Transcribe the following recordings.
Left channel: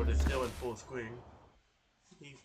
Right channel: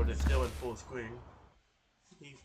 But it's still in full screen. Strange.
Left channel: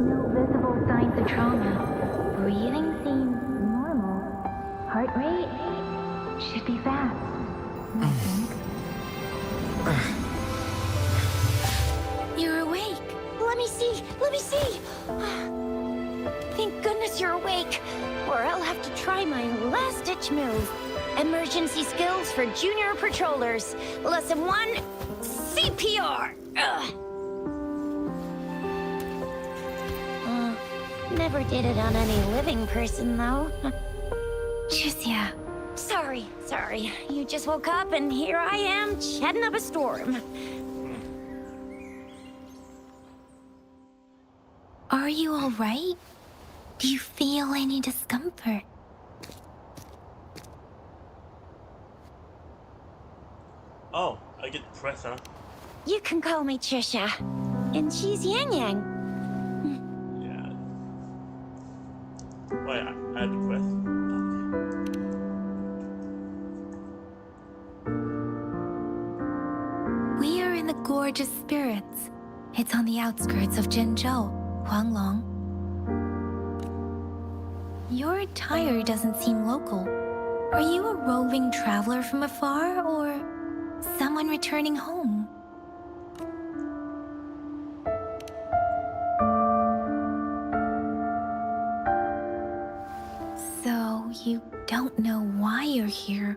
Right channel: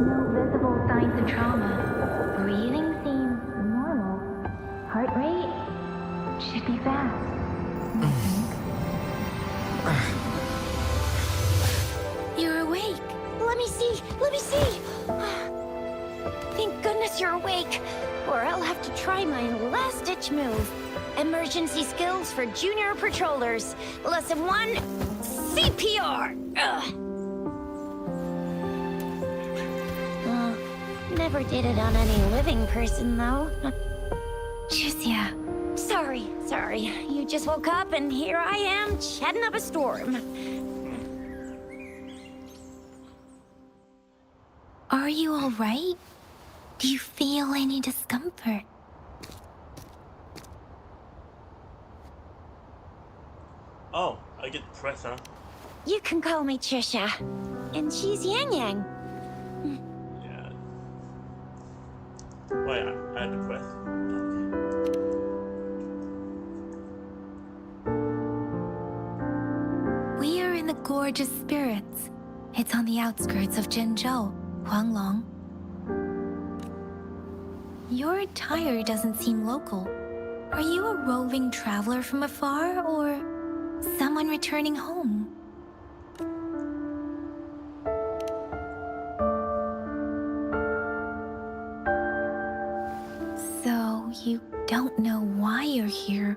No visible signs of trauma. Breathing seems normal. Heart rate should be fast, I think. You're awake. Let me see. Let me see. Thank goodness you're awake, or I'll have to try my last-ditch move. Emergency skills for junior patrollers. Lesson 1, CPR. Never did it on any living person, though. Jusia. Sorry. You just woke up, and here I am, chatting up a storm. Are you all right? Do you feel any discomfort? Oh, I get to press, huh? You can call me Trisha, and she's Yang Yang. Yeah. Wait, I had to press? Okay. We are in the Gorge of Spirits. It's on the outskirts of Zhenzhou, Huanglong. Your attire doesn't seem local. Are you a roving traveler from afar, or someone returning home? So, you don't know why you're here,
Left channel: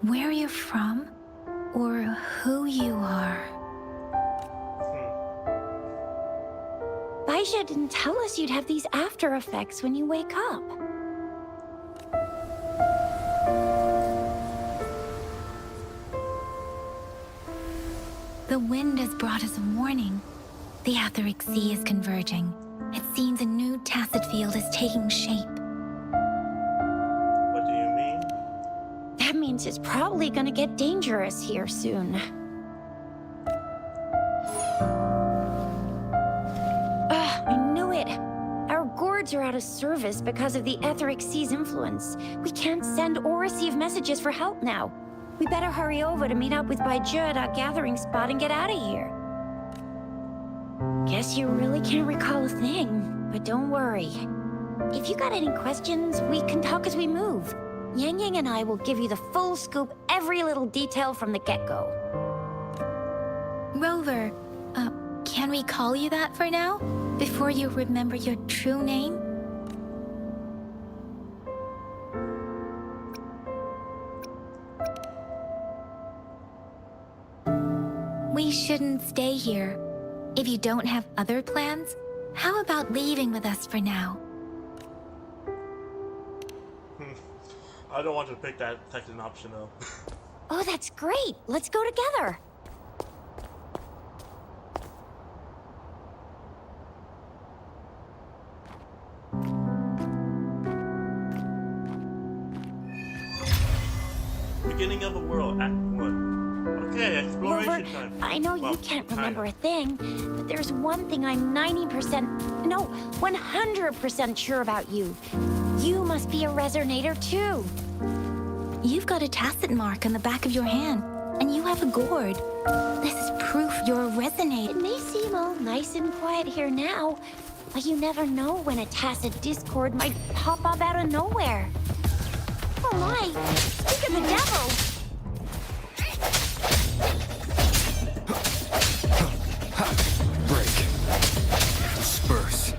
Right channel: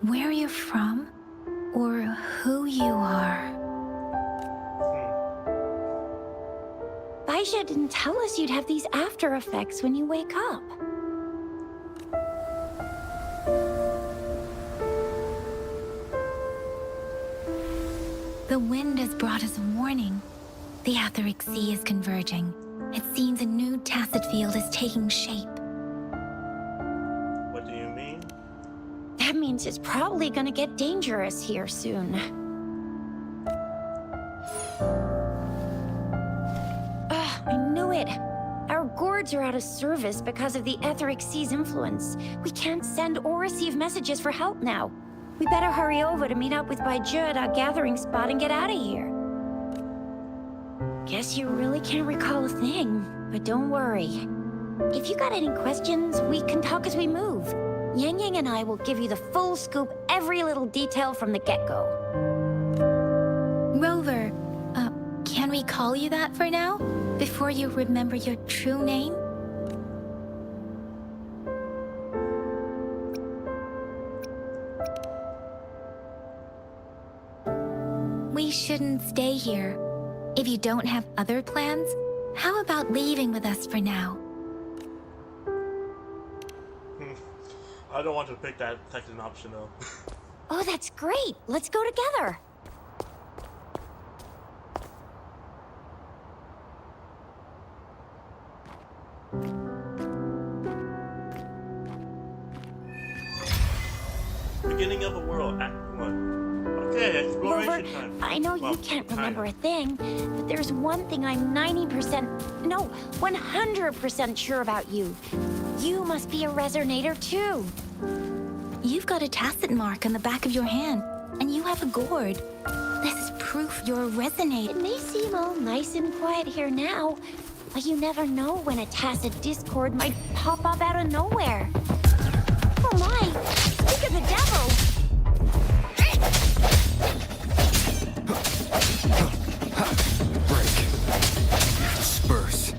where you're from, or who you are. Baisha didn't tell us you'd have these after effects when you wake up. The wind has brought us a warning. The Etheric Sea is converging. It seems a new tacit field is taking shape. What do you mean? That means it's probably gonna get dangerous here soon. I knew it. Our gourds are out of service because of the Etheric Sea's influence. We can't send or receive messages for help now. We better hurry over to meet up with Baiju at our gathering spot and get out of here. Guess you really can't recall a thing, but don't worry. If you got any questions, we can talk as we move. Yang Yang and I will give you the full scoop, every little detail from the get-go. Rover, can we call you that for now? Before you remember your true name? We shouldn't stay here. If you don't have other plans, how about leaving with us for now? I don't want to pick that second option though. Oh, that's great. Let's go together. Beginning of the world, Act 1. Okay, exploration Rover, time. I know Well, you can't remember kinda. a thing, but there's one thing I'm 90%, no, 100% sure about you. You must be a resonator too. You've got a tacit mark on the back of your hand, and you have a gourd. This is proof you're a resonator. It may seem all nice and quiet here now, but you never know when a tacit discord might pop up out of nowhere. Oh my, speak of the devil! Break. Disperse.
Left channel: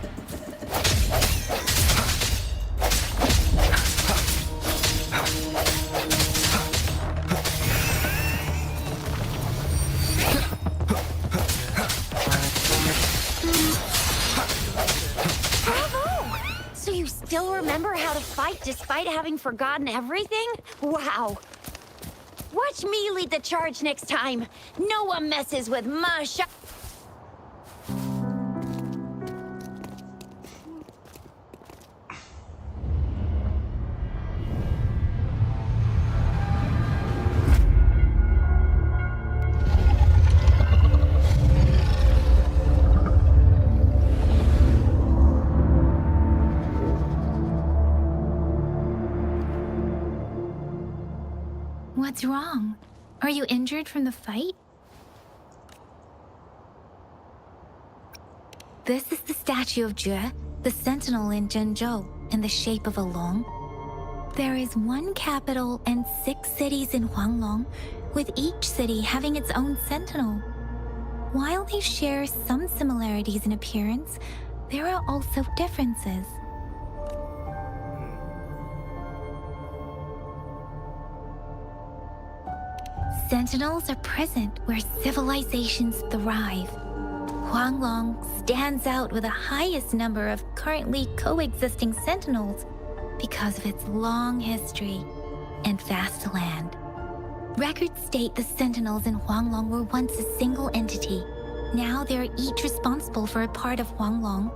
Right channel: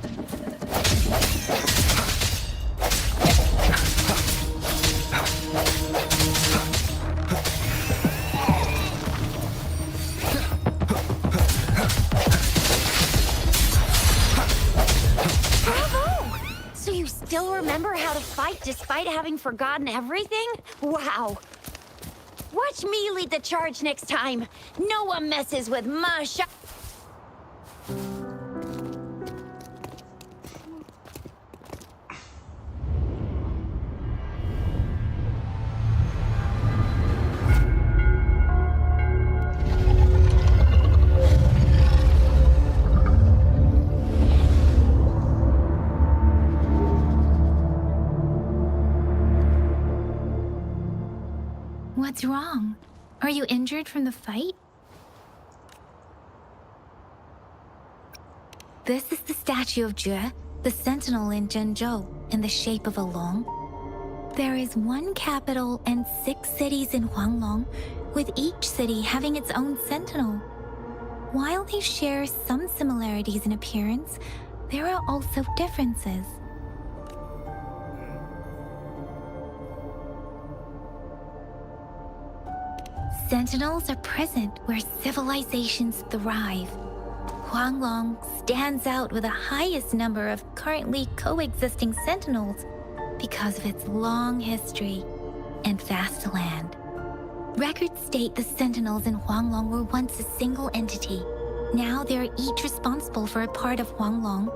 Bravo! So you still remember how to fight despite having forgotten everything? Wow. Watch me lead the charge next time. No one messes with my shot. What's wrong? Are you injured from the fight? This is the statue of Jue, the sentinel in Zhengzhou, in the shape of a long. There is one capital and 6 cities in Huanglong, with each city having its own sentinel. While they share some similarities in appearance, there are also differences. Sentinels are present where civilizations thrive. Huanglong stands out with the highest number of currently coexisting sentinels because of its long history and vast land. Records state the sentinels in Huanglong were once a single entity. Now they are each responsible for a part of Huanglong.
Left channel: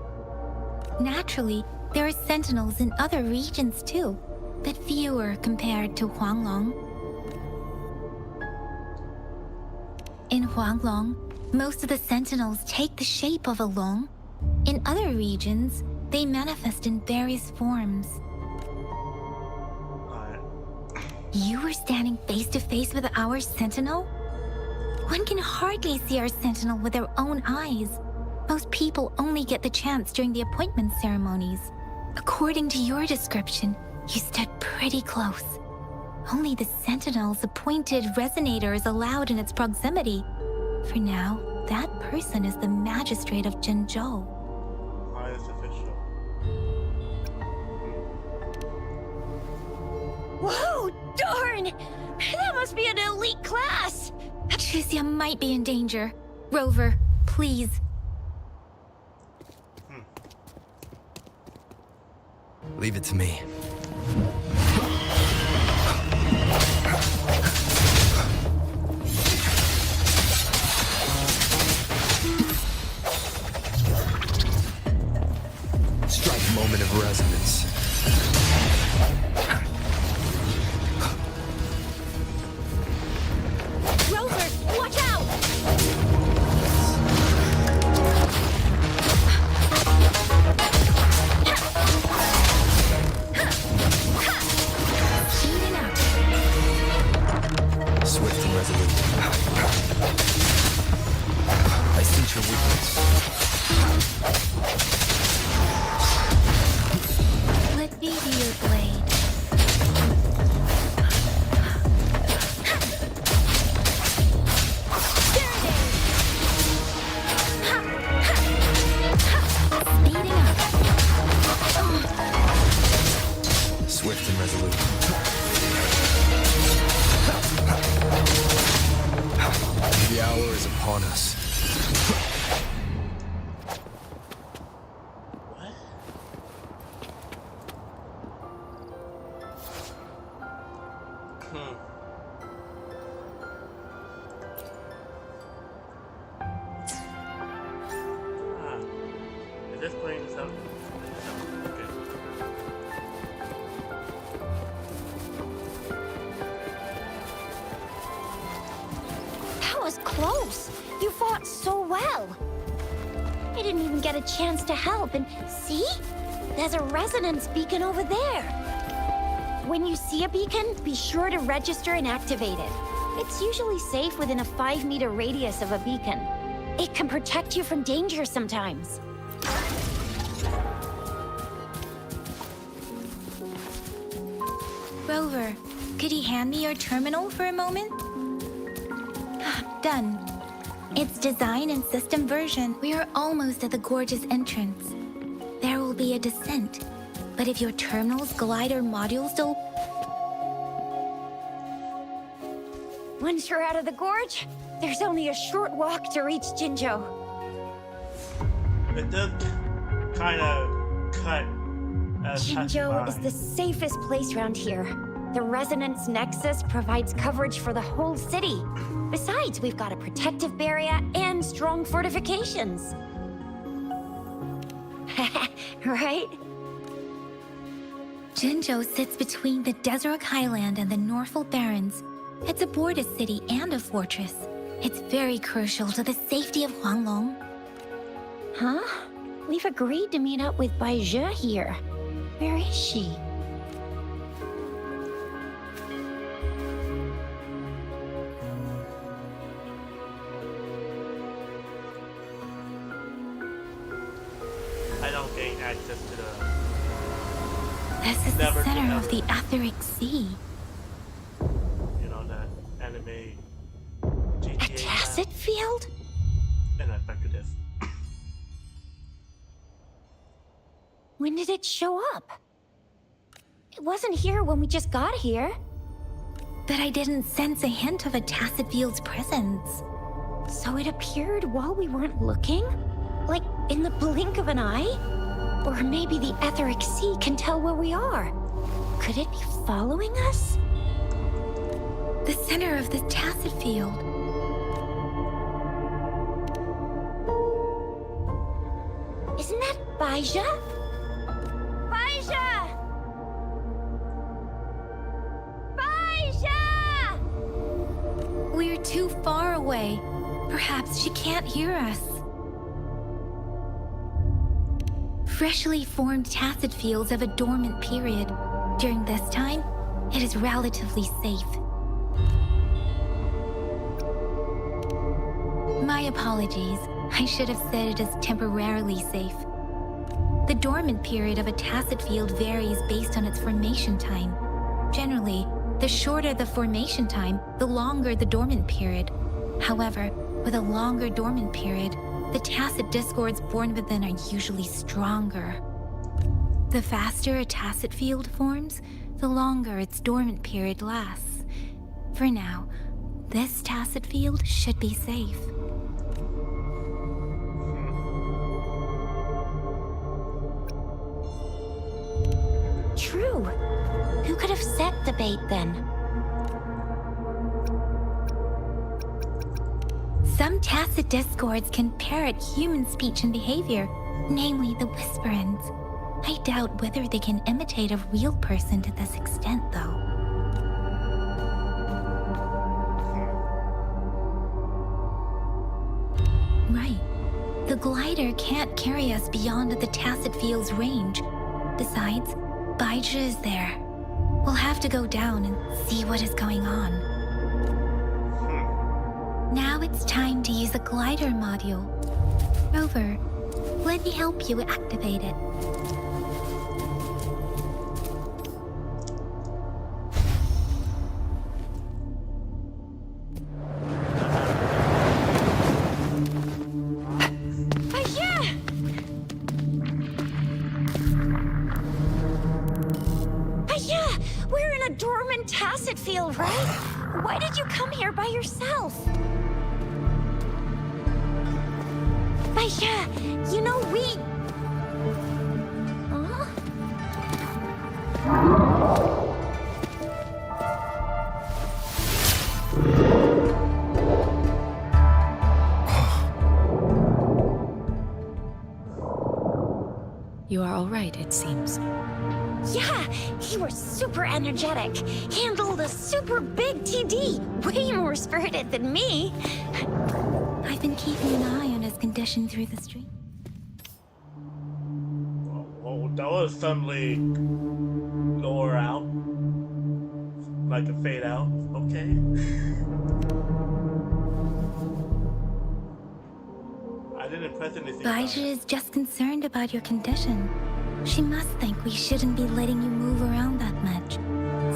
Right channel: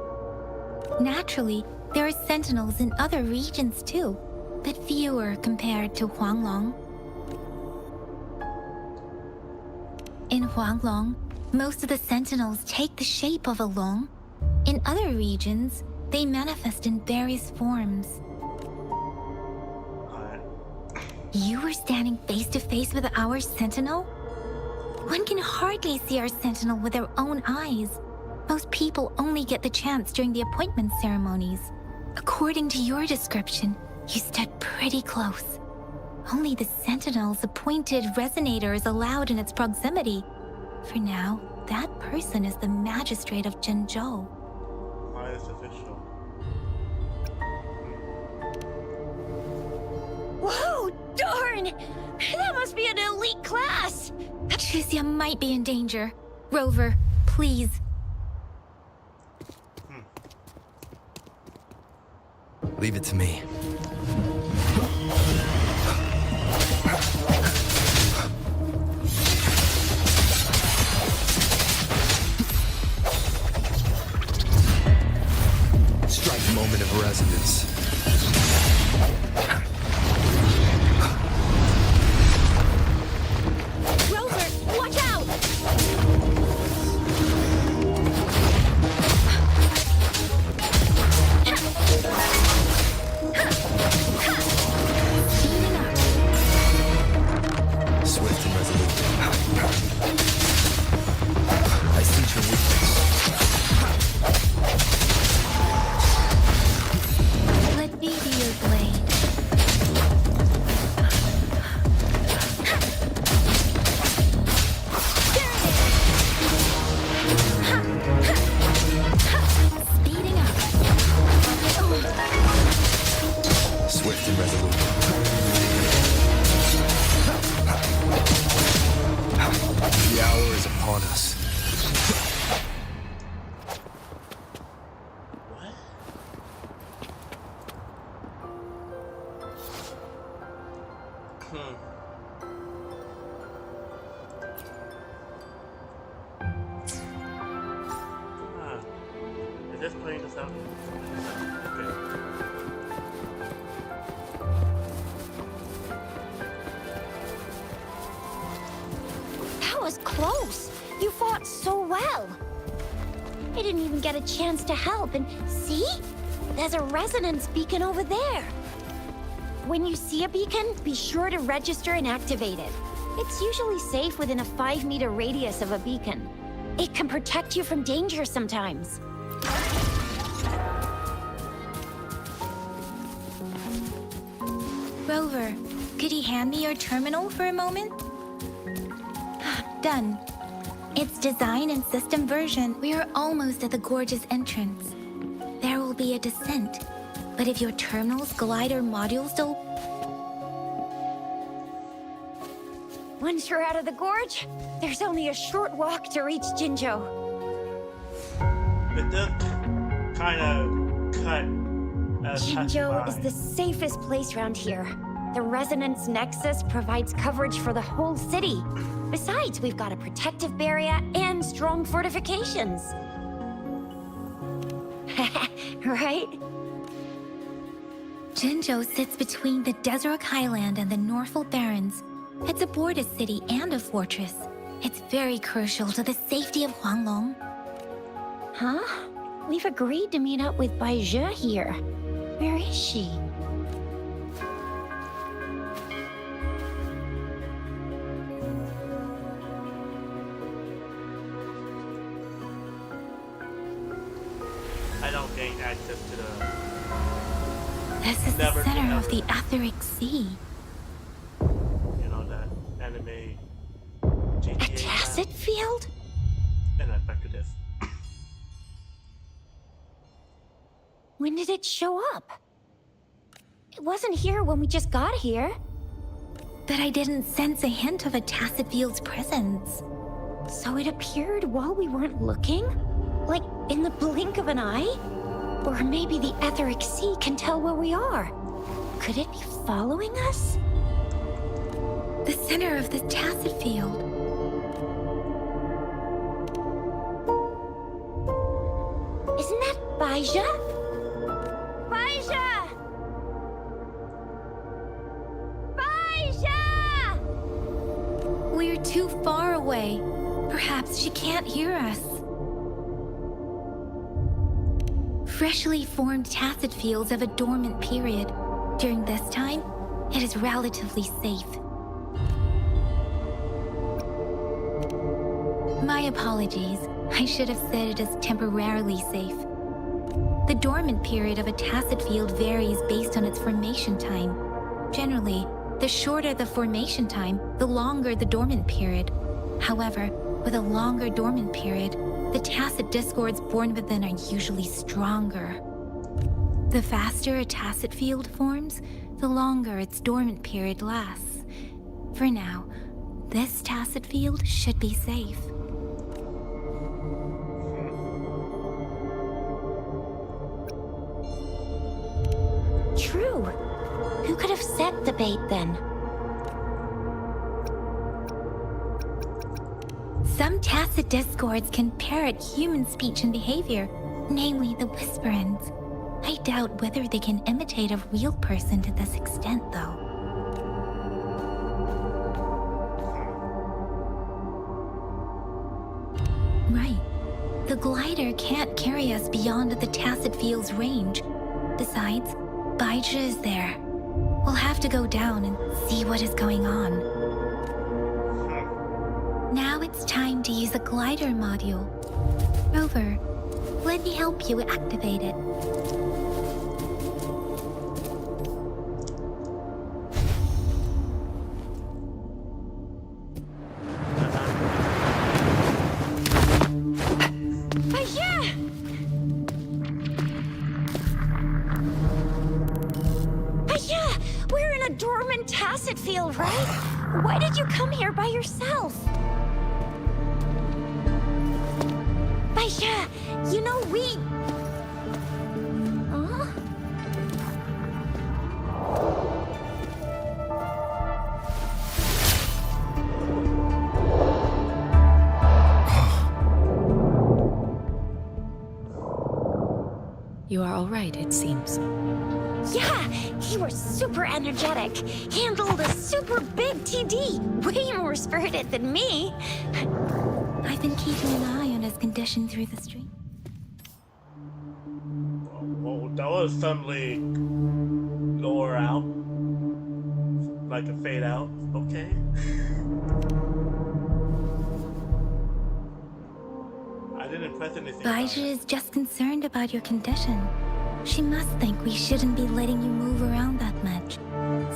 Naturally, there are sentinels in other regions too, but fewer compared to Huanglong. In Huanglong, most of the sentinels take the shape of a long. In other regions, they manifest in various forms. Alright. You were standing face to face with our sentinel? One can hardly see our sentinel with their own eyes. Most people only get the chance during the appointment ceremonies. According to your description, you stood pretty close. Only the sentinel's appointed resonator is allowed in its proximity. For now, that person is the magistrate of Zhengzhou. Highest official. Whoa, darn! That must be an elite class! Tricia might be in danger. Rover, please. Leave it to me. Strike moment of resonance. Rover, watch out! Speeding up. Swift and resolute. I sense your weakness. Let me be your blade. There it is! Speeding up. Swift and resolute. The hour is upon upon us. What? Ah, is this playing this out? Okay. That was close. You fought so well. I didn't even get a chance to help, and see? There's a resonance beacon over there. When you see a beacon, be sure to register and activate it. It's usually safe within a 5-meter radius of a beacon. It can protect you from danger sometimes. Rover, could you hand me your terminal for a moment? Done. Its design and system version. We are almost at the gorgeous entrance. There will be a descent. But if your terminal's glider modules don't... Once you're out of the gorge, there's only a short walk to reach Jinzhou. It does kind of cut as Jinzhou is passing the safest place around here. The Resonance Nexus provides coverage for the whole city. Besides, we've got a protective barrier and strong fortifications. Right? Jinzhou sits between the Desert Highland and the Norfolk Barrens. It's a border city and a fortress. It's very crucial to the safety of Huanglong. Huh? We've agreed to meet up with Bai Zhe here. Where is she? I don't gain access to the This is Never the center of ever. the Etheric Sea. that anime A GTA tacit field? style. And then back to this. When did it show up? It wasn't here when we just got here. But I didn't sense a hint of a tacit field's presence. So it appeared while we weren't looking? Like in the blink of an eye? Or maybe the Etheric Sea can tell where we are. Could it be following us? The center of the tacit field. Isn't that Baija? Baija! Baija! We're too far away. Perhaps she can't hear us. Freshly formed tacit fields have a dormant period. During this time, it is relatively safe. My apologies. I should have said it is temporarily safe. The dormant period of a tacit field varies based on its formation time. Generally, the shorter the formation time, the longer the dormant period. However, with a longer dormant period, the tacit discords born within are usually stronger. The faster a tacit field forms, the longer its dormant period lasts. For now, this tacit field should be safe. True. Who could have set the bait then? Some tacit discords can parrot human speech and behavior, namely the whisperings. I doubt whether they can imitate a real person to this extent, though. Right. The glider can't carry us beyond the tacit field's range. Besides, Baija is there. We'll have to go down and see what is going on. Now it's time to use a glider module. Rover, let me help you activate it. Baija! Baija! We're in a dormant tacit field, right? Why did you come here by yourself? Baisha, you know we... Huh? You are all right, it seems. Yeah, he was super energetic. Handled a super big TD. Way more spirited than me. I've been keeping an eye on his condition through the stream. Whoa, that was suddenly lower out. Like a fade out. Okay. I didn't press anything about Baija it. is just concerned about your condition. She must think we shouldn't be letting you move around that much,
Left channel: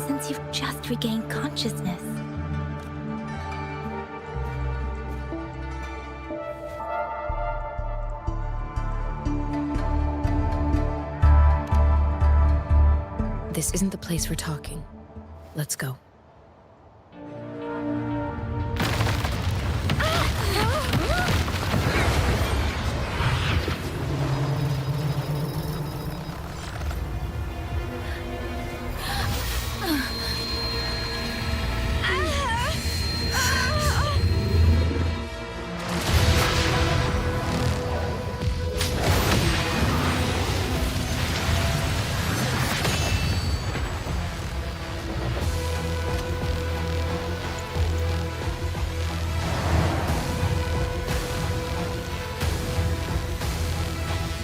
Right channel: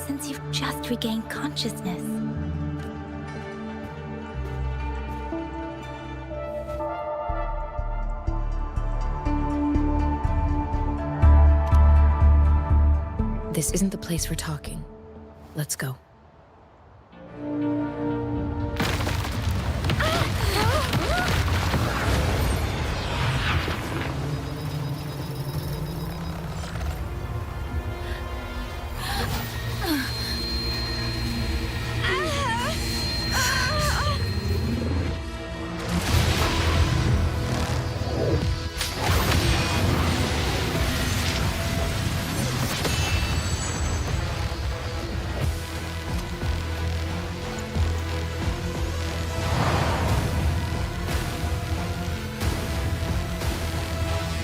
since you've just regained consciousness. This isn't the place for talking. Let's go.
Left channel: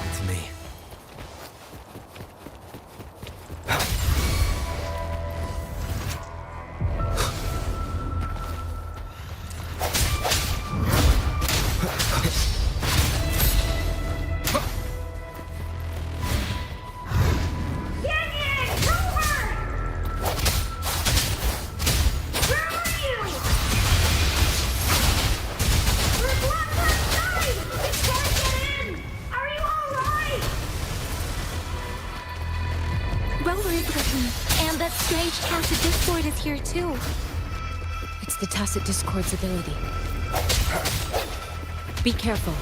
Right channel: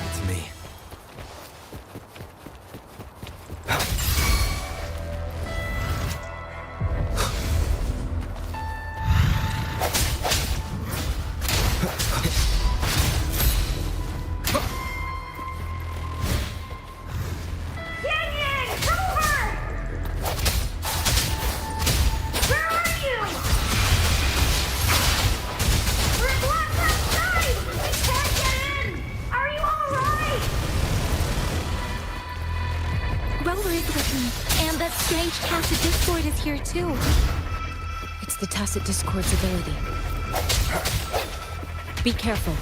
It's me. Rover is with me, and that strange tacit discord is here too. It's the Tacit Discord's ability. Be careful.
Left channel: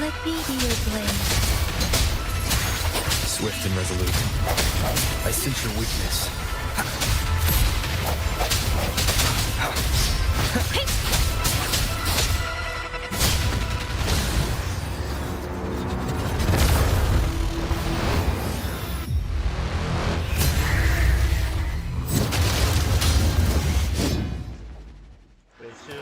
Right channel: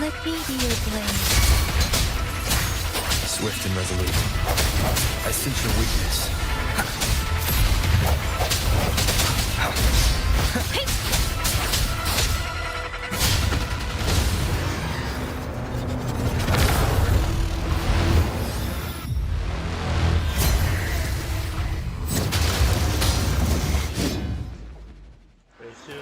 Let me be your blade. Swift and resolute. I sense your weakness. Phase 2.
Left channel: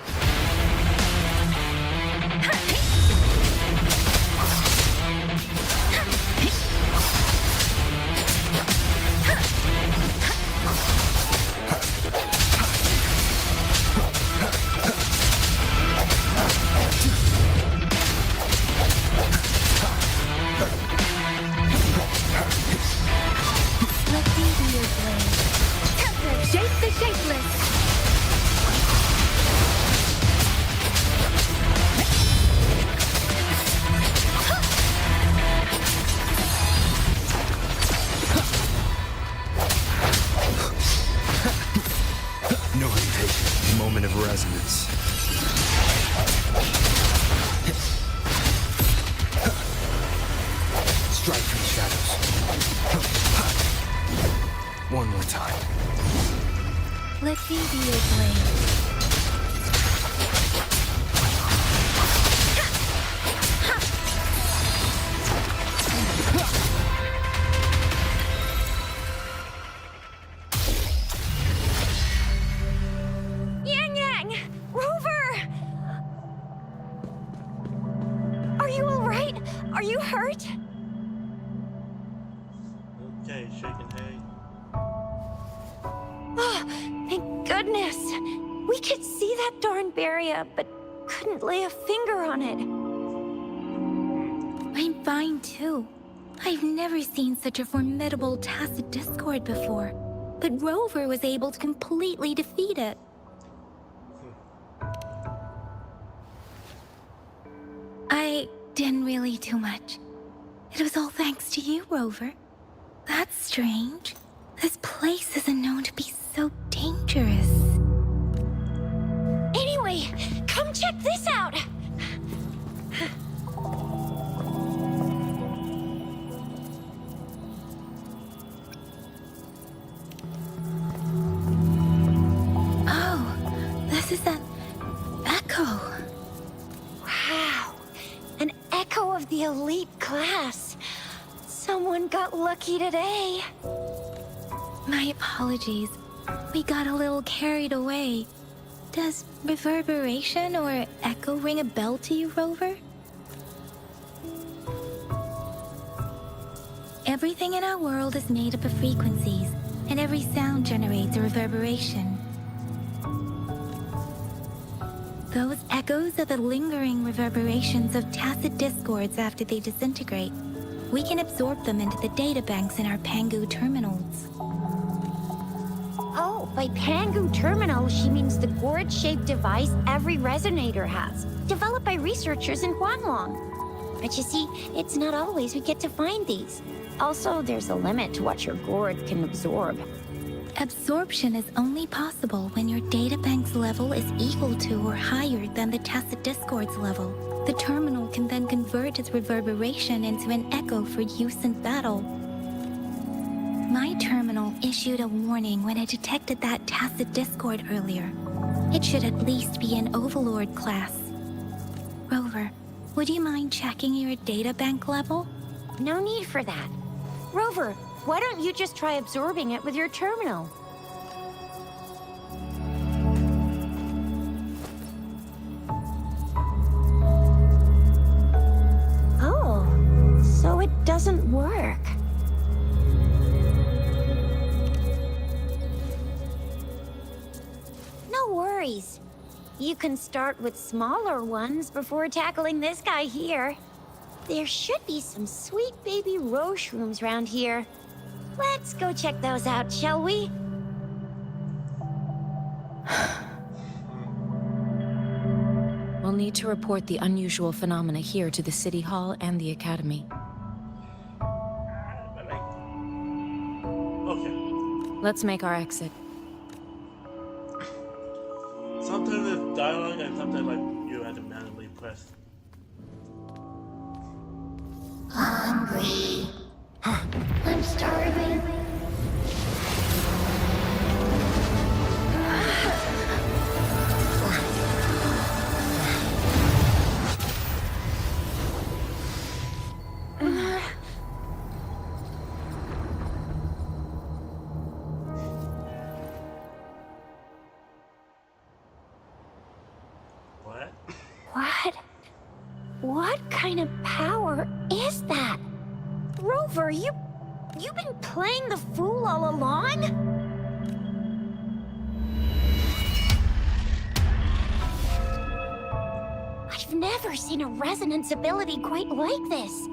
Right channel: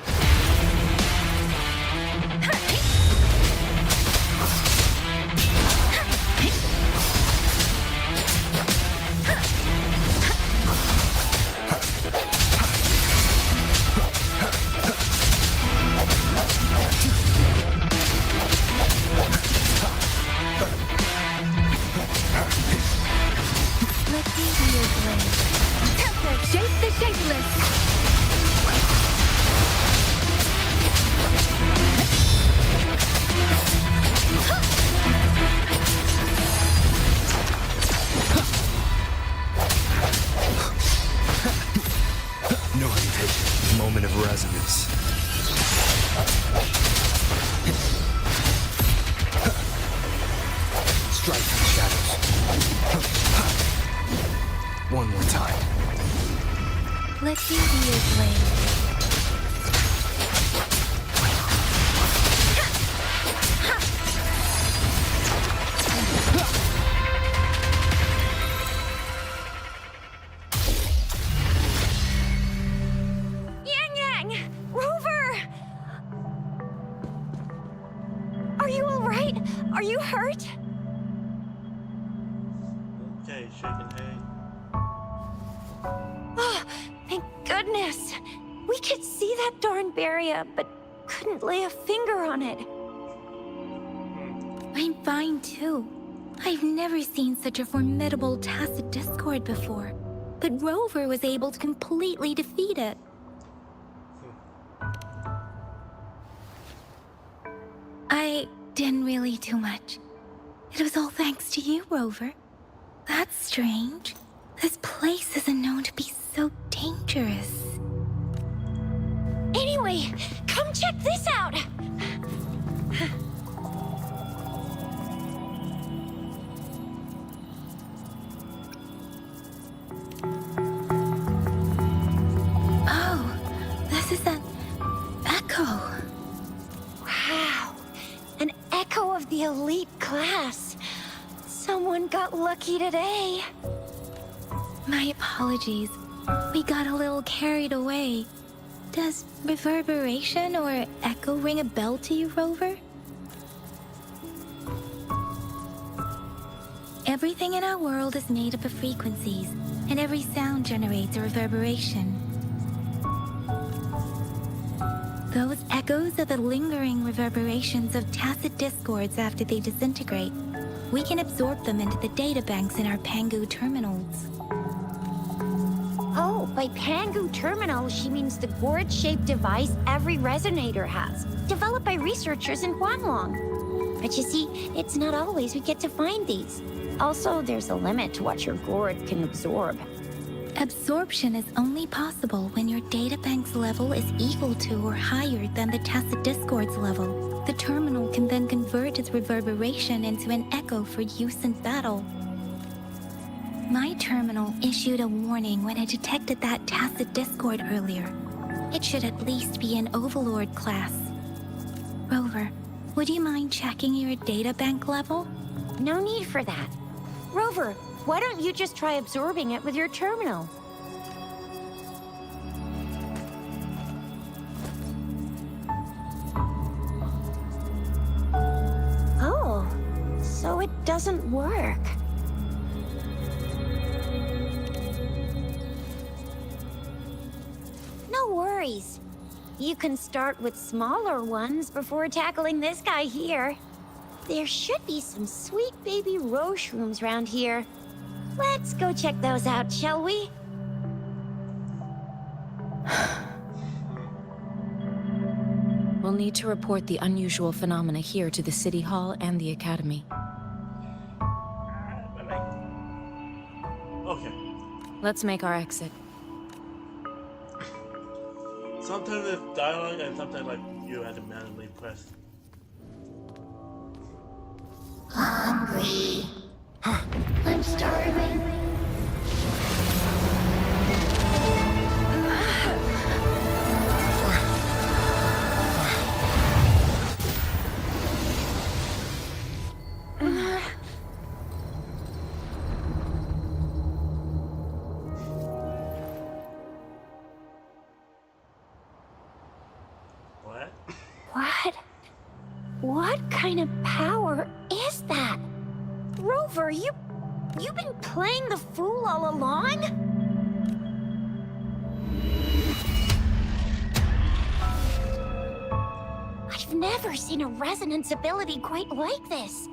Let me be your blade. Tempest, shape the shapeless. No hesitation. Moment of resonance. Strike from the shadows. One more time. Let me be your blade. Yang Yang! Rover! Are you alright? Are you hurt? Okay, shaking hay. Oh, thank goodness. We could see that darn barrier, but couldn't lay a finger on it. I'm fine too. I've never seen such a formidable tacit discord before. but Rover was able to completely defeat it. I didn't really do much. It was all thanks to you, Rover. That's strange. This place isn't known to be so dangerous. Anyway, come check this out! Oh, this is an echo. Wow, an echo of the elite class. Someone got lucky today. My apologies. We got a little carried away. Does reverberation or echo ring a bell to you, Rover? Everything in our world is made up of frequencies, and every sound generates a reverberation. Those echoes are the lingering reverberations of tacit discords after they disintegrate. We can absorb them into the databanks in our Pangu terminals. Oh, by Pangu Terminal, she means the gourd-shaped device every resonator has, developed by researchers in Huanglong. But you see, it's not always we get to find these. Also, there's a limit to what your gourd can absorb. Absorption is only possible when your databank's level is equal to or higher than the tacit discord's level. The terminal can then convert its reverberation into an echo for use in battle. My terminal issued a warning when it detected that tacit discord earlier. It should at least be an Overlord class. Rover, would you mind checking your databank level? No need for that. Rover, why don't you just try absorbing it with your terminal? Oh, so it doesn't work. No worries. You can start with smaller ones before tackling this guy here. There should be some sweet baby Roche rooms around here. Let's go check those out, shall we? We'll need to report the unusual phenomena here to the City Hall and the Academy. Okay. Let's make our exit. Sometimes it's dialogue and sometimes like you have to manually press. Hungry. I'm starving. What? What kind of power is that? Rover, you've been playing the fool all along? I've never seen a resonance ability quite like this.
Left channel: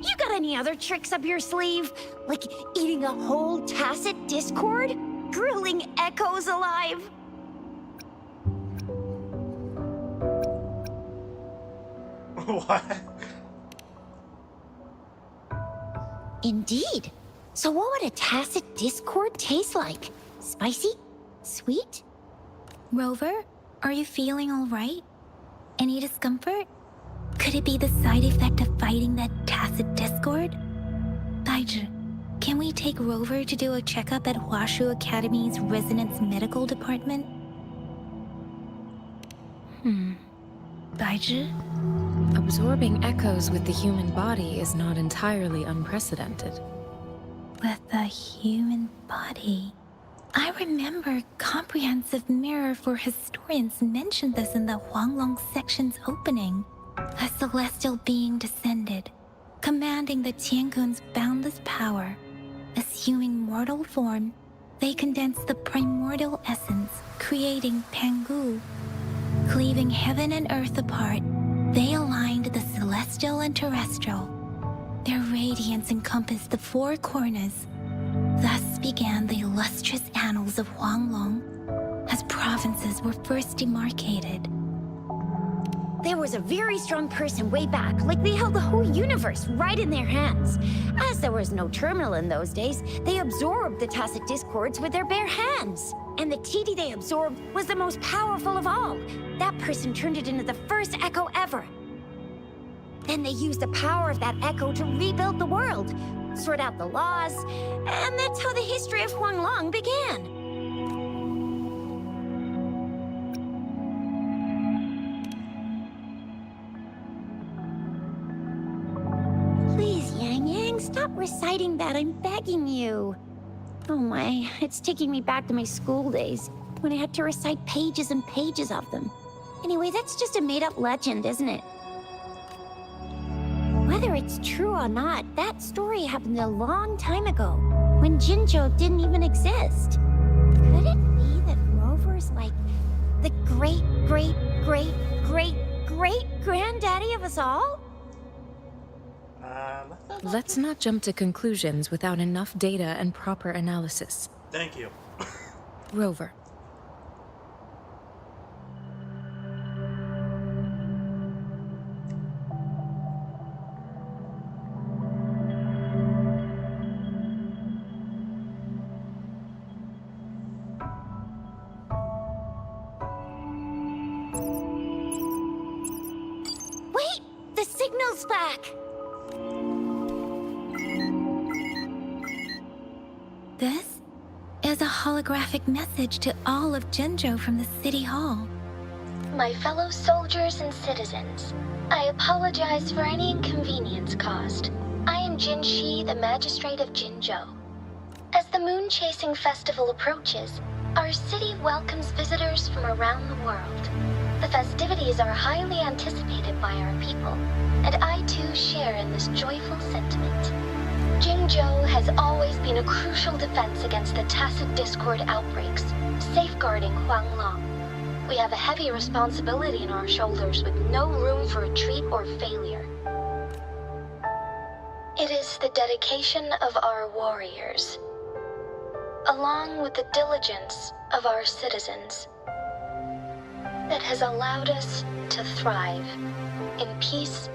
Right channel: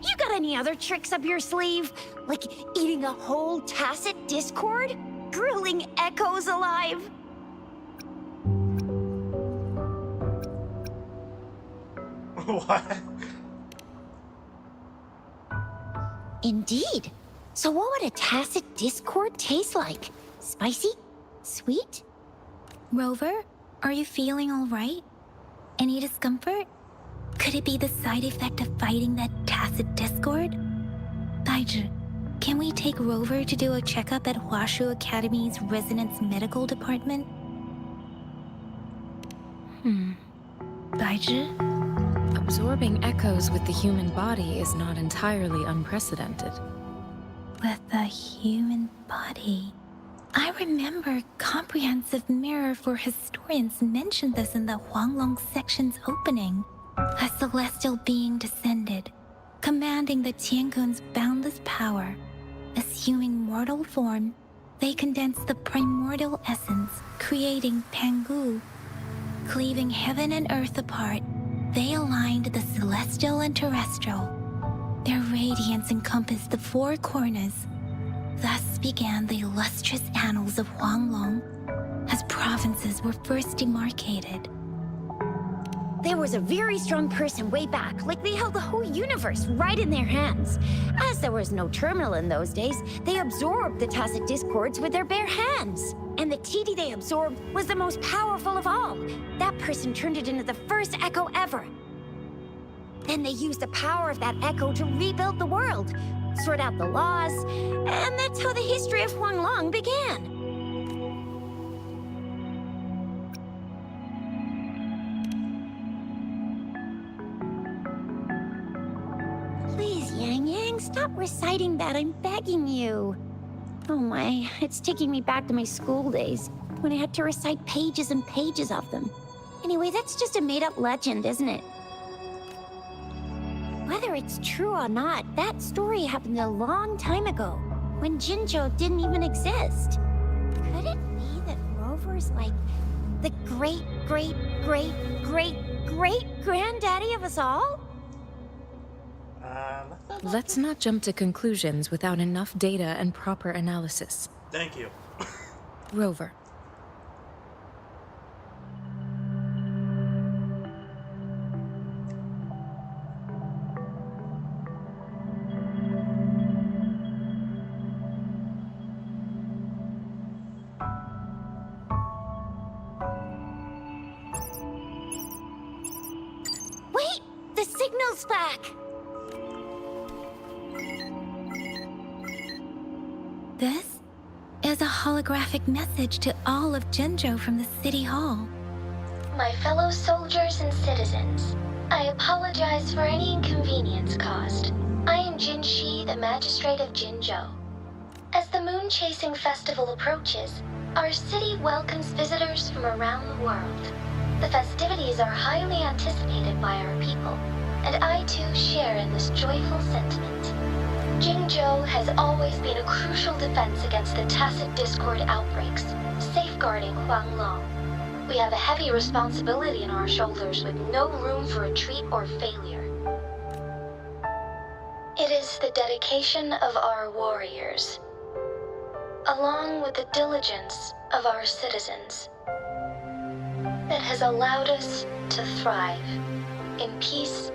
You got any other tricks up your sleeve? Like eating a whole tacit discord? Grilling echoes alive? What? Indeed. So what would a tacit discord taste like? Spicy? Sweet? Rover, are you feeling all right? Any discomfort? Could it be the side effect of fighting that tacit discord? Baizhi, can we take Rover to do a checkup at Huashu Academy's Resonance Medical Department? Baizhi? Absorbing echoes with the human body is not entirely unprecedented. With the human body. I remember Comprehensive Mirror for Historians mentioned this in the Huanglong section's opening. A celestial being descended, commanding the Tiankun's boundless power. Assuming mortal form, they condensed the primordial essence, creating Pangu. Cleaving heaven and earth apart, they aligned the celestial and terrestrial. Their radiance encompassed the four corners. Thus began the illustrious annals of Huanglong, as provinces were first demarcated. There was a very strong person way back, like they held the whole universe right in their hands. As there was no terminal in those days, they absorbed the tacit discords with their bare hands. And the TD they absorbed was the most powerful of all. That person turned it into the first echo ever. Then they used the power of that echo to rebuild the world, sort out the laws, and that's how the history of Huanglong began. Please, Yang Yang, stop reciting that. I'm begging you. Oh my, it's taking me back to my school days, when I had to recite pages and pages of them. Anyway, that's just a made-up legend, isn't it? Whether it's true or not, that story happened a long time ago, when Jinzhou didn't even exist. Could it be that Rover's like the great-great-great-great-great-granddaddy of us all? Let's not jump to conclusions without enough data and proper analysis. Thank you. Rover. Wait! The signal's back! This is a holographic message to all of Jinzhou from the City Hall. My fellow soldiers and citizens, I apologize for any inconvenience caused. I am Jin Shi, the Magistrate of Jinzhou. As the Moon Chasing Festival approaches, our city welcomes visitors from around the world. The festivities are highly anticipated by our people, and I too share in this joyful sentiment. Jinzhou has always been a crucial defense against the tacit discord outbreaks, safeguarding Huanglong. We have a heavy responsibility on our shoulders with no room for retreat or failure. It is the dedication of our warriors, along with the diligence of our citizens, that has allowed us to thrive in peace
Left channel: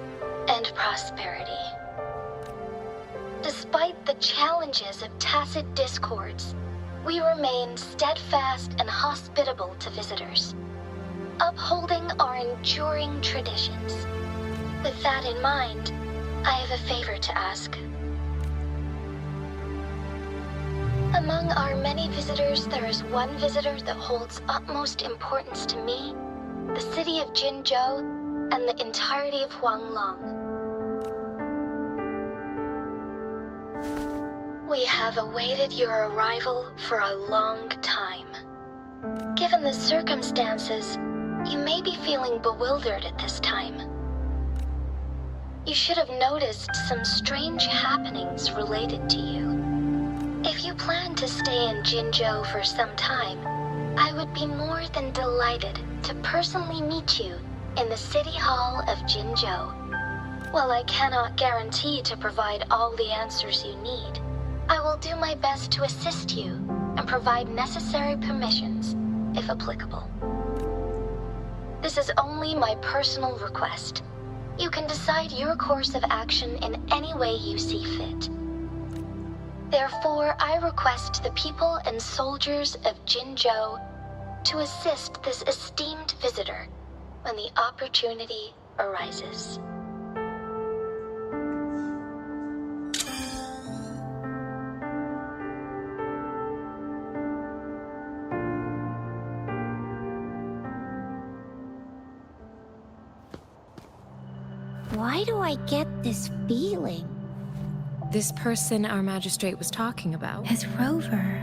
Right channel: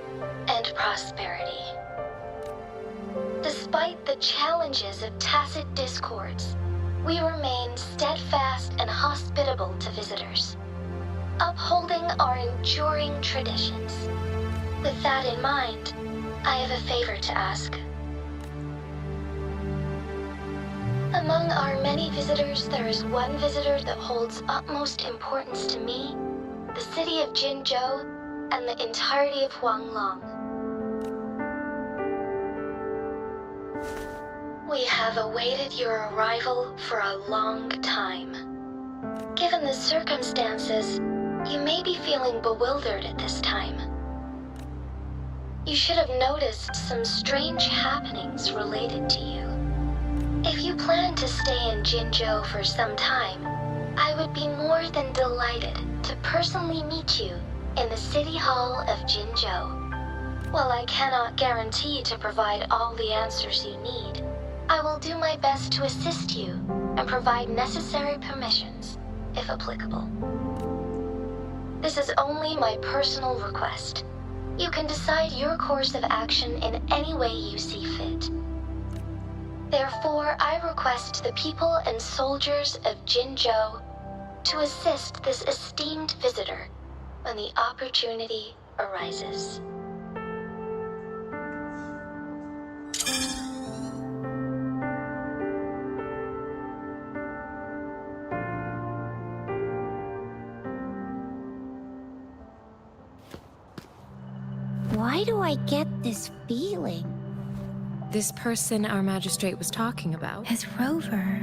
and prosperity. Despite the challenges of tacit discords, we remain steadfast and hospitable to visitors, upholding our enduring traditions. With that in mind, I have a favor to ask. Among our many visitors, there is one visitor that holds utmost importance to me, the city of Jinzhou, and the entirety of Huanglong. We have awaited your arrival for a long time. Given the circumstances, you may be feeling bewildered at this time. You should have noticed some strange happenings related to you. If you plan to stay in Jinzhou for some time, I would be more than delighted to personally meet you in the City Hall of Jinzhou. While I cannot guarantee to provide all the answers you need, I will do my best to assist you and provide necessary permissions, if applicable. This is only my personal request. You can decide your course of action in any way you see fit. Therefore, I request the people and soldiers of Jinzhou to assist this esteemed visitor when the opportunity arises. Why do I get this feeling? This person our magistrate was talking about. As Rover.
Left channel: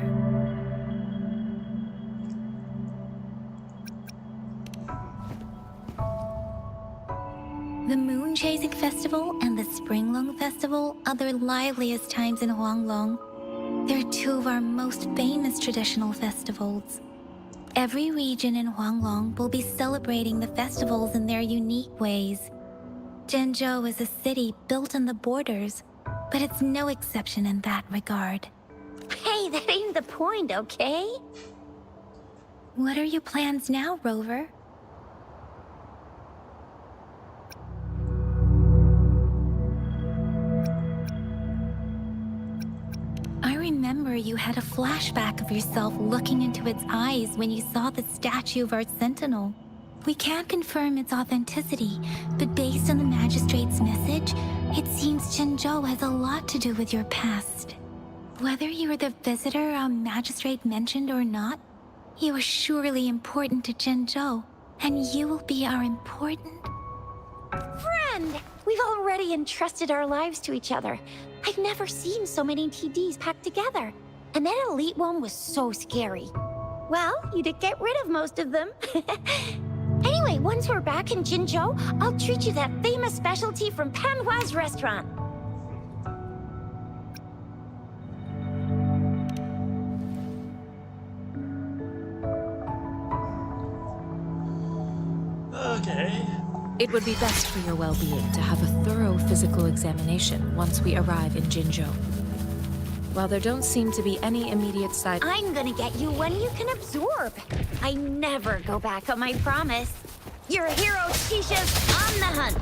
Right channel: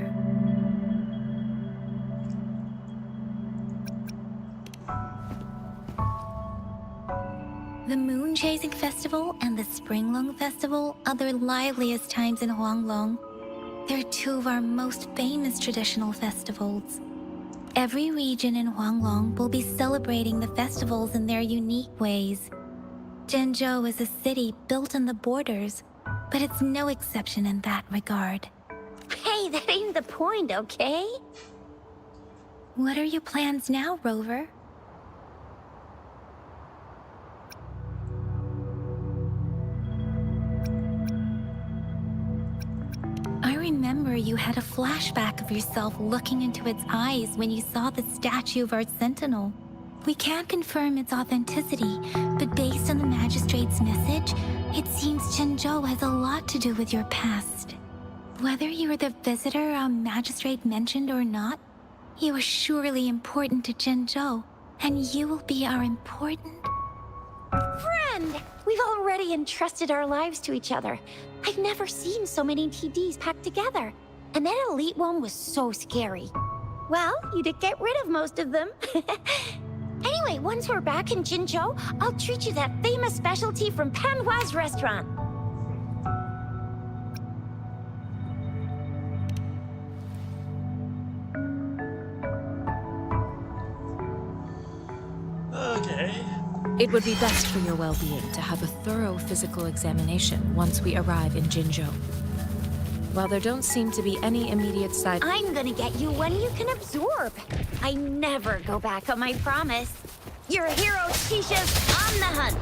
The Moon Chasing Festival and the Springlong Festival are the liveliest times in Huanglong. They're two of our most famous traditional festivals. Every region in Huanglong will be celebrating the festivals in their unique ways. Jinzhou is a city built on the borders, but it's no exception in that regard. Hey, Hey, that ain't the point, okay? What are your plans now, Rover? I remember you had a flashback of yourself looking into its eyes when you saw the statue of our sentinel. We can't confirm its authenticity, but based on the magistrate's message, it seems Zhenzhou has a lot to do with your past. Whether you were the visitor our magistrate mentioned or not, you are surely important to Zhenzhou, and you will be our important... Friend! We've already entrusted our lives to each other. I've never seen so many TDs packed together. And that elite one was so scary. Well, you did get rid of most of them. Anyway, once we're back in Jinzhou, I'll treat you that famous specialty from Panhua's restaurant. Okay. It would be best for your well-being to have a thorough physical examination once we arrive in Jinzhou. While there don't seem to be any immediate side... I'm gonna get you one you can absorb. I never go back on my promise. Your hero Shisha's on the hunt.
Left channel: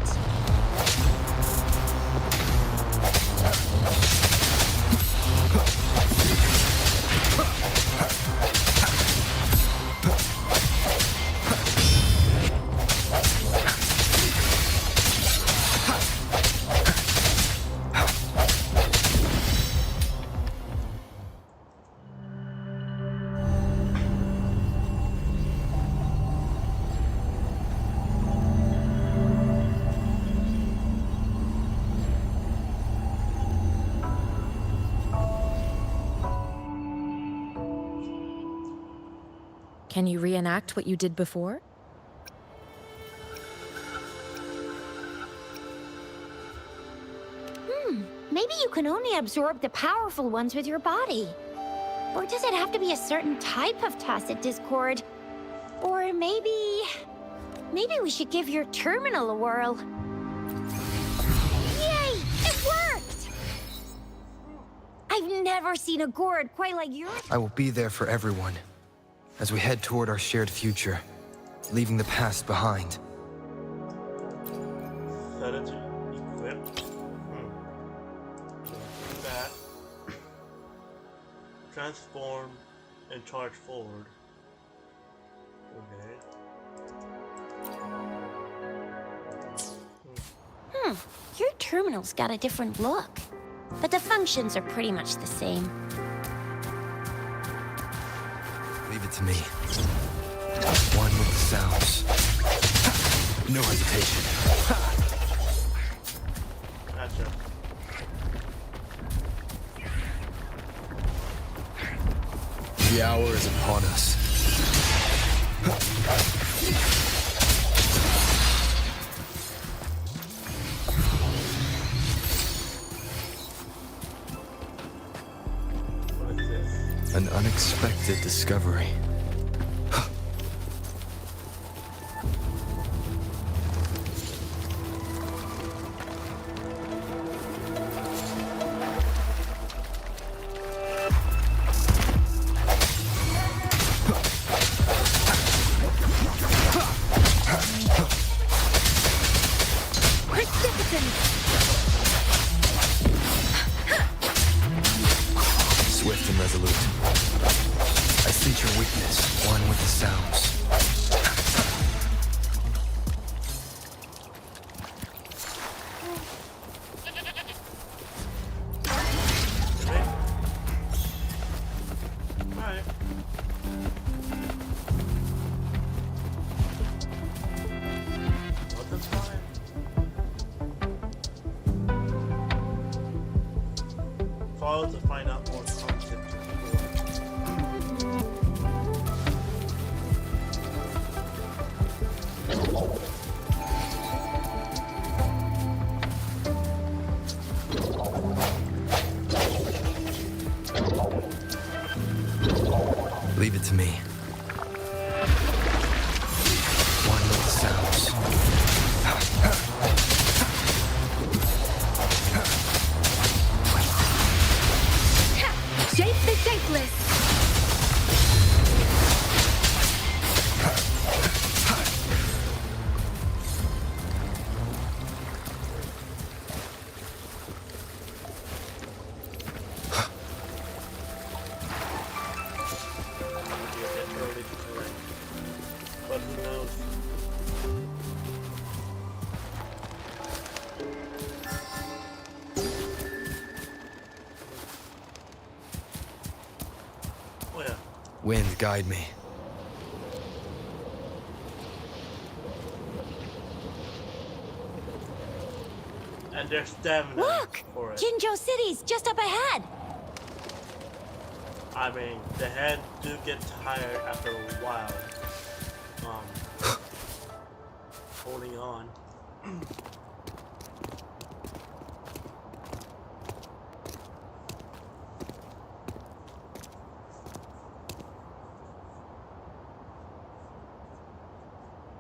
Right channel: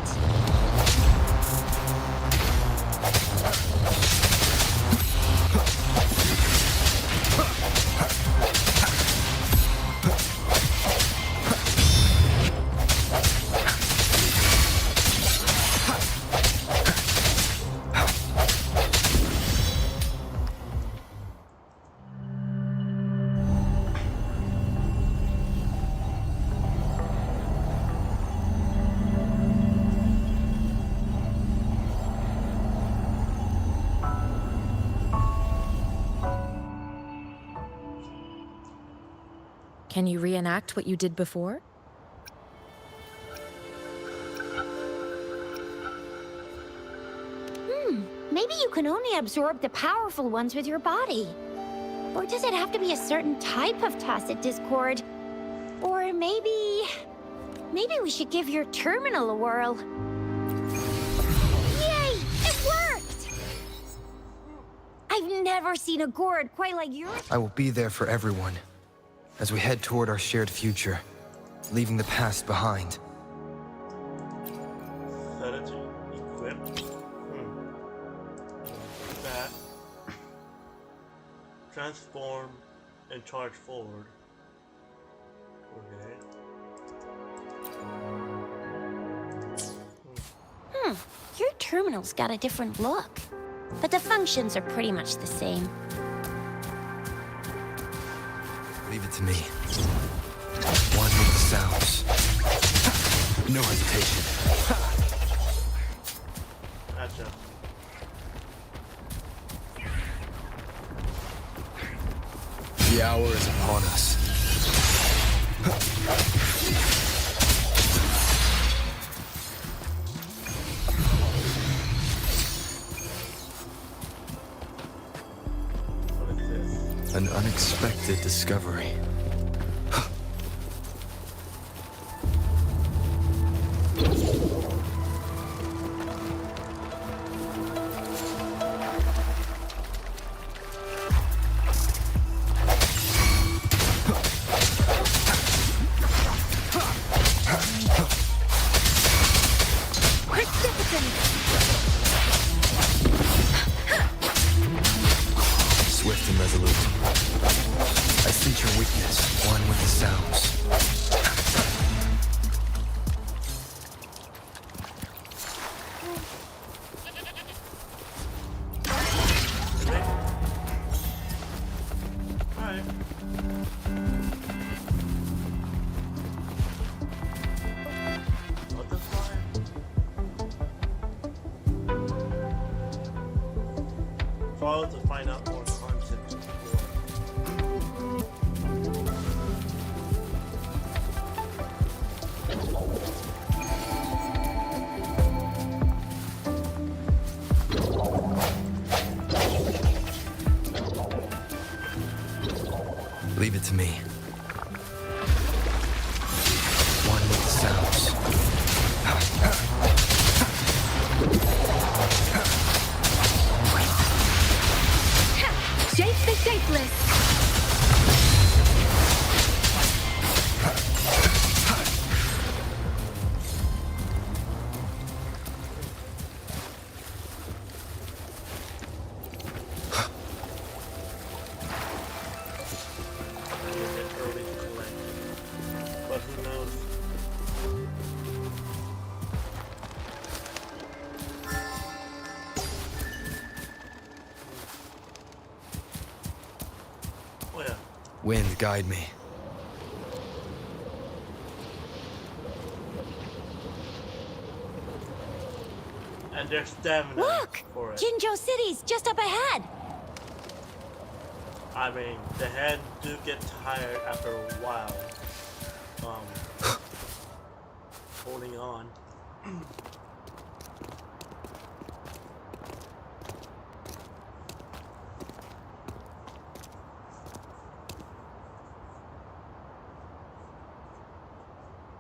Can you reenact what you did before? Maybe you can only absorb the powerful ones with your body. Or does it have to be a certain type of tacit discord? Or maybe we should give your terminal a whirl. Yay! It worked! I've never seen a gourd quite like yours. I will be there for everyone as we head toward our shared future, leaving the past behind. Strategy equipped. That. Transform and charge forward. Okay. Your terminal's got a different look. But the functions are pretty much the same. Leave it to me. One with the sounds. No hesitation. Gotcha. The hour is upon us. What is this? An unexpected discovery. Swift and resolute. I sense your weakness, one with the sounds. Alright. Well, that's fine. Follow to find out more content to explore. Leave it to me. One with the sounds. Shape the shapeless! Early to collect, but who knows? Oh yeah. Wind, guide me. And there's stamina Look! for it. Jinzhou City's just up ahead. I mean, the hand do get tired after a while. Holding on.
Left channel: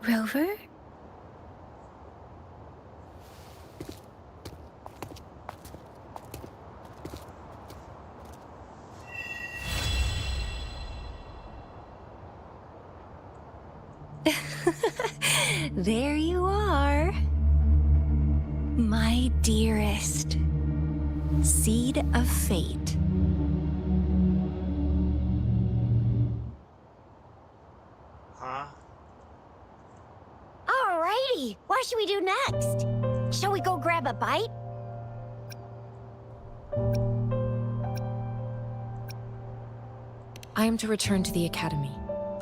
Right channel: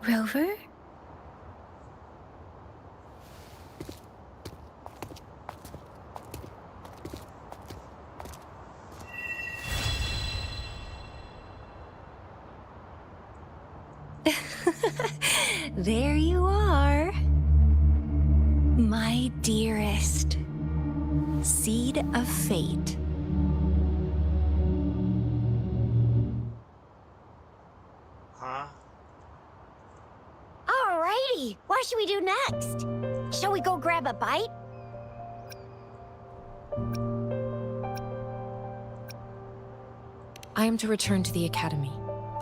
Rover? There you are. My dearest. Seed of fate. Huh? Alrighty, what should we do next? Shall we go grab a bite? I am to return to the Academy.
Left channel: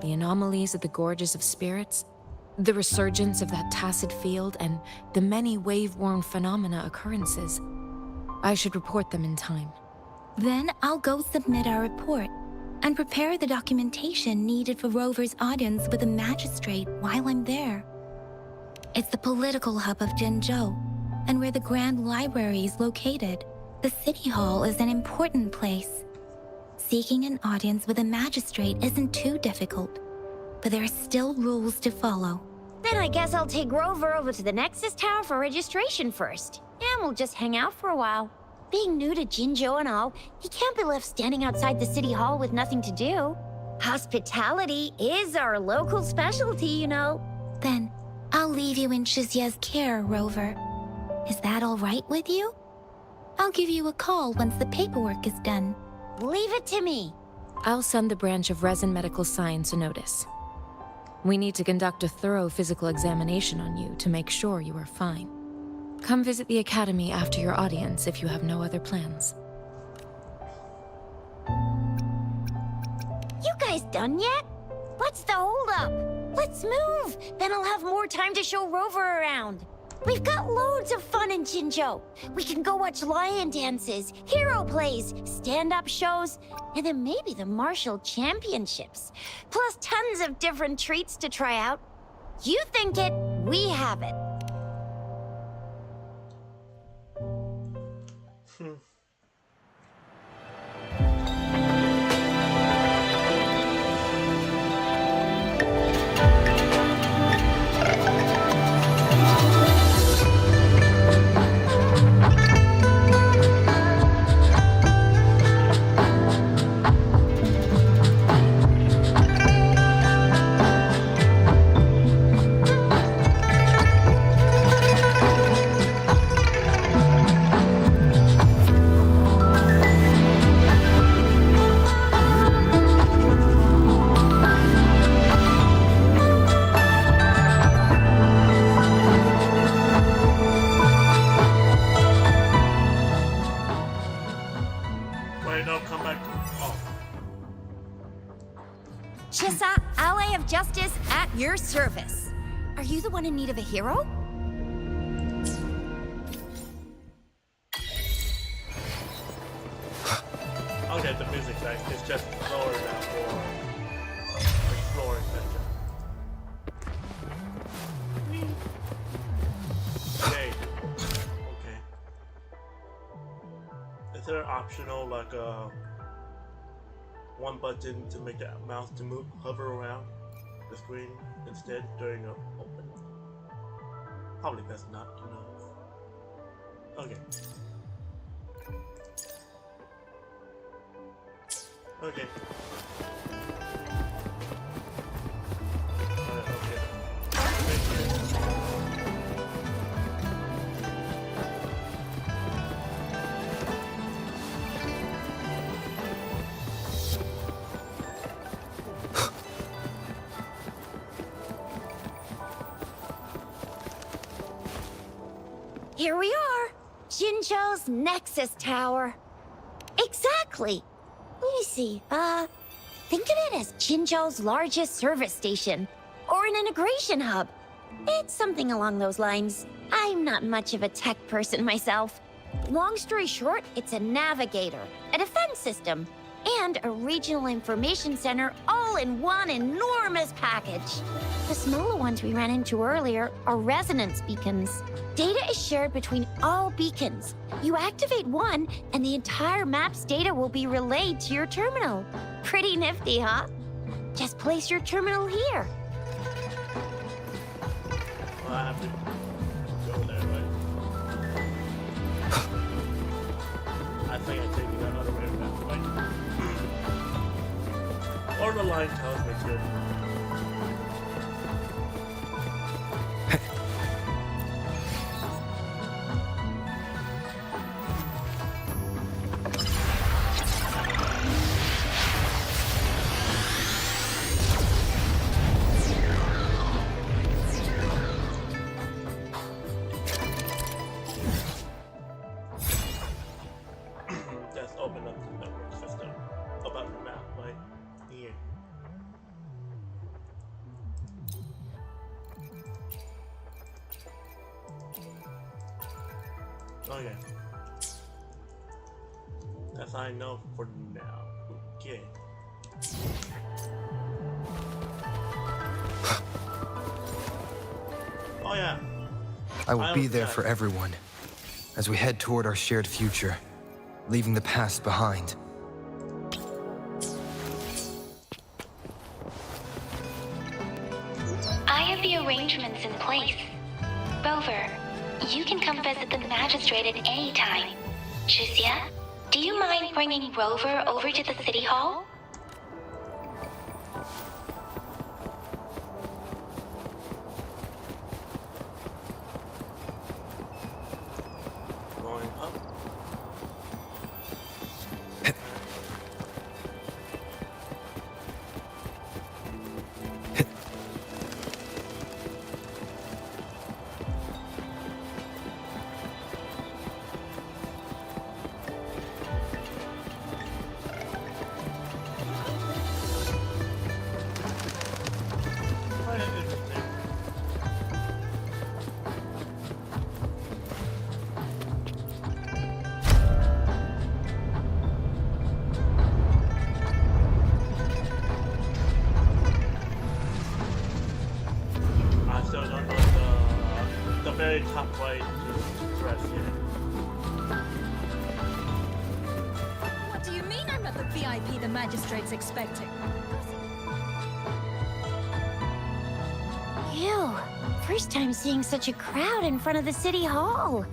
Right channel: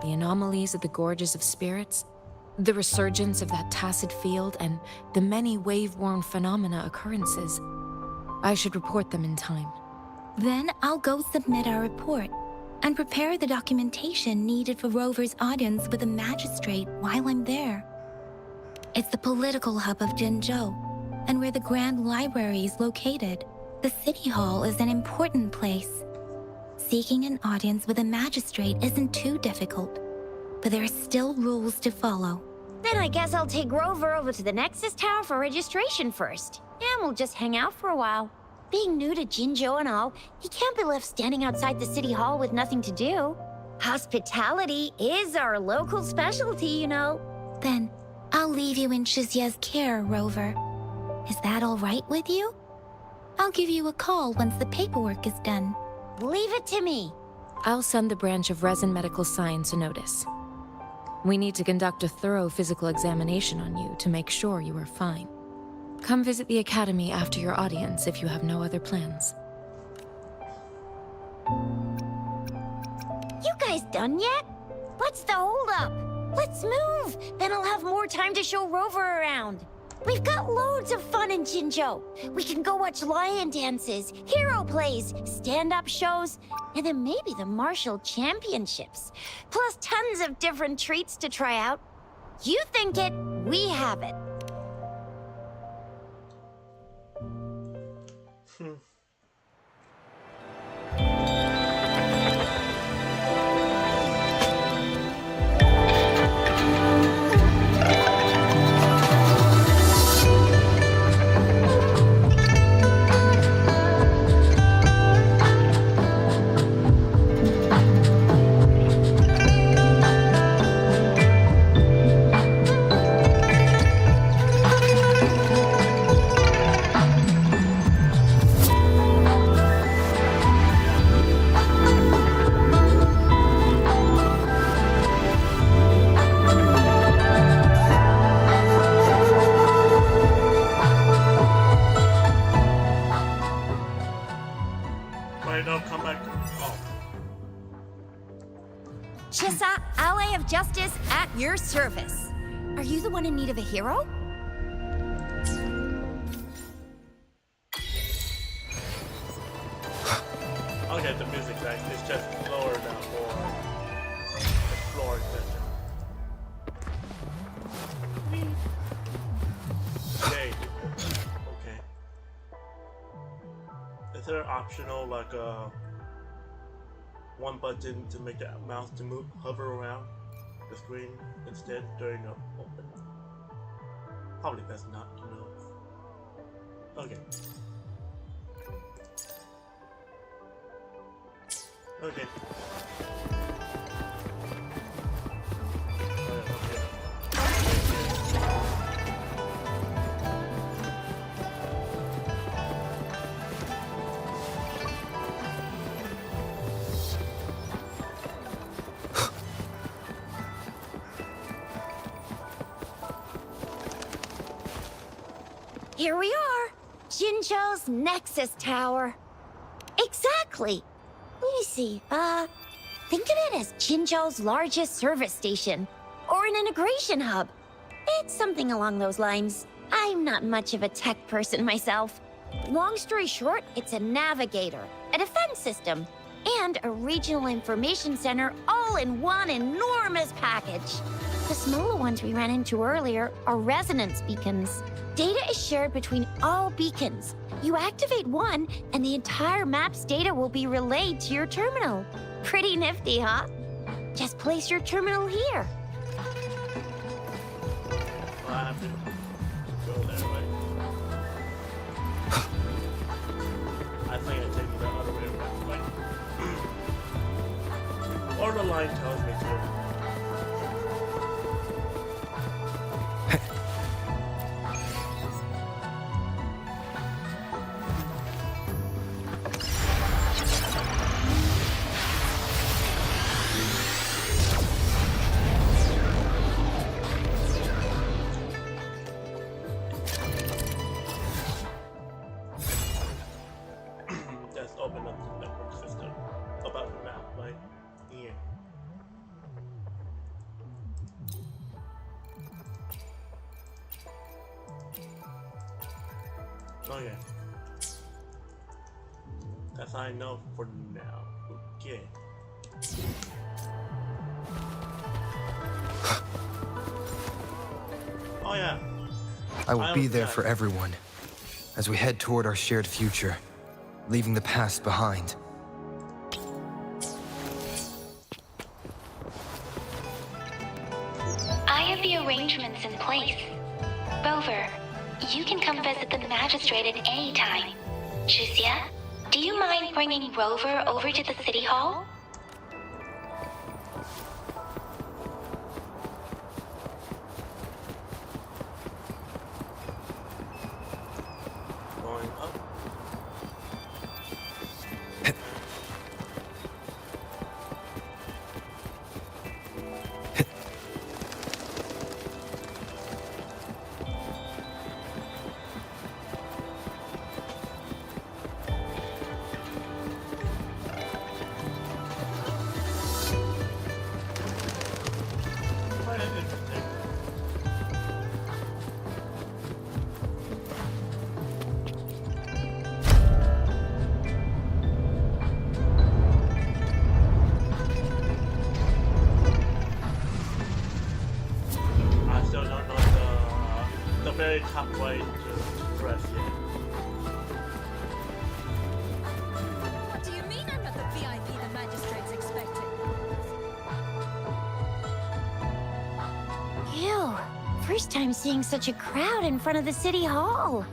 The anomalies of the Gorges of Spirits, the resurgence of that tacit field, and the many wave-worn phenomena occurrences. I should report them in time. Then I'll go submit our report and prepare the documentation needed for Rover's audience with a magistrate while I'm there. It's the political hub of Jinzhou, and where the Grand Library is located. The City Hall is an important place. Seeking an audience with a magistrate isn't too difficult, but there are still rules to follow. Then I guess I'll take Rover over to the Nexus Tower for registration first. And we'll just hang out for a while. Being new to Jinzhou and all, he can't be left standing outside the City Hall with nothing to do. Hospitality is our local specialty, you know. Then I'll leave you in Shizia's care, Rover. Is that all right with you? I'll give you a call once the paperwork is done. Leave it to me. I'll send the branch of Resin Medical Science a notice. We need to conduct a thorough physical examination on you to make sure you are fine. Come visit the Academy after your audience if you have no other plans. You guys done yet? What's the holdup? Let's move. Then I'll have more time to show Rover around. We've got loads of fun in Jinzhou. We can go watch lion dances, hero plays, stand-up shows, and then maybe the martial championships. Plus tons of different treats to try out. You think it, we have it. Wait, no, come back to. Oh. Chisa, Ally of Justice, at your service. Are you the one in need of a hero? Okay, the music like is just lower now for exploring section. Okay. Okay. Is there an optional like one button to make the mouse to move hover around the screen instead during the open? Probably best not to know. Okay. Okay. Here we are. Jinzhou's Nexus Tower. Exactly. Let me see. Think of it as Jinzhou's largest service station, or an integration hub. It's something along those lines. I'm not much of a tech person myself. Long story short, it's a navigator, a defense system, and a regional information center all in one enormous package. The smaller ones we ran into earlier are resonance beacons. Data is shared between all beacons. You activate one, and the entire map's data will be relayed to your terminal. Pretty nifty, huh? Just place your terminal here. Well, I have to go there, right? I think I take it the other way around, right? Or the line tells me to. Let's open up the network system about the map, right? Here. Okay. That's all I know for now. Okay. Oh yeah. I will be there for everyone as we head toward our shared future, leaving the past behind. I have the arrangements in place. Rover, you can come visit the magistrate at any time. Shuzia, do you mind bringing Rover over to the city hall? Going up. Quite interesting. I still don't know the very top way to press yet. What do you mean I'm not the VIP the magistrate's expecting? Ew. First time seeing such a crowd in front of the city hall.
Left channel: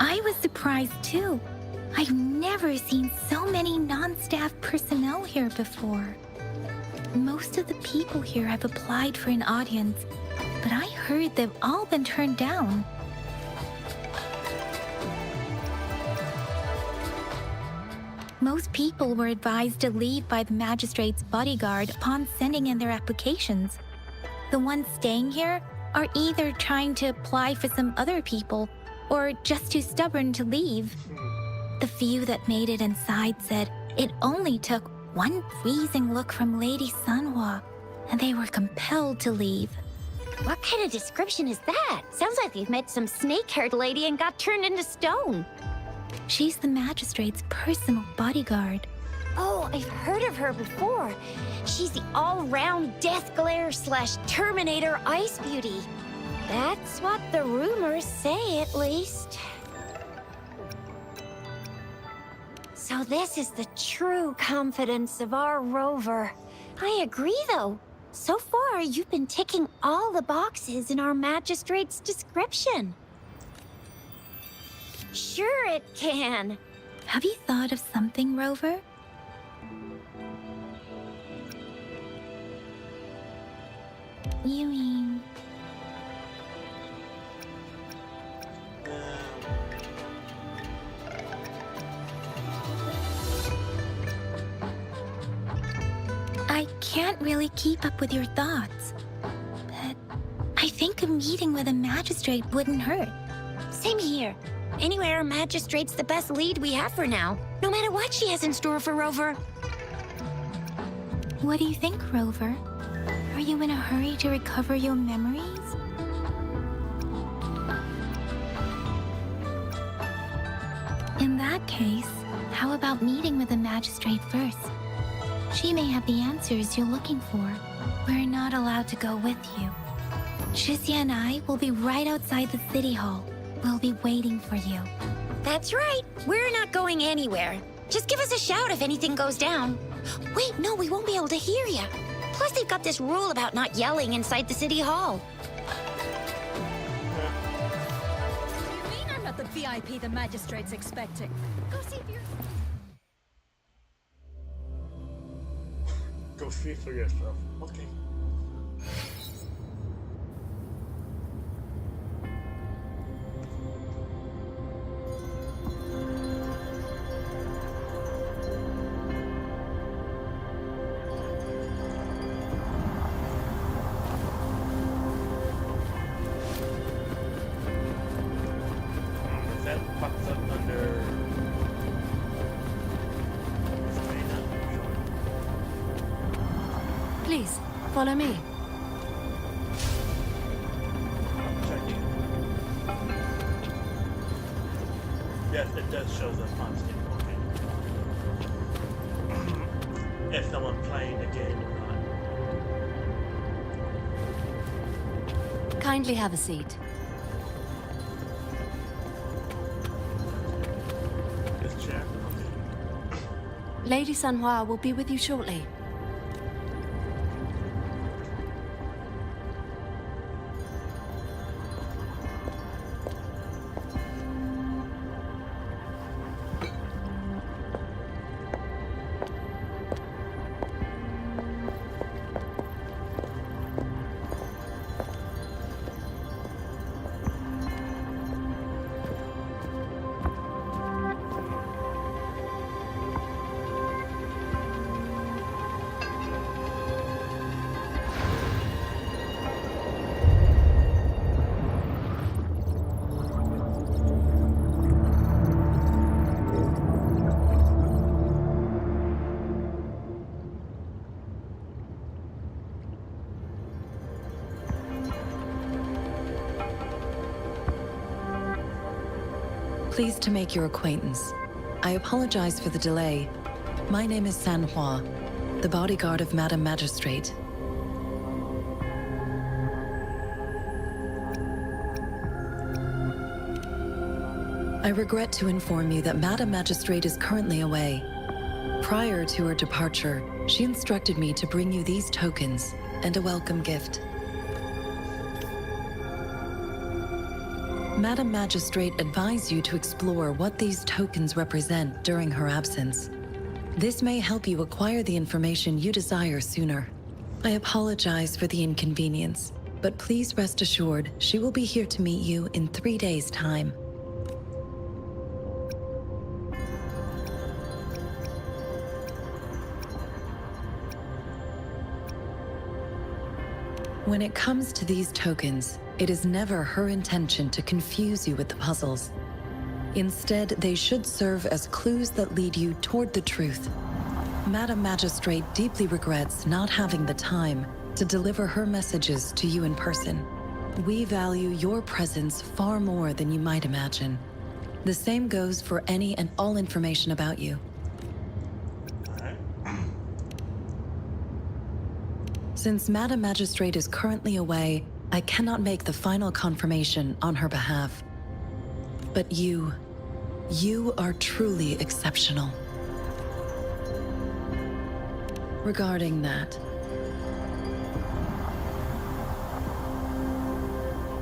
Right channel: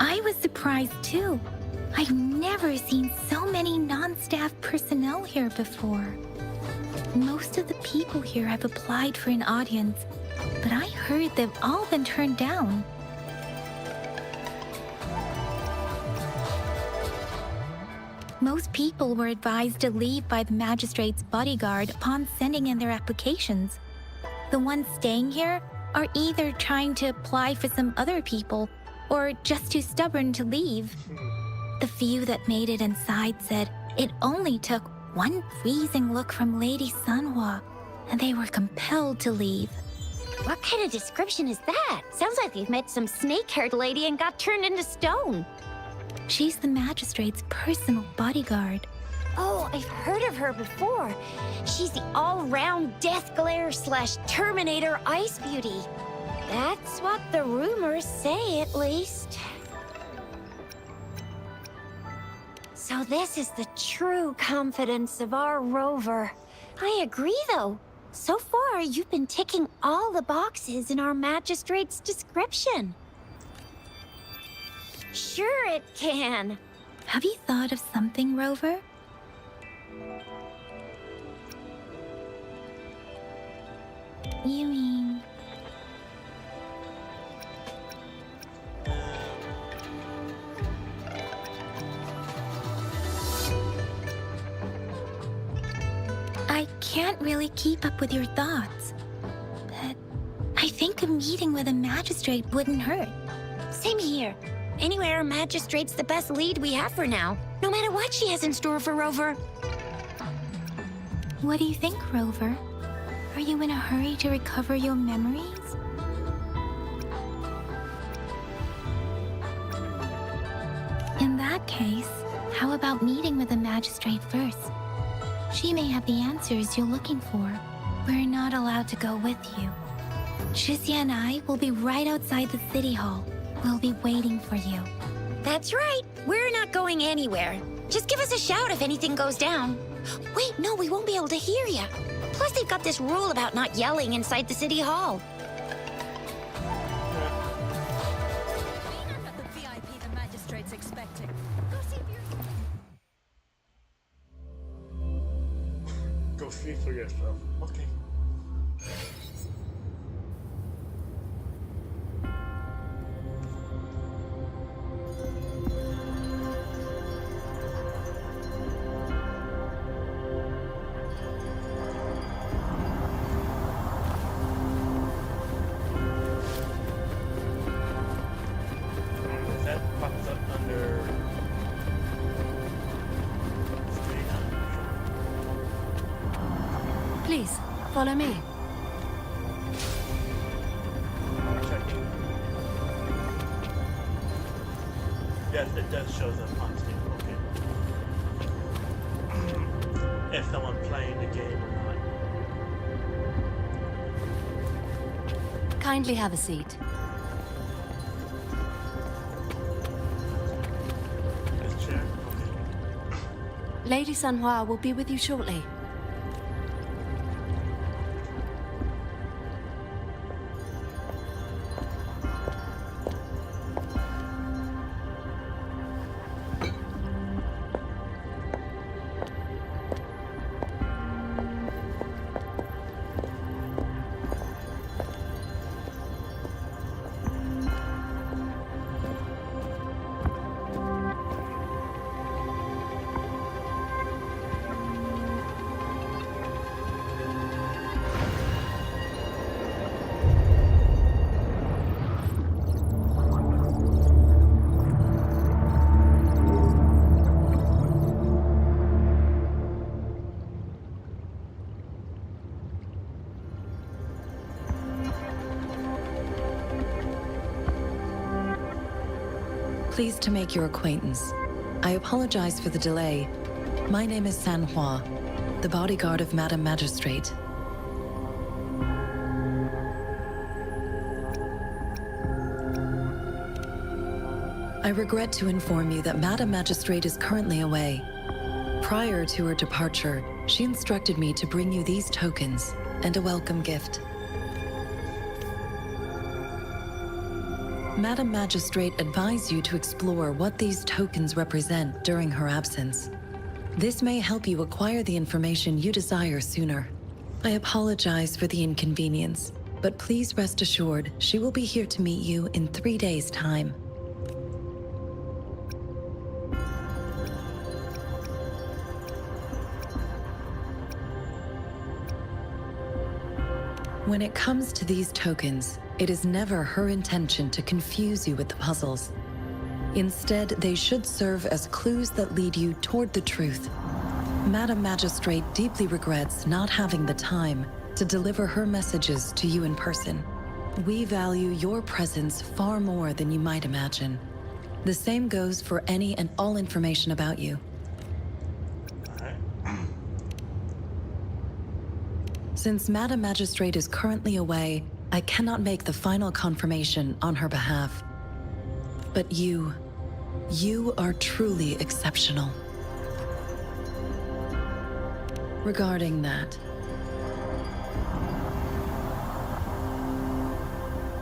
I was surprised too. I've never seen so many non-staff personnel here before. Most of the people here have applied for an audience, but I heard they've all been turned down. Most people were advised to leave by the magistrate's bodyguard upon sending in their applications. The ones staying here are either trying to apply for some other people or just too stubborn to leave. The few that made it inside said it only took one freezing look from Lady Sanhua, and they were compelled to leave. What kind of description is that? Sounds like you've met some snake-haired lady and got turned into stone. She's the magistrate's personal bodyguard. Oh, I've heard of her before. She's the all-round Death Glare / Terminator Ice Beauty. That's what the rumors say, at least. So this is the true confidence of our Rover. I agree, though. So far, you've been ticking all the boxes in our magistrate's description. Sure it can. Have you thought of something, Rover? You mean... I can't really keep up with your thoughts, but I think a meeting with a magistrate wouldn't hurt. Same here. Anywhere a magistrate's the best lead we have for now, no matter what she has in store for Rover. What do you think, Rover? Are you in a hurry to recover your memories? In that case, how about meeting with the magistrate first? She may have the answers you're looking for. We're not allowed to go with you. Shizia and I will be right outside the city hall. We'll be waiting for you. That's right. We're not going anywhere. Just give us a shout if anything goes down. Wait, no, we won't be able to hear you. Plus, they've got this rule about not yelling inside the city hall. You mean I'm not the VIP the magistrate's expecting? Go see for yourself. Go see for yourself. Okay. That pops up under Serena. Please, follow me. Checking. Yes, it does show up on Steam. Okay. If someone playing the game or not. Kindly have a seat. This chair? Okay. Lady Sanhua will be with you shortly. Pleased to make your acquaintance. I apologize for the delay. My name is Sanhua, the bodyguard of Madam Magistrate. I regret to inform you that Madam Magistrate is currently away. Prior to her departure, she instructed me to bring you these tokens and a welcome gift. Madam Magistrate advised you to explore what these tokens represent during her absence. This may help you acquire the information you desire sooner. I apologize for the inconvenience, but please rest assured she will be here to meet you in 3 days' time. When it comes to these tokens, it is never her intention to confuse you with the puzzles. Instead, they should serve as clues that lead you toward the truth. Madam Magistrate deeply regrets not having the time to deliver her messages to you in person. We value your presence far more than you might imagine. The same goes for any and all information about you. Since Madam Magistrate is currently away, I cannot make the final confirmation on her behalf. But you are truly exceptional. Regarding that,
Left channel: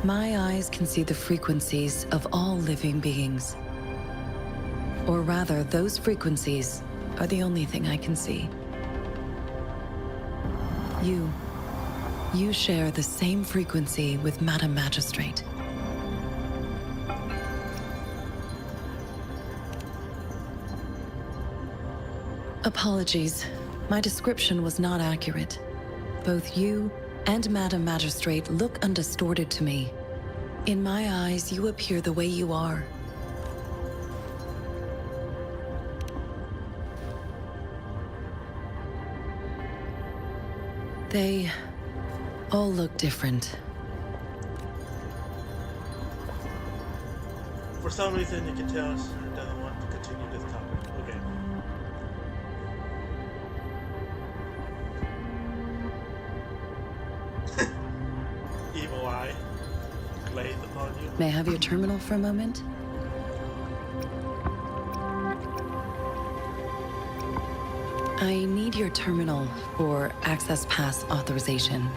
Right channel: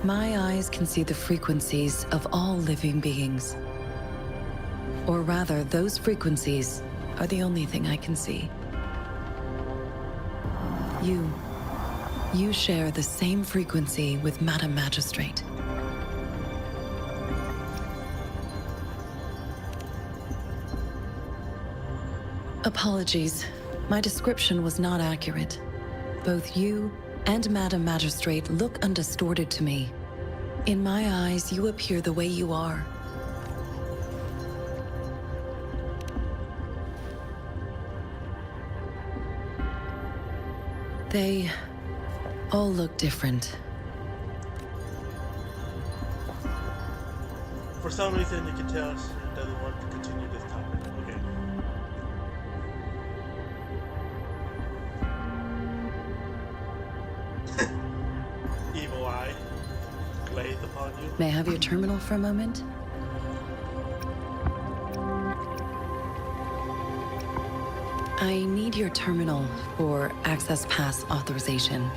my eyes can see the frequencies of all living beings. Or rather, those frequencies are the only thing I can see. You share the same frequency with Madam Magistrate. Apologies. My description was not accurate. Both you and Madam Magistrate look undistorted to me. In my eyes, you appear the way you are. They all look different. For some reason, you can tell she doesn't want to continue this topic. Okay. Evil eye glazed upon you. May I have your terminal for a moment? I need your terminal for Access Pass authorization.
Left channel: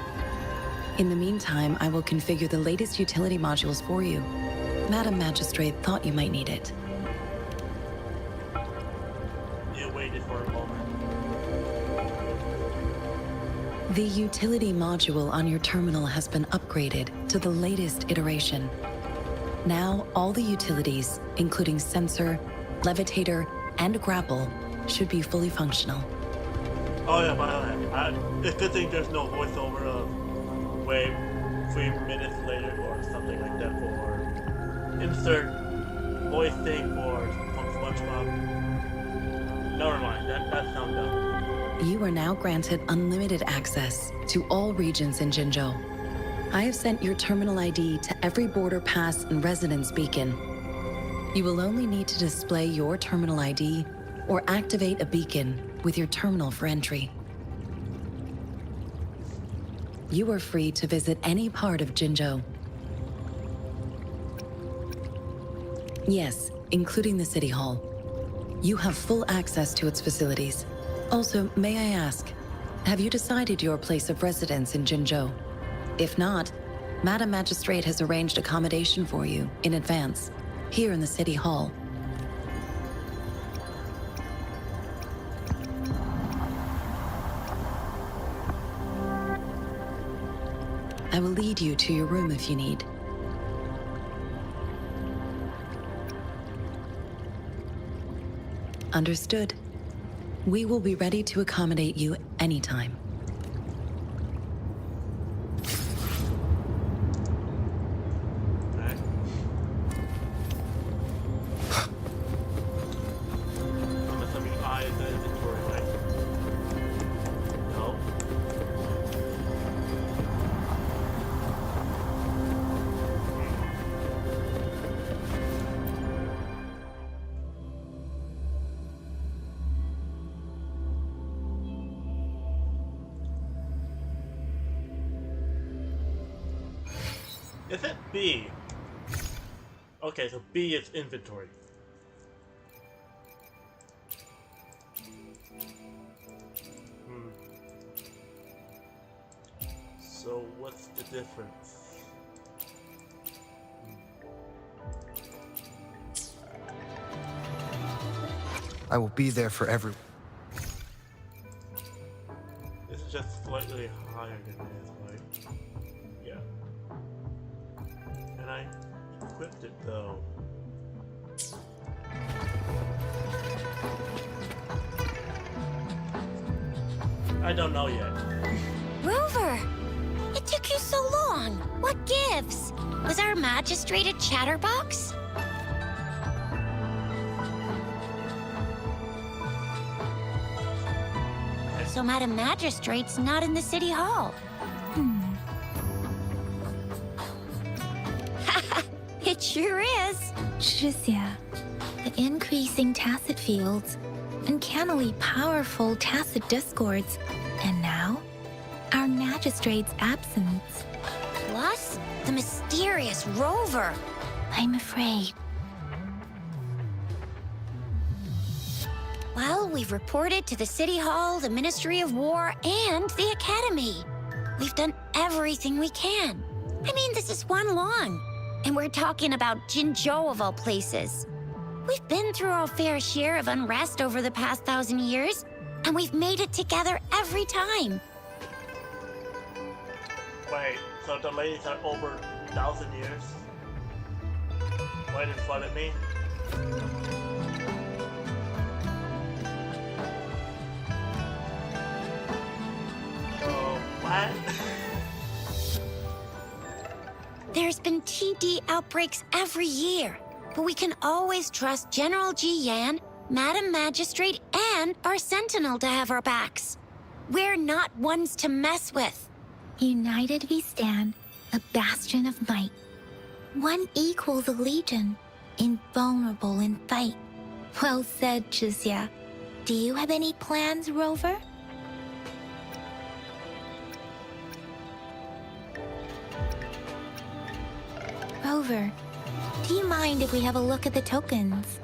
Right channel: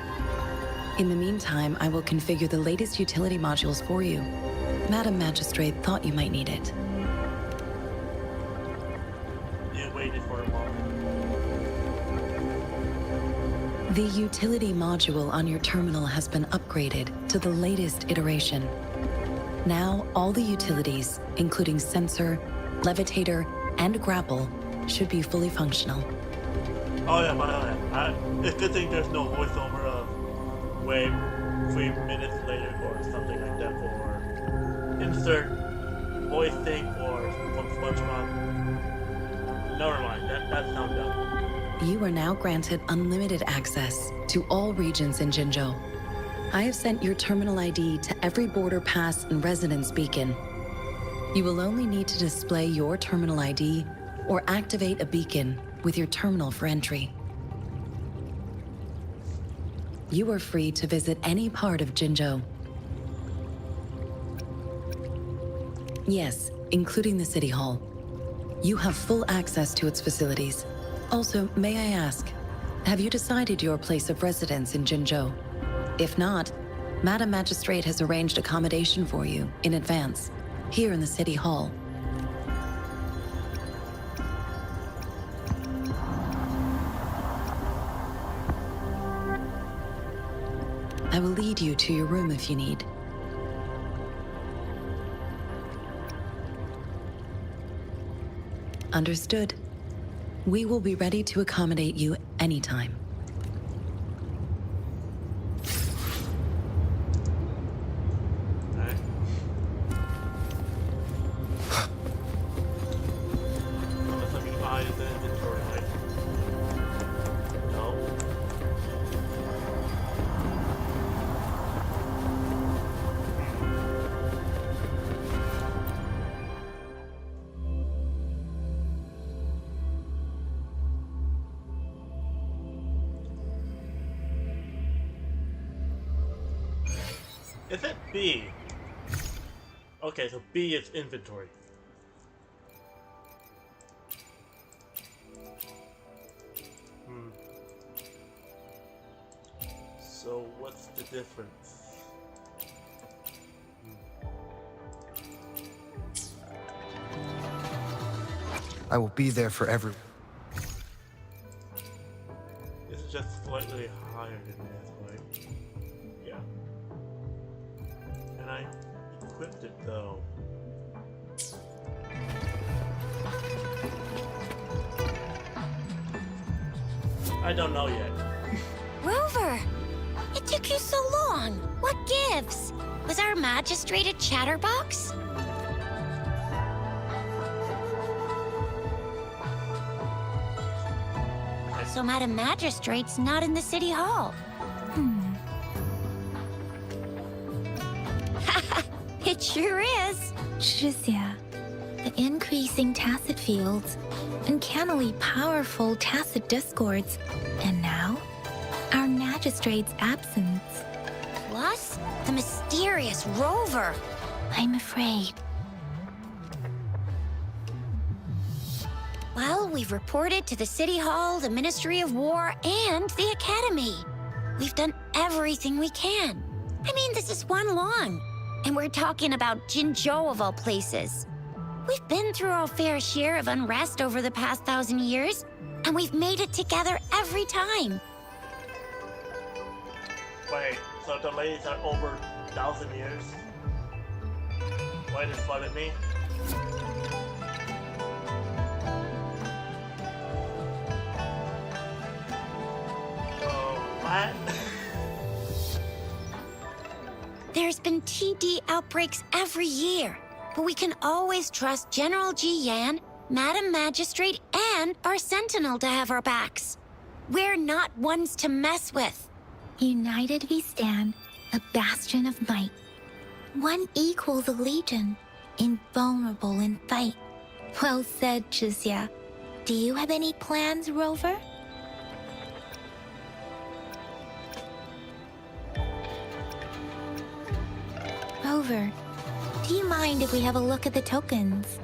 In the meantime, I will configure the latest utility modules for you. Madam Magistrate thought you might need it. You waited for a moment. The utility module on your terminal has been upgraded to the latest iteration. Now, all the utilities, including sensor, levitator, and grapple, should be fully functional. Oh yeah, by the way, it's a good thing there's no voiceover of wait 3 minutes later or something like that for insert voice thing for from SpongeBob. Never mind, that sounds dumb. You are now granted unlimited access to all regions in Jinzhou. I have sent your terminal ID to every border pass and residence beacon. You will only need to display your terminal ID or activate a beacon with your terminal for entry. You are free to visit any part of Jinzhou. Yes, including the City Hall. You have full access to its facilities. Also, may I ask, have you decided your place of residence in Jinzhou? If not, Madam Magistrate has arranged accommodation for you in advance, here in the City Hall. I will lead you to your room if you need. Understood. We will be ready to accommodate you anytime. Alright. I'm assuming I is the inventory, right? No. Is it B? Okay, so B is inventory. So what's the difference? I will be there for everyone. This is just slightly higher than this, right? Yeah. And I equipped it though. I don't know yet. Rover! It took you so long. What gives? Was our magistrate a chatterbox? So Madam Magistrate's not in the City Hall. It sure is. Shizia, the increasing tacit fields, uncannily powerful tacit discords, and now, our magistrate's absence. Plus, the mysterious Rover. I'm afraid. Well, we've reported to the City Hall, the Ministry of War, and the Academy. We've done everything we can. I mean, this is one long. And we're talking about Jinzhou of all places. We've been through our fair share of unrest over the past 1,000 years, and we've made it together every time. Wait, so the ladies are over 1,000 years? Why did it flood me? Oh, what? There's been TD outbreaks every year, but we can always trust General Ji Yan, Madam Magistrate, and our Sentinel to have our backs. We're not ones to mess with. United we stand, a bastion of might. One equals a legion, invulnerable in fight. Well said, Chixia. Do you have any plans, Rover? Rover, do you mind if we have a look at the tokens?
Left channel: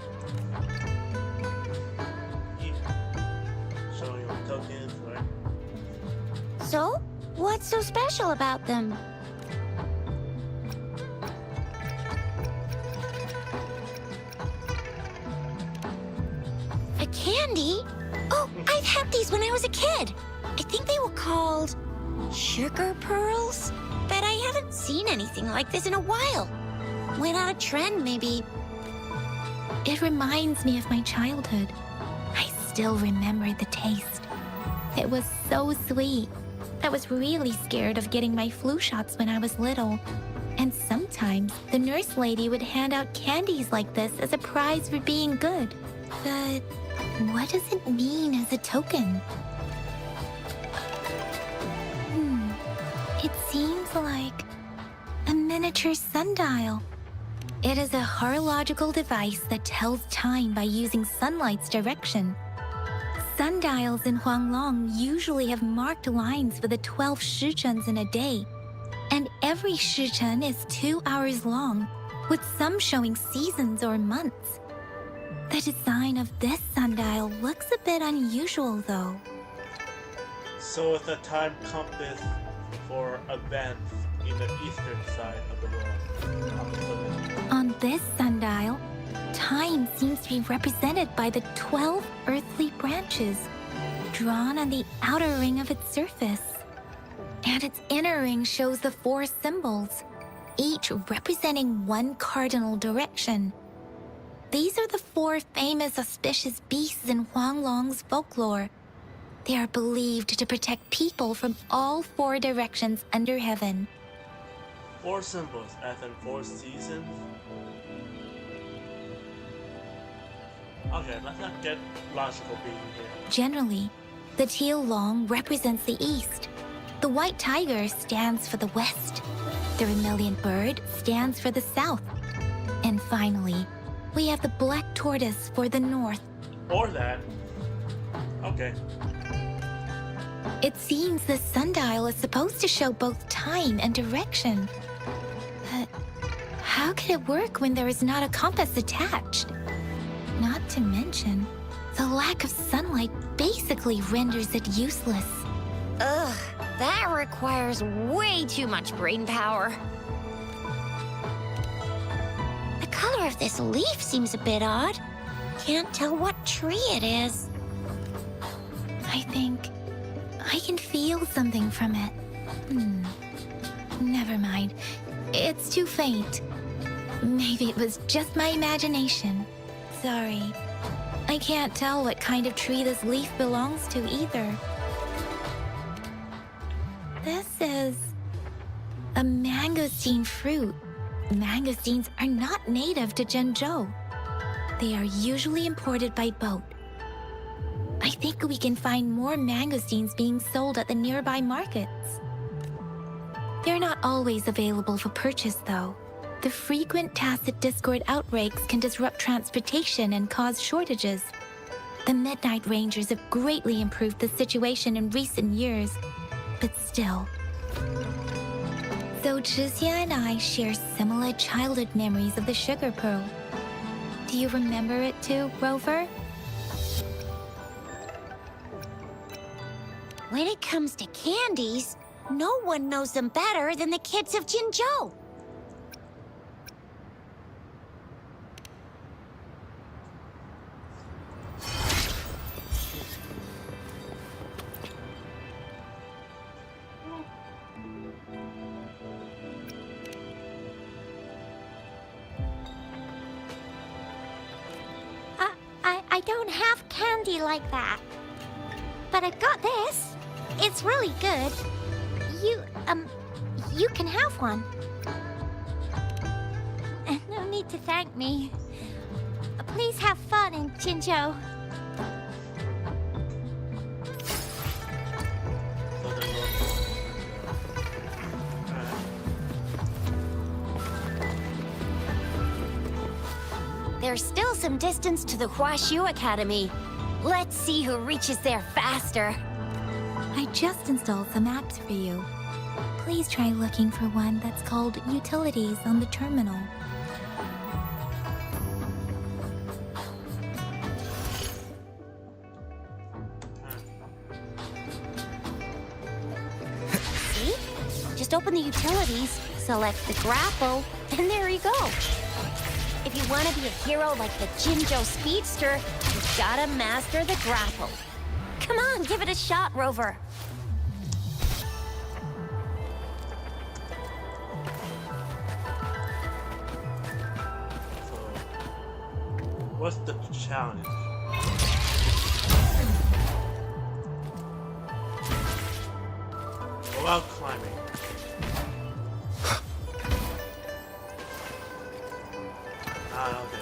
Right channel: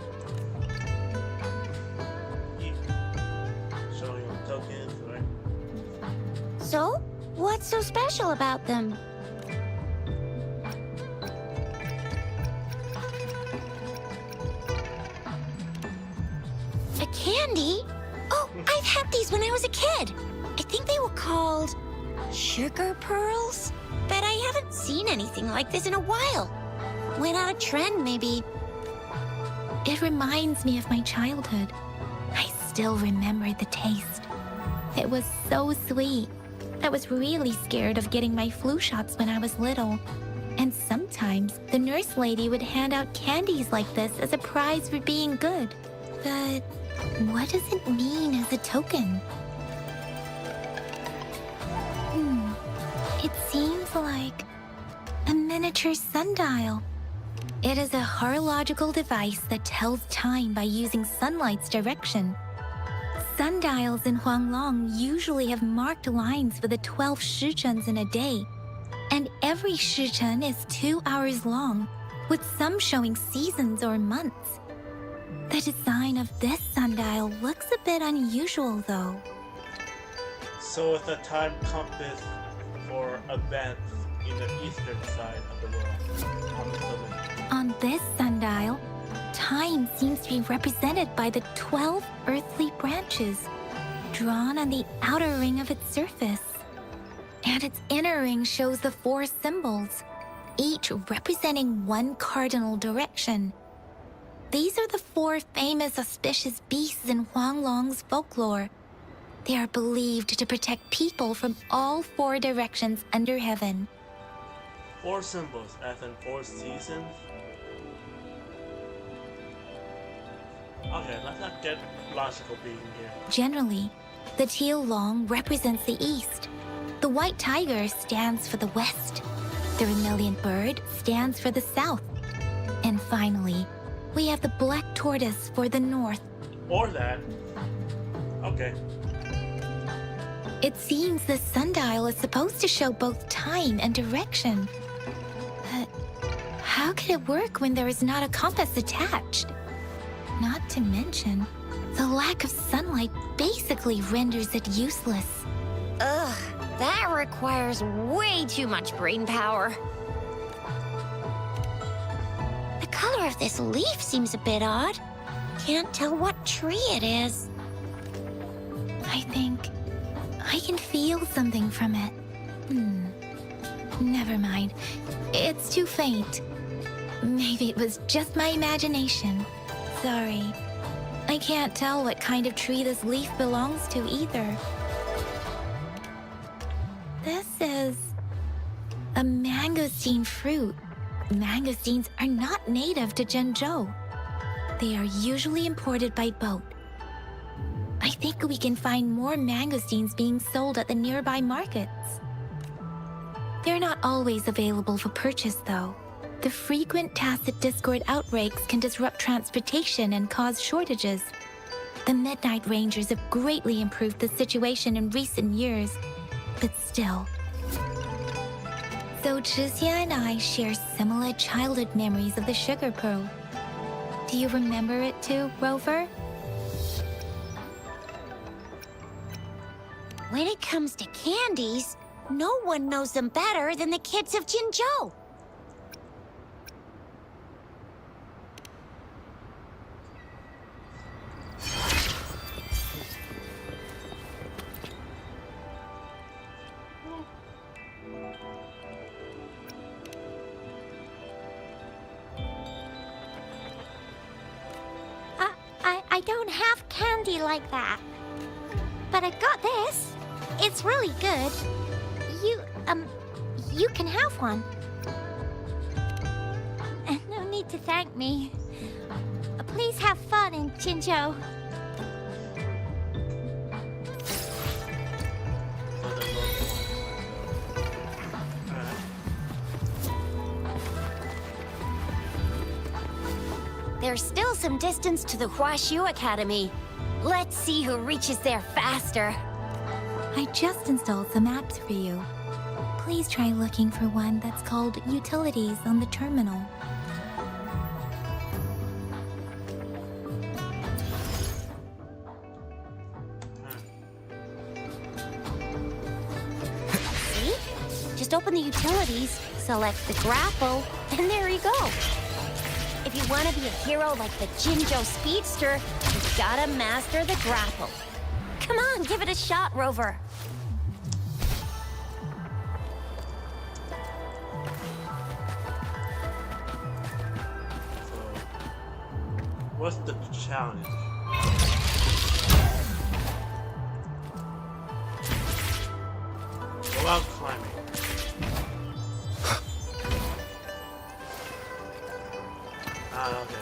Showing you tokens, right? So, what's so special about them? A candy? Oh, I've had these when I was a kid. I think they were called sugar pearls, but I haven't seen anything like this in a while. Went out of trend, maybe. It reminds me of my childhood. I still remember the taste. It was so sweet. I was really scared of getting my flu shots when I was little. And sometimes the nurse lady would hand out candies like this as a prize for being good. But what does it mean as a token? It seems like a miniature sundial. It is a horological device that tells time by using sunlight's direction. Sundials in Huanglong usually have marked lines for the 12 shichens in a day, and every shichen is 2 hours long, with some showing seasons or months. The design of this sundial looks a bit unusual, though. So it's a time compass for events in the eastern side of the world. I'm assuming. On this sundial, time seems to be represented by the 12 earthly branches, drawn on the outer ring of its surface. And its inner ring shows the 4 symbols, each representing one cardinal direction. These are the 4 famous auspicious beasts in Huanglong's folklore. They are believed to protect people from all 4 directions under heaven. 4 symbols, as in 4 seasons. Okay, let's not get logical being here. Generally, the teal long represents the east. The white tiger stands for the west. The vermilion bird stands for the south. And finally, we have the black tortoise for the north. Or that. Okay. It seems the sundial is supposed to show both time and direction. But how could it work when there is not a compass attached? Not to mention, the lack of sunlight basically renders it useless. Ugh, that requires way too much brain power. The color of this leaf seems a bit odd. Can't tell what tree it is. I think I can feel something from it. Never mind. It's too faint. Maybe it was just my imagination. Sorry. I can't tell what kind of tree this leaf belongs to either. This is a mangosteen fruit. Mangosteens are not native to Zhengzhou. They are usually imported by boat. I think we can find more mangosteens being sold at the nearby markets. They're not always available for purchase, though. The frequent tacit discord outbreaks can disrupt transportation and cause shortages. The Midnight Rangers have greatly improved the situation in recent years, but still. So Chixia and I share similar childhood memories of the sugar pearl. Do you remember it too, Rover? When it comes to candies, no one knows them better than the kids of Jinzhou. I don't have candy like that. But I've got this. It's really good. You can have one. No need to thank me. Please have fun in Jinzhou. So the normal Alright. There's still some distance to the Huashu Academy. Let's see who reaches there faster. I just installed some apps for you. Please try looking for one that's called Utilities on the terminal. See? Just open the utilities, select the grapple, and there you go. If you want to be a hero like the Jinzhou Speedster, you've gotta master the grapple. Come on, give it a shot, Rover. So, what's the challenge? What about climbing? Okay.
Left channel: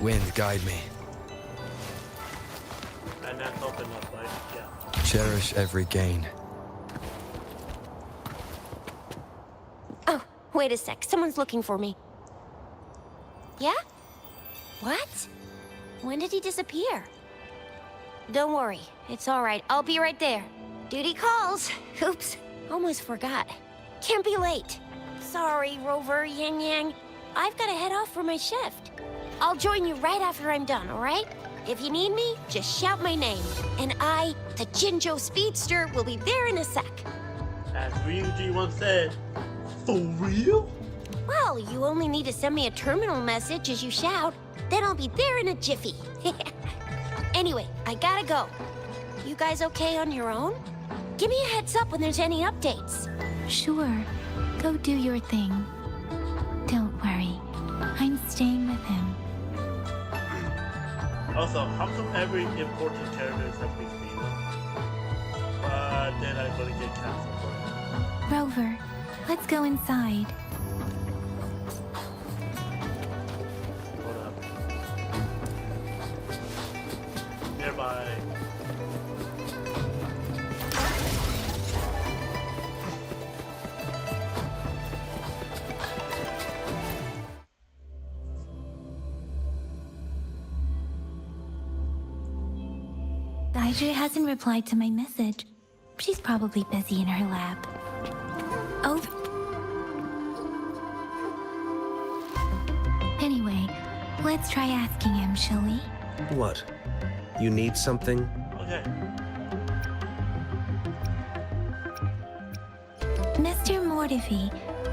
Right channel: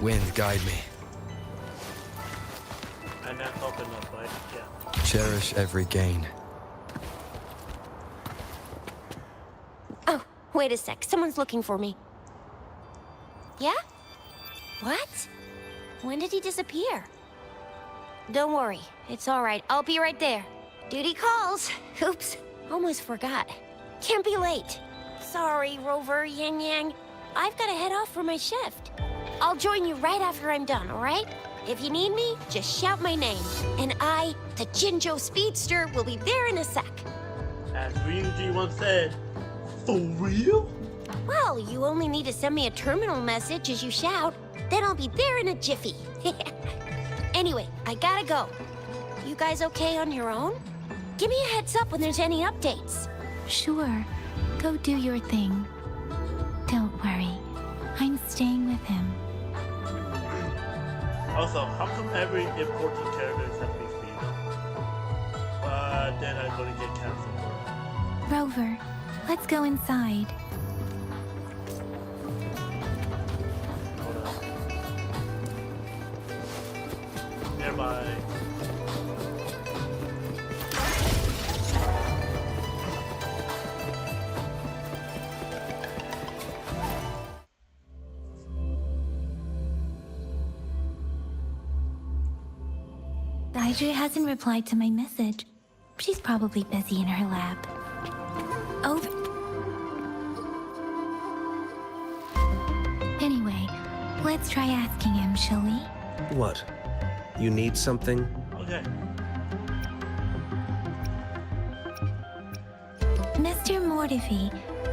Wind, guide me. And then open up, right? Yeah. Cherish every gain. Oh, wait a sec. Someone's looking for me. Yeah? What? When did he disappear? Don't worry. It's all right. I'll be right there. Duty calls. Oops. Almost forgot. Can't be late. Sorry, Rover, Yang Yang. I've got to head off for my shift. I'll join you right after I'm done, all right? If you need me, just shout my name. And I, the Jinzhou Speedster, will be there in a sec. As Ryuji once said, for real? Well, you only need to send me a terminal message as you shout. Then I'll be there in a jiffy. Anyway, I gotta go. You guys okay on your own? Give me a heads up when there's any updates. Sure, go do your thing. Don't worry, I'm staying with him. Also, how come every important character has to be female? But then I'm gonna get canceled for it. Rover, let's go inside. Hold up. Nearby. Daiju hasn't replied to my message. She's probably busy in her lab. Over. Anyway, let's try asking him, shall we? What? You need something? Okay. Mr. Mortifi,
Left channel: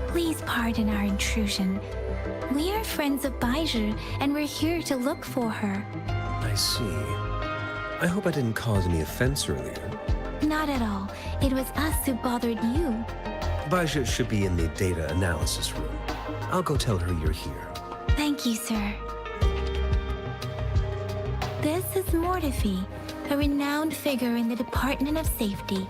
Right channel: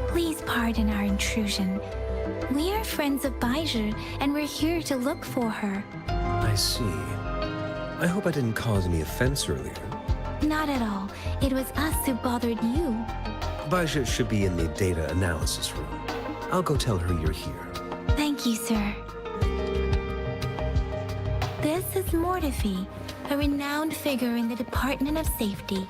please pardon our intrusion. We are friends of Baizhi, and we're here to look for her. I see. I hope I didn't cause any offense earlier. Not at all. It was us who bothered you. Baizhi should be in the data analysis room. I'll go tell her you're here. Thank you, sir. This is Mortifi, a renowned figure in the Department of Safety.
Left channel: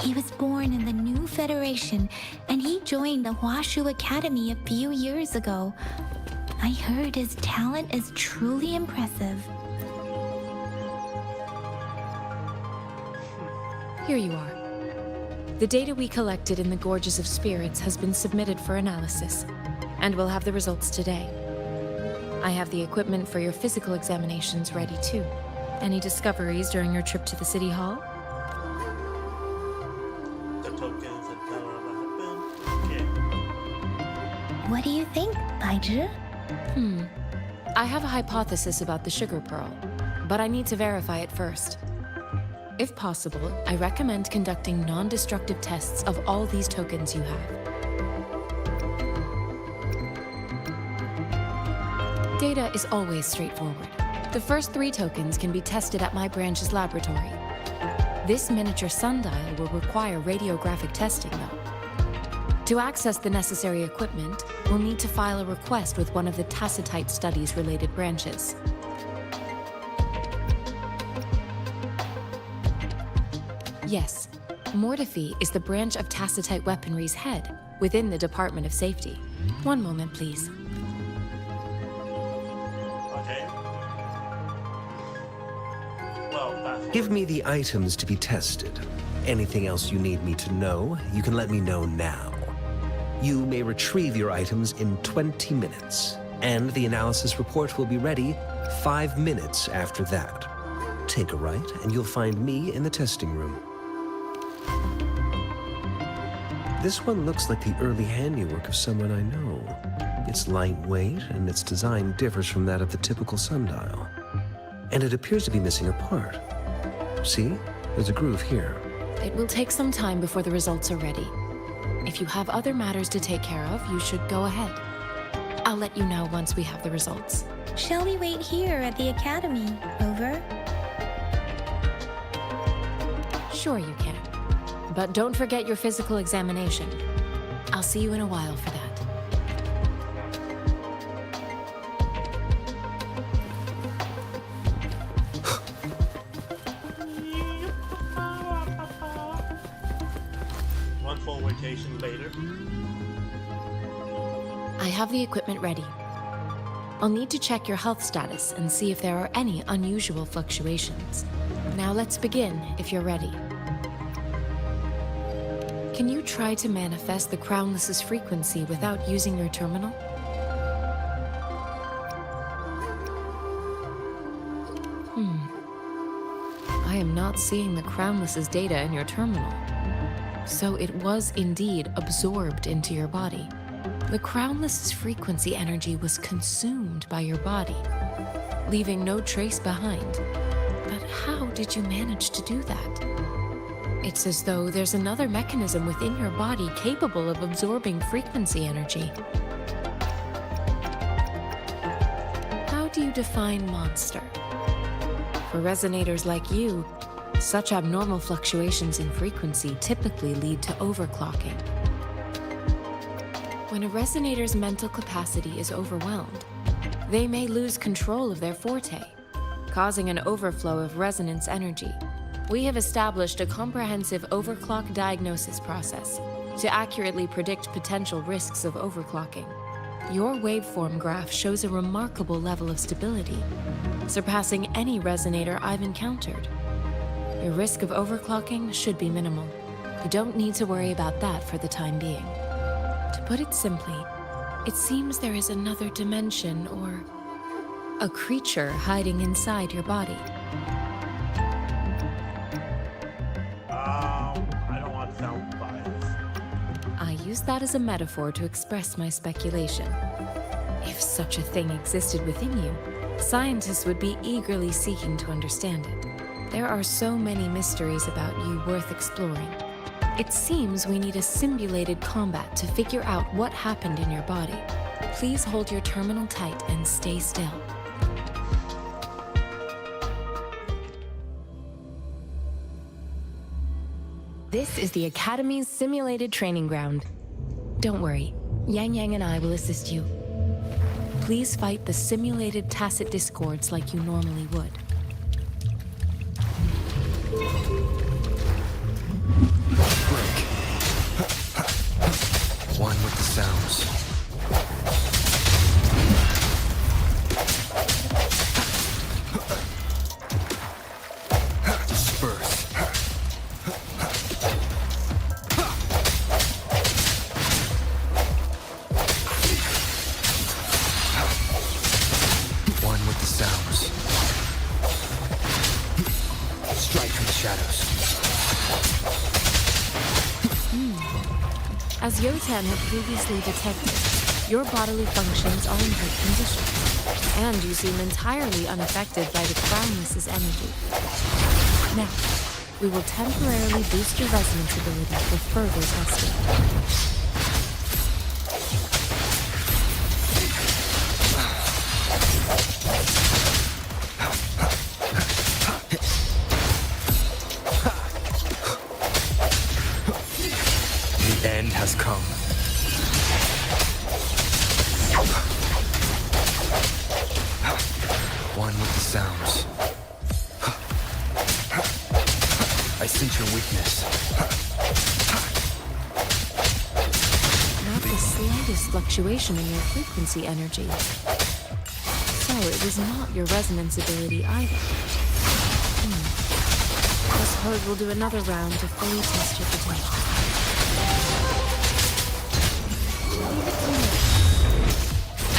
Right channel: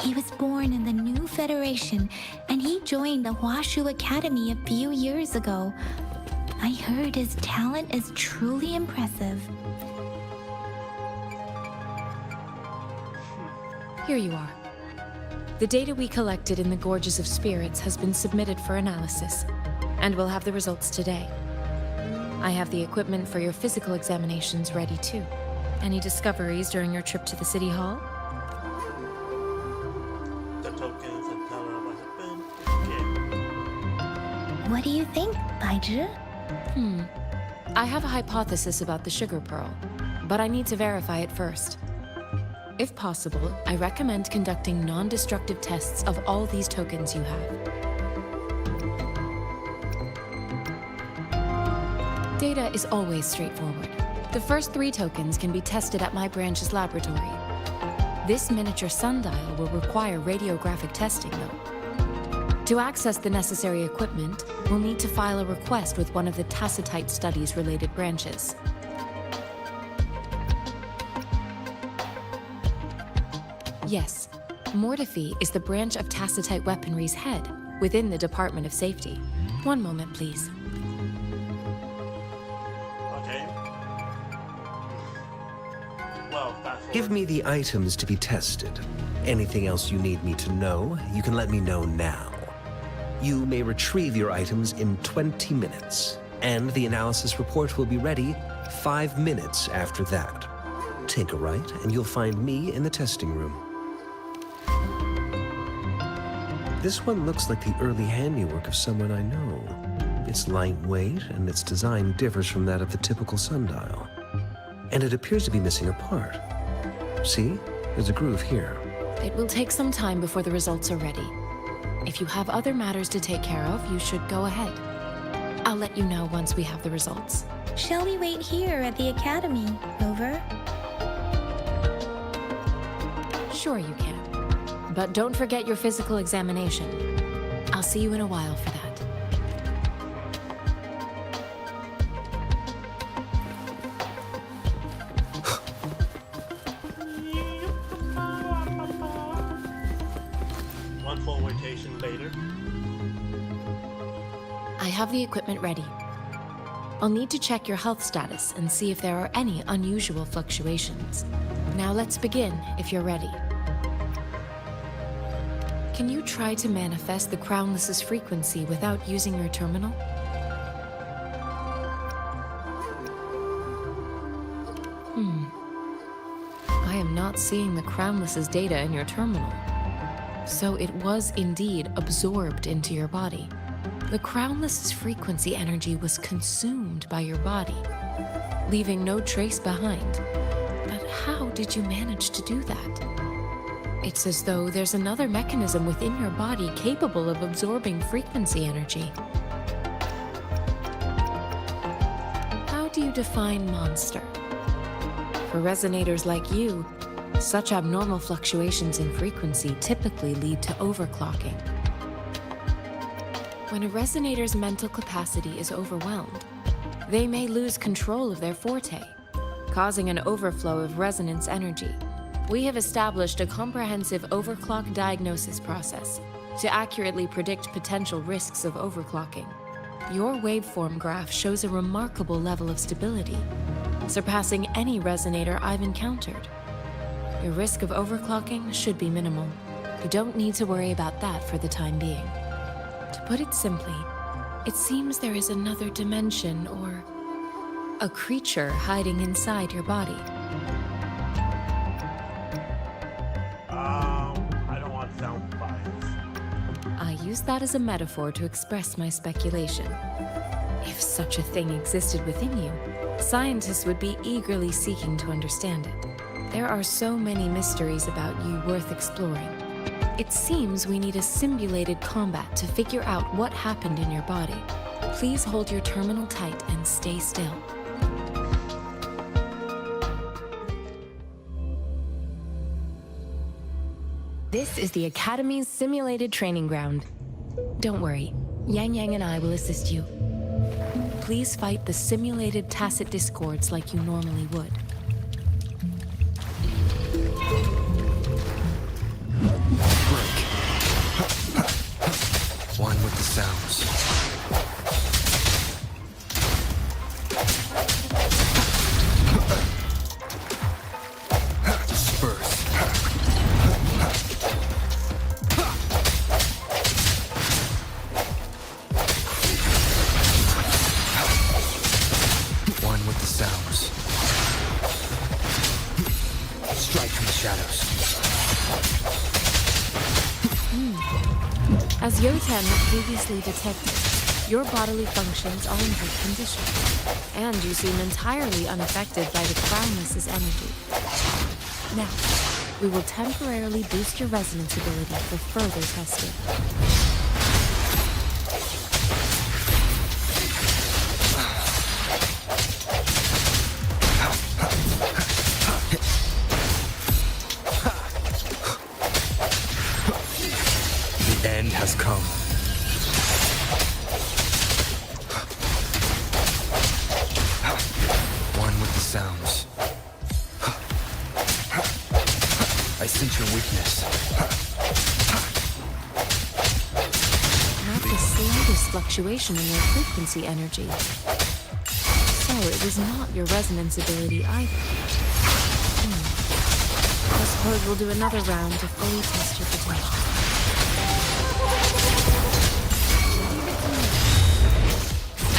He was born in the new Federation, and he joined the Huashu Academy a few years ago. I heard his talent is truly impressive. Here you are. The data we collected in the Gorges of Spirits has been submitted for analysis, and we'll have the results today. I have the equipment for your physical examinations ready too. Any discoveries during your trip to the City Hall? The tokens and tell her what happened. Okay. What do you think, Baizhi? I have a hypothesis about the sugar pearl, but I need to verify it first. If possible, I recommend conducting non-destructive tests of all these tokens you have. Data is always straightforward. The first 3 tokens can be tested at my branch's laboratory. This miniature sundial will require radiographic testing, though. To access the necessary equipment, we'll need to file a request with one of the Tacitite Studies-related branches. Yes, Mortifi is the branch of Tacitite Weaponry's head within the Department of Safety. One moment, please. Okay. Well, fast forward. Give me the items to be tested. Anything else you need me to know, you can let me know now. You may retrieve your items in 20 minutes, and the analysis report will be ready 5 minutes after that. Take a right, and you'll find me in the testing room. This one looks like the early handiwork of someone I know. It's lightweight, and its design differs from that of the typical sundial. And it appears to be missing a part. See? There's a groove here. It will take some time before the results are ready. If you have other matters to take care of, you should go ahead. I'll let you know once we have the results. Shall we wait here at the academy, Rover? Sure you can. But don't forget your physical examination. I'll see you in a while for that. One full rotation later. I have the equipment ready. I'll need to check your health status and see if there are any unusual fluctuations. Now let's begin, if you're ready. Can you try to manifest the Crownless's frequency without using your terminal? I am not seeing the Crownless's data in your terminal. So it was indeed absorbed into your body. The Crownless's frequency energy was consumed by your body, leaving no trace behind. But how did you manage to do that? It's as though there's another mechanism within your body capable of absorbing frequency energy. How do you define monster? For resonators like you, such abnormal fluctuations in frequency typically lead to overclocking. When a resonator's mental capacity is overwhelmed, they may lose control of their forte, causing an overflow of resonance energy. We have established a comprehensive overclock diagnosis process to accurately predict potential risks of overclocking. Your waveform graph shows a remarkable level of stability, surpassing any resonator I've encountered. Your risk of overclocking should be minimal. You don't need to worry about that for the time being. To put it simply, it seems there is another dimension or a creature hiding inside your body. I don't want to sound biased. I use that as a metaphor to express my speculation. If such a thing existed within you, scientists would be eagerly seeking to understand it. There are so many mysteries about you worth exploring. It seems we need a simulated combat to figure out what happened in your body. Please hold your terminal tight and stay still. This is the Academy's simulated training ground. Don't worry, Yang Yang and I will assist you. Please fight the simulated tacit discords like you normally would. Break. One with the sounds. Disperse. One with the sounds. Strike from the shadows. As Yotan had previously detected, your bodily functions are in good condition, and you seem entirely unaffected by the Crownless's energy. Now, we will temporarily boost your resonance ability for further testing. end has come. One with the sounds. I sense your weakness. Not the slightest fluctuation in your frequency energy. So it was not your resonance ability either. I suppose we'll do another round to fully test your potential. Leave it to me.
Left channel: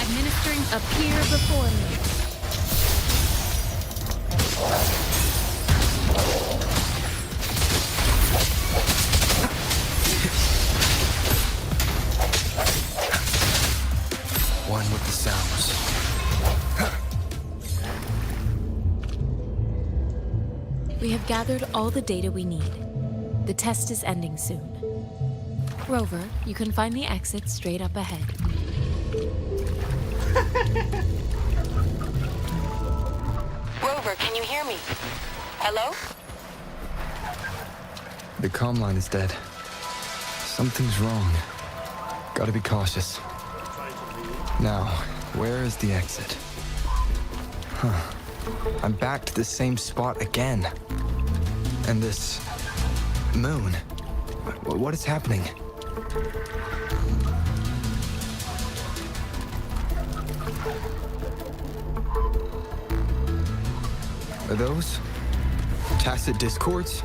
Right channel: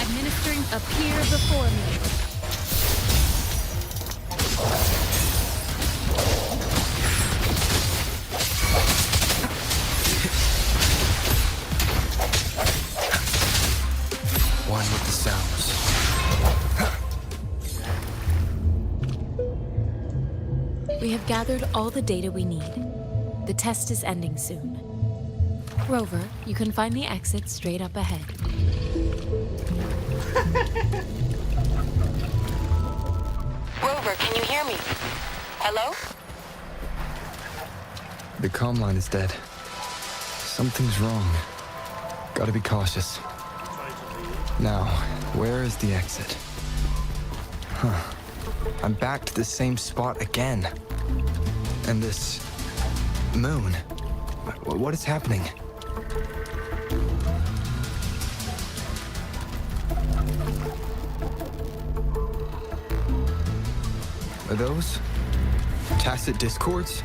Administering appear before me. One with the sounds. We have gathered all the data we need. The test is ending soon. Rover, you can find the exit straight up ahead. Rover, can you hear me? Hello? The comm line is dead. Something's wrong. Gotta be cautious. Trying to leave. Now, where is the exit? Huh. I'm back to the same spot again. And this... moon. What is happening? Are those... tacit discords?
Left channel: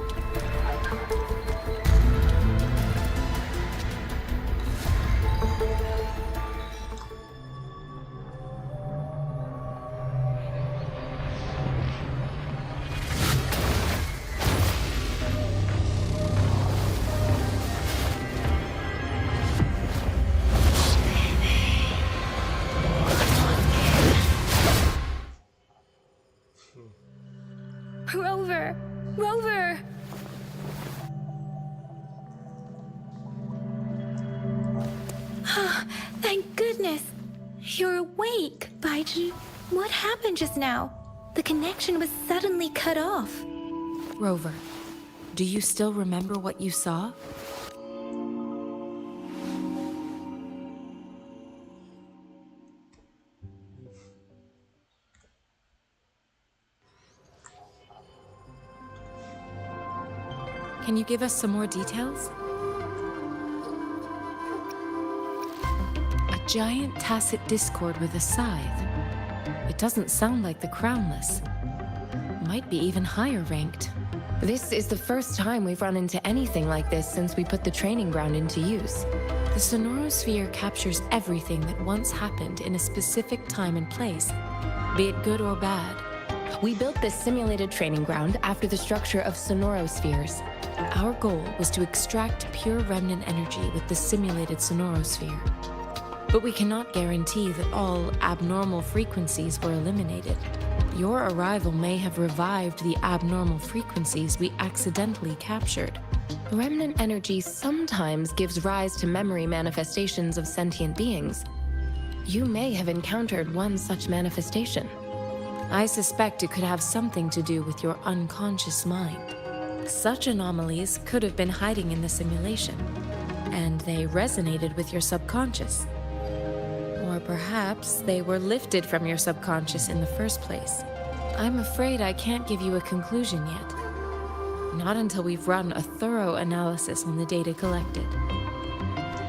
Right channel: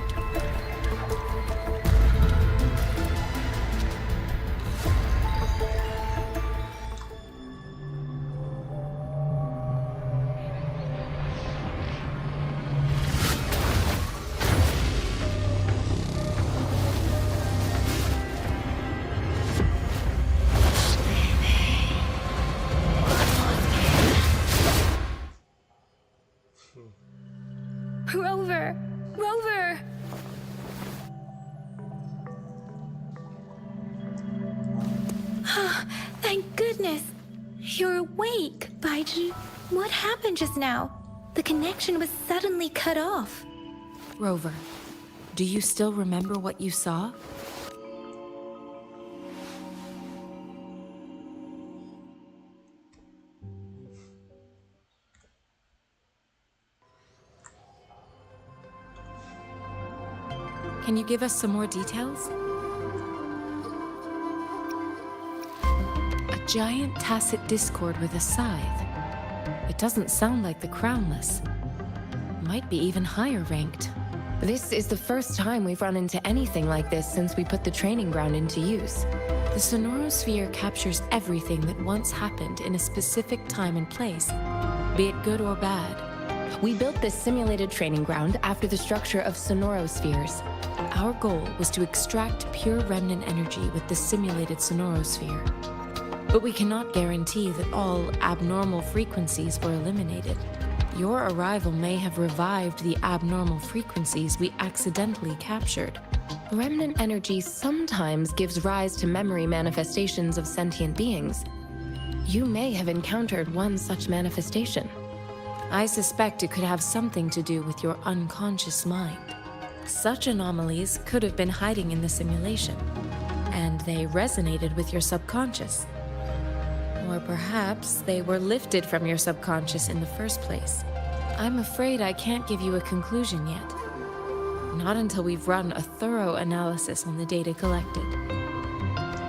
Rover! Rover! Thank goodness. You're awake, Baiju. What happened just now? The connection was suddenly cut off. Rover, do you still remember what you saw? Can you give us some more details? A giant tacit discord with a scythe. It doesn't sound like the Crownless. Might be even higher ranked. This is the first time we've run into anything like this since we put the training ground into use. The sonorosphere captures everything that once happened in a specific time and place, be it good or bad. We built this simulated training ground after the structure of sonorospheres. Our goal was to extract pure remnant energy with the simulated sonorosphere. But we cannot guarantee that all abnormal frequencies were eliminated. Your arrival may have revived the abnormal frequencies we accidentally captured. Remnant energy sometimes gives rise to memory manifestations of sentient beings. You may have encountered one such manifestation. I suspect it could have something to do with your unconscious mind. Such anomalies could have been hiding in the simulation, and they resonated with your subconscious. Or perhaps they were lifted from your subconscious in the first place. I'm afraid I can't give you a conclusion yet. Not until we've run a thorough analysis on the data collected.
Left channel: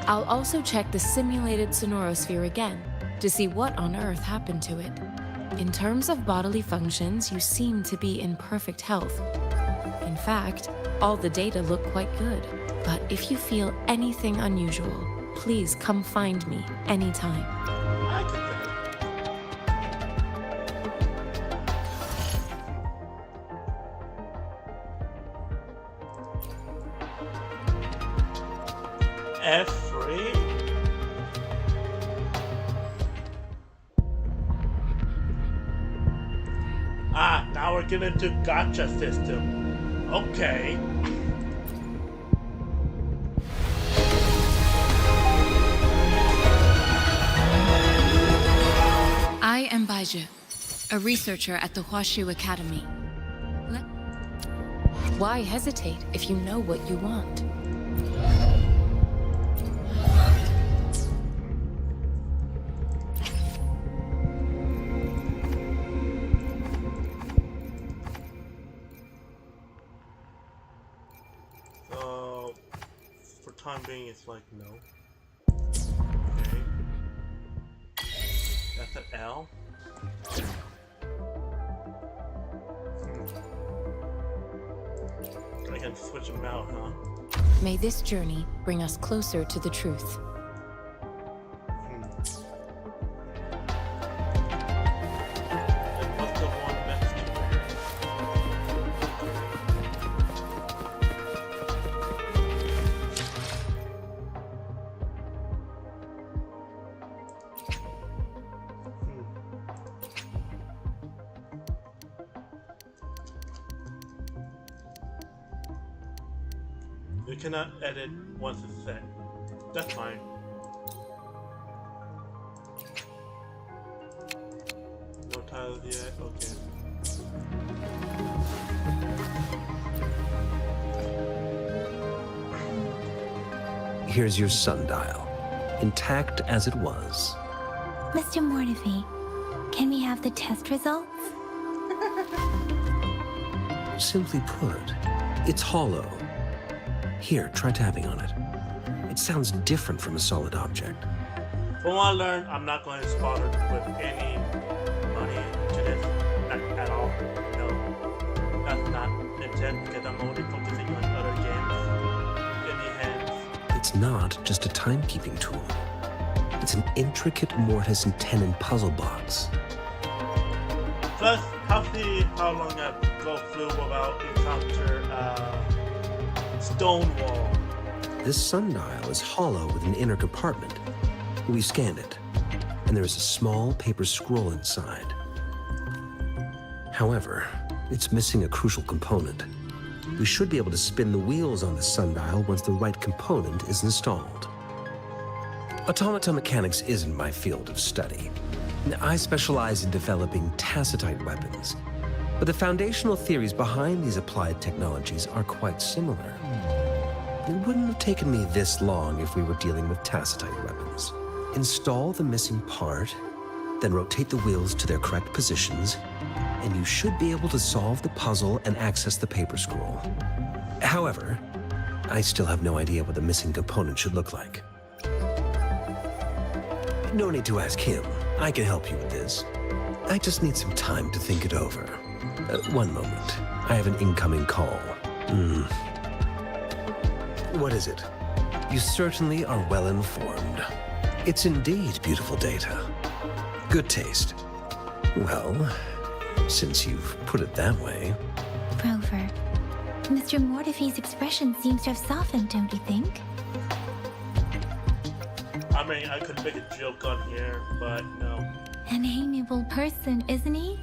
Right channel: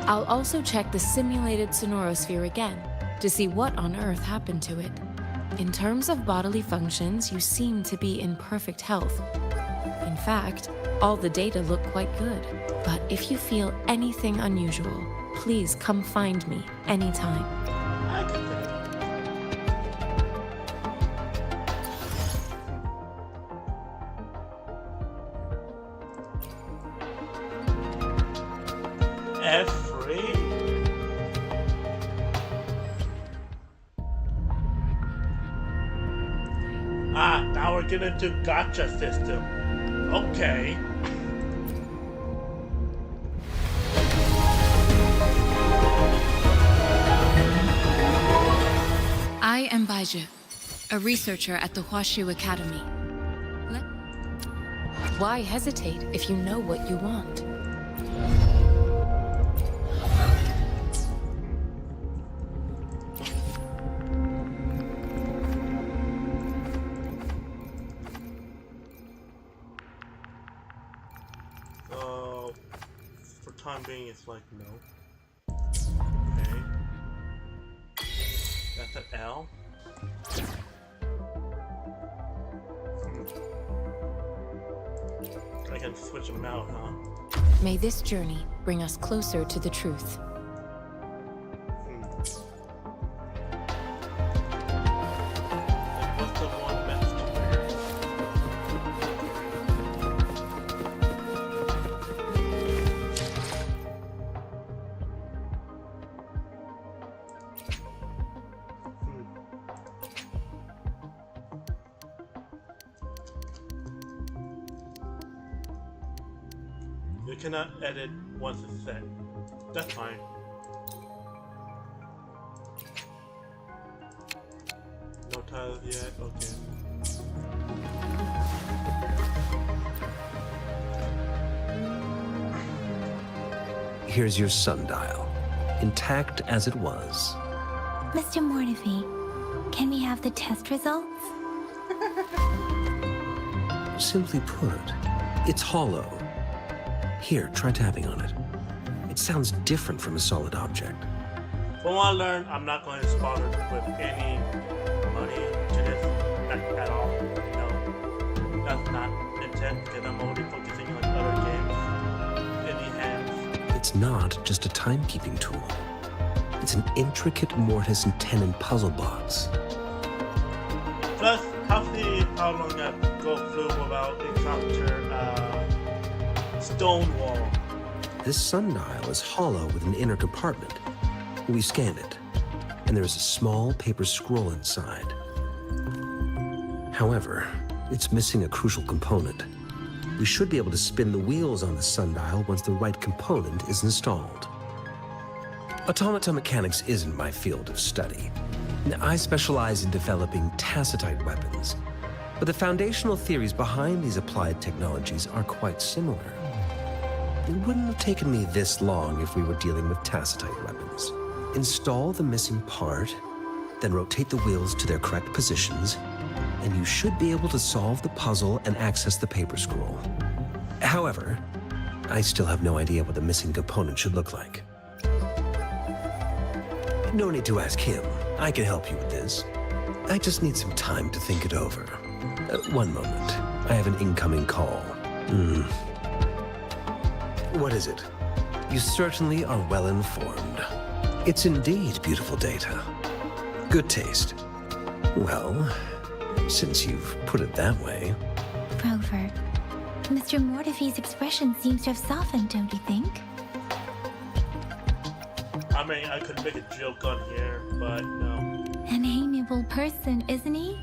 I'll also check the simulated sonorosphere again to see what on earth happened to it. In terms of bodily functions, you seem to be in perfect health. In fact, all the data look quite good. But if you feel anything unusual, please come find me anytime. I could think. F3? Ah, now we're getting into gotcha system. Okay. I am Baiju, a researcher at the Huashu Academy. Why hesitate if you know what you want? For time being, it's like no. Okay. That's an L. I can switch them out, huh? May this journey bring us closer to the truth. And what's the one next to where? You cannot edit once it's set. That's fine. No titles yet? Okay. Here's your sundial, intact as it was. Mr. Mortefi, can we have the test results? Simply put, it's hollow. Here, try tapping on it. It sounds different from a solid object. From what I learned, I'm not going to spot it with any money to this at all. No. That's not intent because I'm already focusing on other games in the hands. It's not just a timekeeping tool. It's an intricate mortise and tenon puzzle box. Plus, see how long I go through without encounter stone wall. This sundial is hollow with an inner compartment. We scanned it, and there is a small paper scroll inside. However, it's missing a crucial component. We should be able to spin the wheels on the sundial once the right component is installed. Automata mechanics isn't my field of study. I specialize in developing tacitite weapons, but the foundational theories behind these applied technologies are quite similar. It wouldn't have taken me this long if we were dealing with tacitite weapons. Install the missing part, then rotate the wheels to their correct positions, and you should be able to solve the puzzle and access the paper scroll. However, I still have no idea what the missing component should look like. No need to ask him. I can help you with this. I just need some time to think it over. One moment. I have an incoming call. What is it? You certainly are well informed. It's indeed beautiful data. Good taste. Well, since you've put it that way. Rover, Mr. Mortefi's expression seems to have softened, don't you think? I mean, I could make a joke on here, but no. An amiable person, isn't he?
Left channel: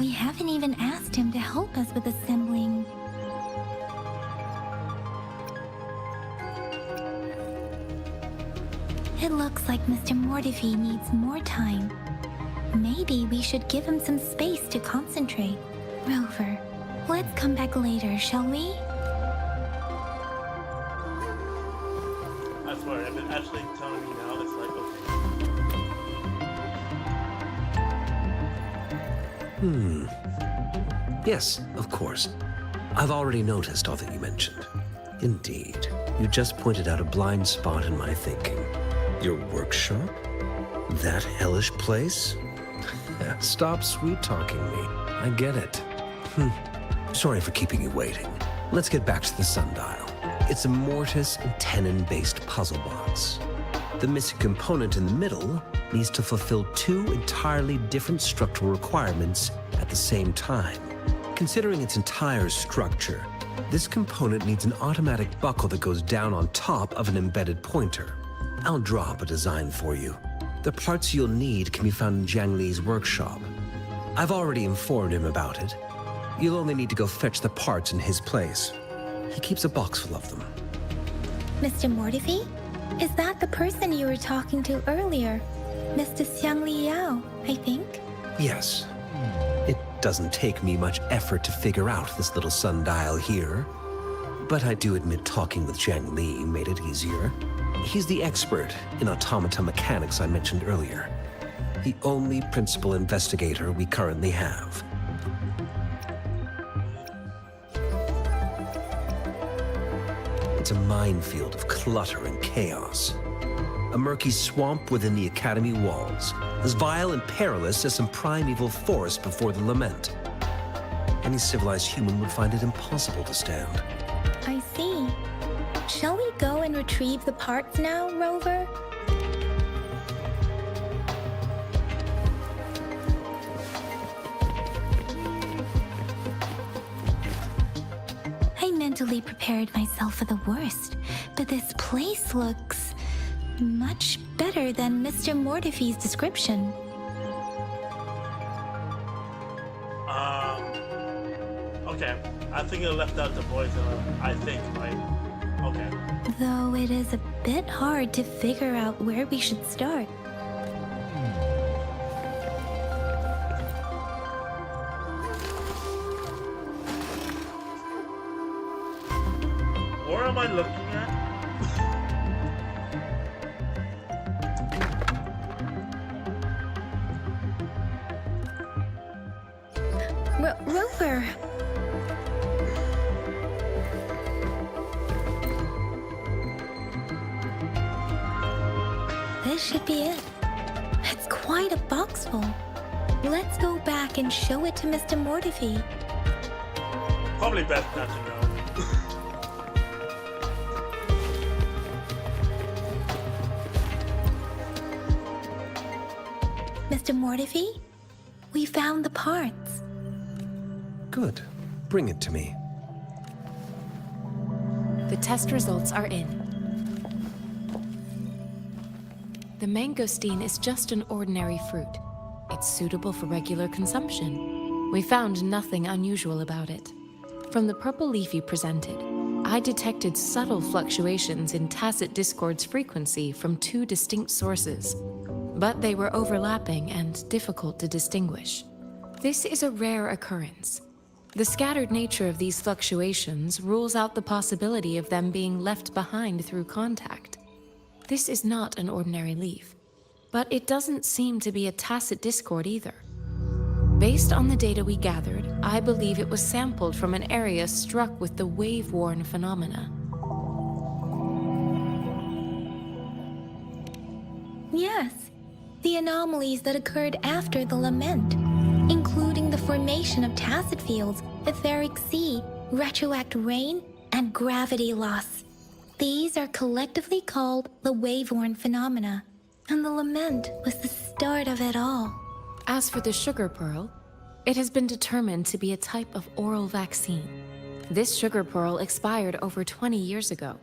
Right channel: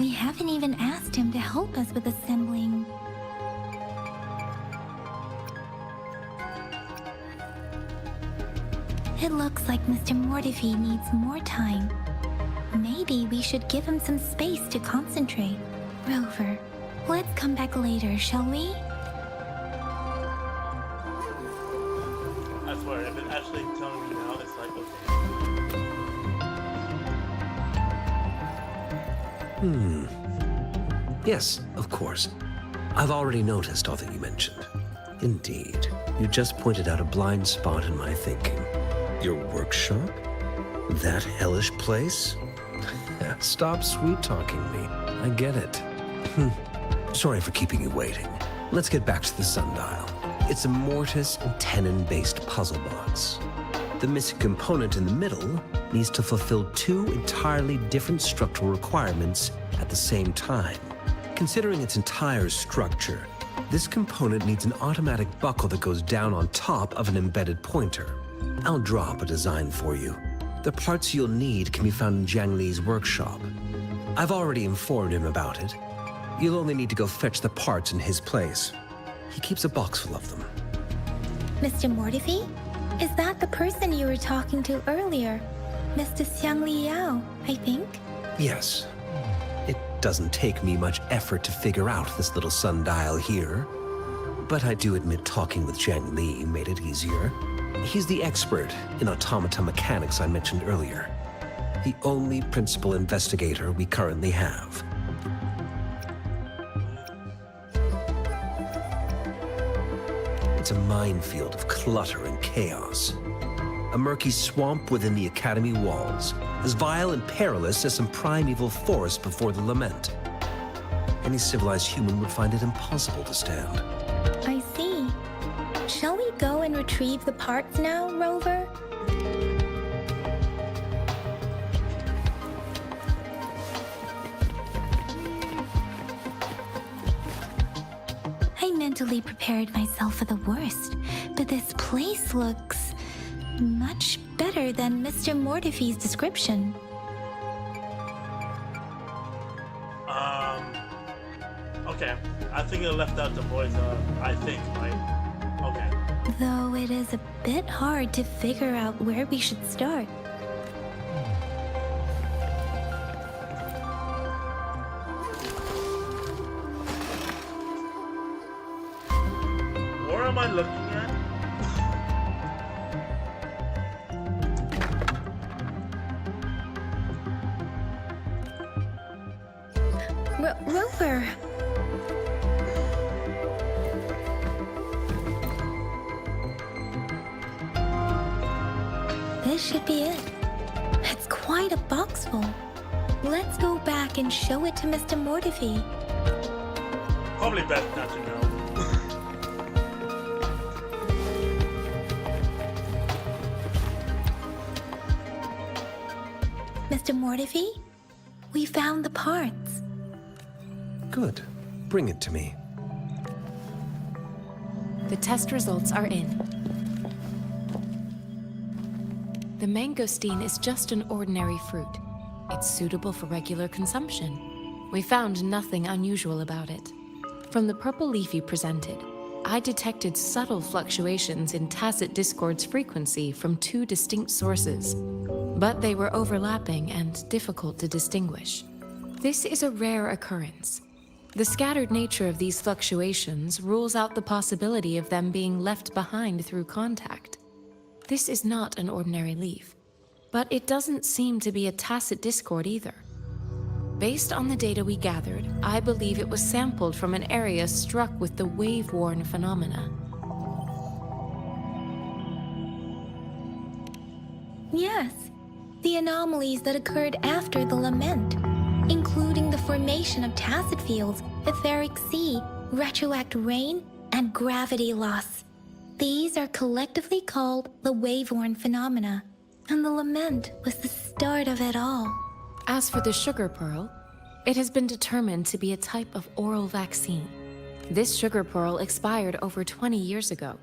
We haven't even asked him to help us with assembling. It looks like Mr. Mortefi needs more time. Maybe we should give him some space to concentrate. Rover, let's come back later, shall we? I swear, if it's actually telling me now, it's like, okay. Yes, of course. I've already noticed all that you mentioned. Indeed, you just pointed out a blind spot in my thinking. Your workshop? That hellish place? Stop sweet-talking me. I get it. Sorry for keeping you waiting. Let's get back to the sundial. It's a mortise and tenon-based puzzle box. The missing component in the middle needs to fulfill two entirely different structural requirements at the same time. Considering its entire structure, this component needs an automatic buckle that goes down on top of an embedded pointer. I'll drop a design for you. The parts you'll need can be found in Jiang Li's workshop. I've already informed him about it. You'll only need to go fetch the parts in his place. He keeps a box full of them. Mr. Mortefi? Is that the person you were talking to earlier? Mr. Xiang Liao, I think? Yes. It doesn't take me much effort to figure out this little sundial here. But I do admit talking with Jiang Li made it easier. He's the expert in automata mechanics I mentioned earlier. The only principal investigator we currently have. It's a minefield of clutter and chaos. A murky swamp within the Academy walls, as vile and perilous as some primeval forest before the lament. Any civilized human would find it impossible to stand. I see. Shall we go and retrieve the parts now, Rover? I mentally prepared myself for the worst, but this place looks much better than Mr. Mortefi's description. Okay. I think I left out the voice, I think, right? Okay. Though it is a bit hard to figure out where we should start. Where am I looking at? Rover! This should be it. It's quite a box full. Let's go back and show it to Mr. Mortefi. Probably best not to know. Mr. Mortefi, we found the parts. Good. Bring it to me. The test results are in. The mangosteen is just an ordinary fruit. It's suitable for regular consumption. We found nothing unusual about it. From the purple leaf you presented, I detected subtle fluctuations in tacit discord's frequency from two distinct sources, but they were overlapping and difficult to distinguish. This is a rare occurrence. The scattered nature of these fluctuations rules out the possibility of them being left behind through contact. This is not an ordinary leaf, but it doesn't seem to be a tacit discord either. Based on the data we gathered, I believe it was sampled from an area struck with the wave-worn phenomena. Yes, the anomalies that occurred after the lament, including the formation of tacit fields, etheric sea, retroact rain, and gravity loss. These are collectively called the wave-worn phenomena, and the lament was the start of it all. As for the sugar pearl, it has been determined to be a type of oral vaccine. This sugar pearl expired over 20 years ago.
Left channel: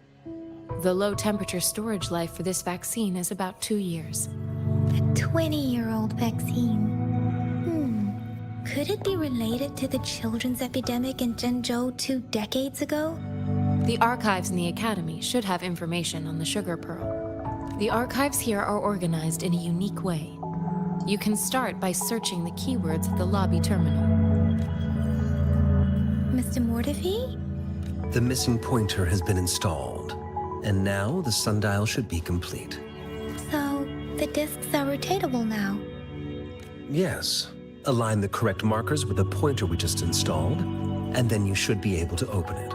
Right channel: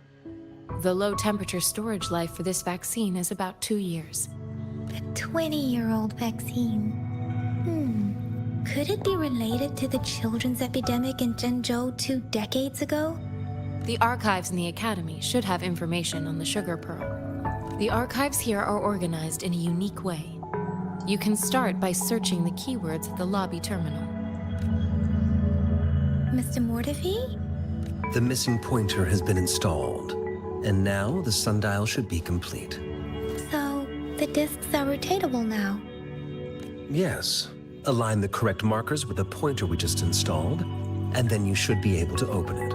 The low-temperature storage life for this vaccine is about 2 years. A 20-year-old vaccine. Could it be related to the children's epidemic in Zhengzhou 2 decades ago? The archives in the Academy should have information on the sugar pearl. The archives here are organized in a unique way. You can start by searching the keywords at the lobby terminal. Mr. Mortefi? The missing pointer has been installed, and now the sundial should be complete. So, the discs are rotatable now. Yes. Align the correct markers with the pointer we just installed, and then you should be able to open it.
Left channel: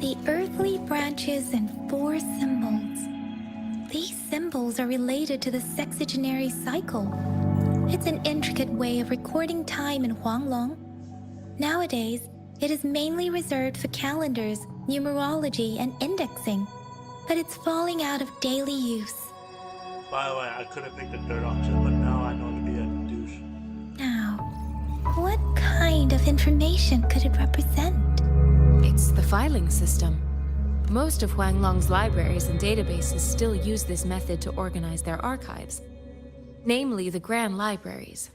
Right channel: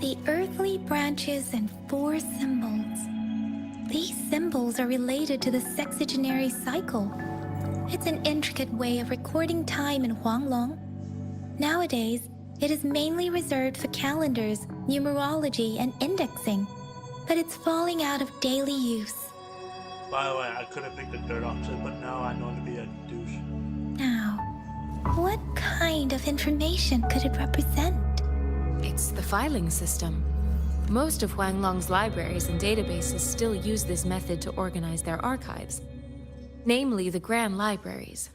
The earthly branches and 4 symbols. These symbols are related to the sexagenary cycle. It's an intricate way of recording time in Huanglong. Nowadays, it is mainly reserved for calendars, numerology, and indexing, but it's falling out of daily use. By the way, I could have picked the third option, but now I know to be a douche. Now, what kind of information could it represent? It's the filing system. Most of Huanglong's libraries and databases still use this method to organize their archives, namely the Grand Libraries.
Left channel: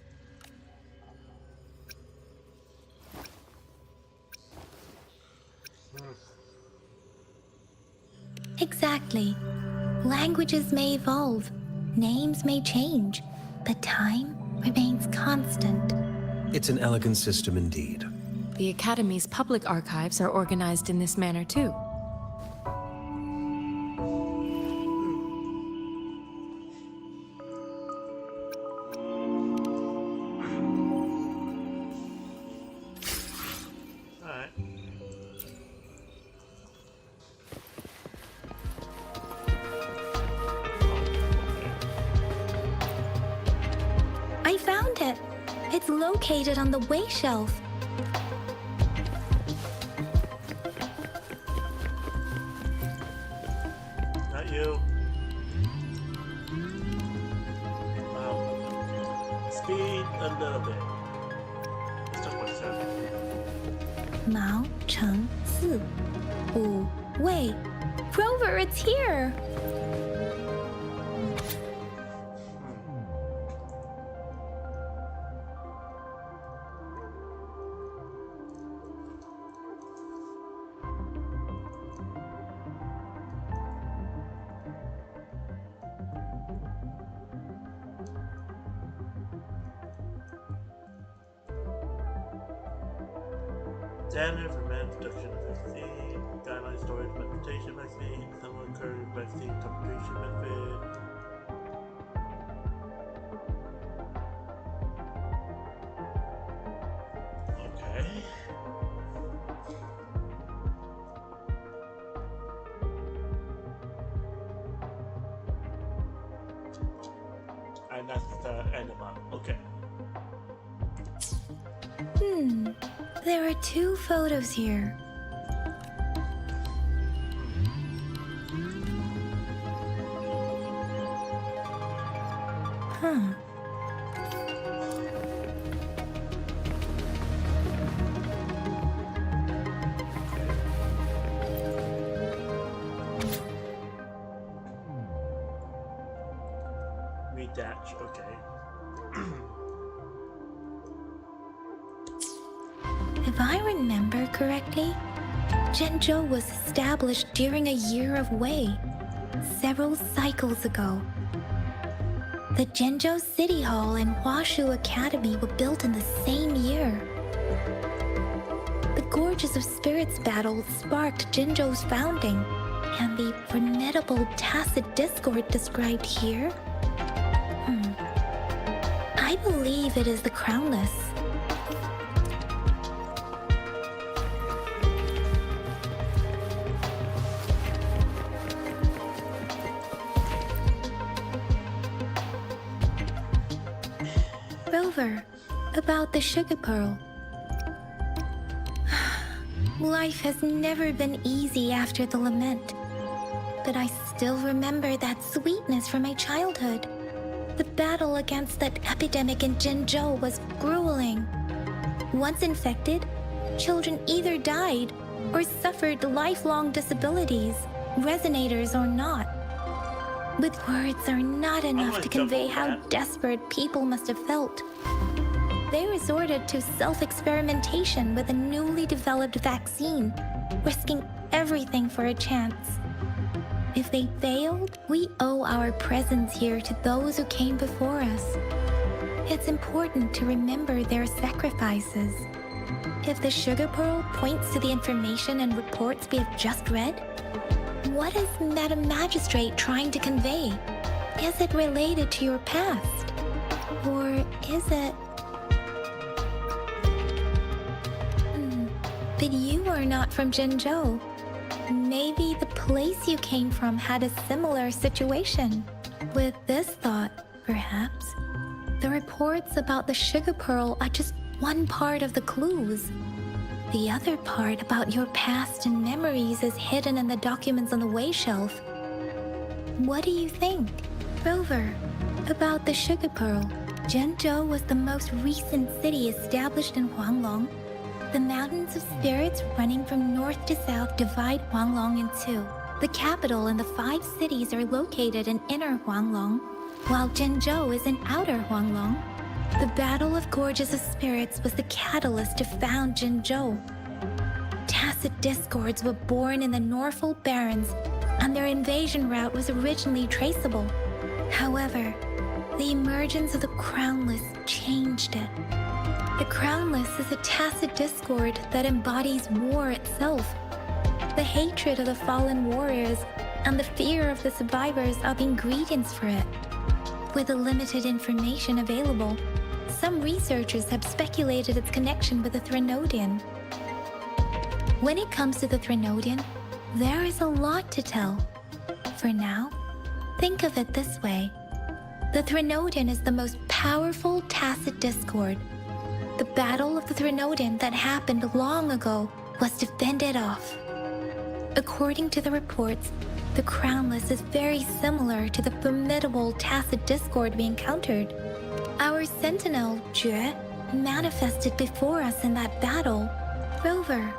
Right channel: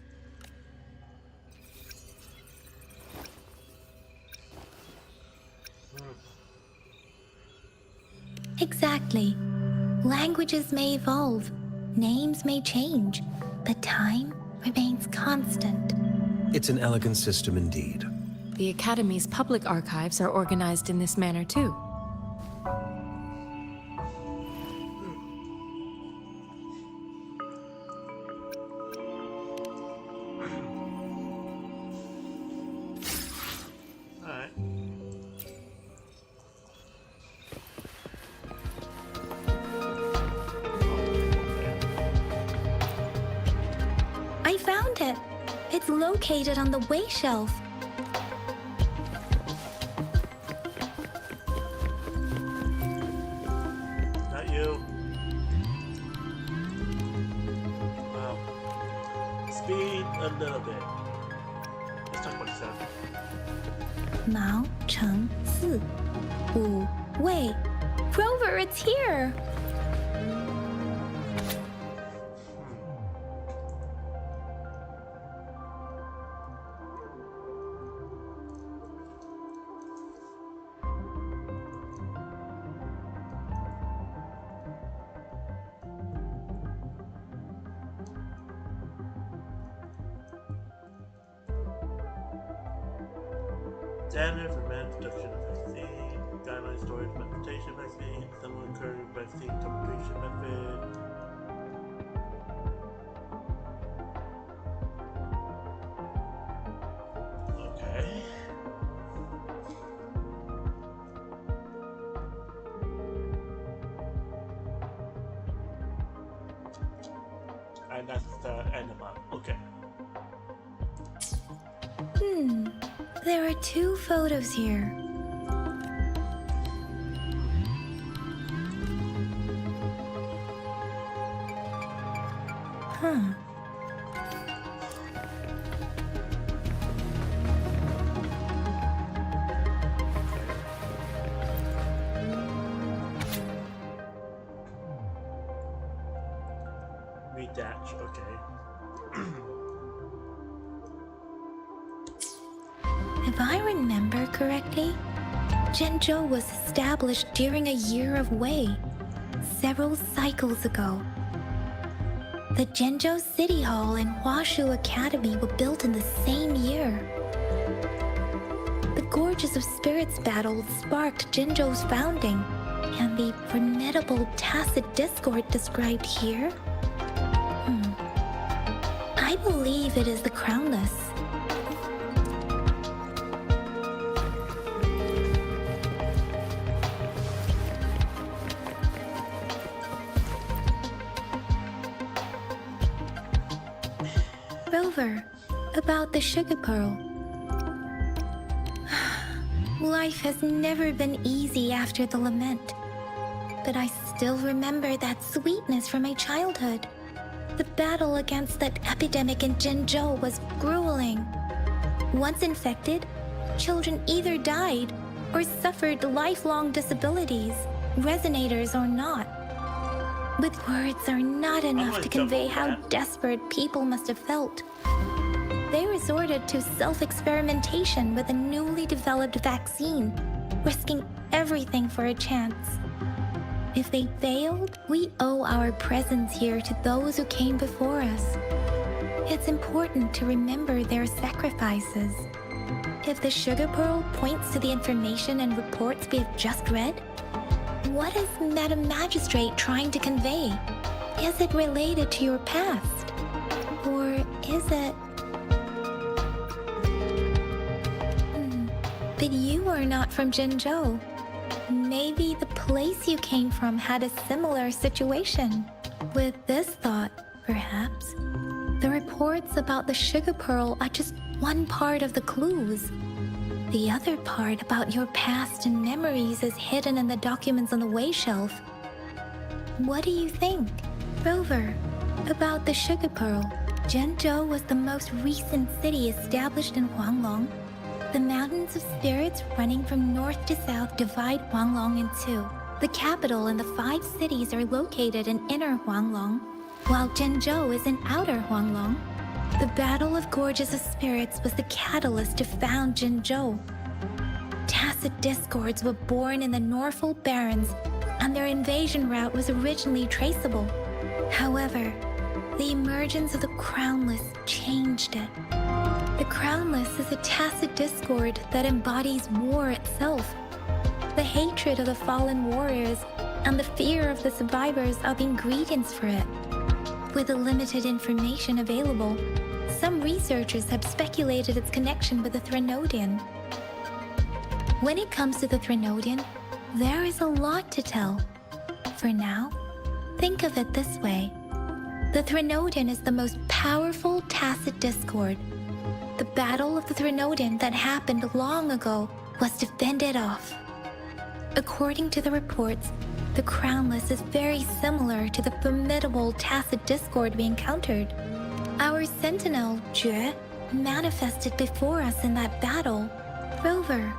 Exactly. Languages may evolve, names may change, but time remains constant. It's an elegant system indeed. The Academy's public archives are organized in this manner too. It's located on the way shelf. Not you. Wow. Speed a little bit. Let's talk about sound. 毛乘四五位 Rover, it's here! Standard for mass production of vaccine, guideline storage transportation vaccine, similar current vaccine complication method. Okay. And that's the end of it. Okay. There are two photos here. Huh. Redash, okay. If I remember correctly, Zhenzhou was established during a year of Wei, several cycles ago. The Zhenzhou City Hall and Huashu Academy were built in the same year. The Gorges of Spirits battle sparked Zhenzhou's founding, and the formidable tacit discord described here? I believe it is the Crownless. Rover, about the sugar pearl. Life has never been easy after the lament, but I still remember that sweetness from my childhood. The battle against that epidemic in Zhenzhou was grueling. Once infected, children either died or suffered lifelong disabilities, resonators or not. But words are not enough to convey how desperate people must have felt. They resorted to self-experimentation with a newly developed vaccine, risking everything for a chance. If they failed, we owe our presence here to those who came before us. It's important to remember their sacrifices. If the sugar pearl points to the information and reports we have just read, what is Madam Magistrate trying to convey? Is it related to your past? Or is it... But you are not from Zhenzhou. Maybe the place you came from had a similar situation. With this thought, perhaps, the reports about the sugar pearl are just one part of the clues. The other part about your past and memories is hidden in the documents on the way shelf. What do you think, Rover, about the sugar pearl? Zhenzhou was the most recent city established in Huanglong. The mountains of spirits running from north to south divide Huanglong in two. The capital and the 5 cities are located in inner Huanglong, while Zhenzhou is in outer Huanglong. The Battle of Gorges of Spirits was the catalyst to found Zhenzhou. Tacit discords were born in the Norfolk Barrens, and their invasion route was originally traceable. However, the emergence of the Crownless changed it. The Crownless is a tacit discord that embodies war itself. The hatred of the fallen warriors and the fear of the survivors are the ingredients for it. With the limited information available, some researchers have speculated its connection with the Threnodian. When it comes to the Threnodian, there is a lot to tell. For now, think of it this way. The Threnodian is the most powerful tacit discord, the Battle of the Threnodin that happened long ago was to fend it off. According to the reports, the Crownless is very similar to the formidable Tacit Discord we encountered. Our sentinel, Jue, manifested before us in that battle. Rover,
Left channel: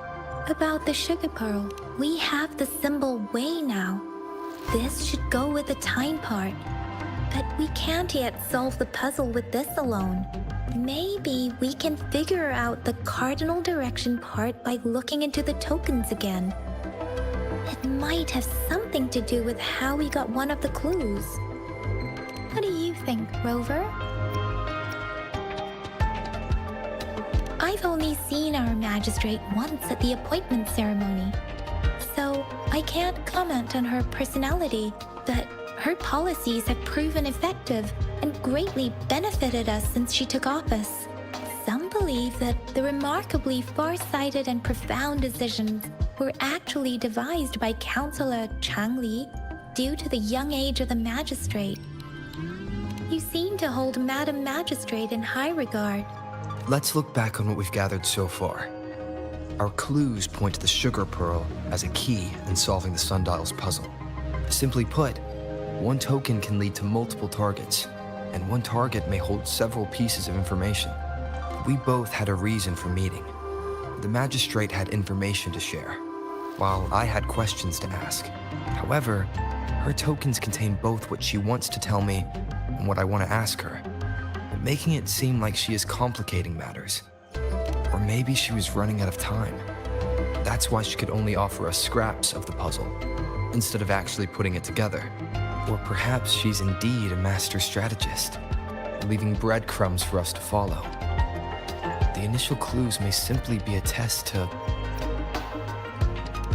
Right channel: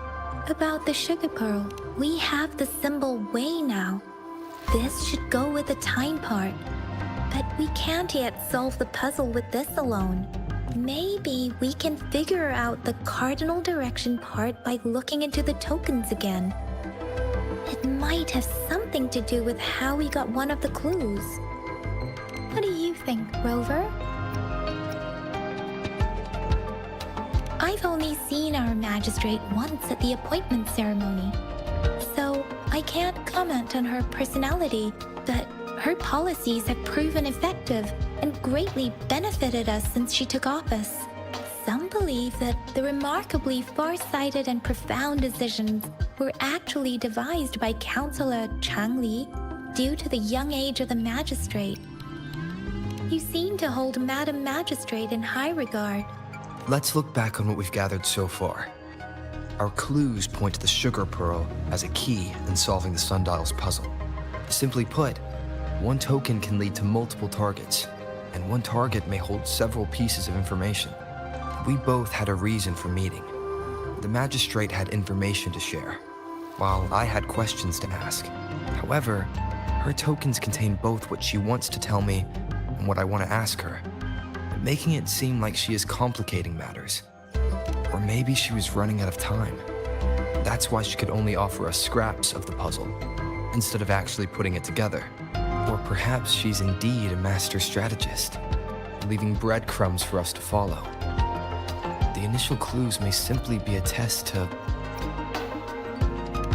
about the sugar pearl, we have the symbol Wei now. This should go with the time part. But we can't yet solve the puzzle with this alone. Maybe we can figure out the cardinal direction part by looking into the tokens again. It might have something to do with how we got one of the clues. What do you think, Rover? I've only seen our magistrate once at the appointment ceremony, so I can't comment on her personality, but her policies have proven effective and greatly benefited us since she took office. Some believe that the remarkably far-sighted and profound decisions were actually devised by Councillor Chang Li due to the young age of the magistrate. You seem to hold Madam Magistrate in high regard. Let's look back on what we've gathered so far. Our clues point to the sugar pearl as a key in solving the sundial's puzzle. Simply put, one token can lead to multiple targets, and one target may hold several pieces of information. We both had a reason for meeting. The magistrate had information to share, while I had questions to ask. However, her tokens contain both what she wants to tell me and what I want to ask her, making it seem like she is complicating matters. Or maybe she was running out of time. That's why she could only offer us scraps of the puzzle, instead of actually putting it together. Or perhaps she's indeed a master strategist, leaving breadcrumbs for us to follow. The initial clues may simply be a test to...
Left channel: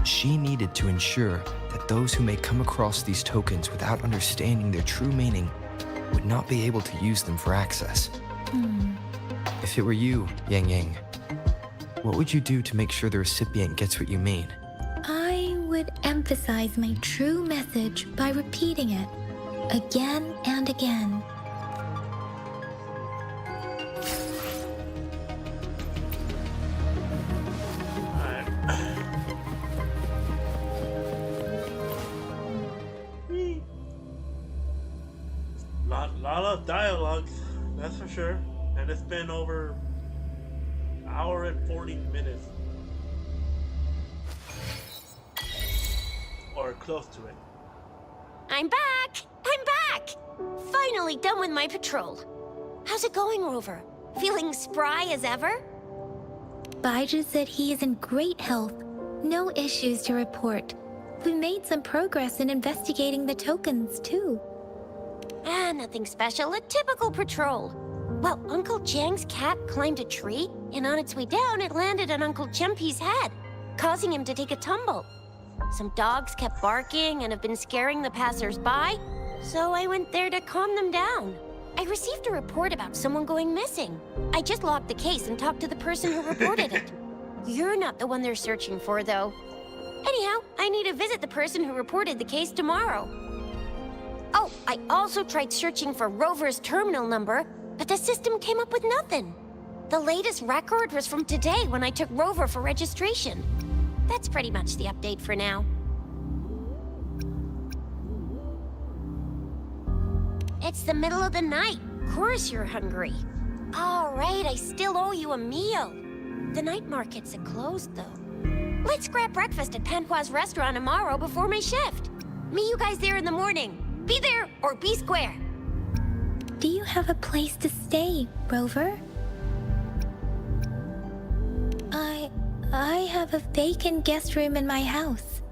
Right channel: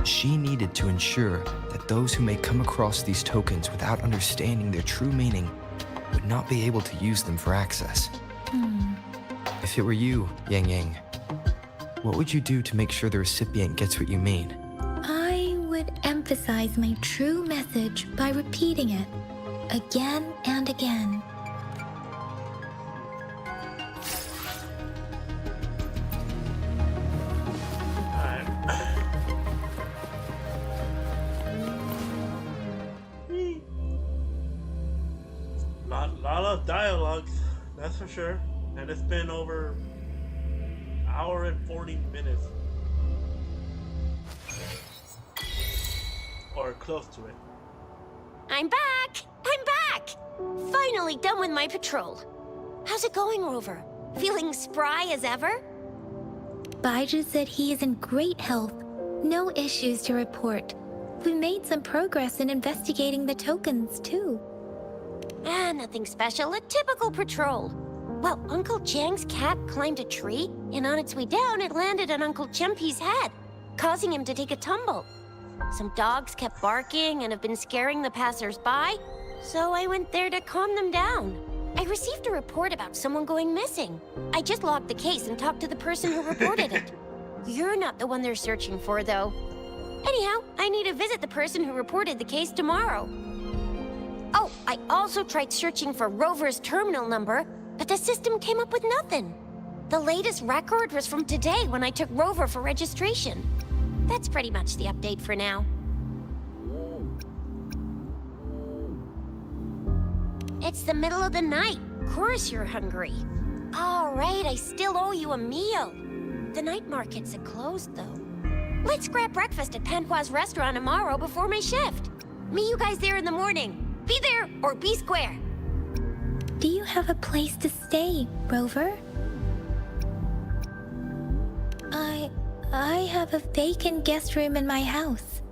She needed to ensure that those who may come across these tokens without understanding their true meaning would not be able to use them for access. If it were you, Yang Yang, what would you do to make sure the recipient gets what you mean? I would emphasize my true message by repeating it again and again. Lot of dialogue, that's for sure. And it's been over an hour and 40 minutes. Or close to it. I'm back! I'm back! Finally done with my patrol. How's it going, Rover? Feeling spry as ever? Baiju said he is in great health. No issues to report. We made some progress in investigating the tokens, too. Nothing special. A typical patrol. Well, Uncle Chang's cat climbed a tree, and on its way down, it landed on Uncle Chempi's head, causing him to take a tumble. Some dogs kept barking and have been scaring the passers-by, so I went there to calm them down. I received a report about someone going missing. I just logged the case and talked to the person who reported it. You're not the one they're searching for, though. Anyhow, I need to visit the person who reported the case tomorrow. Oh, I also tried searching for Rover's terminal number, but the system came up with nothing. The latest record was from today when I took Rover for registration. That's pretty much the update for now. It's the middle of the night. Of course you're hungry. All right, I still owe you a meal. The night markets are closed, though. Let's grab breakfast at Panhua's restaurant tomorrow before my shift. Meet you guys there in the morning. Be there or be square. Do you have a place to stay, Rover? I have a vacant guest room in my house.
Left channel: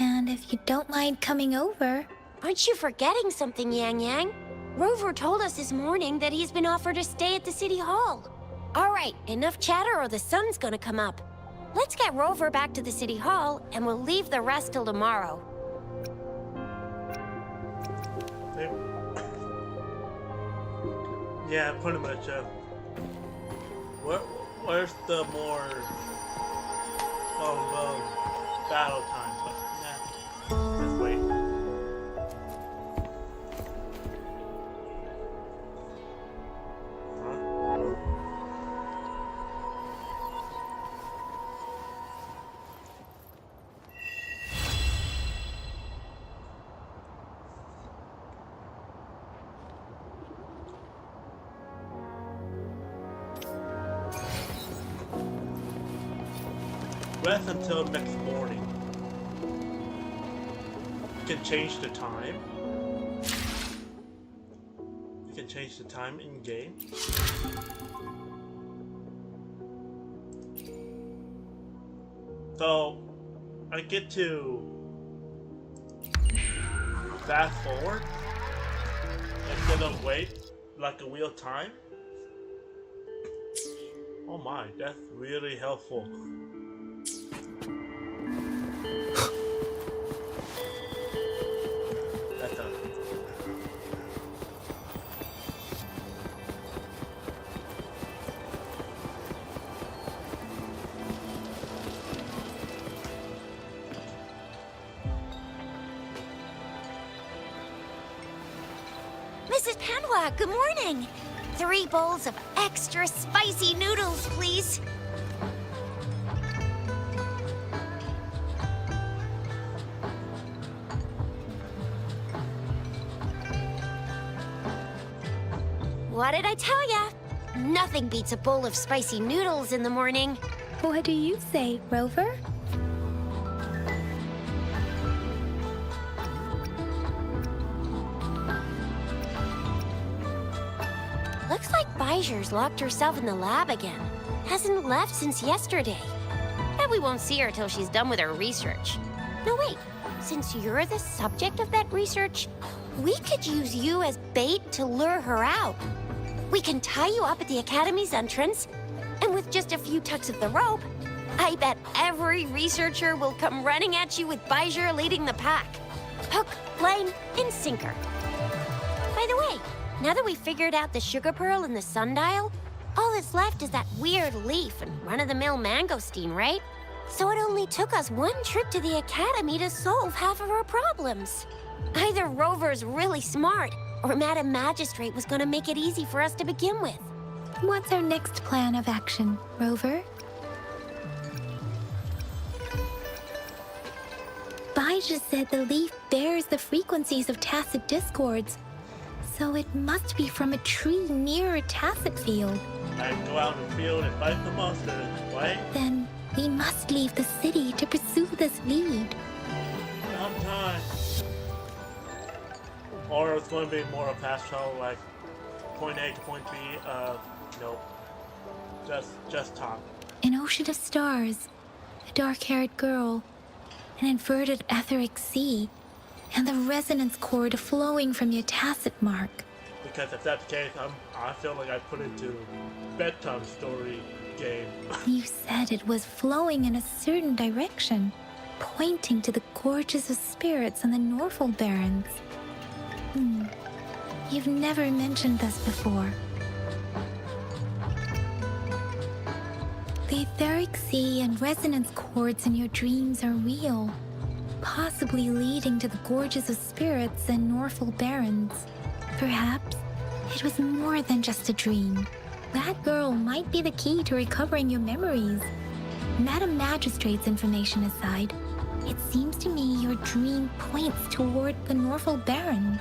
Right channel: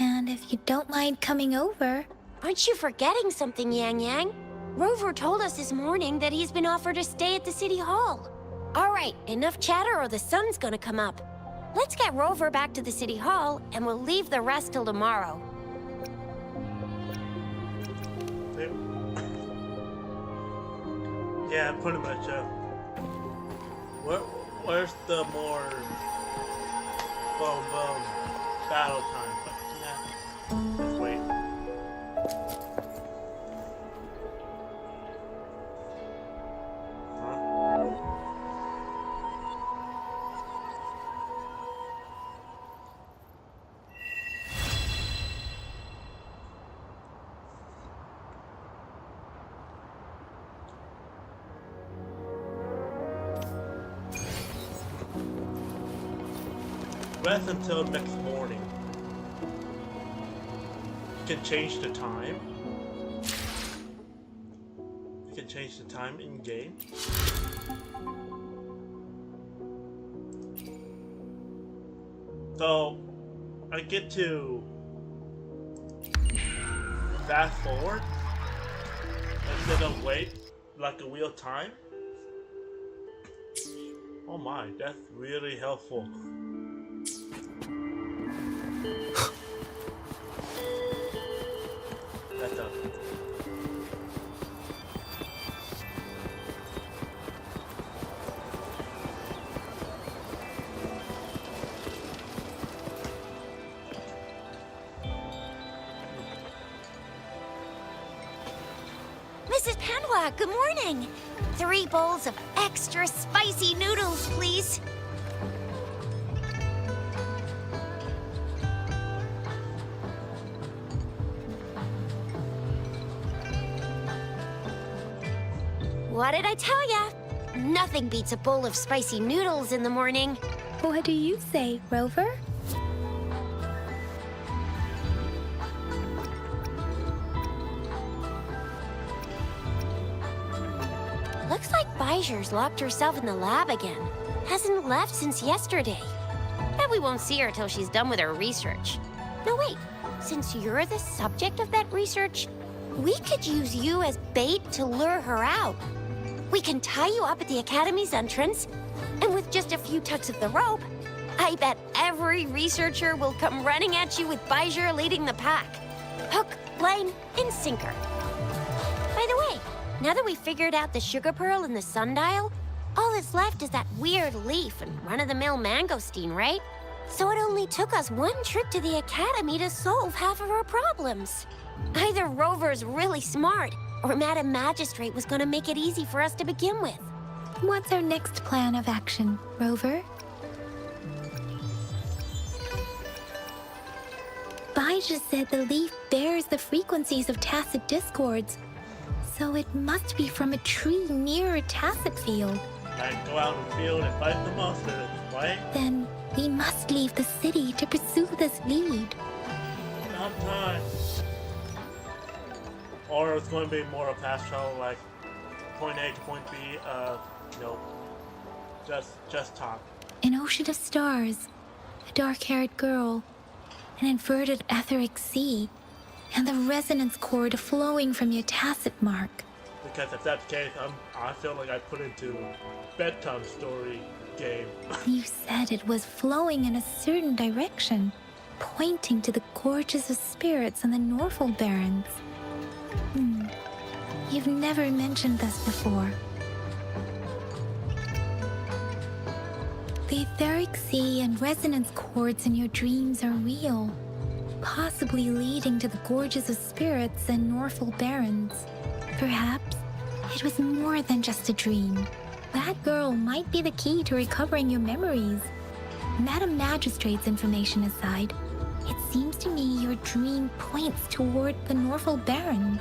And if you don't mind coming over... Aren't you forgetting something, Yang Yang? Rover told us this morning that he's been offered a stay at the City Hall. All right, enough chatter or the sun's gonna come up. Let's get Rover back to the City Hall, and we'll leave the rest till tomorrow. Yeah, pretty much. Where's the more battle time? But nah, let's wait. Huh? rest until next morning. You can change the time. You can change the time in game. So I get to fast forward instead of wait like a real time. Oh my, that's really helpful. That's a Mrs. Panhua, good morning. 3 bowls of extra spicy noodles, please. What did I tell ya? Nothing beats a bowl of spicy noodles in the morning. What do you say, Rover? Looks like Bijur's locked herself in the lab again. Hasn't left since yesterday. Bet we won't see her till she's done with her research. No, wait. Since you're the subject of that research, we could use you as bait to lure her out. We can tie you up at the Academy's entrance, and with just a few tugs of the rope, I bet every researcher will come running at you with Bijur leading the pack. Hook, line, and sinker. By the way, now that we've figured out the sugar pearl and the sundial, all that's left is that weird leaf and run-of-the-mill mangosteen, right? So it only took us 1 trip to the Academy to solve half of our problems. Either Rover's really smart, or Madam Magistrate was gonna make it easy for us to begin with. What's our next plan of action, Rover? Bijah said the leaf bears the frequencies of tacit discords, so it must be from a tree near a tacit field. like go out in the field and fight the monsters, right? Then we must leave the city to pursue this lead. Not time. Or it's going to be more of a fast travel, like point A to point B. Nope. Just talk. An ocean of stars, a dark-haired girl, an inverted etheric sea, and the resonance cord flowing from your tacit mark. Because if that's the case, I feel like I put into bedtime story game. You said it was flowing in a certain direction, pointing to the gorges of spirits on the Norfolk Barrens. You've never mentioned this before. The etheric sea and resonance cords in your dreams are real, possibly leading to the gorges of spirits and Norfolk Barrens. Perhaps it was more than just a dream. That girl might be the key to recovering your memories. Madam Magistrate's information aside, it seems to me your dream points toward the Norfolk Barrens.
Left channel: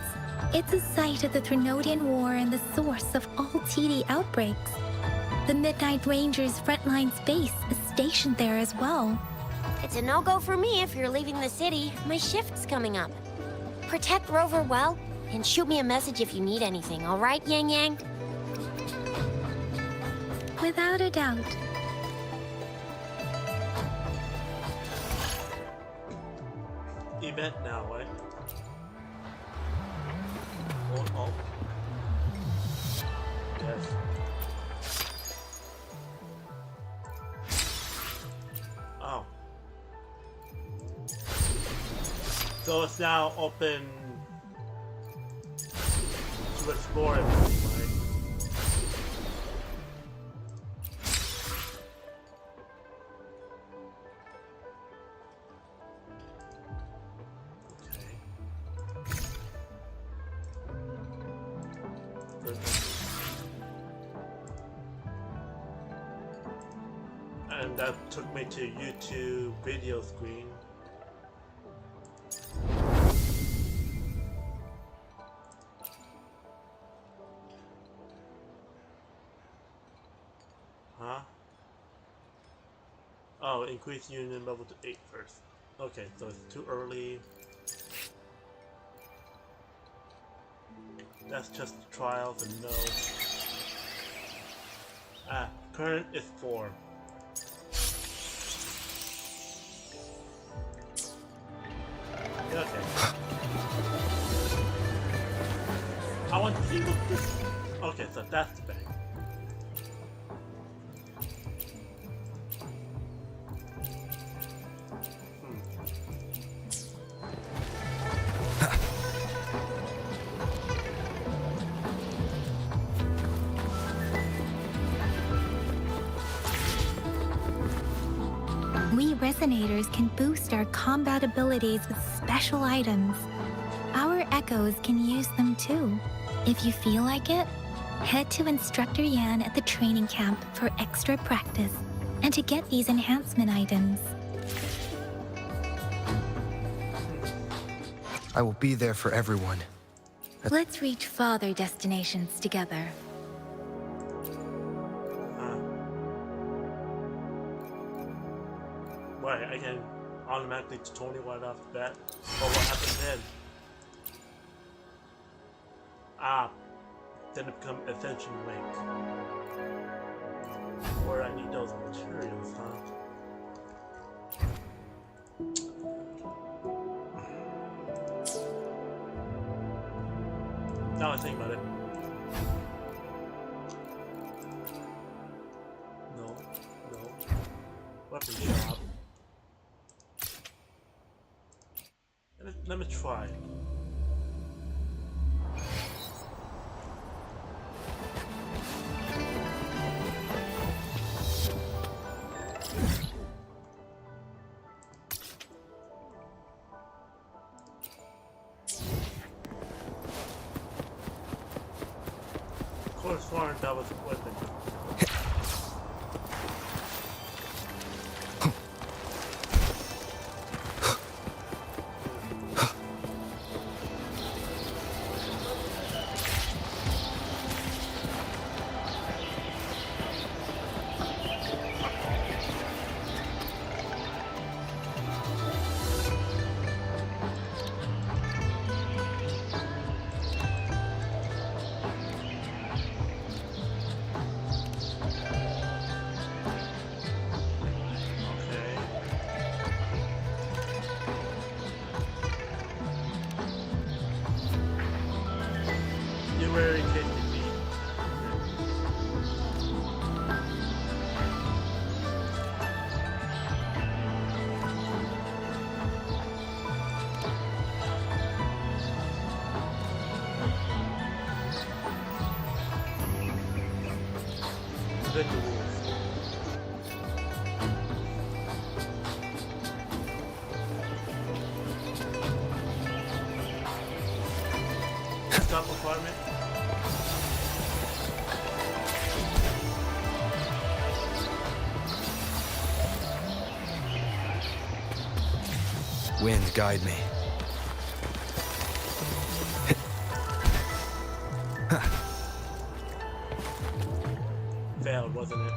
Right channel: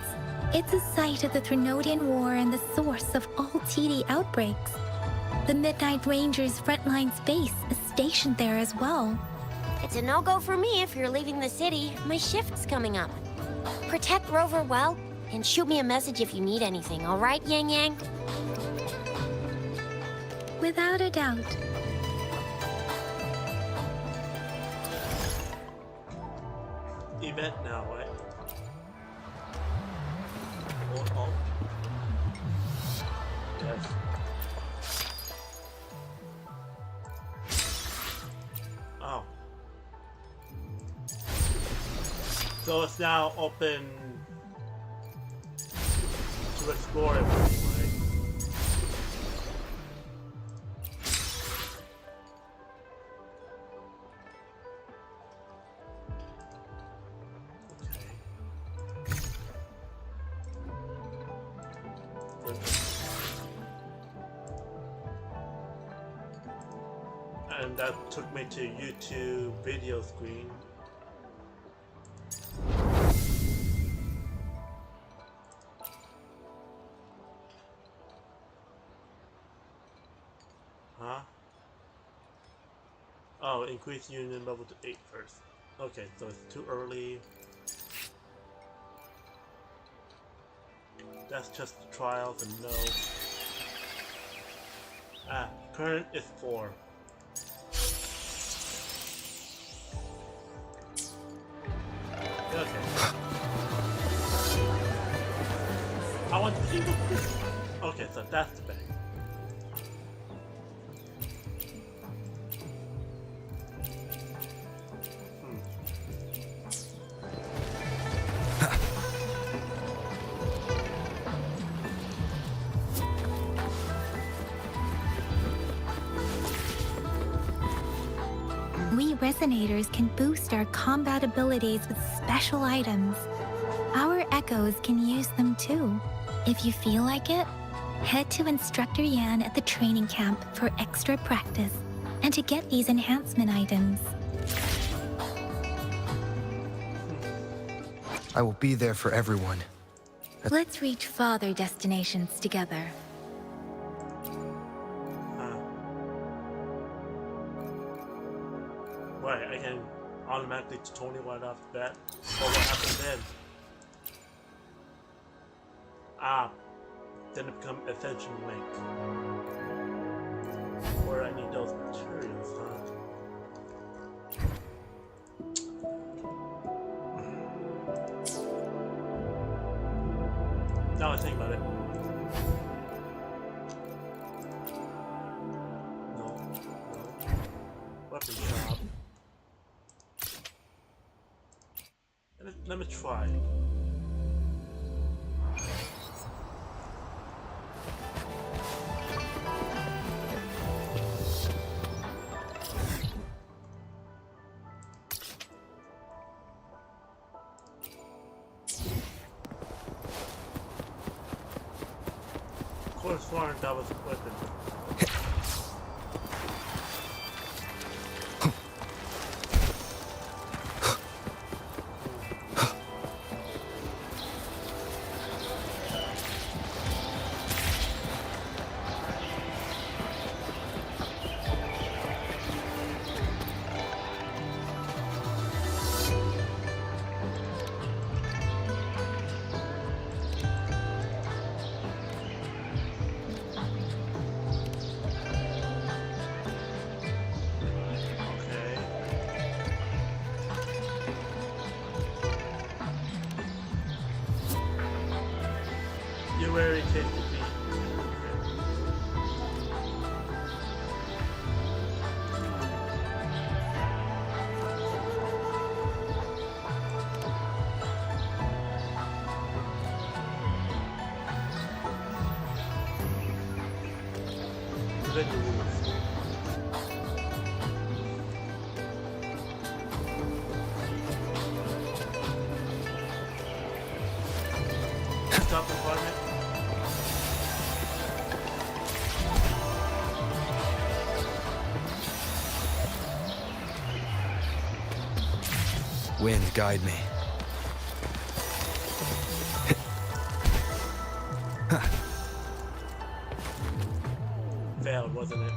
It's a site of the Trinodian War and the source of all TD outbreaks. The Midnight Rangers' frontline base is stationed there as well. It's a no-go for me if you're leaving the city. My shift's coming up. Protect Rover well, and shoot me a message if you need anything, all right, Yang Yang? Without a doubt. Event now, right? Oh. Yes. Oh. So it's now open to explore everything, right? And that took me to YouTube video screen. Huh? Oh, increase union level to 8 first. Okay, so it's too early. That's just the trials and no. Ah, current is 4. Okay. I want to see what this. Okay, so that's the bag. We resonators can boost our combat abilities with special items. Our echoes can use them too. If you feel like it, head to Instructor Yan at the training camp for extra practice and to get these enhancement items. I will be there for everyone. Let's reach farther destinations together. Right, I can automatically to Tony right off the bat. But what happens then? Ah, then it becomes Ascension Link. Where I need those materials, huh? Now I think about it. No. Weapon shop. Let me try. Of course, sworn that was a weapon. You very tasty feet. Then the rules. Stop apartment. Wind, guide me. Failed, wasn't it?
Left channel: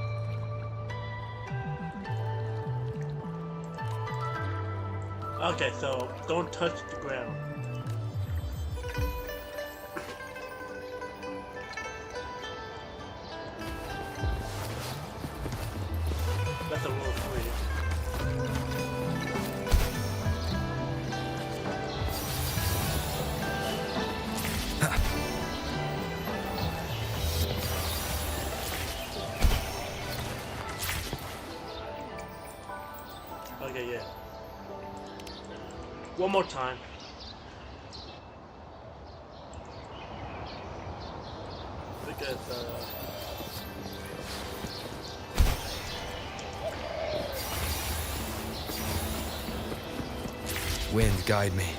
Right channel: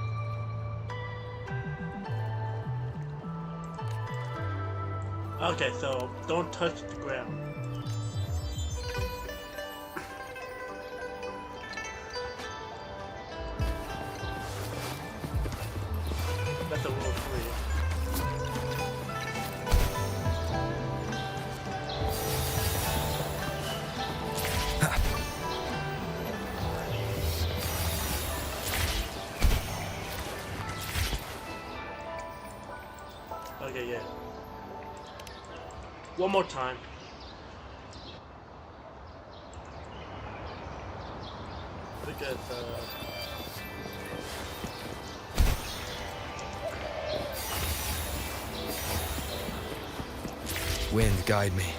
Okay, so don't touch the ground. That's a rule 3. Okay, yeah. One more time. Because, Wind, guide me.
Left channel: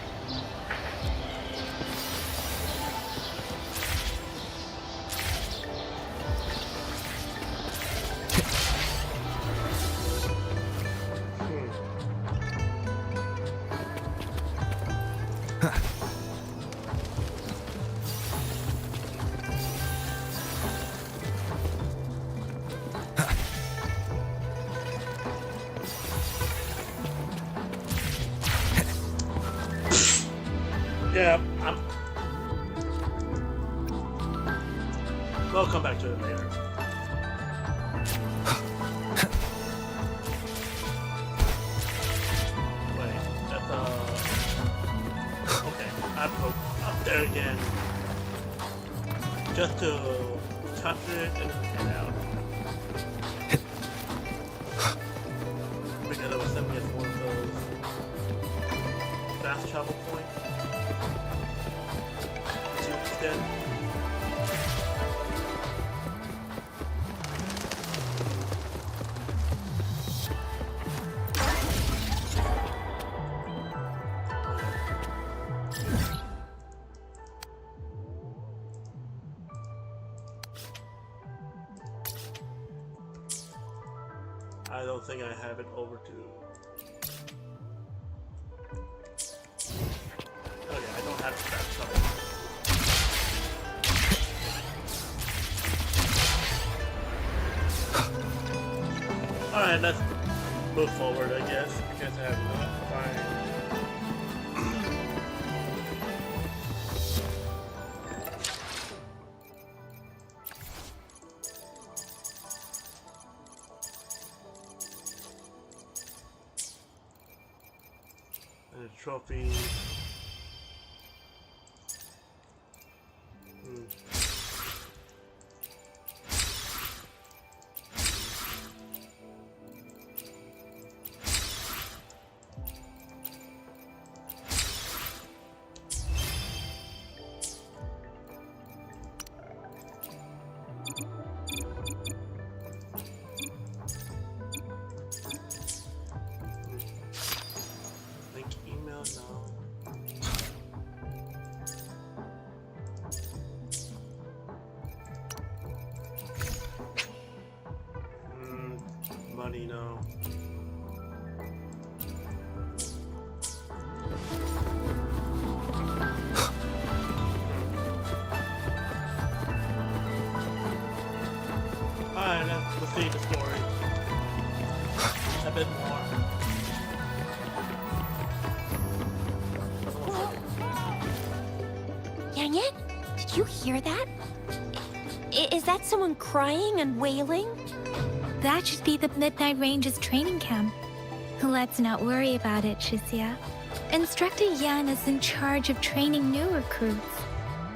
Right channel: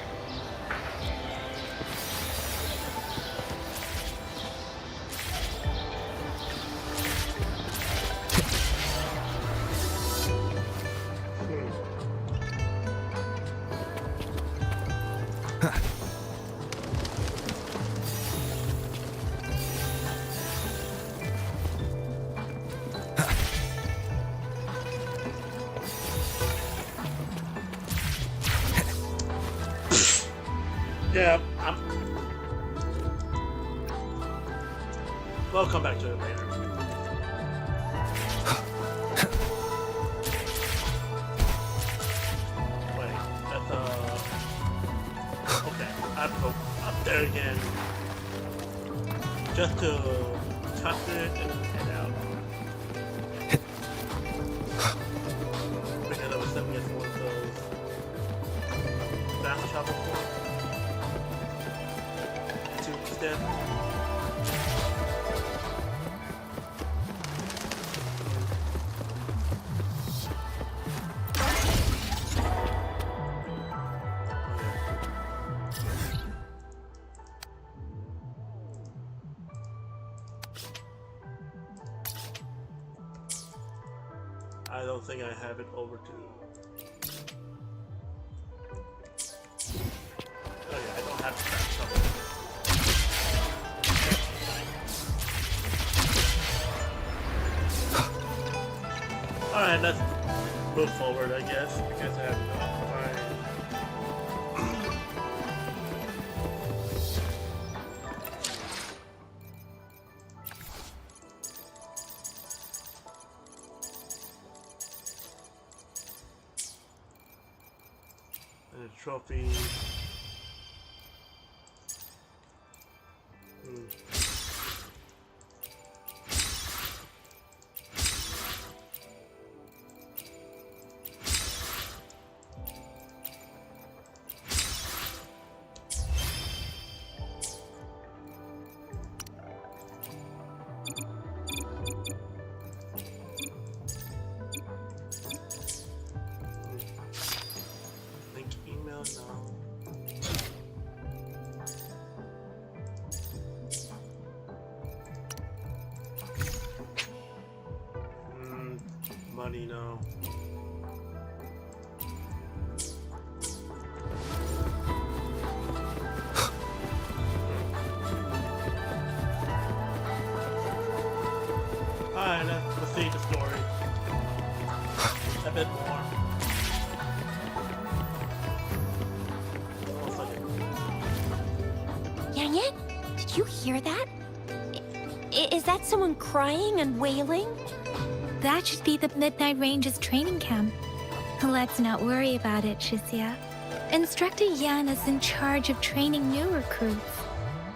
Yeah, we'll come back to it later. Wait, that's okay, I'm up there again. Just to touch it and head out. Because I was sending it to one of those fast travel points to extend. I don't think I have it over to. Oh yeah, I don't have that trouble. Alright, let's move forward, I guess, because I have not find. And a trophy. Link email now. Money now. Alright, let's see the story. A bit more. Yang Yang, did you hear that? Is that someone crying and wailing? That should be the Midnight Ranges training camp. Let's not worry about it, Shisia. Instructor Yan is in charge of training new recruits.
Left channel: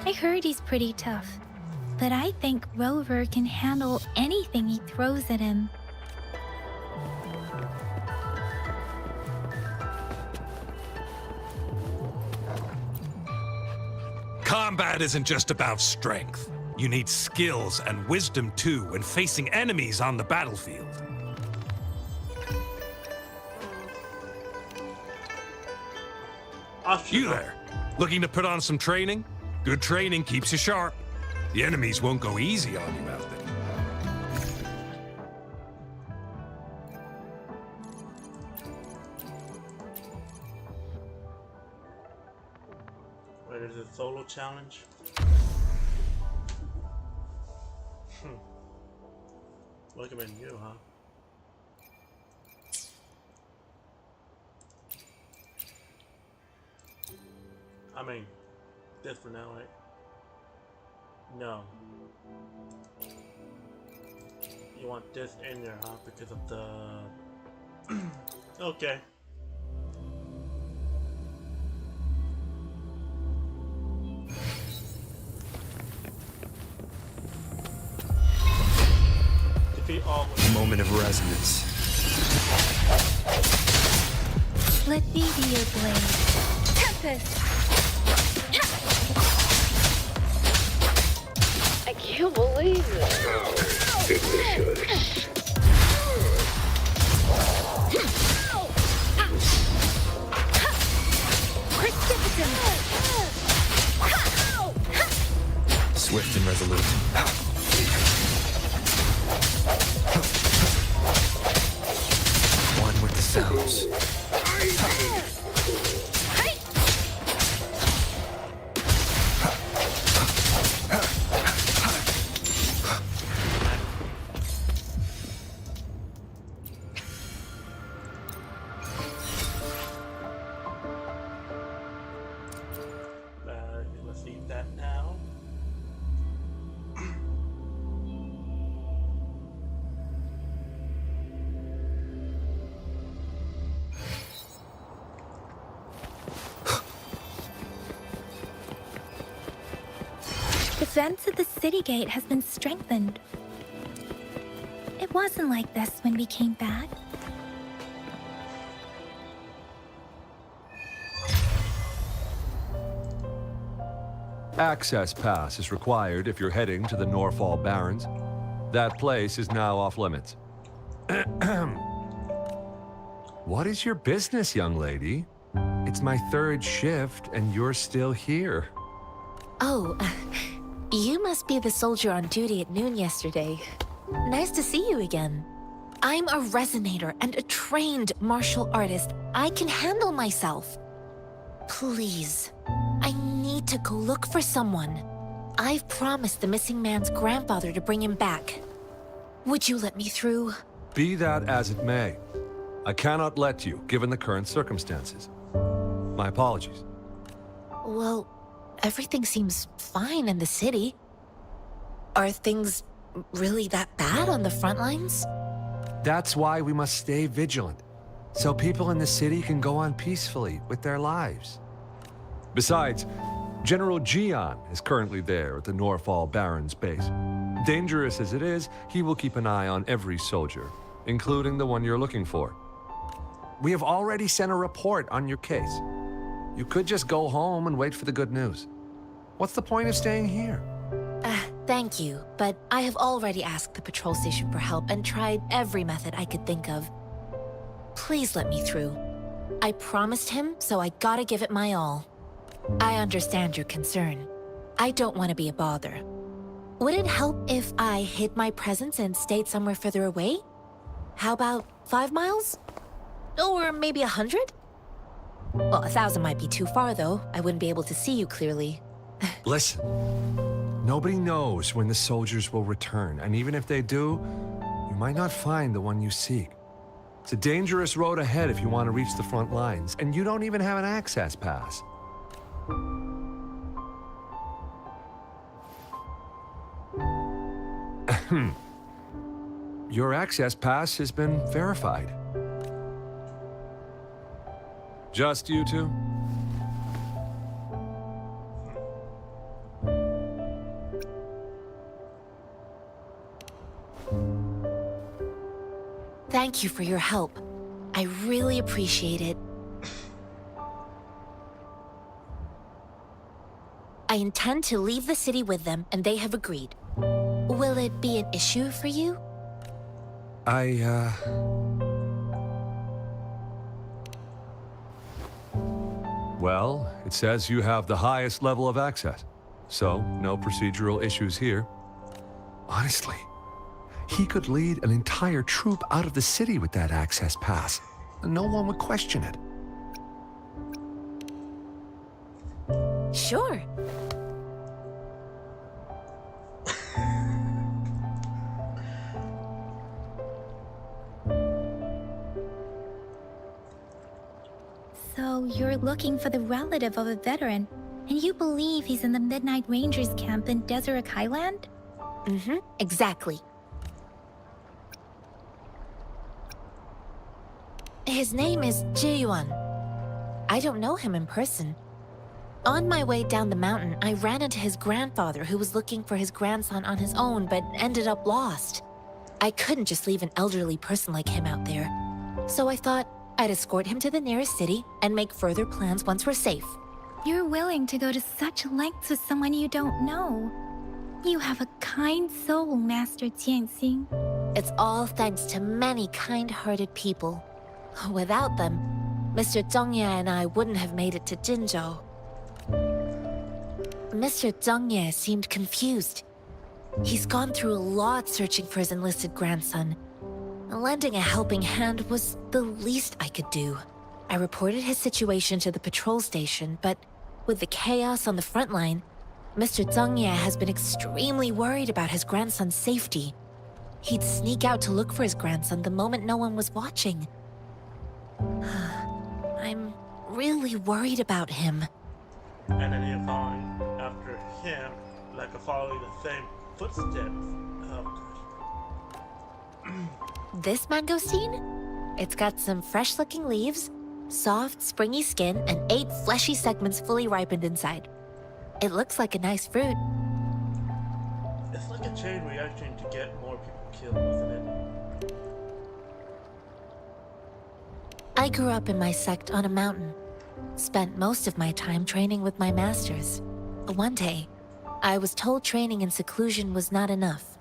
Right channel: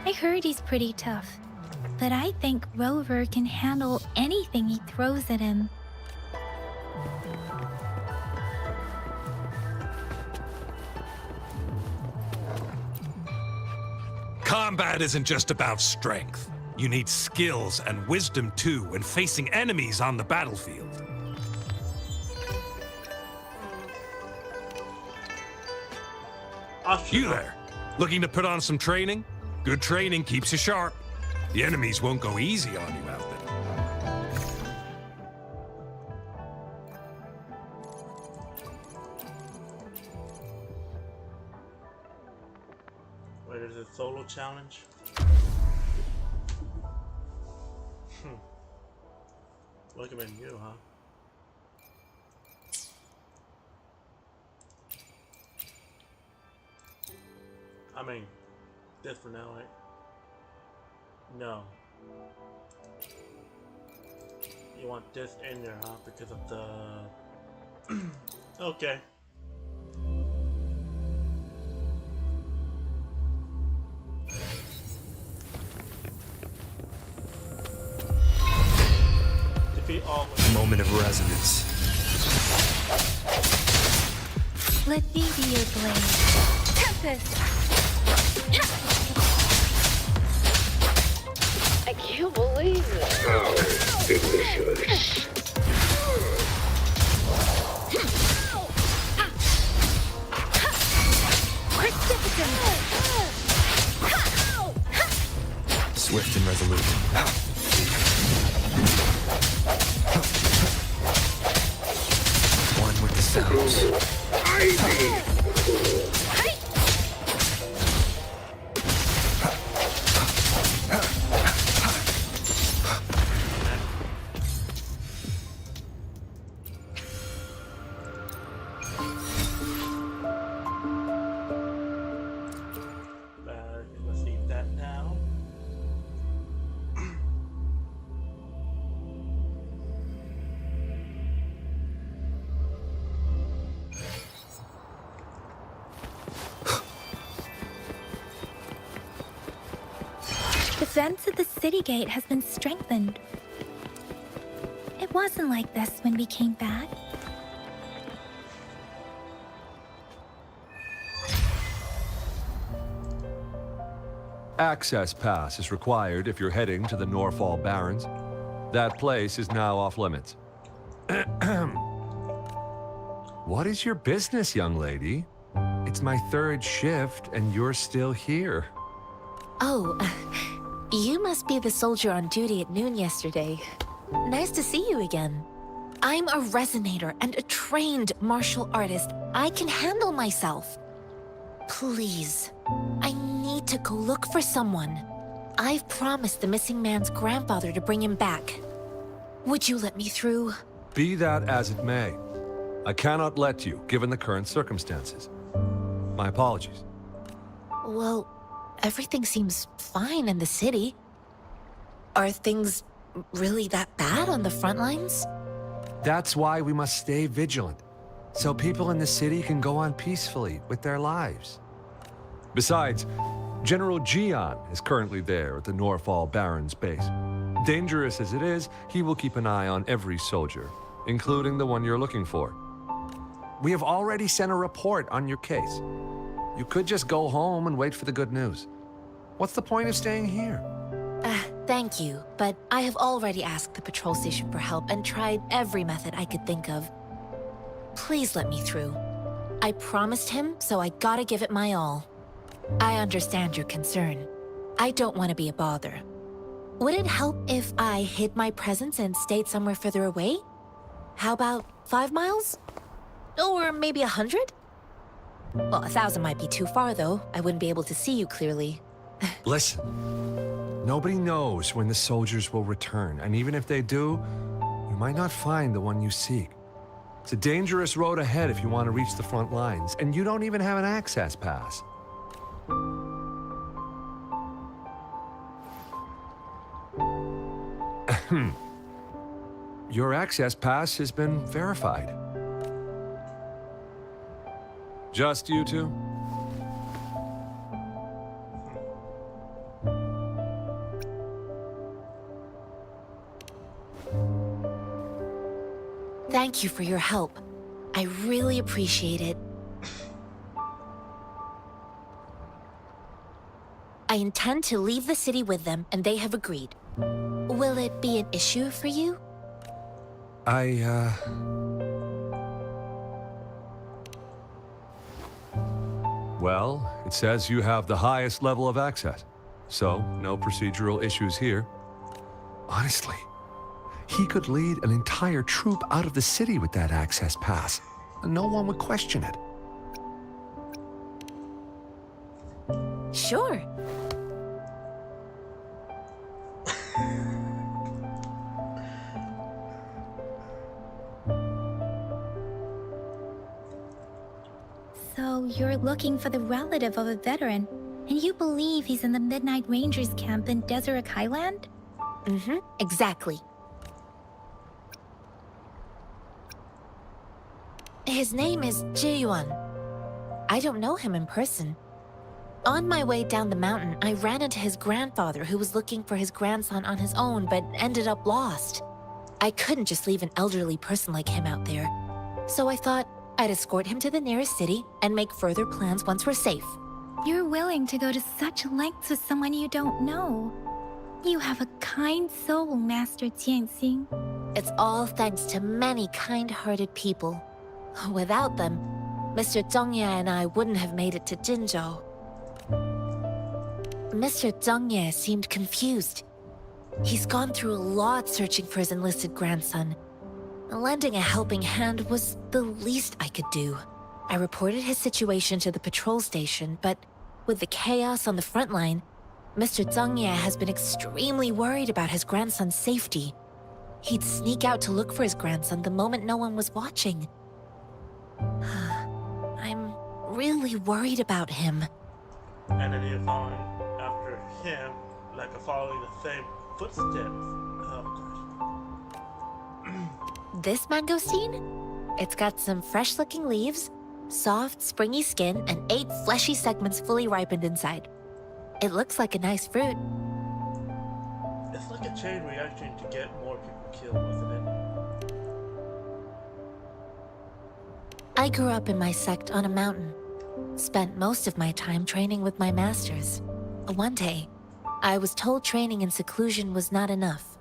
I heard he's pretty tough, but I think Rover can handle anything he throws at him. Combat isn't just about strength. You need skills and wisdom too when facing enemies on the battlefield. You there, looking to put on some training? Good training keeps you sharp. The enemies won't go easy on you out there. Wait, is it a solo challenge? Recommend you, huh? I mean, this for now, right? No. You want this in there, huh? Because of the... Okay. Defeat all with... Moment of resonance. Let me be your blade. Tempest! I can't believe it. Swift and resolute. One with the sounds. defense of the city gate has been strengthened. It wasn't like this when we came back. Access pass is required if you're heading to the Norfall Barrens. That place is now off limits. What is your business, young lady? It's my third shift, and you're still here. Oh, you must be the soldier on duty at noon yesterday. Nice to see you again. I'm a resonator and a trained martial artist. I can handle myself. Please, I need to go look for someone. I've promised the missing man's grandfather to bring him back. Would you let me through? Be that as it may, I cannot let you, given the current circumstances. My apologies. Well, everything seems fine in the city. Are things really that bad on the front lines? That's why we must stay vigilant, so people in the city can go on peacefully with their lives. Besides, General Jian is currently there at the Norfall Barrens base. Dangerous as it is, he will keep an eye on every soldier, including the one you're looking for. We have already sent a report on your case. You could just go home and wait for the good news. What's the point of staying here? Thank you, but I have already asked the patrol station for help and tried every method I could think of. Please let me through. I promised him, so I gotta give it my all. I understand your concern. I don't want to be a bother. Would it help if I hid my presence and stayed somewhere further away? How about 5 miles? Or maybe 100? Well, 1,000 might be too far, though. I wouldn't be able to see you clearly. Listen, nobody knows when the soldiers will return, and even if they do, you might not find the one you seek. It's a dangerous road ahead if you want to reach the front lines, and you don't even have an access pass. Your access pass has been verified. Just you two? Thank you for your help. I really appreciate it. I intend to leave the city with them, and they have agreed. Will it be an issue for you? Well, it says you have the highest level of access, so no procedural issues here. Honestly, he could lead an entire troop out of the city with that access pass, and no one would question it. Sure. So you're looking for the relative of a veteran, and you believe he's in the Midnight Rangers camp in Deseret Highland? Mm-hmm, exactly. His name is Ji-yuan. I don't know him in person. On my way down the mountain, I ran into his grandfather who was looking for his grandson on his own but ended up lost. I couldn't just leave an elderly person like him out there. So I thought I'd escort him to the nearest city and make further plans once we're safe. You're willing to go to such lengths with someone you don't know. You have a kind soul, Master Jianxing. It's all thanks to many kind-hearted people. Without them, Mr. Zhongye and I wouldn't have made it to Jinzhou. Mr. Zhongye seemed confused. He's gone through a lot searching for his enlisted grandson. Lending a helping hand was the least I could do. I reported his situation to the patrol station, but with the chaos on the front line, Mr. Zhongye has been extremely worried about his grandson's safety. He'd sneak out to look for his grandson the moment no one was watching. I'm really worried about him. And then you're following after him, like following the same footsteps. Oh gosh. This mangosteen? It's got some fresh-looking leaves, soft, springy skin, and 8 fleshy segments fully ripened inside. It looks like a nice fruit. It's like a chain reaction to get more people killed, wasn't it? I grew up in my sect on a mountain. Spent most of my time training with my masters. One day, I was told training in seclusion was not enough.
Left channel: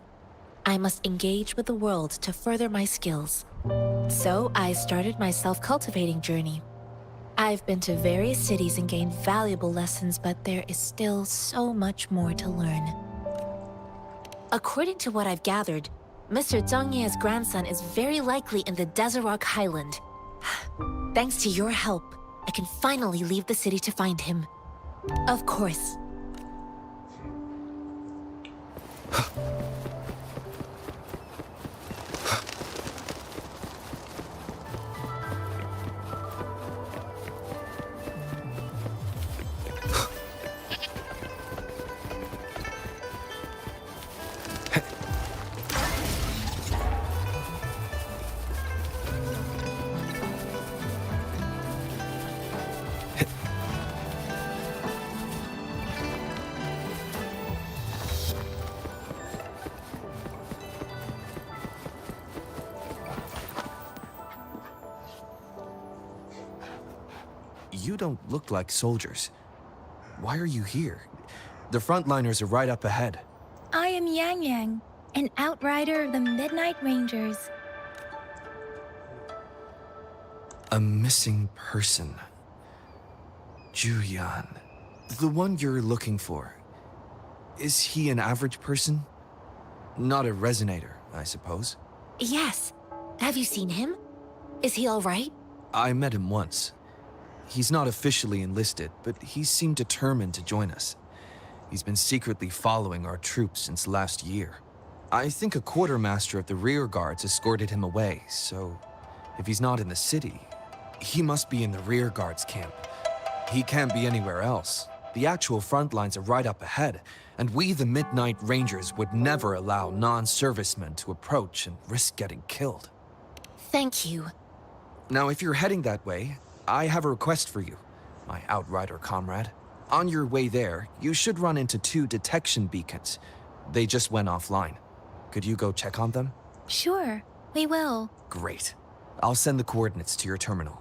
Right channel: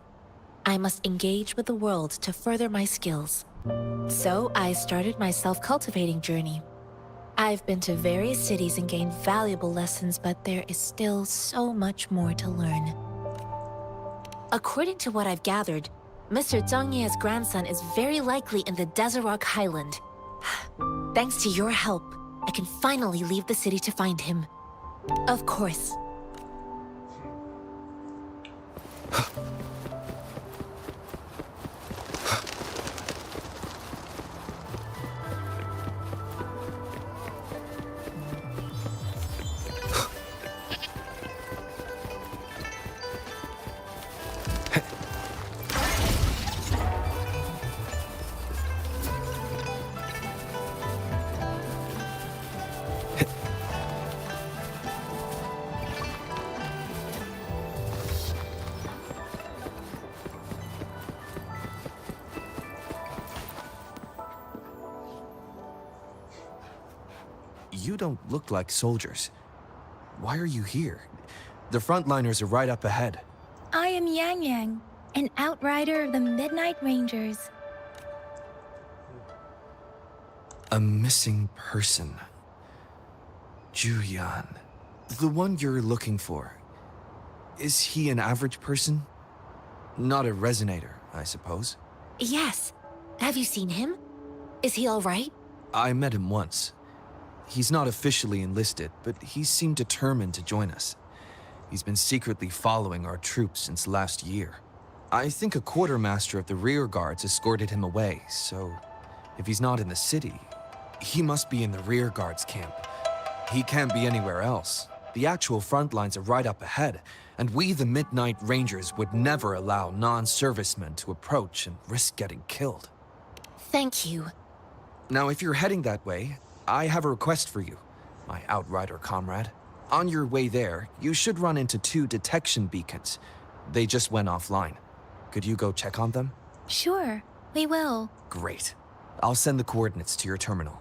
I must engage with the world to further my skills. So I started my self-cultivating journey. I've been to various cities and gained valuable lessons, but there is still so much more to learn. According to what I've gathered, Mr. Zhang Ye's grandson is very likely in the Desert Highland. Thanks to your help, I can finally leave the city to find him. Of course. You don't look like soldiers. Why are you here? The frontliners are right up ahead. I am Yang Yang, an outrider of the Midnight Rangers. A missing person. Juyan. The one you're looking for. Is he an average person? Not a resonator, I suppose. Yes. Have you seen him? Is he all right? I met him once. He's not officially enlisted, but he seemed determined to join us. He's been secretly following our troops since last year. I think a quartermaster of the rear guards escorted him away, so if he's not in the city, he must be in the rear guards camp. He can't be anywhere else. The actual front lines are right up ahead, and we, the Midnight Rangers, would never allow non-servicemen to approach and risk getting killed. Thank you. Now, if you're heading that way, I have a request for you, my outrider comrade. On your way there, you should run into 2 detection beacons. They just went offline. Could you go check on them? Sure, we will. Great. I'll send the coordinates to your terminal.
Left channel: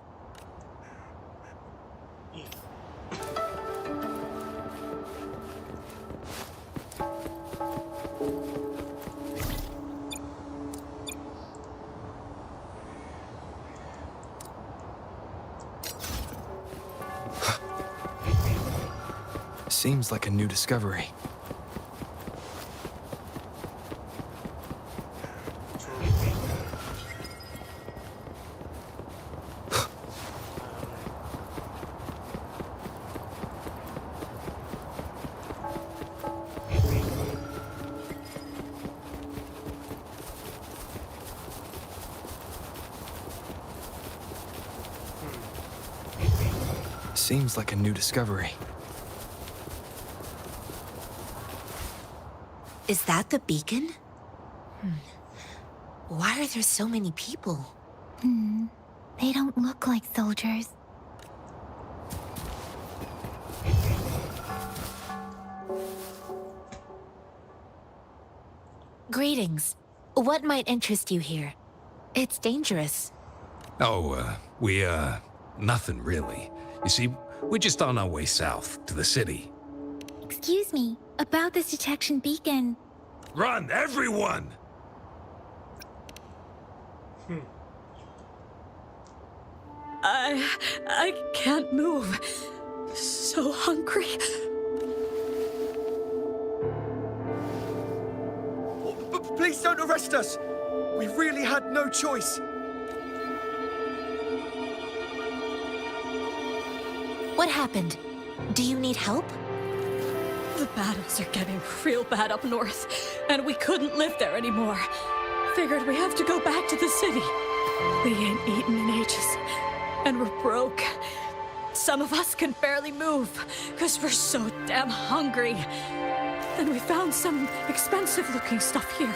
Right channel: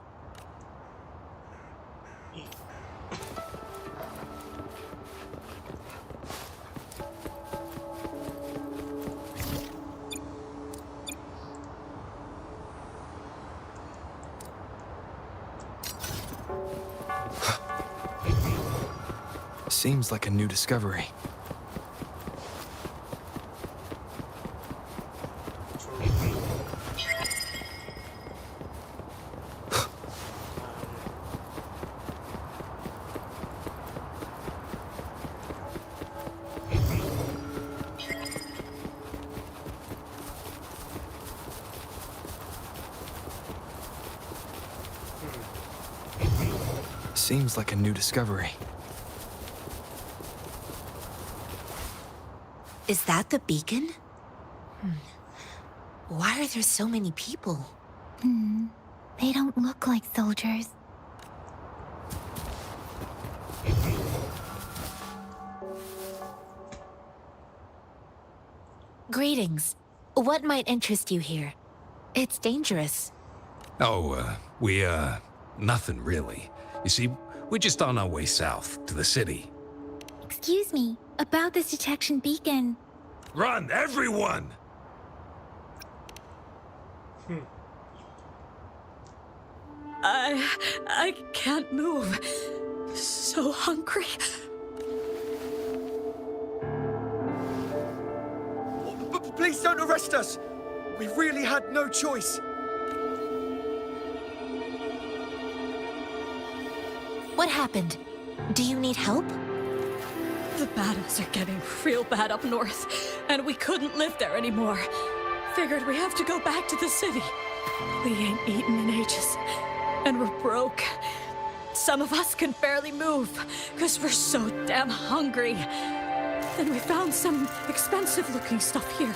Seems like a new discovery. Seems like a new discovery. Is that the beacon? Why are there so many people? They don't look like soldiers. Greetings. What might interest you here? It's dangerous. Oh, nothing really. You see, we're just on our way south to the city. Excuse me, about this detection beacon. Run, everyone! I can't move. So hungry. Please don't arrest us! We really had no choice. What happened? Do you need help? The battles are getting real bad up north, and we couldn't live there anymore. Figured we have to go back to the city. We ain't eaten in ages, and we're broke. Some of us can barely move, because we're so damn hungry. Then we found some expensive-looking stuff here.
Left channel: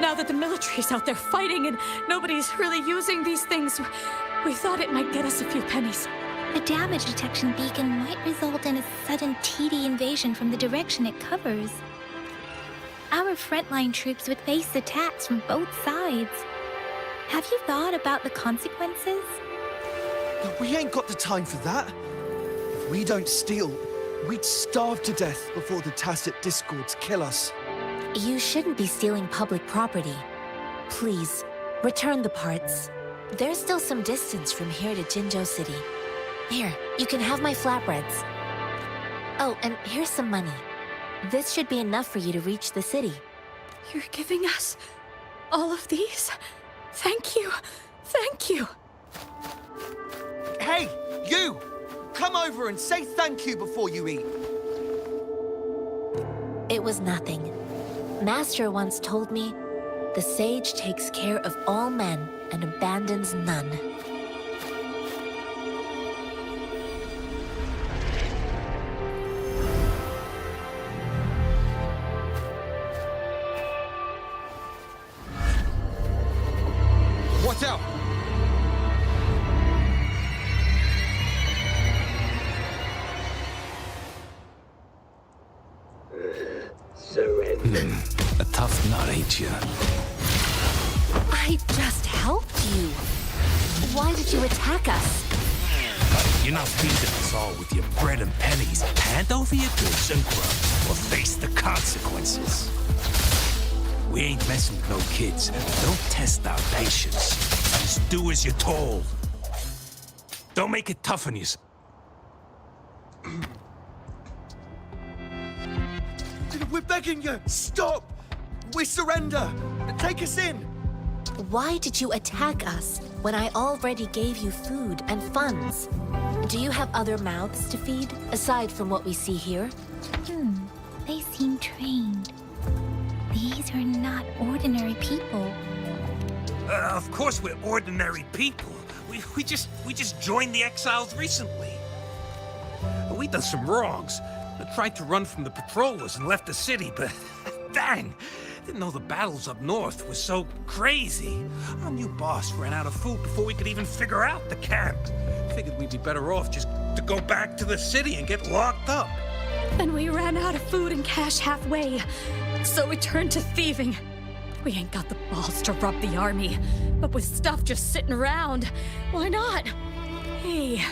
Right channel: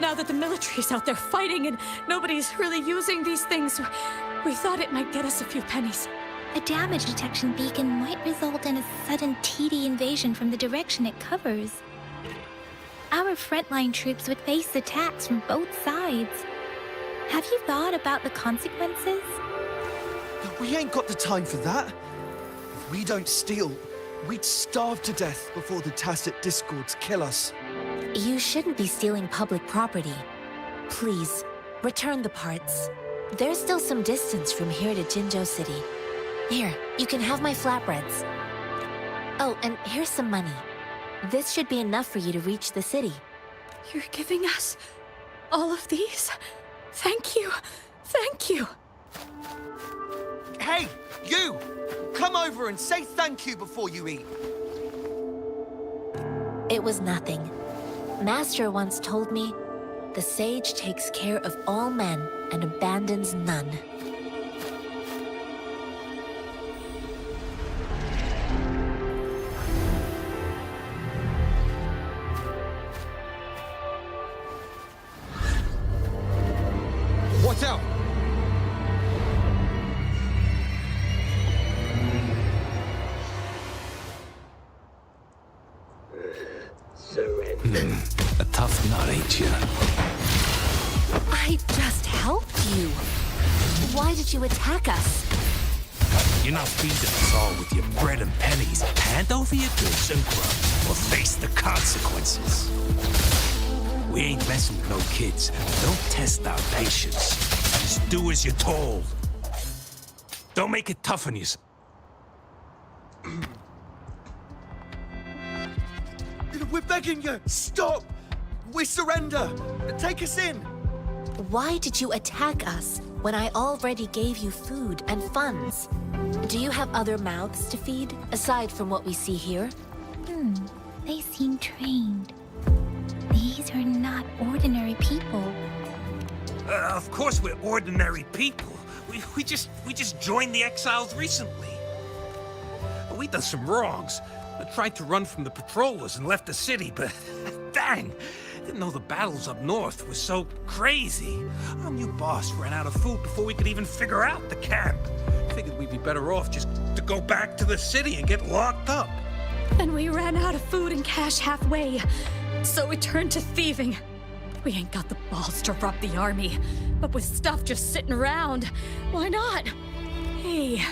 Now that the military's out there fighting and nobody's really using these things, we thought it might get us a few pennies. A damage detection beacon might result in a sudden TD invasion from the direction it covers. our frontline troops would face attacks from both sides. Have you thought about the consequences? We ain't got the time for that. If we don't steal, we'd starve to death before the Tacit Discords kill us. You shouldn't be stealing public property. Please, return the parts. There's still some distance from here to Jinzhou City. Here, you can have my flatbreads. Oh, and here's some money. This should be enough for you to reach the city. You're giving us all of these? Thank you. Thank you. Hey, you! Come over and say thank you before you eat. It was nothing. Master once told me, the sage takes care of all men and abandons none. Watch out! A tough nut, ain't you? I just helped you. Why did you attack us? You're not feeding us all with your bread and pennies. Hand over your goods and grub, or face the consequences. We ain't messing with no kids. Don't test our patience. Just do as you're told. Don't make it tough on yourself. We're begging you! Stop! We surrender! Take us in! Why did you attack us when I already gave you food and funds? Do you have other mouths to feed, aside from what we see here? They seem trained. These are not ordinary people. Of course we're ordinary people. We just joined the exiles recently. We done some wrongs. I tried to run from the patrollers and left the city, but dang, didn't know the battles up north were so crazy. Our new boss ran out of food before we could even figure out the camp. Figured we'd be better off just to go back to the city and get locked up. Then we ran out of food and cash halfway, so we turned to thieving. We ain't got the balls to rob the army, but with stuff just sitting around, why not? Hey,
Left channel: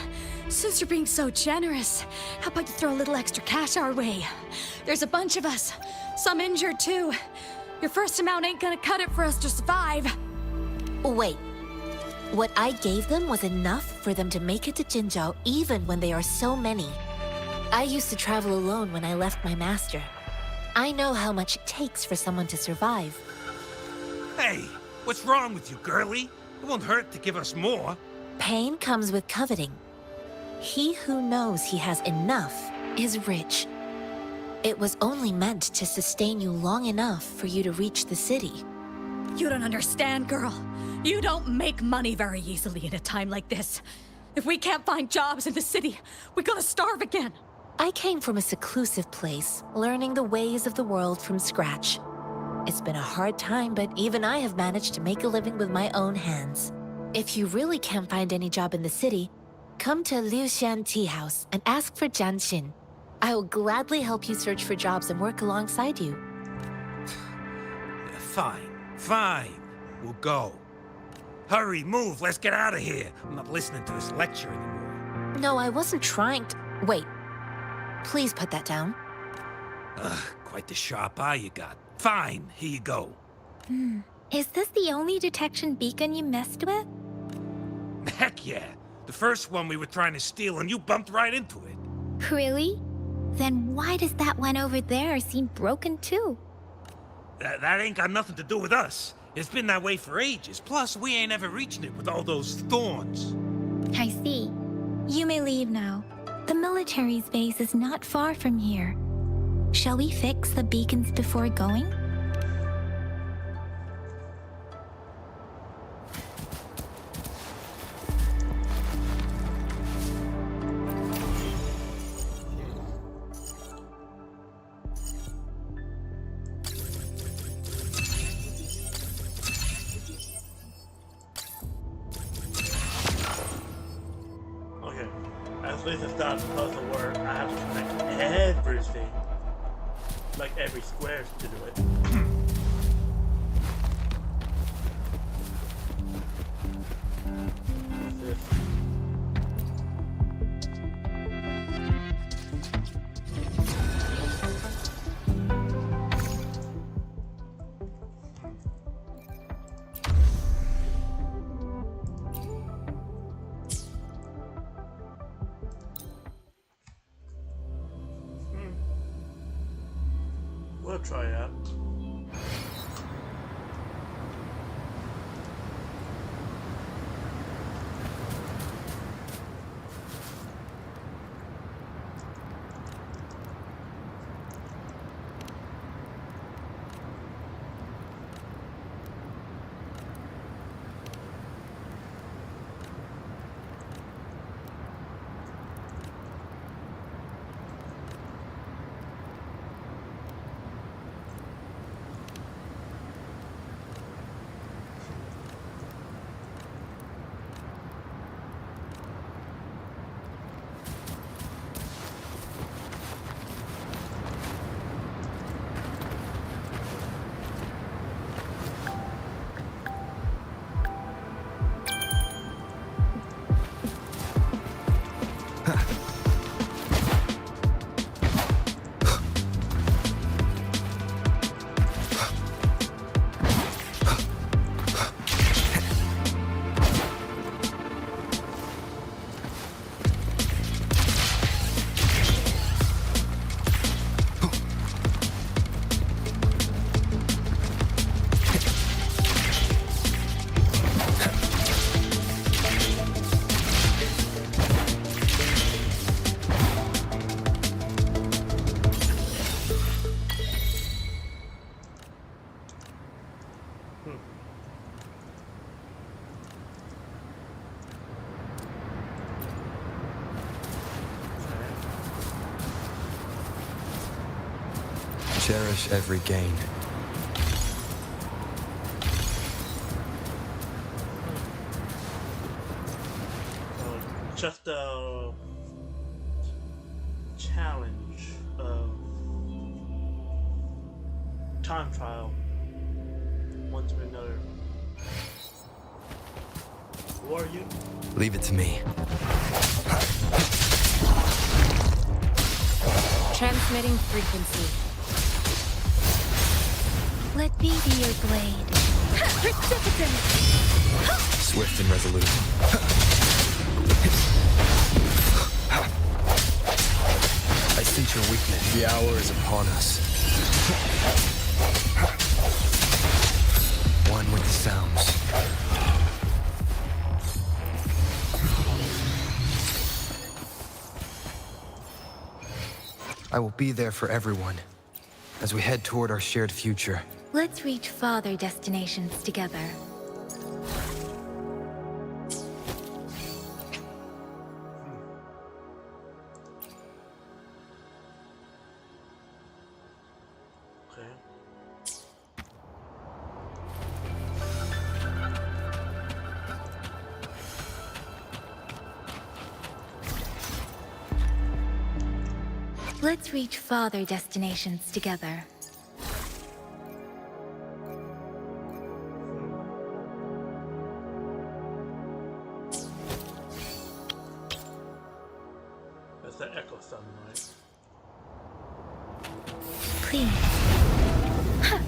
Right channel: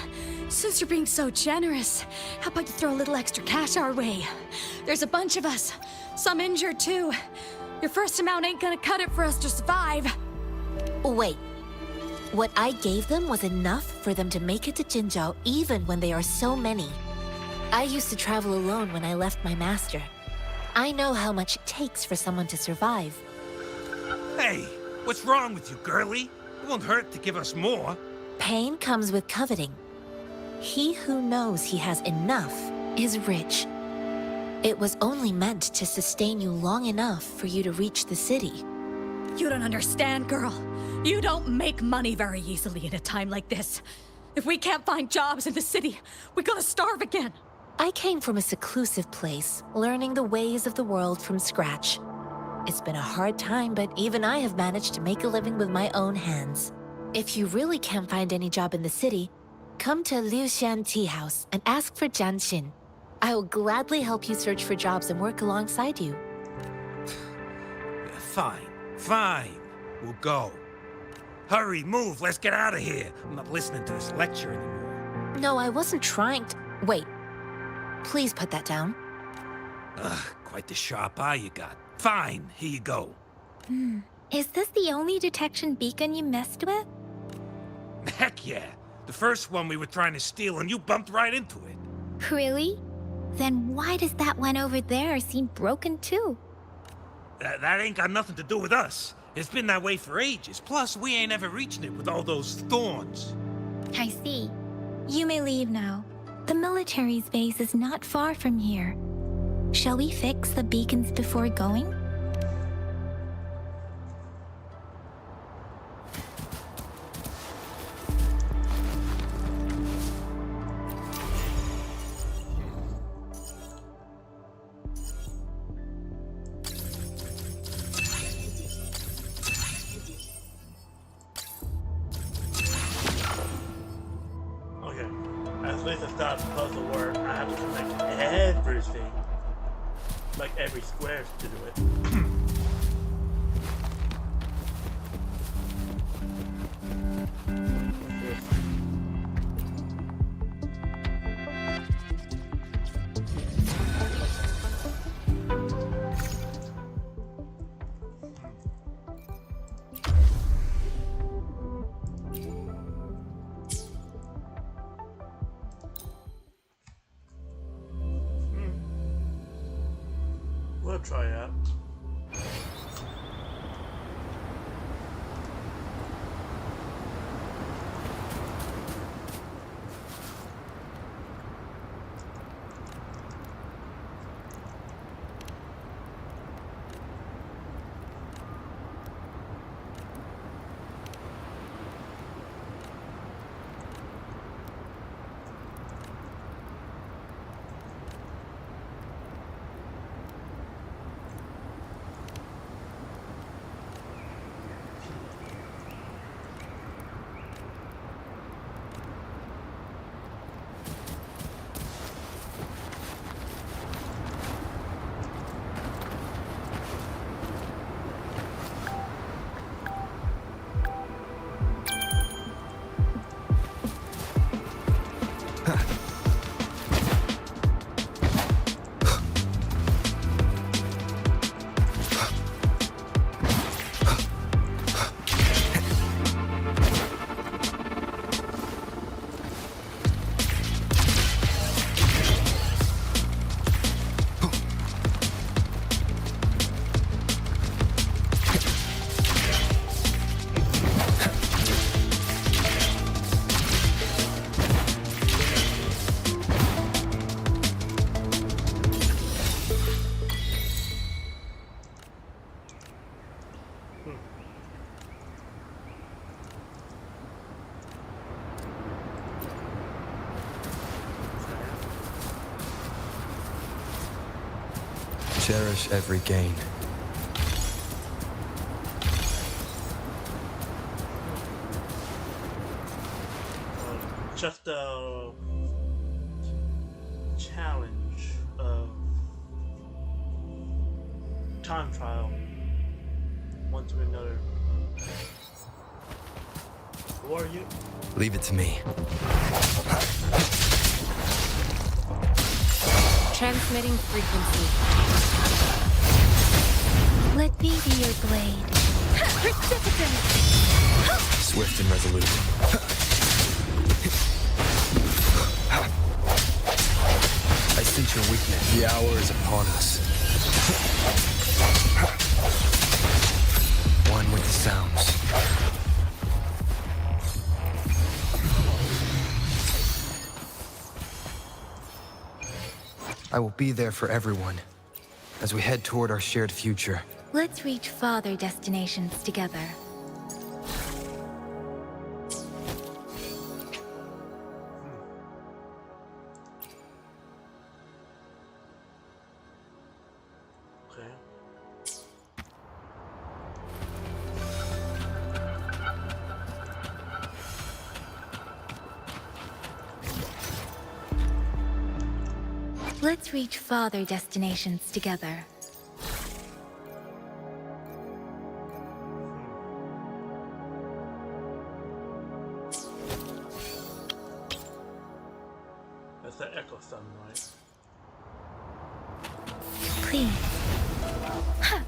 since you're being so generous, how about you throw a little extra cash our way? There's a bunch of us, some injured too. Your first amount ain't gonna cut it for us to survive. Wait. What I gave them was enough for them to make it to Jinzhou even when they are so many. I used to travel alone when I left my master. I know how much it takes for someone to survive. Hey, what's wrong with you, girlie? It won't hurt to give us more. Pain comes with coveting. He who knows he has enough is rich. It was only meant to sustain you long enough for you to reach the city. You don't understand, girl. You don't make money very easily in a time like this. If we can't find jobs in the city, we're gonna starve again. I came from a seclusive place, learning the ways of the world from scratch. It's been a hard time, but even I have managed to make a living with my own hands. If you really can't find any job in the city, come to Liu Xian Tea House and ask for Jian Xin. I will gladly help you search for jobs and work alongside you. Fine. We'll go. Hurry, move, let's get out of here. I'm not listening to this lecture anymore. No, I wasn't trying to... Wait. Please put that down. Quite the sharp eye you got. Fine, here you go. Is this the only detection beacon you messed with? Heck yeah. The first one we were trying to steal and you bumped right into it. Really? Then why does that one over there seem broken too? That ain't got nothing to do with us. It's been that way for ages. Plus, we ain't ever reaching it with all those thorns. I see. You may leave now. The military's base is not far from here. Shall we fix the beacons before going? At least it's not puzzle work. I have to connect everything. like every square to do it. What's this? We'll try it out. Cherish every gain. Just a challenge of time trial. One to another. Who are you? Leave it to me. Transmitting frequency. Let me be your blade. Precipitant! Swift and resolute. I sense your weakness. The hour is upon us. One with the sounds. I will be there for everyone as we head toward our shared future. Let's reach farther destinations together. Okay. Let's reach farther destinations together. That's the echo summon, right? Please. Okay.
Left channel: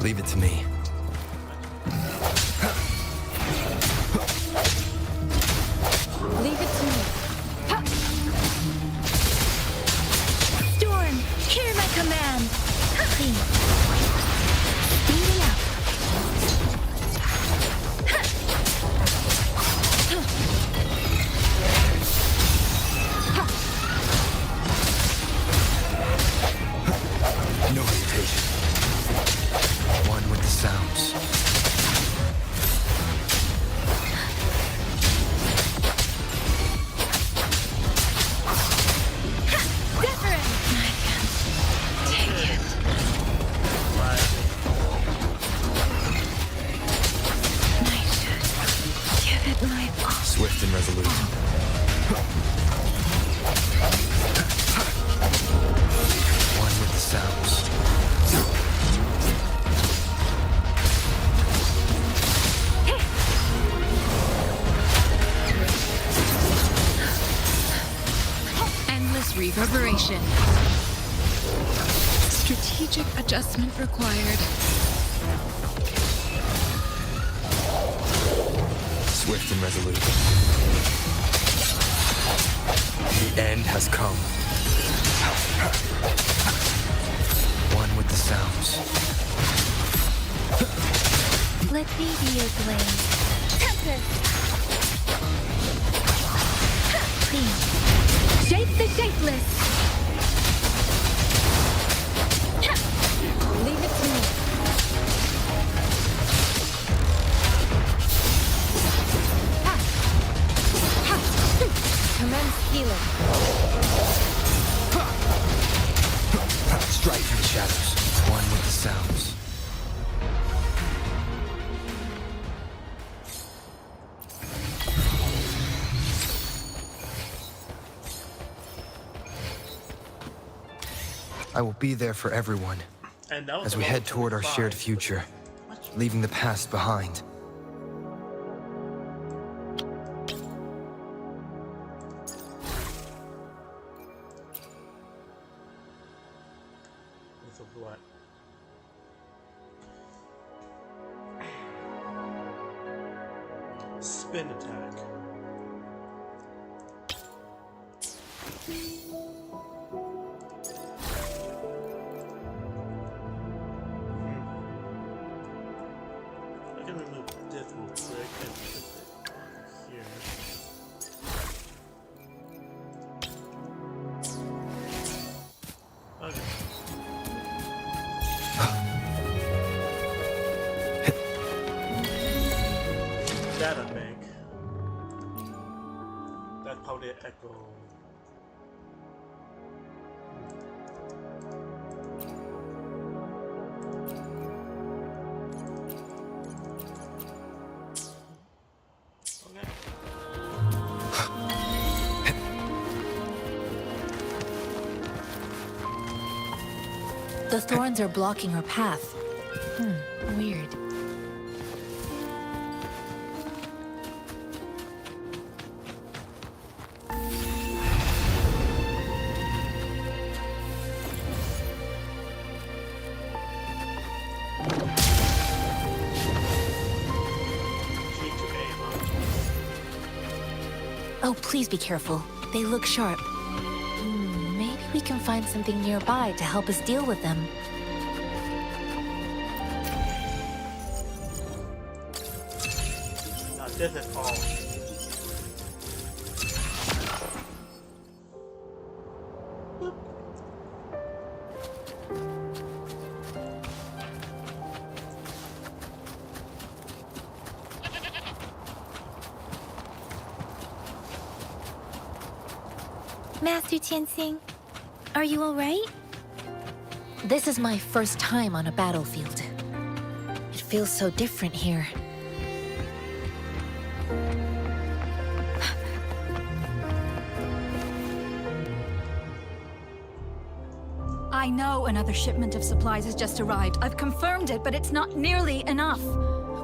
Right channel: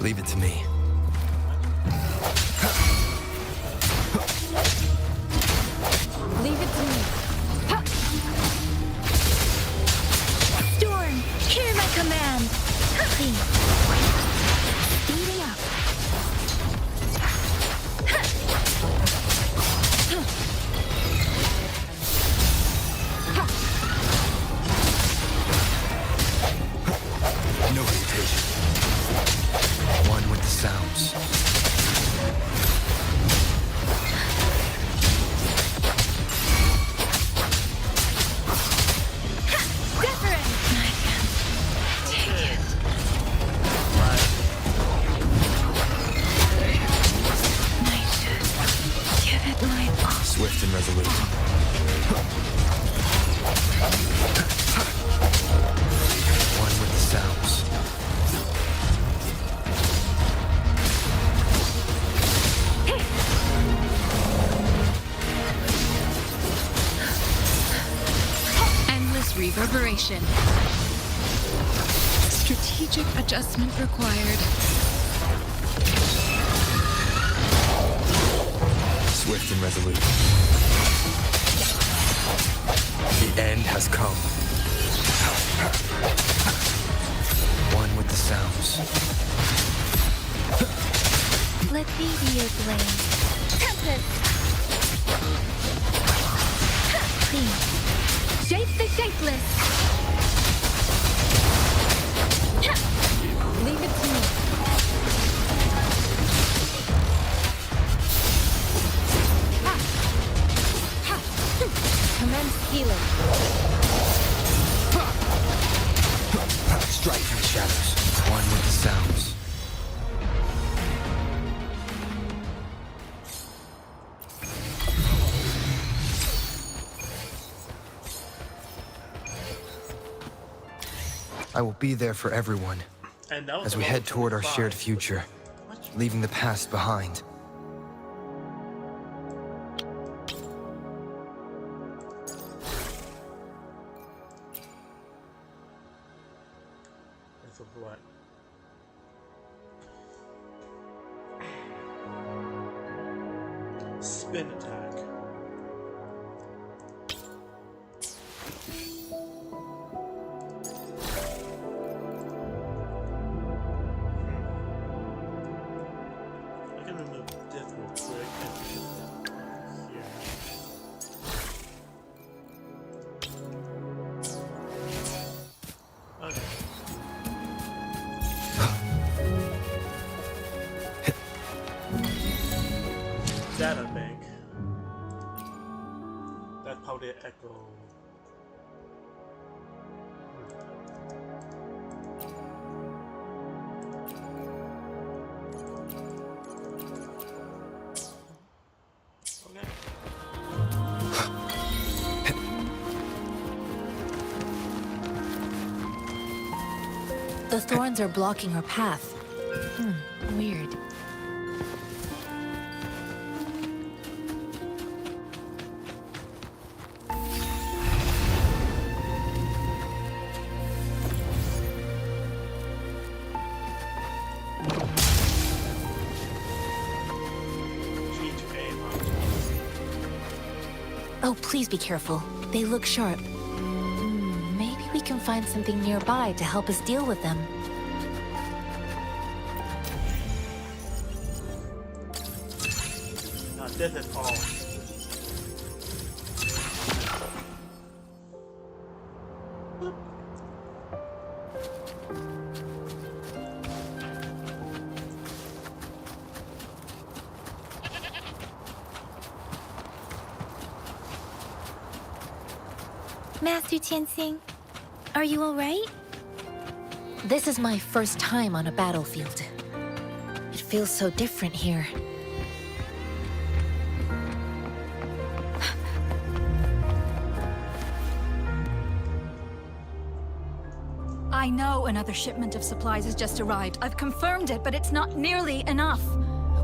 Leave it to me. Leave it to me. Storm, hear my command. Please. Speeding up. No hesitation. One with the sounds. Preparation. Strategic adjustment required. Swift and resolute. The end has come. One with the sounds. Let me be your blade. Tempest! Please, shape the shapeless! Leave it to me. Commence healing. Strike from the shadows. One with the sounds. I will be there for everyone And that was as we level head toward our 25. shared future, leaving the past behind. That's a what? Spin attack. I can remove this real quick and put it on here. Okay. Data bank. That's probably an echo. Okay. The thorns are blocking our path. Weird. G to aim, huh? Oh, please be careful. They look sharp. Maybe we can find something nearby to help us deal with them. Not this at all. Boop. Master Tianxing, are you alright? This is my first time on a battlefield. It feels so different here. I know another shipment of supplies has just arrived. I've confirmed it, but it's not nearly enough.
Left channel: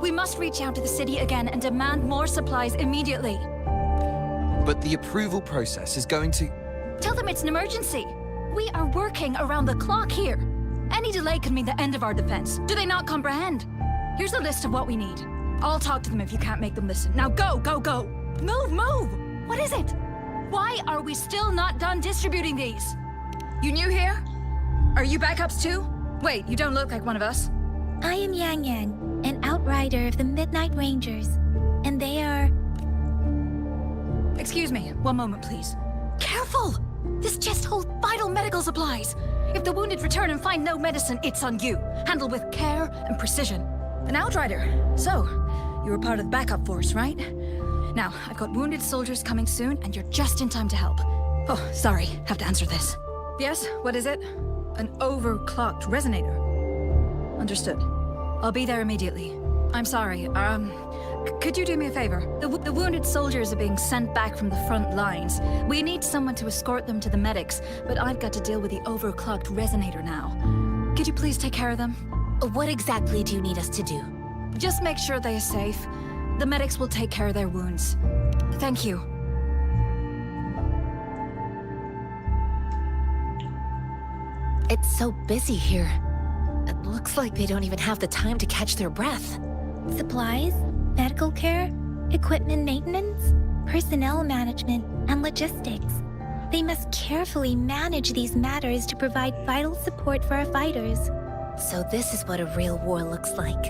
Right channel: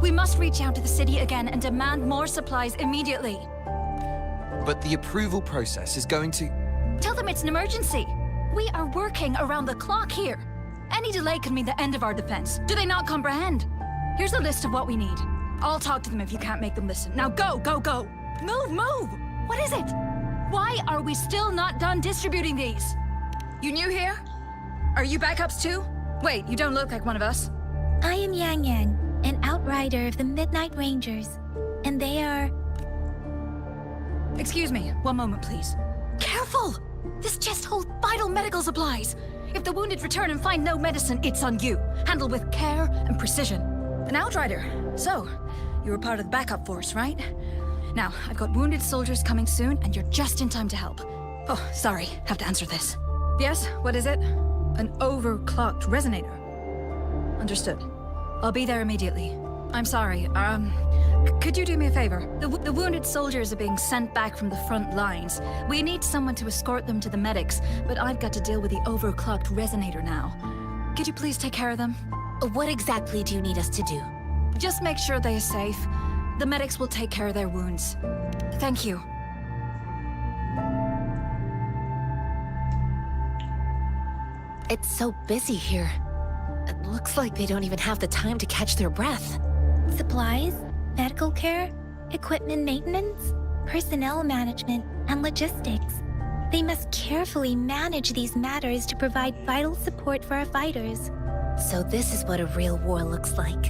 We must reach out to the city again and demand more supplies immediately. But the approval process is going to... Tell them it's an emergency. We are working around the clock here. Any delay could mean the end of our defense. Do they not comprehend? Here's a list of what we need. I'll talk to them if you can't make them listen. Now go, go, go! Move, move! What is it? Why are we still not done distributing these? You new here? Are you backups too? Wait, you don't look like one of us. I am Yang Yang, an outrider of the Midnight Rangers, and they are... Excuse me, one moment please. Careful! This chest holds vital medical supplies. If the wounded return and find no medicine, it's on you. Handle with care and precision. An outrider. So, you were part of the backup force, right? Now, I've got wounded soldiers coming soon, and you're just in time to help. Oh, sorry, have to answer this. Yes, what is it? An overclocked resonator. Understood. I'll be there immediately. I'm sorry, could you do me a favor? The wounded soldiers are being sent back from the front lines. We need someone to escort them to the medics, but I've got to deal with the overclocked resonator now. Could you please take care of them? What exactly do you need us to do? Just make sure they are safe. The medics will take care of their wounds. Thank you. It's so busy here. It looks like they don't even have the time to catch their breath. Supplies, medical care, equipment maintenance, personnel management, and logistics. They must carefully manage these matters to provide vital support for our fighters. So this is what a real war looks like.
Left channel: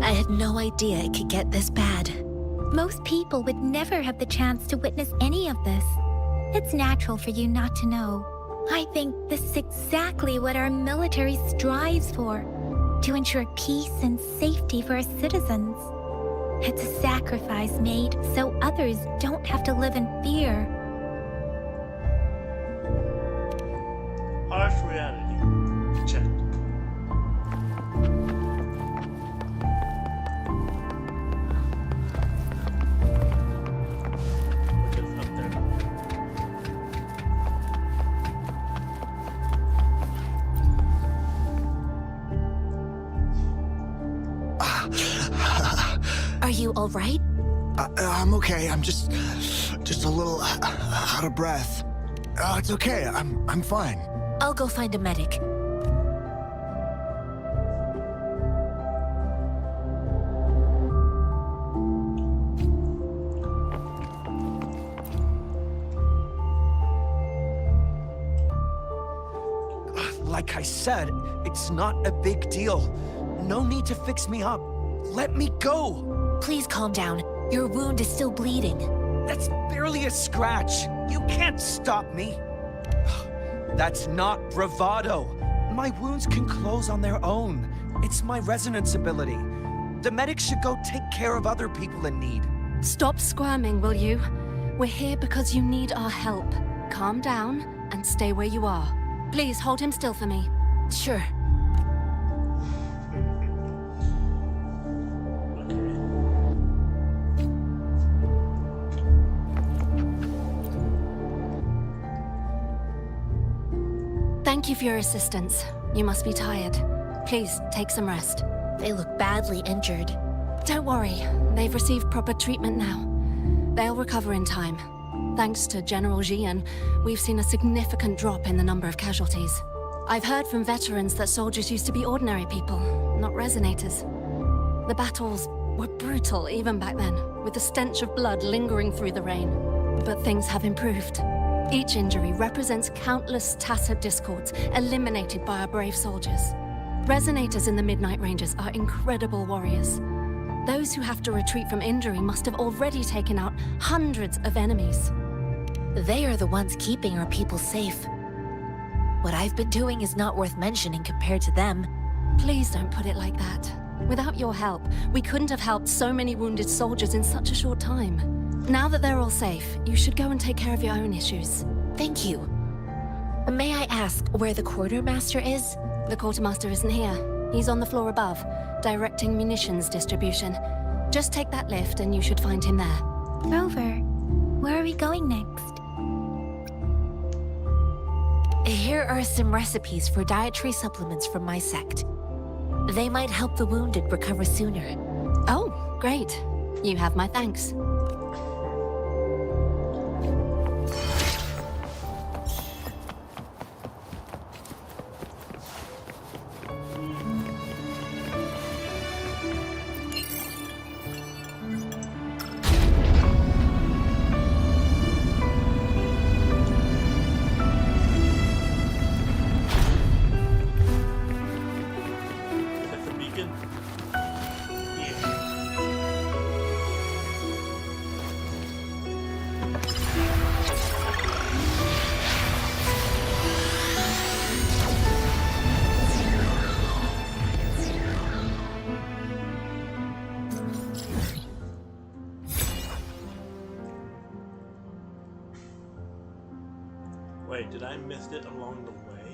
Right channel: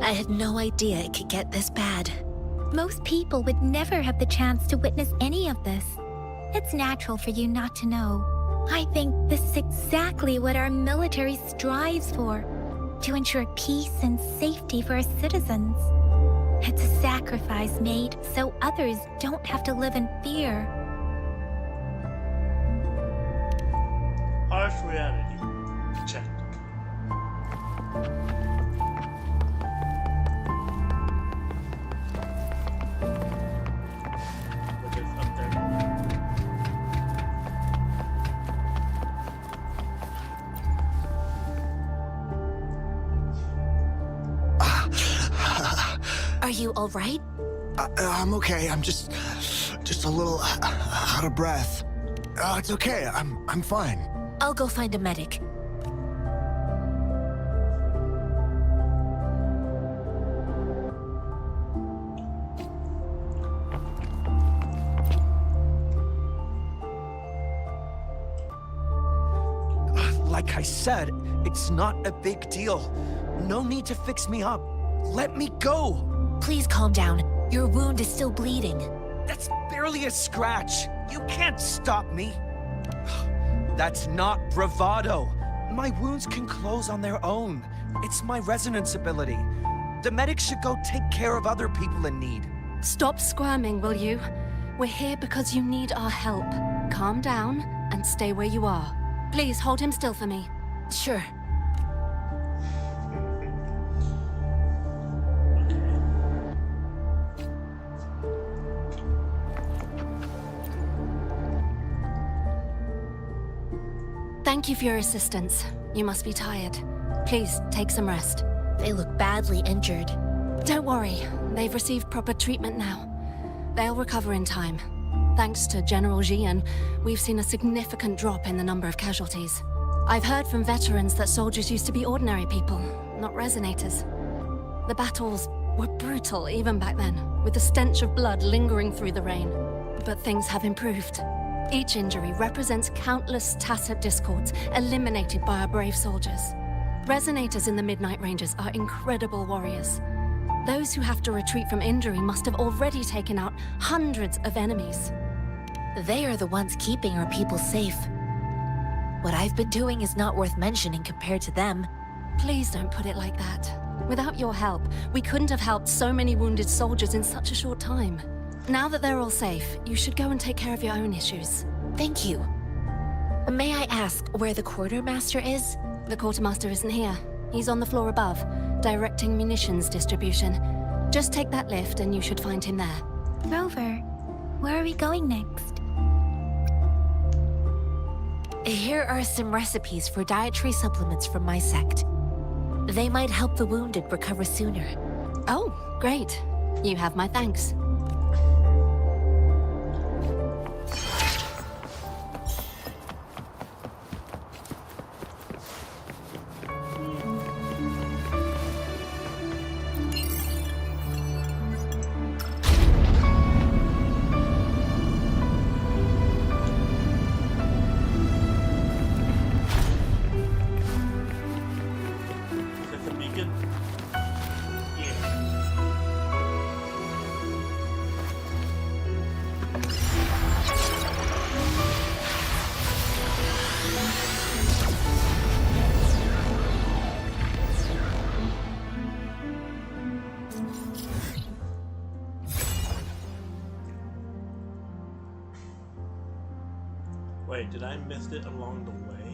I had no idea it could get this bad. Most people would never have the chance to witness any of this. It's natural for you not to know. I think this is exactly what our military strives for, to ensure peace and safety for our citizens. It's a sacrifice made so others don't have to live in fear. Harsh reality. Check. Which is up there. Are you all right? I'm okay. I'm just a little out of breath. It's okay. I'm fine. I'll go find a medic. Like I said, it's not a big deal. No need to fix me up. Let me go. Please calm down. Your wound is still bleeding. That's barely a scratch. You can't stop me. That's not bravado. My wounds can close on their own. It's my resonance ability. The medics should go take care of other people in need. Stop squirming, will you? We're here because you need our help. Calm down and stay where you are. Please hold him still for me. Sure. Thank you for your assistance. You must be tired. Please, take some rest. They look badly injured. Don't worry. They've received proper treatment now. They'll recover in time. Thanks to General Jian, we've seen a significant drop in the number of casualties. I've heard from veterans that soldiers used to be ordinary people, not resonators. The battles were brutal even back then, with the stench of blood lingering through the rain. But things have improved. Each injury represents countless tacit discords eliminated by our brave soldiers. Resonators in the Midnight Rangers are incredible warriors. Those who have to retreat from injury must have already taken out hundreds of enemies. They are the ones keeping our people safe. What I've been doing is not worth mentioning compared to them. Please don't put it like that. Without your help, we couldn't have helped so many wounded soldiers in such a short time. Now that they're all safe, you should go and take care of your own issues. Thank you. May I ask where the quartermaster is? The quartermaster isn't here. He's on the floor above, directing munitions distribution. Just take that lift and you should find him there. Rover, where are we going next? Here are some recipes for dietary supplements from my sect. They might help the wounded recover sooner. Oh, great. You have my thanks. Wait, did I miss it along the way?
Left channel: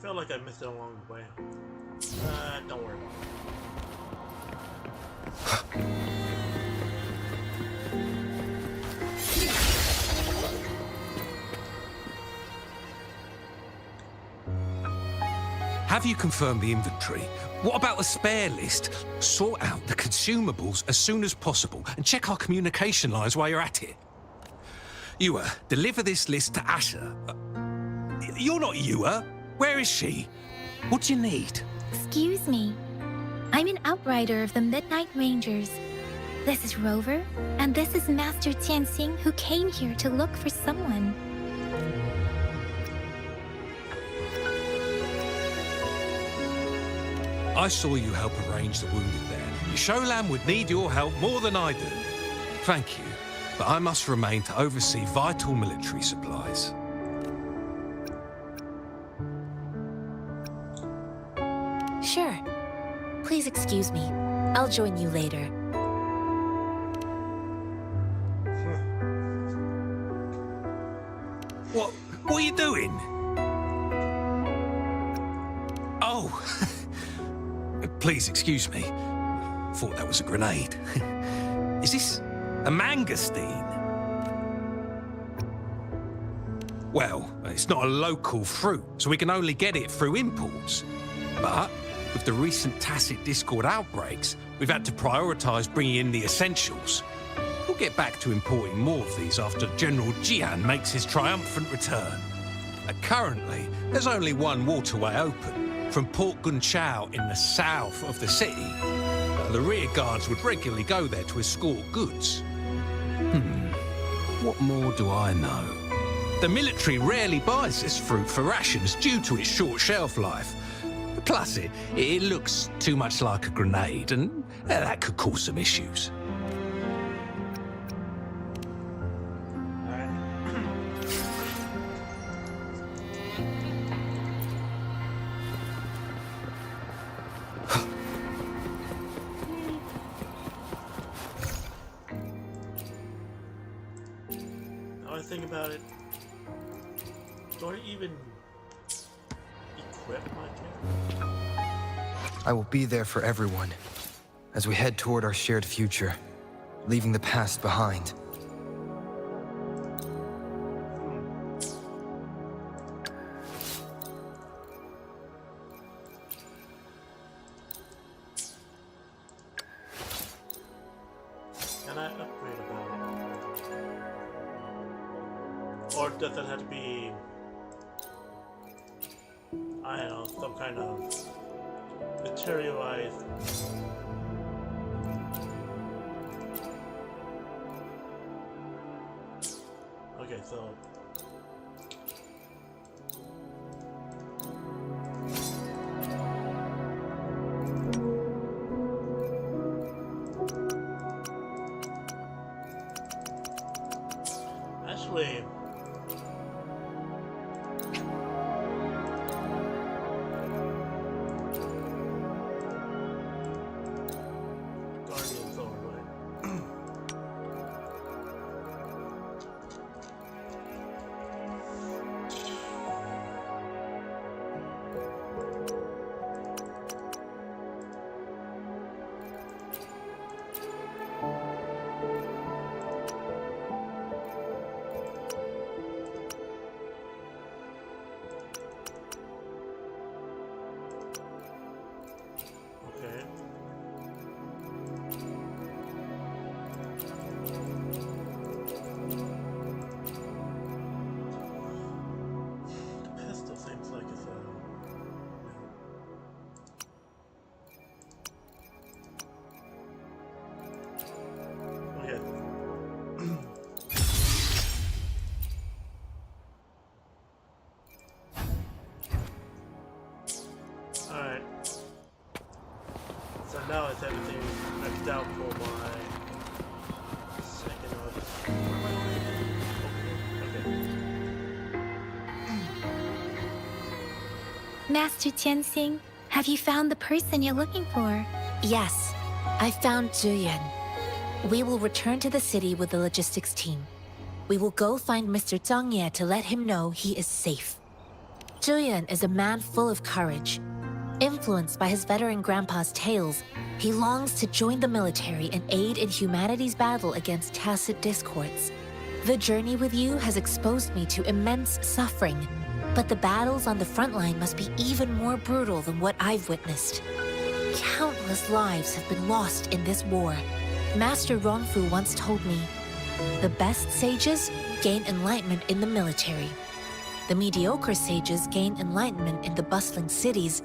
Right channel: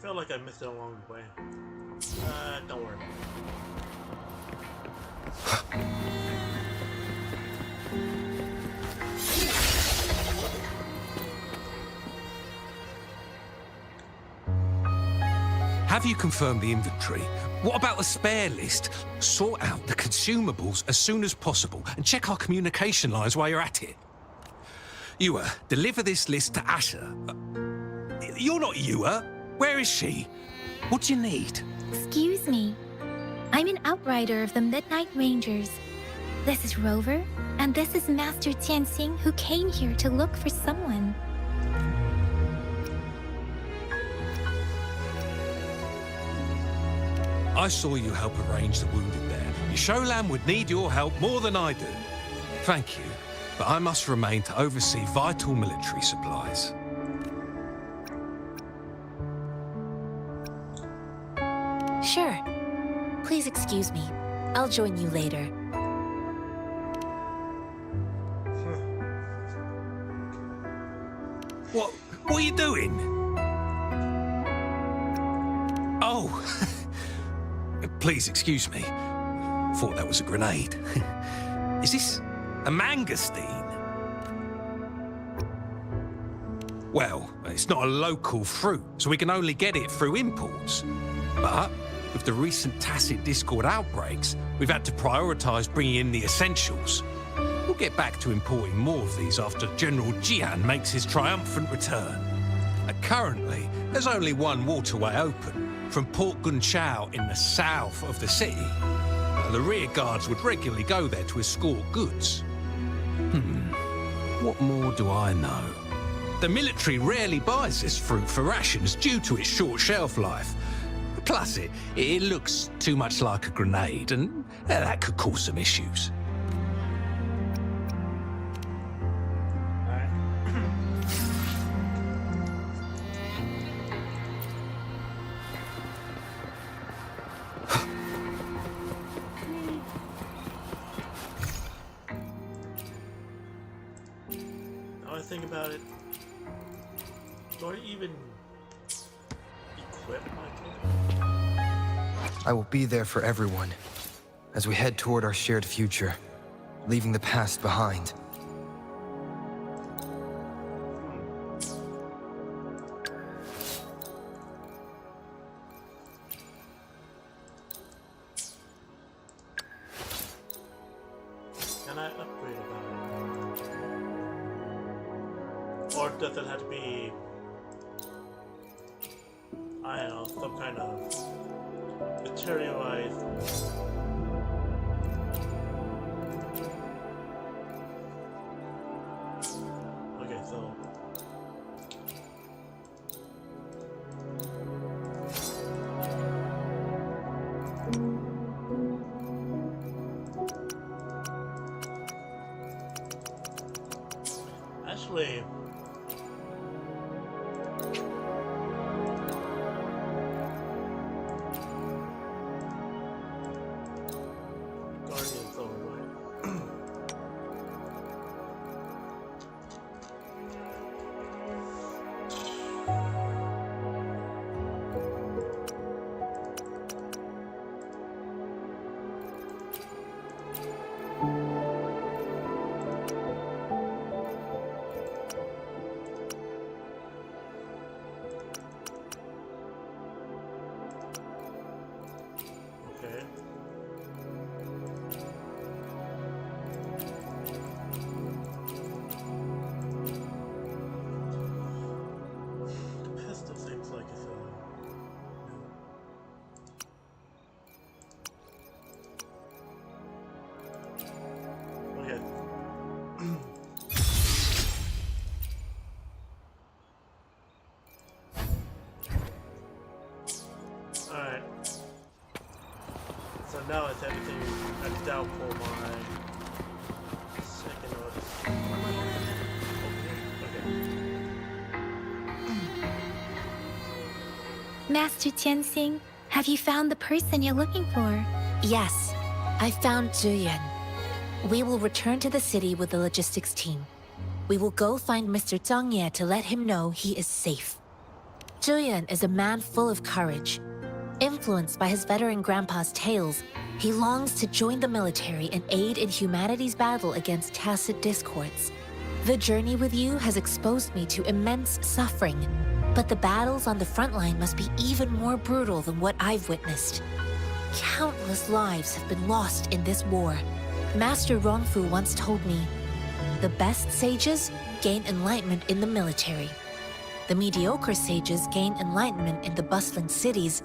Feel like I missed it along the way. Don't worry about it. Have you confirmed the inventory? What about the spare list? Sort out the consumables as soon as possible and check our communication lines while you're at it. Yua, deliver this list to Asher. You're not Yua. Where is she? What do you need? Excuse me. I'm an outrider of the Midnight Rangers. This is Rover, and this is Master Tianxing, who came here to look for someone. I saw you help arrange the wounded there. Yisholam would need your help more than I do. Thank you, but I must remain to oversee vital military supplies. Sure. Please excuse me. I'll join you later. What are you doing? Oh, please excuse me. Thought that was a grenade. Is this a mangosteen? Well, it's not a local fruit, so we can only get it through imports. But with the recent tacit Discord outbreaks, we've had to prioritise bringing in the essentials. We'll get back to importing more of these after General Jian makes his triumphant return. Currently, there's only one waterway open, from Port Gunchao in the south of the city. The rear guards would regularly go there to escort goods. What more do I know? The military rarely buys this fruit for rations due to its short shelf life. Plus, it looks too much like a grenade, and that could cause some issues. Now I think about it, do I even equip my character? I will be there for everyone as we head toward our shared future, leaving the past behind. Can I upgrade about it? Or does it have to be, I don't know, some kind of materialized okay, so actually Guardian's over, right? Okay. The pistol seems like it's a okay. Alright. So now it's everything maxed out for my second or where am I going again? Over here? Okay. Master Tianxing, have you found the person you're looking for? Yes, I found Zhuyan. We will return to the city with the logistics team. We will go find Mr. Zhang Ye to let him know he is safe. Zhuyan is a man full of courage. Influenced by his veteran grandpa's tales, he longs to join the military and aid in humanity's battle against tacit discords. The journey with you has exposed me to immense suffering, but the battles on the front line must be even more brutal than what I've witnessed. Countless lives have been lost in this war. Master Rongfu once told me, The best sages gain enlightenment in the military. The mediocre sages gain enlightenment in the bustling cities,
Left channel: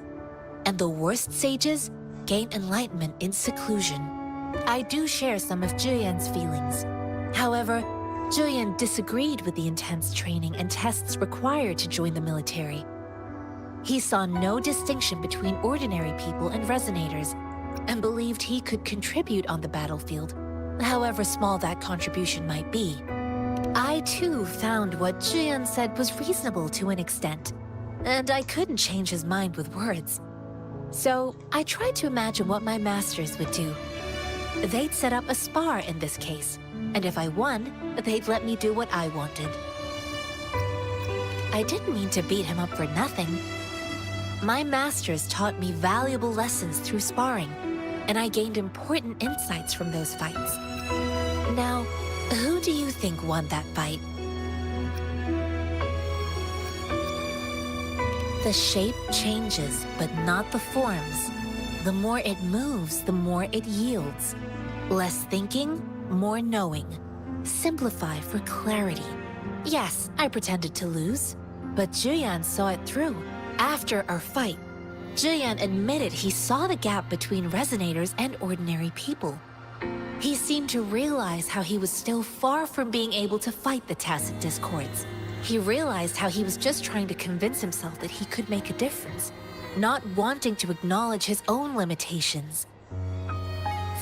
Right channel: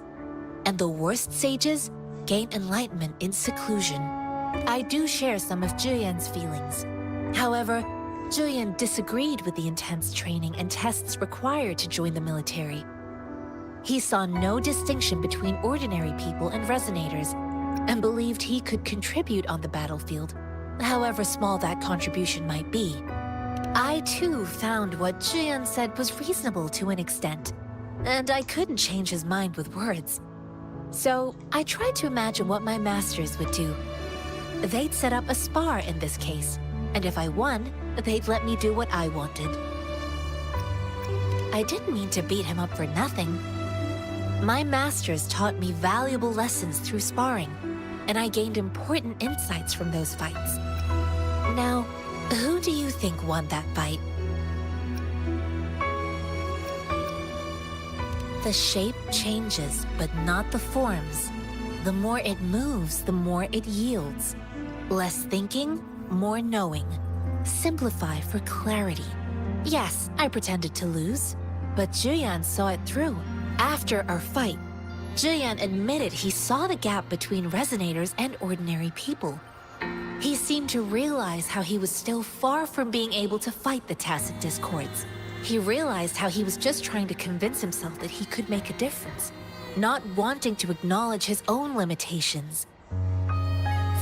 and the worst sages gain enlightenment in seclusion. I do share some of Julian's feelings. However, Julian disagreed with the intense training and tests required to join the military. He saw no distinction between ordinary people and resonators, and believed he could contribute on the battlefield, however small that contribution might be. I too found what Julian said was reasonable to an extent, and I couldn't change his mind with words. So I tried to imagine what my masters would do. They'd set up a spar in this case, and if I won, they'd let me do what I wanted. I didn't mean to beat him up for nothing. My masters taught me valuable lessons through sparring, and I gained important insights from those fights. Now, who do you think won that fight? The shape changes, but not the forms. The more it moves, the more it yields. Less thinking, more knowing. Simplify for clarity. Yes, I pretended to lose, but Julian saw it through. After our fight, Julian admitted he saw the gap between resonators and ordinary people. He seemed to realize how he was still far from being able to fight the tacit discords. He realized how he was just trying to convince himself that he could make a difference, not wanting to acknowledge his own limitations.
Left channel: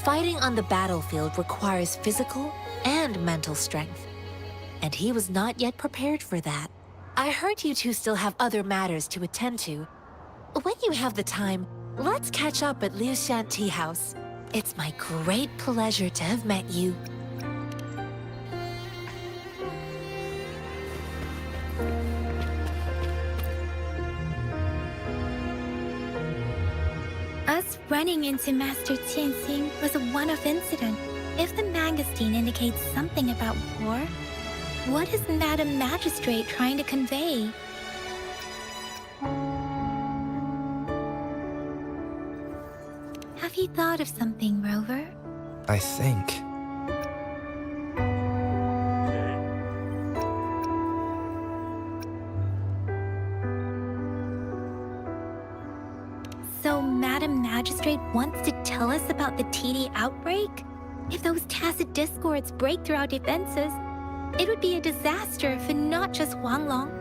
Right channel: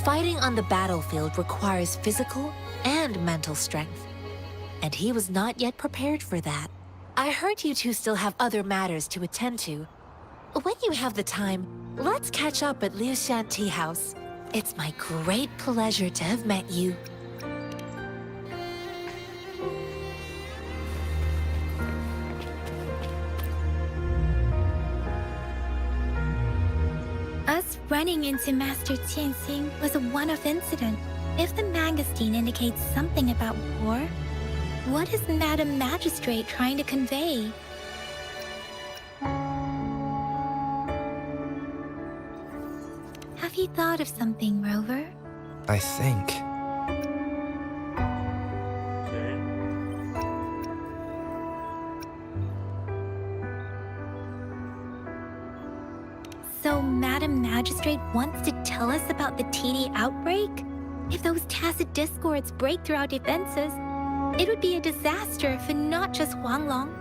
Fighting on the battlefield requires physical and mental strength, and he was not yet prepared for that. I heard you two still have other matters to attend to. When you have the time, let's catch up at Liu Shan Tea House. It's my great pleasure to have met you. Us running into Master Tianxing was a one-off incident. If the magazine indicates something about war, what is Madam Magistrate trying to convey? Have you thought of something, Rover? I think. So Madam Magistrate wants to tell us about the TD outbreak? If those tacit discords break through our defenses, it would be a disaster for not just Huanglong,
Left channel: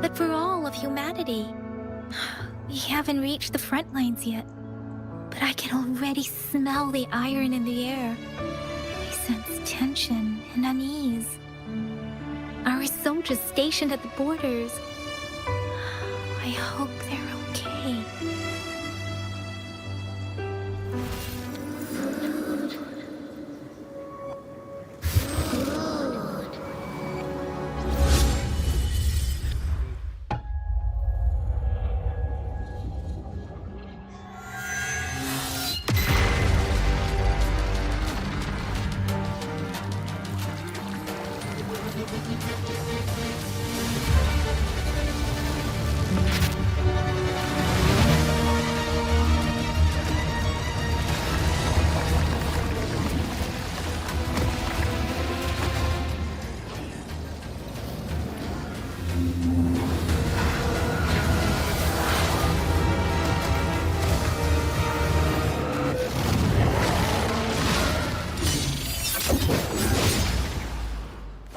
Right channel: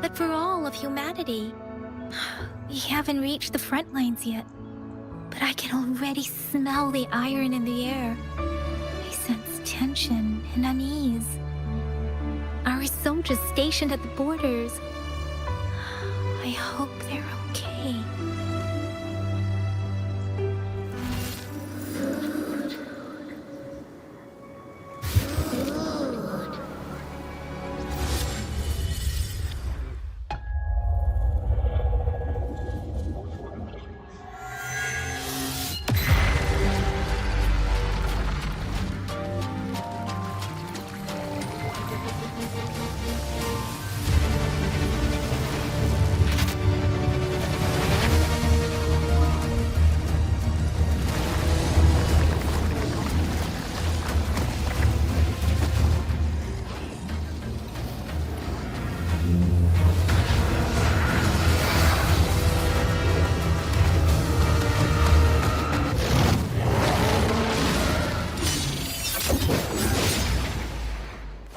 but for all of humanity. We haven't reached the front lines yet, but I can already smell the iron in the air. I sense tension and unease. Our soldiers stationed at the borders. I hope they're okay.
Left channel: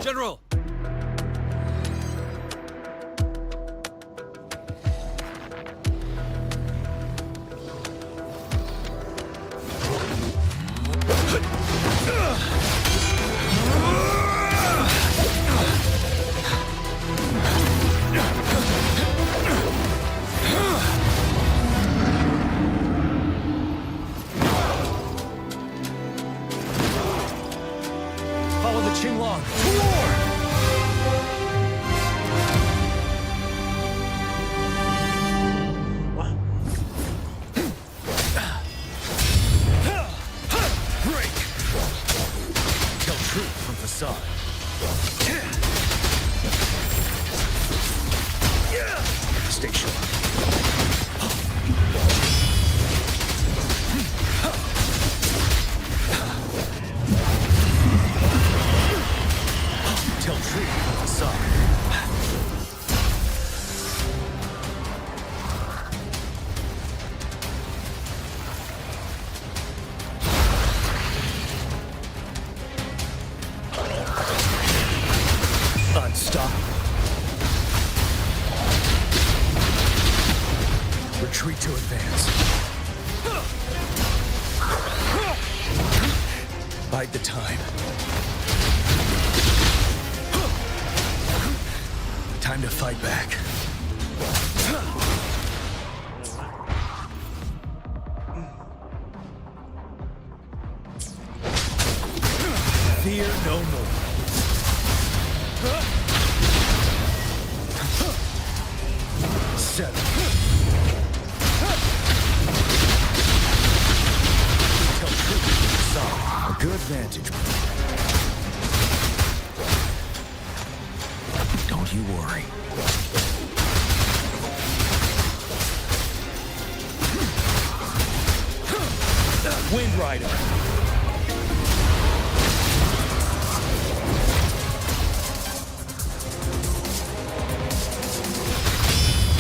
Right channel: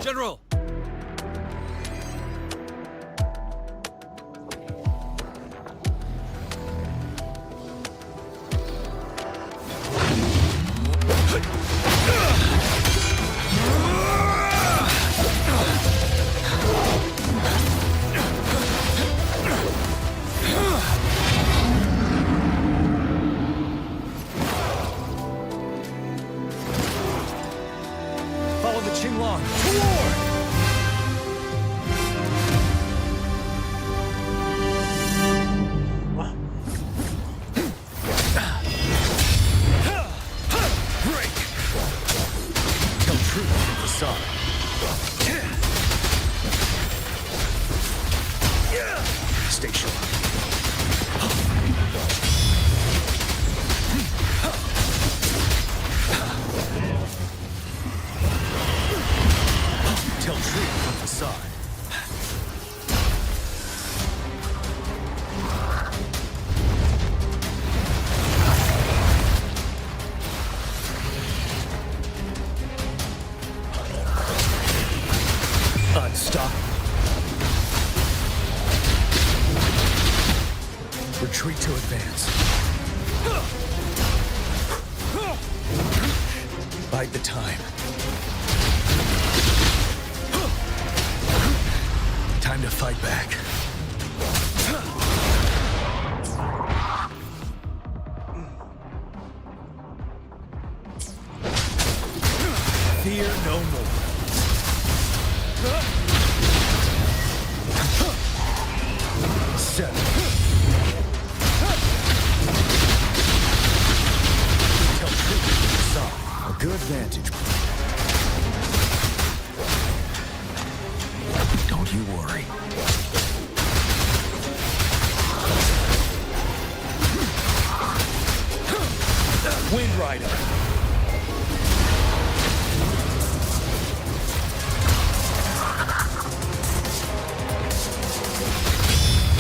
General! Follow the Qinglong to war! Break! Tell truth from facade. Stay sharp. Retreat to advance. Bide the time. Time to fight back. Fear no more. Seven. Tell truth. Solid. A good vantage. Don't you worry. Wind Rider.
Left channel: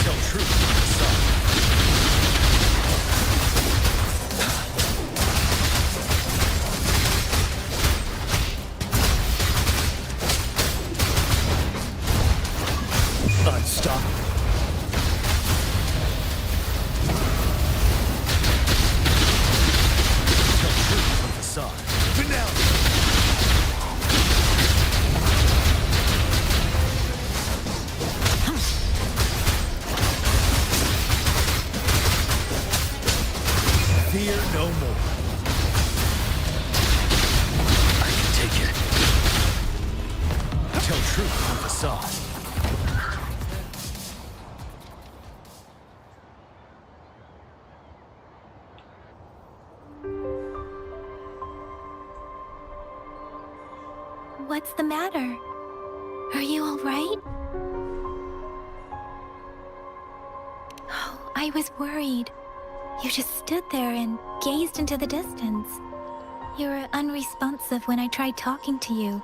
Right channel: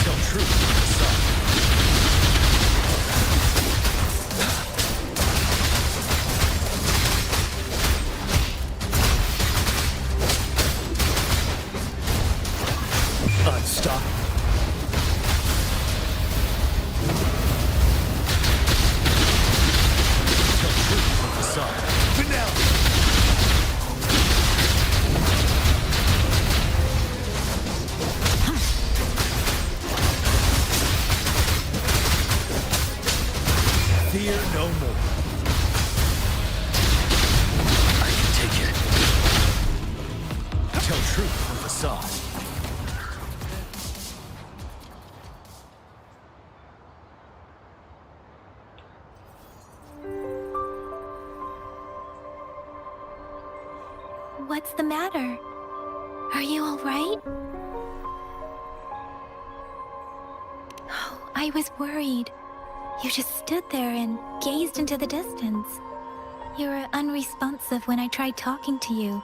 Tell truth. Solid. Unstoppable. Tell truth from facade. Finale. Fear no more. I can take it. Tell truth from facade. What's the matter? Are you all right? Oh, I was worried. You just stood there and gazed into the distance. You were unresponsive when I tried talking to you.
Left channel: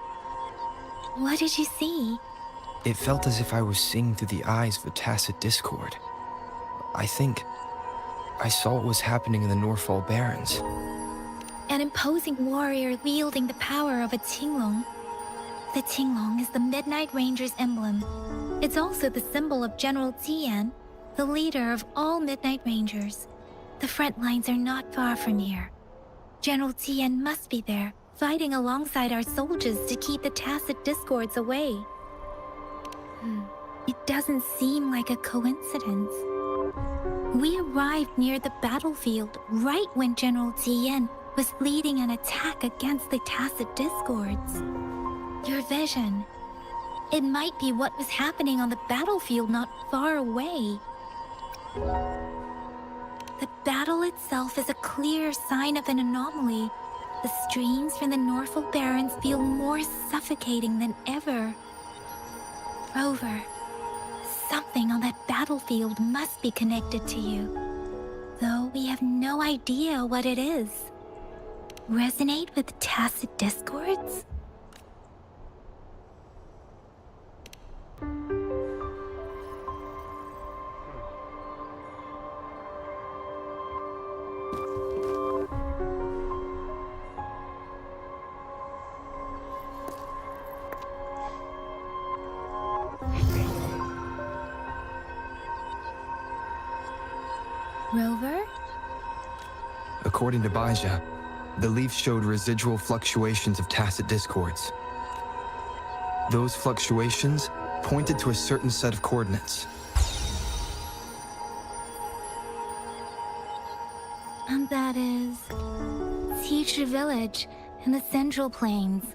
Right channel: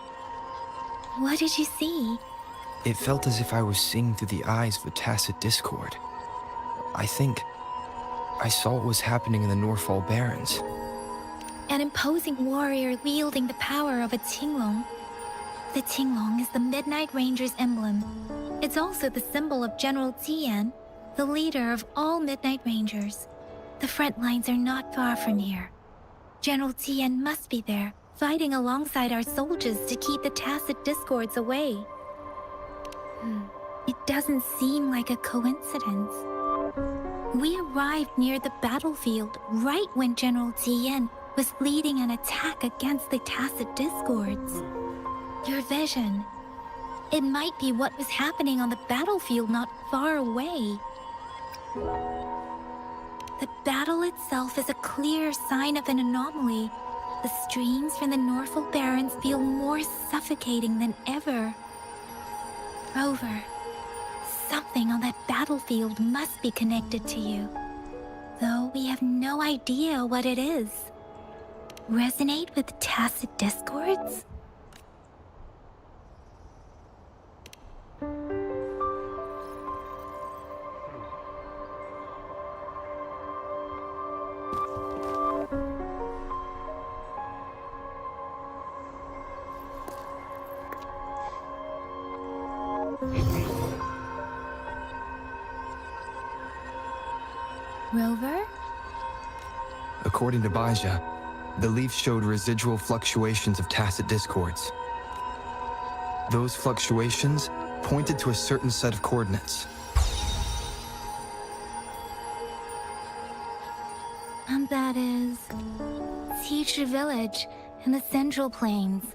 What did you see? It felt as if I was seeing through the eyes of a tacit discord. I think I saw what was happening in the Norfall Barrens. An imposing warrior wielding the power of a Tinglong. The Tinglong is the Midnight Ranger's emblem. It's also the symbol of General Tian, the leader of all Midnight Rangers. The front lines are not far from here. General Tian must be there, fighting alongside our soldiers to keep the tacit discords away. It doesn't seem like a coincidence. We arrived near the battlefield right when General Tian was leading an attack against the tacit discords. Your vision. It might be what was happening on the battlefield not far away. The battle itself is a clear sign of an anomaly. The streams from the Norfall Barrens feel more suffocating than ever. Rover, something on that battlefield must be connected to you, though we have no idea what it is. Resonate with tacit discords? Rover? According to Baija, the leaf showed residual fluctuations of tacit discords. Those fluctuations pointed to a certain set of coordinates. And that is... Teacher Village in the Central Plains.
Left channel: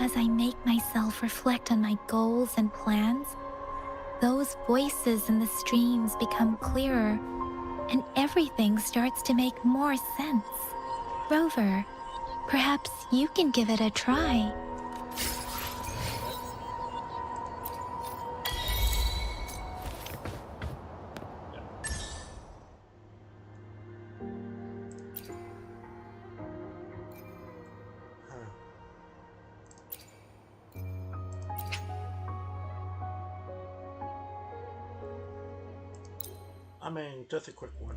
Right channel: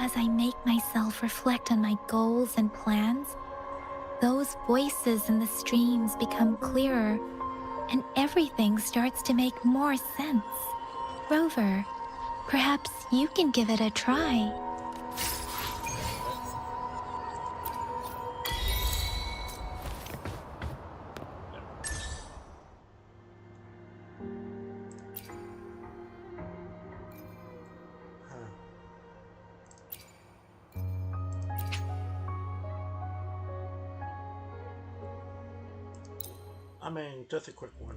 As I make myself reflect on my goals and plans, those voices in the streams become clearer, and everything starts to make more sense. Rover, perhaps you can give it a try. I mean, just a quick one.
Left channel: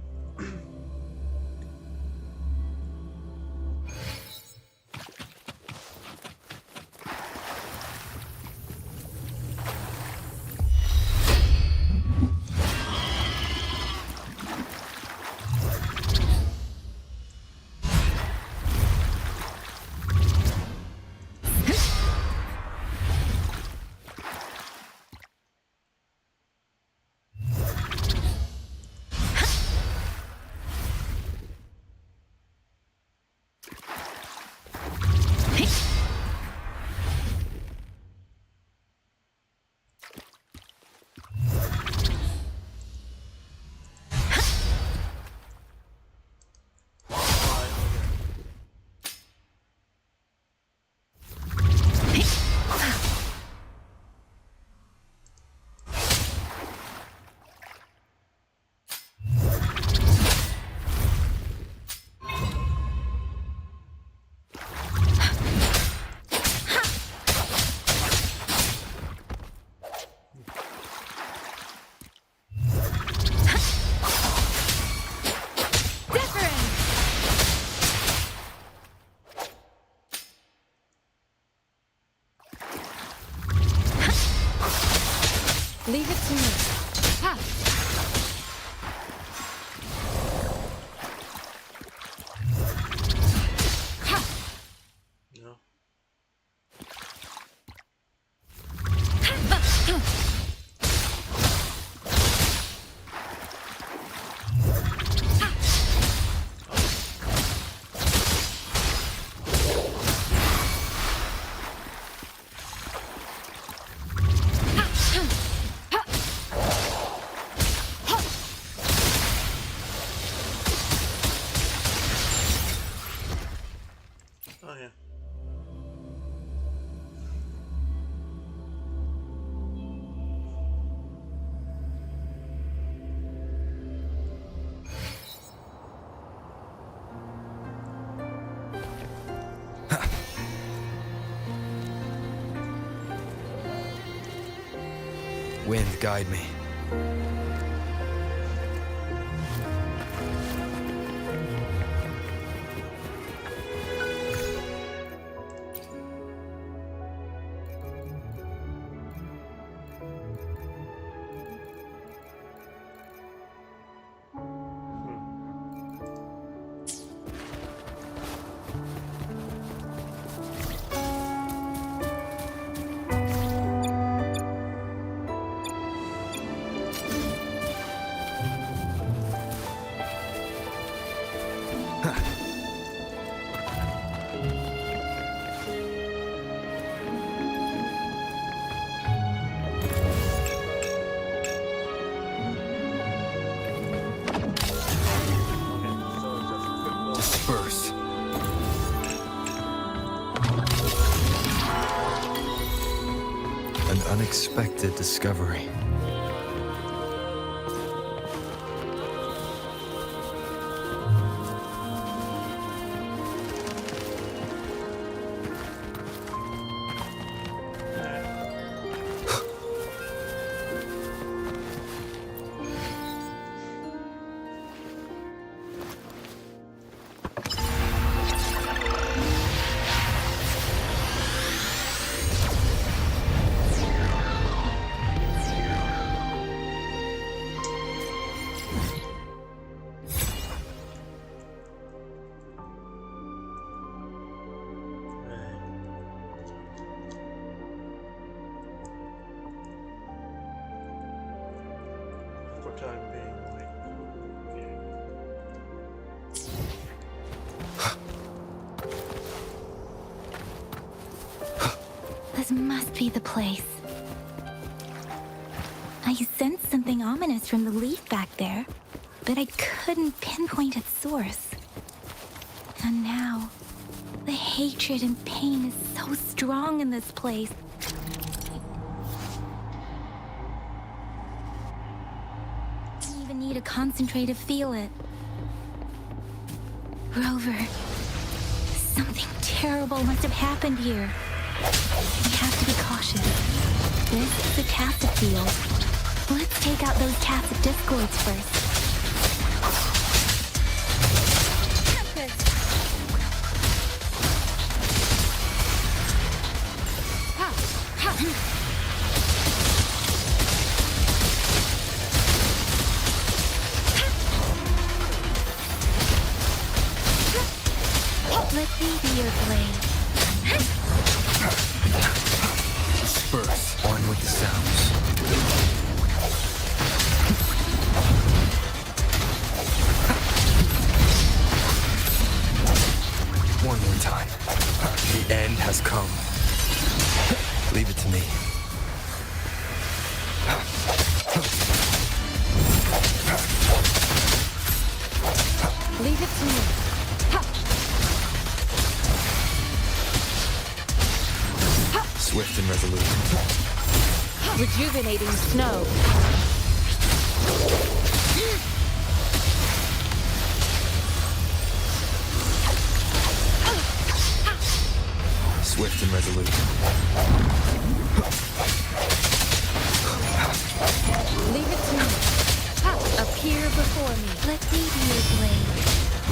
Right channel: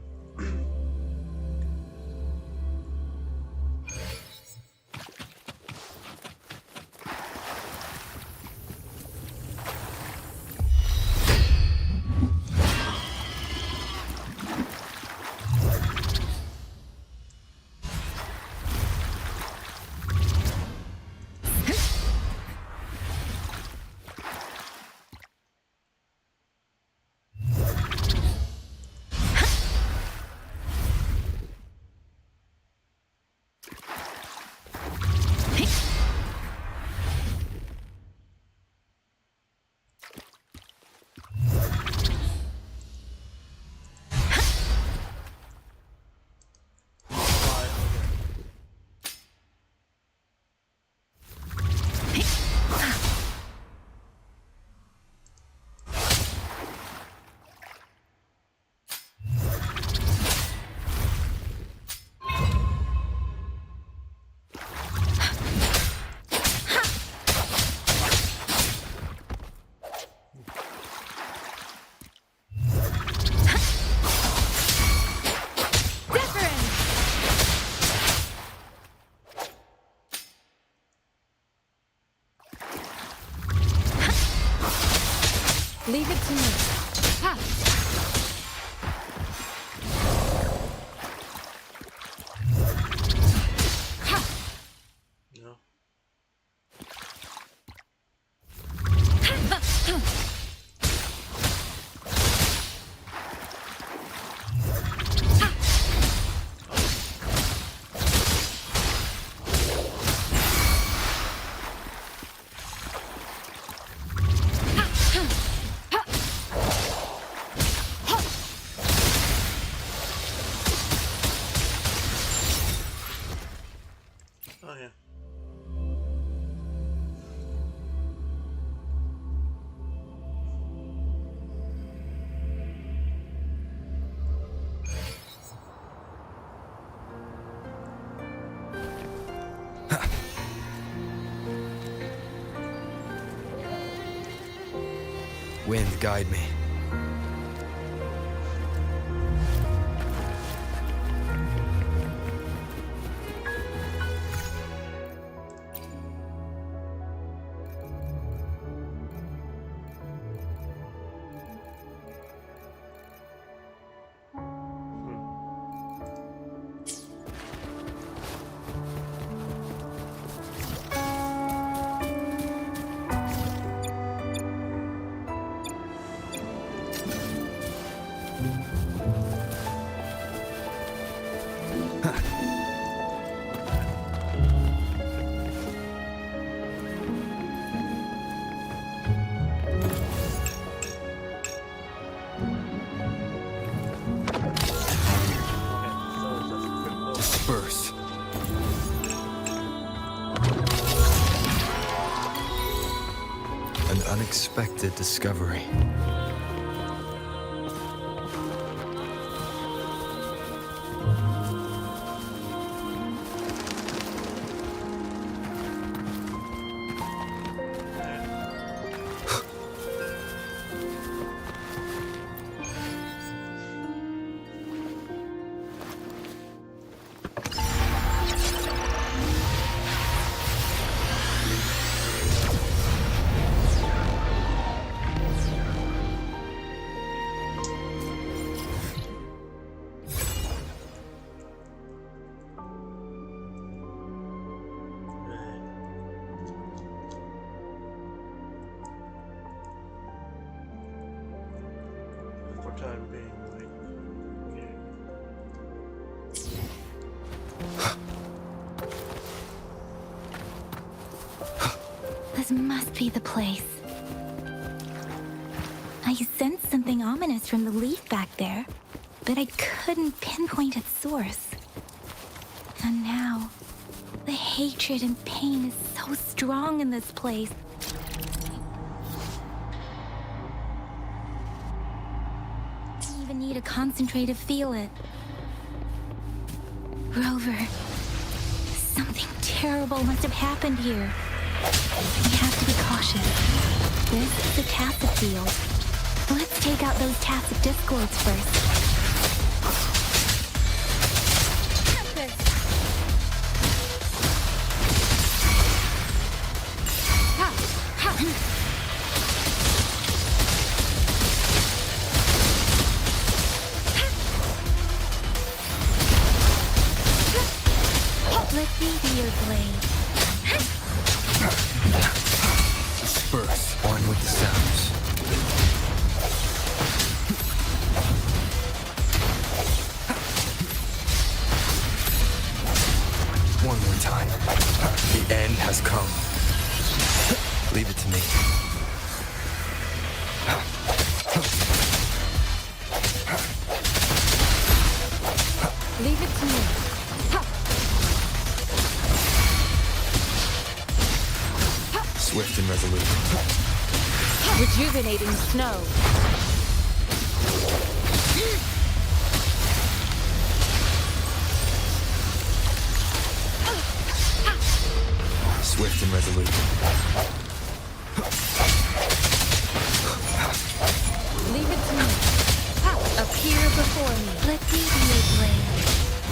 Leave it to me. Ha! No. Oh yeah. Wind, guide me. Disperse. An unexpected discovery. For time being, like, okay. This must be the place. I sensed something ominous from the leaf back there, but I couldn't pinpoint its source. And now, the hatred and pain is so strong in this place. I even need to concentrate to feel it. Rover, something terrible must have happened here. We have to be cautious. This is a tacit field. Let's take out those tacit discords first. your blade. Disperse. On with the sounds. One more time. The end has come. Leave it to me. Leave it to me. Swift and resolute. Rejuvenating snow. Swift and resolute. Leave it to me. Appear before me. Let me be your blade.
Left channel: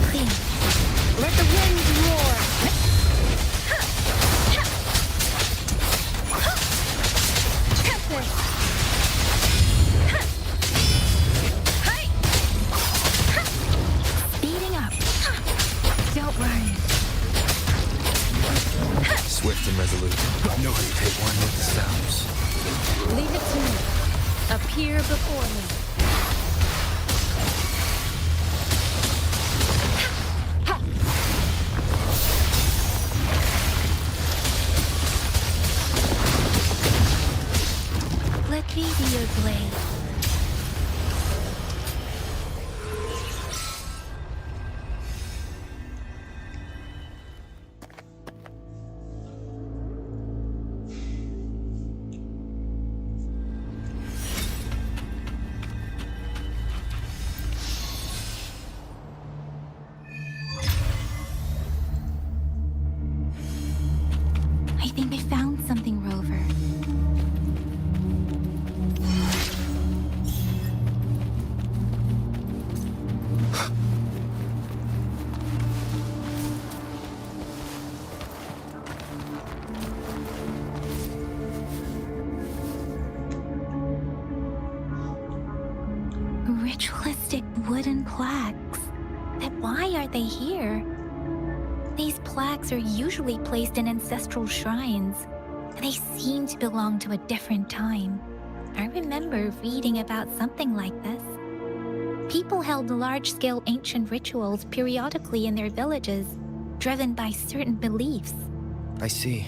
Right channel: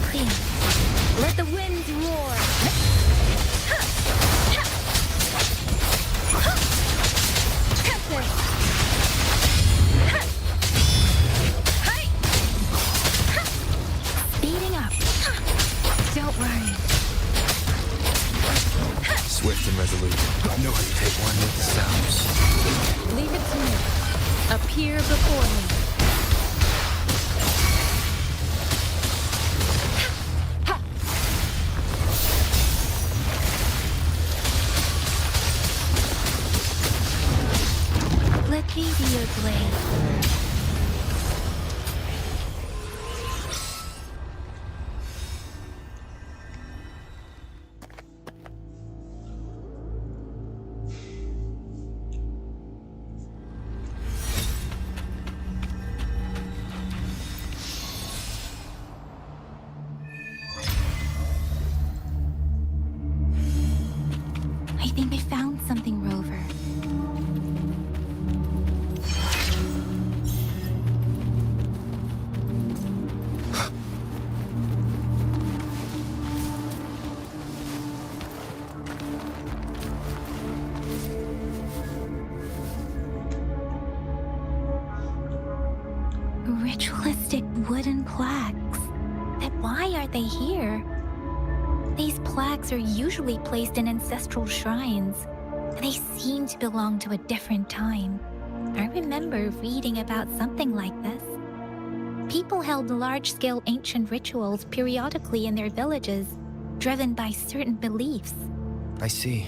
Clean. Let the wind roar. Tempest. Speeding up. Don't worry. Swift and resolute. No hesitate. One with the sounds. Leave it to me. Appear before me. Let me be your blade. I think I found something, Rover. Ritualistic wooden plaques. But why are they here? These plaques are usually placed in ancestral shrines. They seem to belong to a different time. I remember reading about something like this. People held large-scale ancient rituals periodically in their villages, driven by certain beliefs. I see.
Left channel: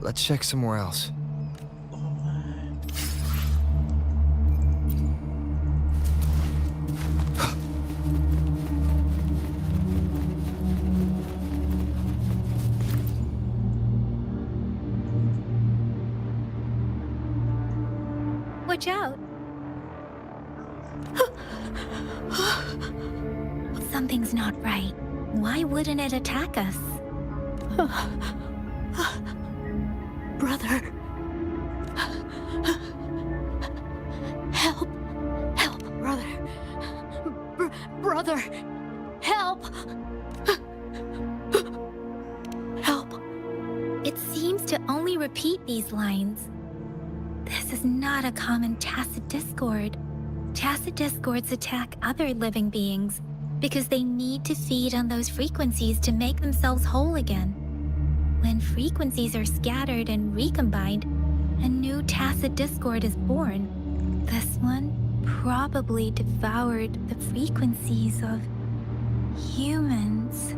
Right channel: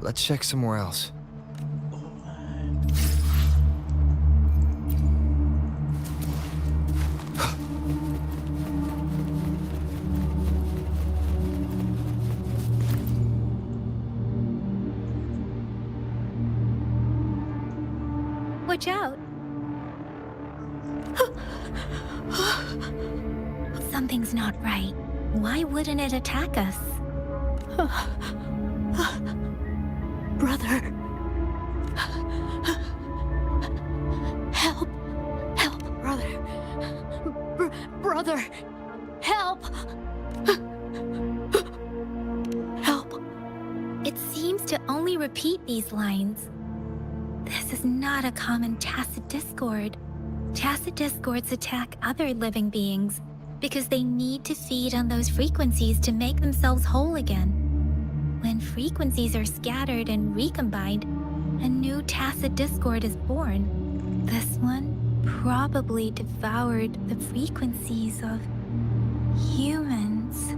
Let's check somewhere else. Watch out! Something's not right. Why wouldn't it attack us? Brother. Help. Help, brother. Brother. Help. Help. It seems to only repeat these lines. This is not a common tacit discord. Tacit discords attack other living beings because they need to feed on those frequencies to make themselves whole again. When frequencies are scattered and recombined, a new tacit discord is born. This one probably devoured the frequencies of humans,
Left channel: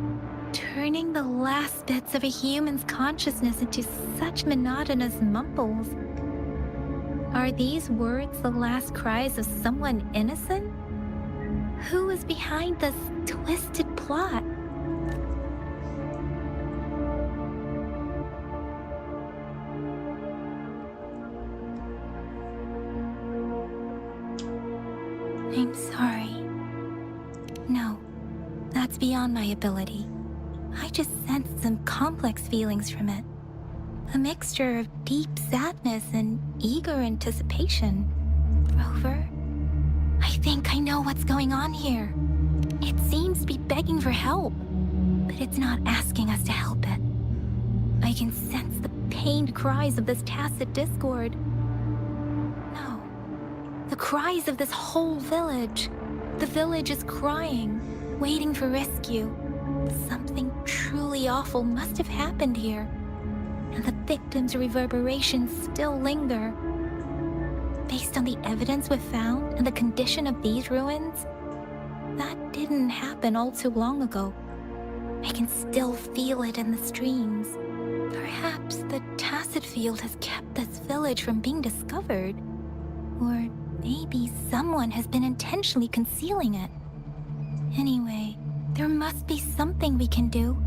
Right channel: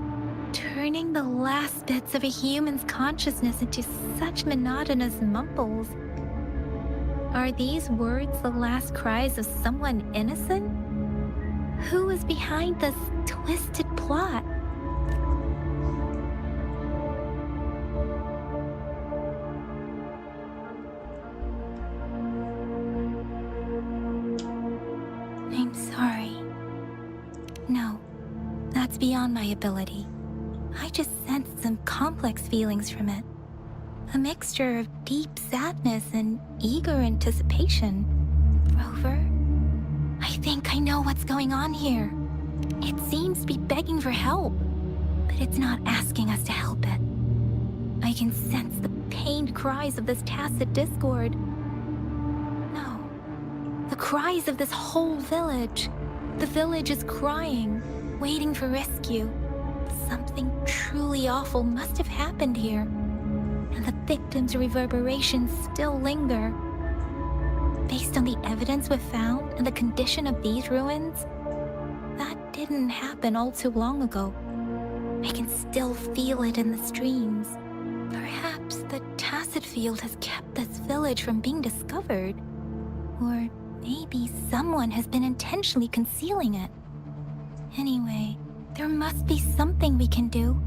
turning the last bits of a human's consciousness into such monotonous mumbles. Are these words the last cries of someone innocent? Who is behind this twisted plot? I'm sorry. No, that's beyond my ability. I just sensed some complex feelings from it. A mixture of deep sadness and eager anticipation. Rover, I think I know what's going on here. It seems to be begging for help, but it's not asking us to help it. I can sense the pained cries of this tacit discord. No, the cries of this whole village. The village is crying, waiting for rescue. Something truly awful must have happened here, and the victims' reverberations still linger. Based on the evidence we've found and the condition of these ruins, that didn't happen all too long ago. I can still feel it in the streams. Perhaps the tacit field has kept this village from being discovered. Or maybe someone has been intentionally concealing it. Anyway, there must be something we can do.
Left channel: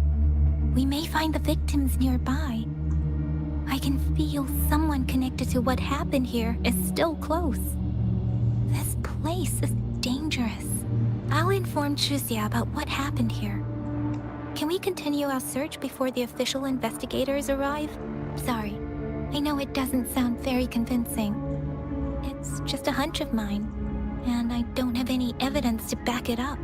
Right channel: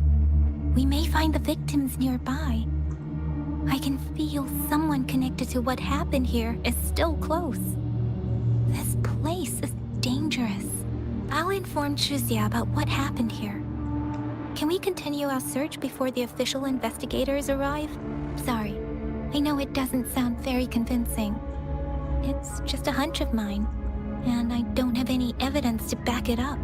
We may find the victims nearby. I can feel someone connected to what happened here is still close. This place is dangerous. I'll inform Chuzia about what happened here. Can we continue our search before the official investigators arrive? Sorry, I know it doesn't sound very convincing. It's just a hunch of mine, and I don't have any evidence to back it up.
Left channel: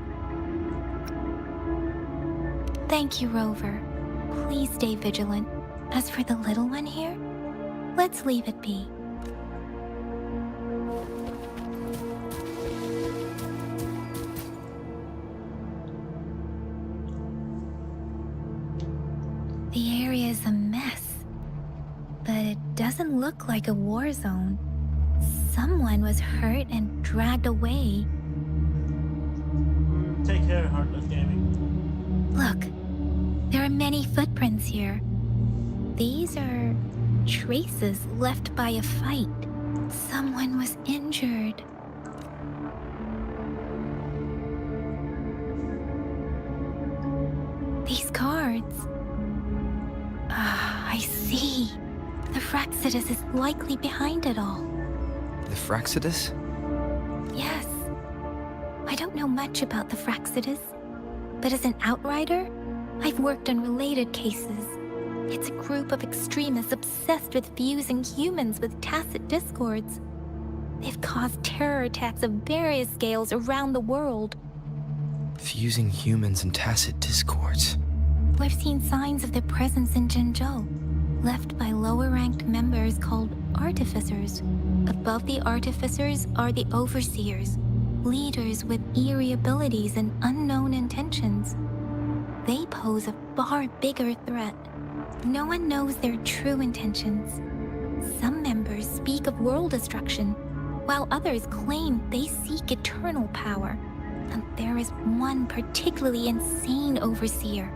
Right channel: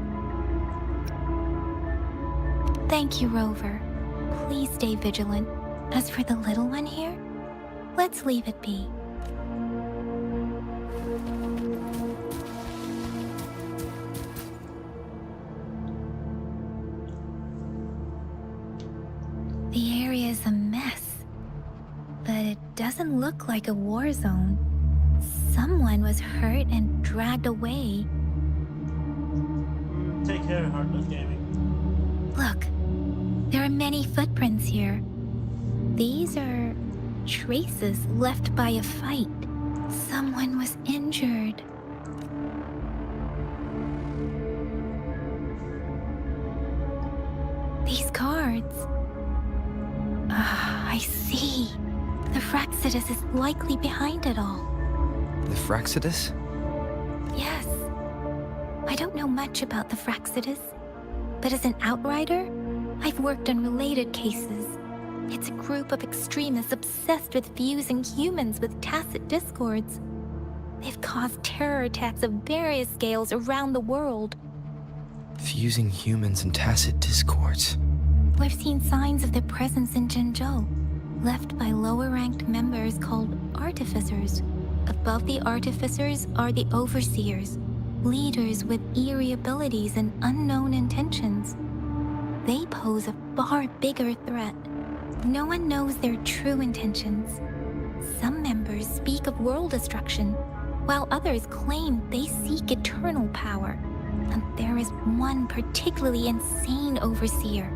Thank you, Rover. Please stay vigilant. As for the little one here, let's leave it be. The area is a mess, but it doesn't look like a war zone. Someone was hurt and dragged away. Take care, Heartless Gaming. Look, there are many footprints here. These are traces left by a fight. Someone was injured. These cards. I see. The Fraxidus is likely behind it all. The Fraxidus? Yes. I don't know much about the Fraxidus, but as an outrider, I've worked on related cases. It's a group of extremists obsessed with fusing humans with tacit discords. They've caused terror attacks of various scales around the world. Fusing humans and tacit discords. We've seen signs of their presence in Jinzhou, left by lower-ranked members called Artificers. Above the Artificers are the Overseers, leaders with eerie abilities and unknown intentions. They pose a far bigger threat. No one knows their true intentions. Some members speak of world destruction, while others claim they seek eternal power. And there is one particularly insane Overseer.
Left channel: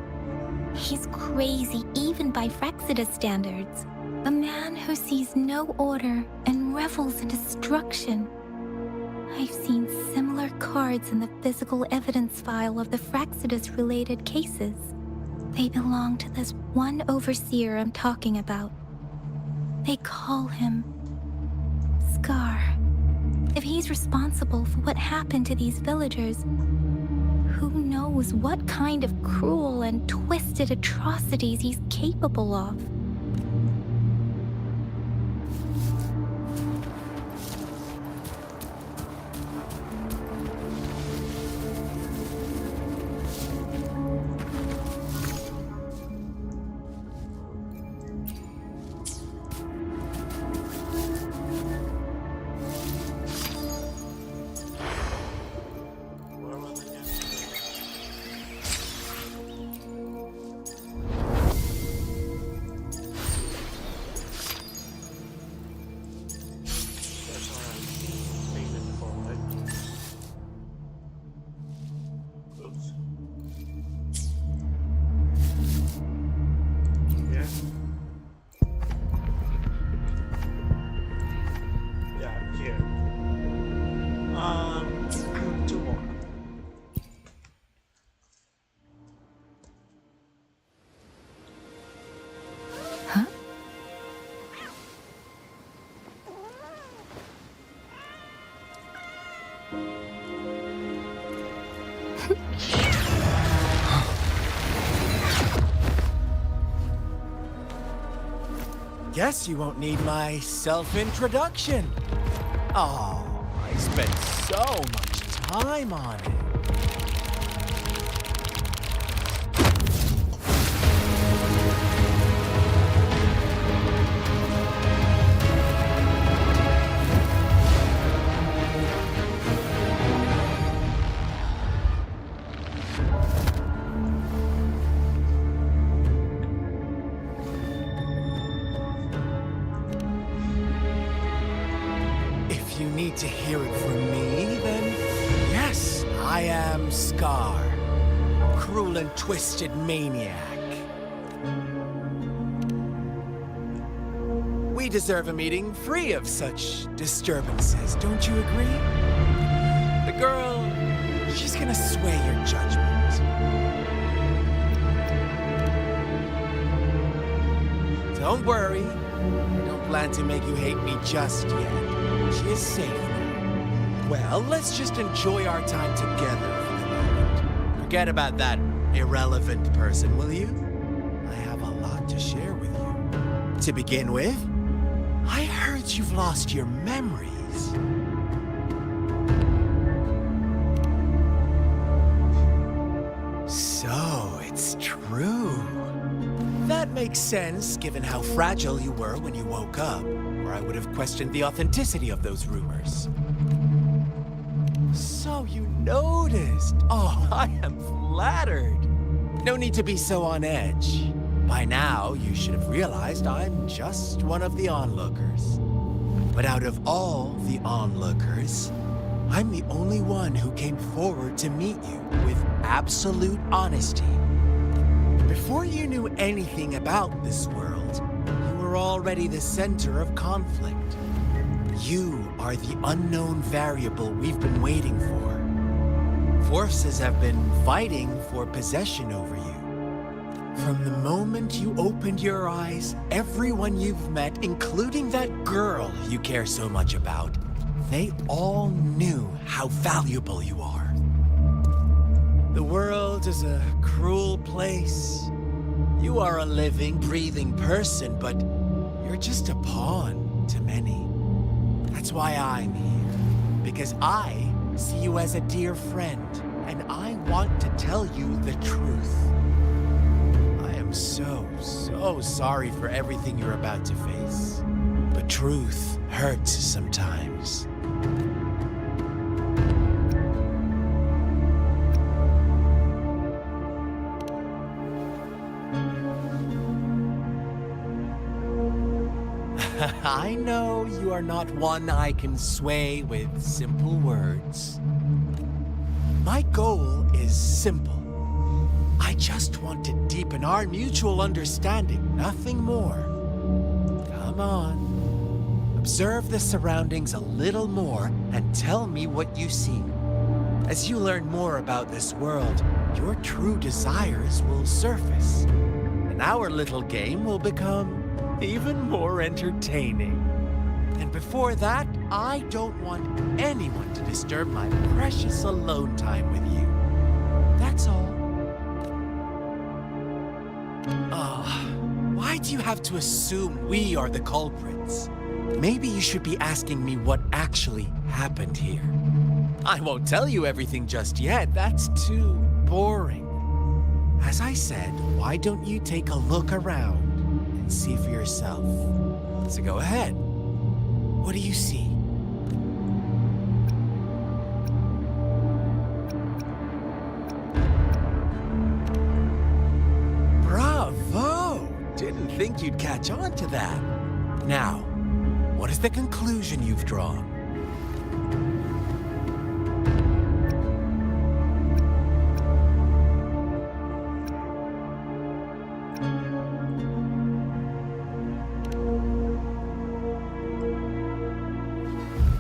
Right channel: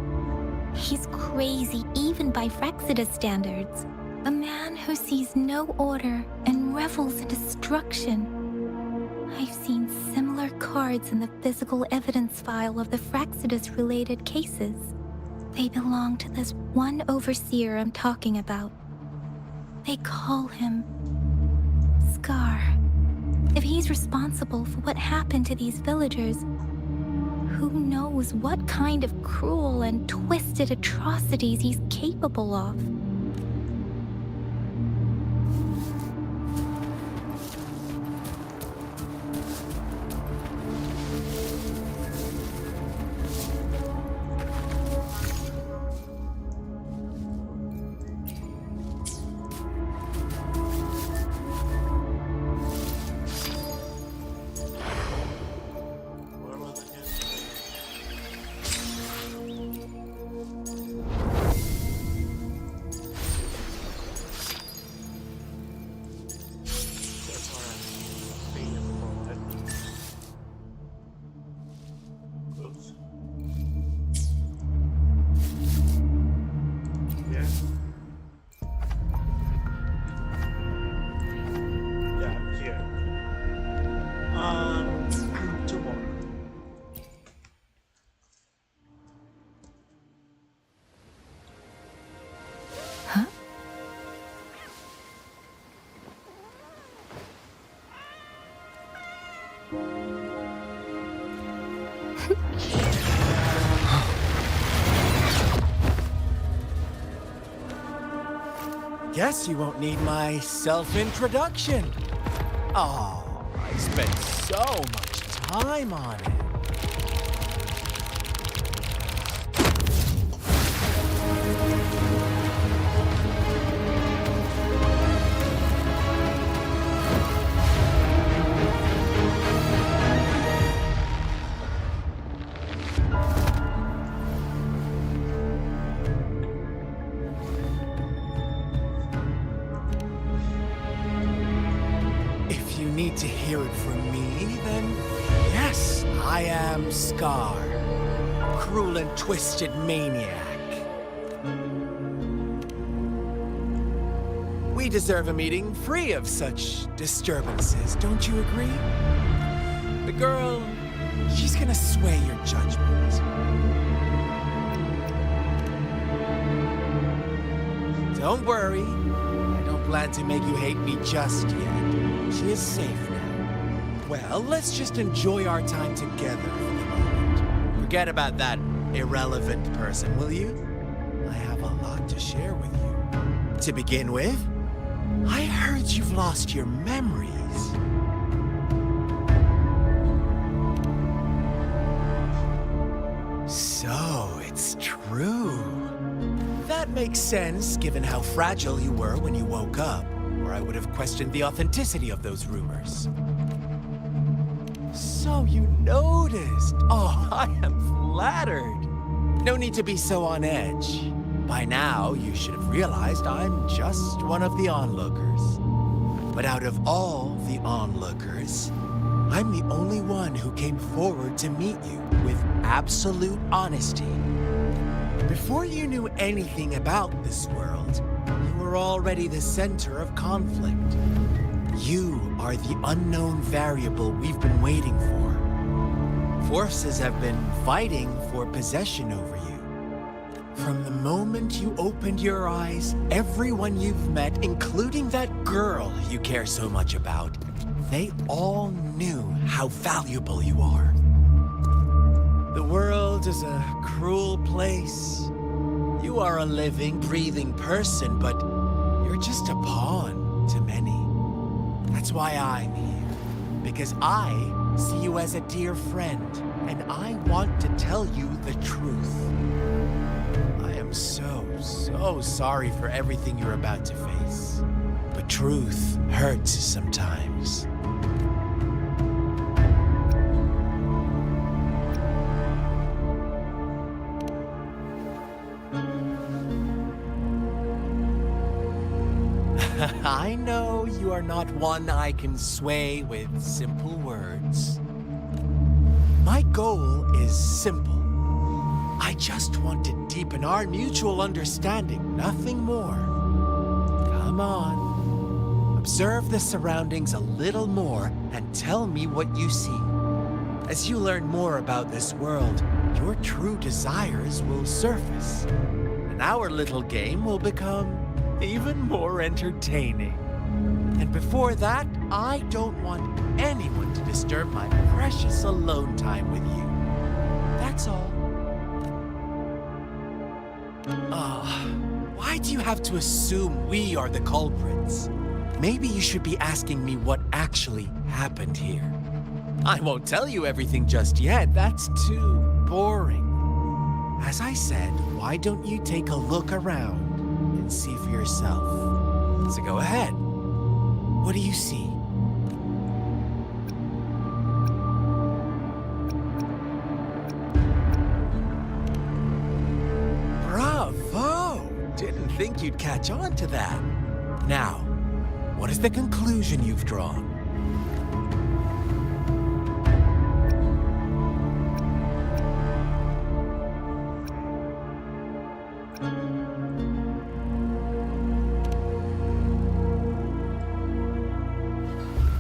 He's crazy even by Fraxidus standards. A man who sees no order and revels in destruction. I've seen similar cards in the physical evidence file of the Fraxidus-related cases. They belong to this one Overseer I'm talking about. They call him Scar. If he's responsible for what happened to these villagers, who knows what kind of cruel and twisted atrocities he's capable of. Two more. Huh? Guess you won't need my self-introduction. Oh, I spent so much time on it. to hear it from me, then yes, I am Scar. Cruel and twisted maniac. We deserve a meeting free of such disturbances, don't you agree? The girl, she's gonna sway your judgment. Don't worry, I don't plan to make you hate me just yet. She is safe now. Well, let's just enjoy our time together for the moment. Forget about that irrelevant person, will you? I have a lot to share with you. To begin with, I heard you've lost your memories. So, it's true. That makes sense, given how fragile you were when you woke up, or I would have questioned the authenticity of those rumors. So you noticed. Oh, I am flattered. No need to be so on edge. By now, you should have realized I'm just one of the onlookers. But out of all the onlookers, I'm the only one who came forward to meet you with absolute honesty. Before you knew anything about this world, you were already the center of conflict. You are the unknown variable we've been waiting for. Forces have been fighting for possession over you. From the moment you opened your eyes, everyone you've met, including that girl you care so much about, they all knew how valuable you are. The world is a cruel place. You are a living, breathing person, but you're just a pawn to many. That's why I'm here. Because I see you as a dear friend, and I want to tell you the truth. I am so sorry for everything you're about to face. But truth hurts sometimes. I know you are not one I can sway with simple words. My goal is simple. I just want to deepen our mutual understanding, nothing more. Come on. Observe the surroundings a little more and tell me what you see. As you learn more about this world, your true desires will surface. And our little game will become even more entertaining. And before that, I don't want anyone to disturb my precious alone time with you. That's all. Why do you have to assume we are the culprits? Maybe you should be asking me what actually happened here. I won't tell you everything just yet. That's too boring. As I said, why don't you take a look around and see for yourself? So go ahead. What do you see? Bravo! Didn't think you'd catch on to that. Now, what is the conclusion you've drawn?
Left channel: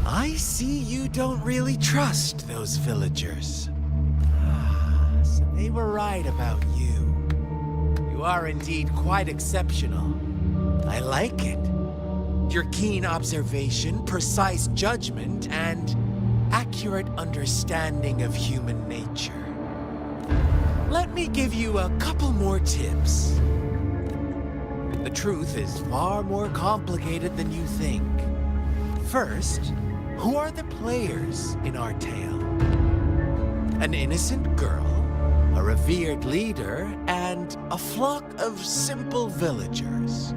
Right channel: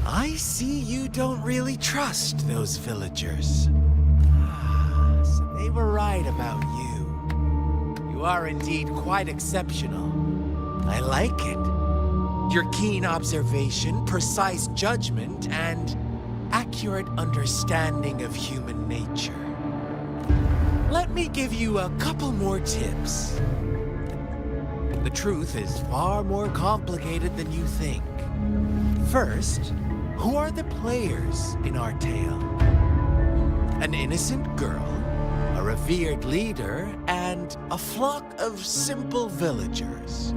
I see you don't really trust those villagers. So they were right about you. You are indeed quite exceptional. I like it. Your keen observation, precise judgment, and accurate understanding of human nature. Let me give you a couple more tips. The truth is far more complicated than you think. First, who are the players in our tale? An innocent girl, a revered leader, and a flock of simple villagers.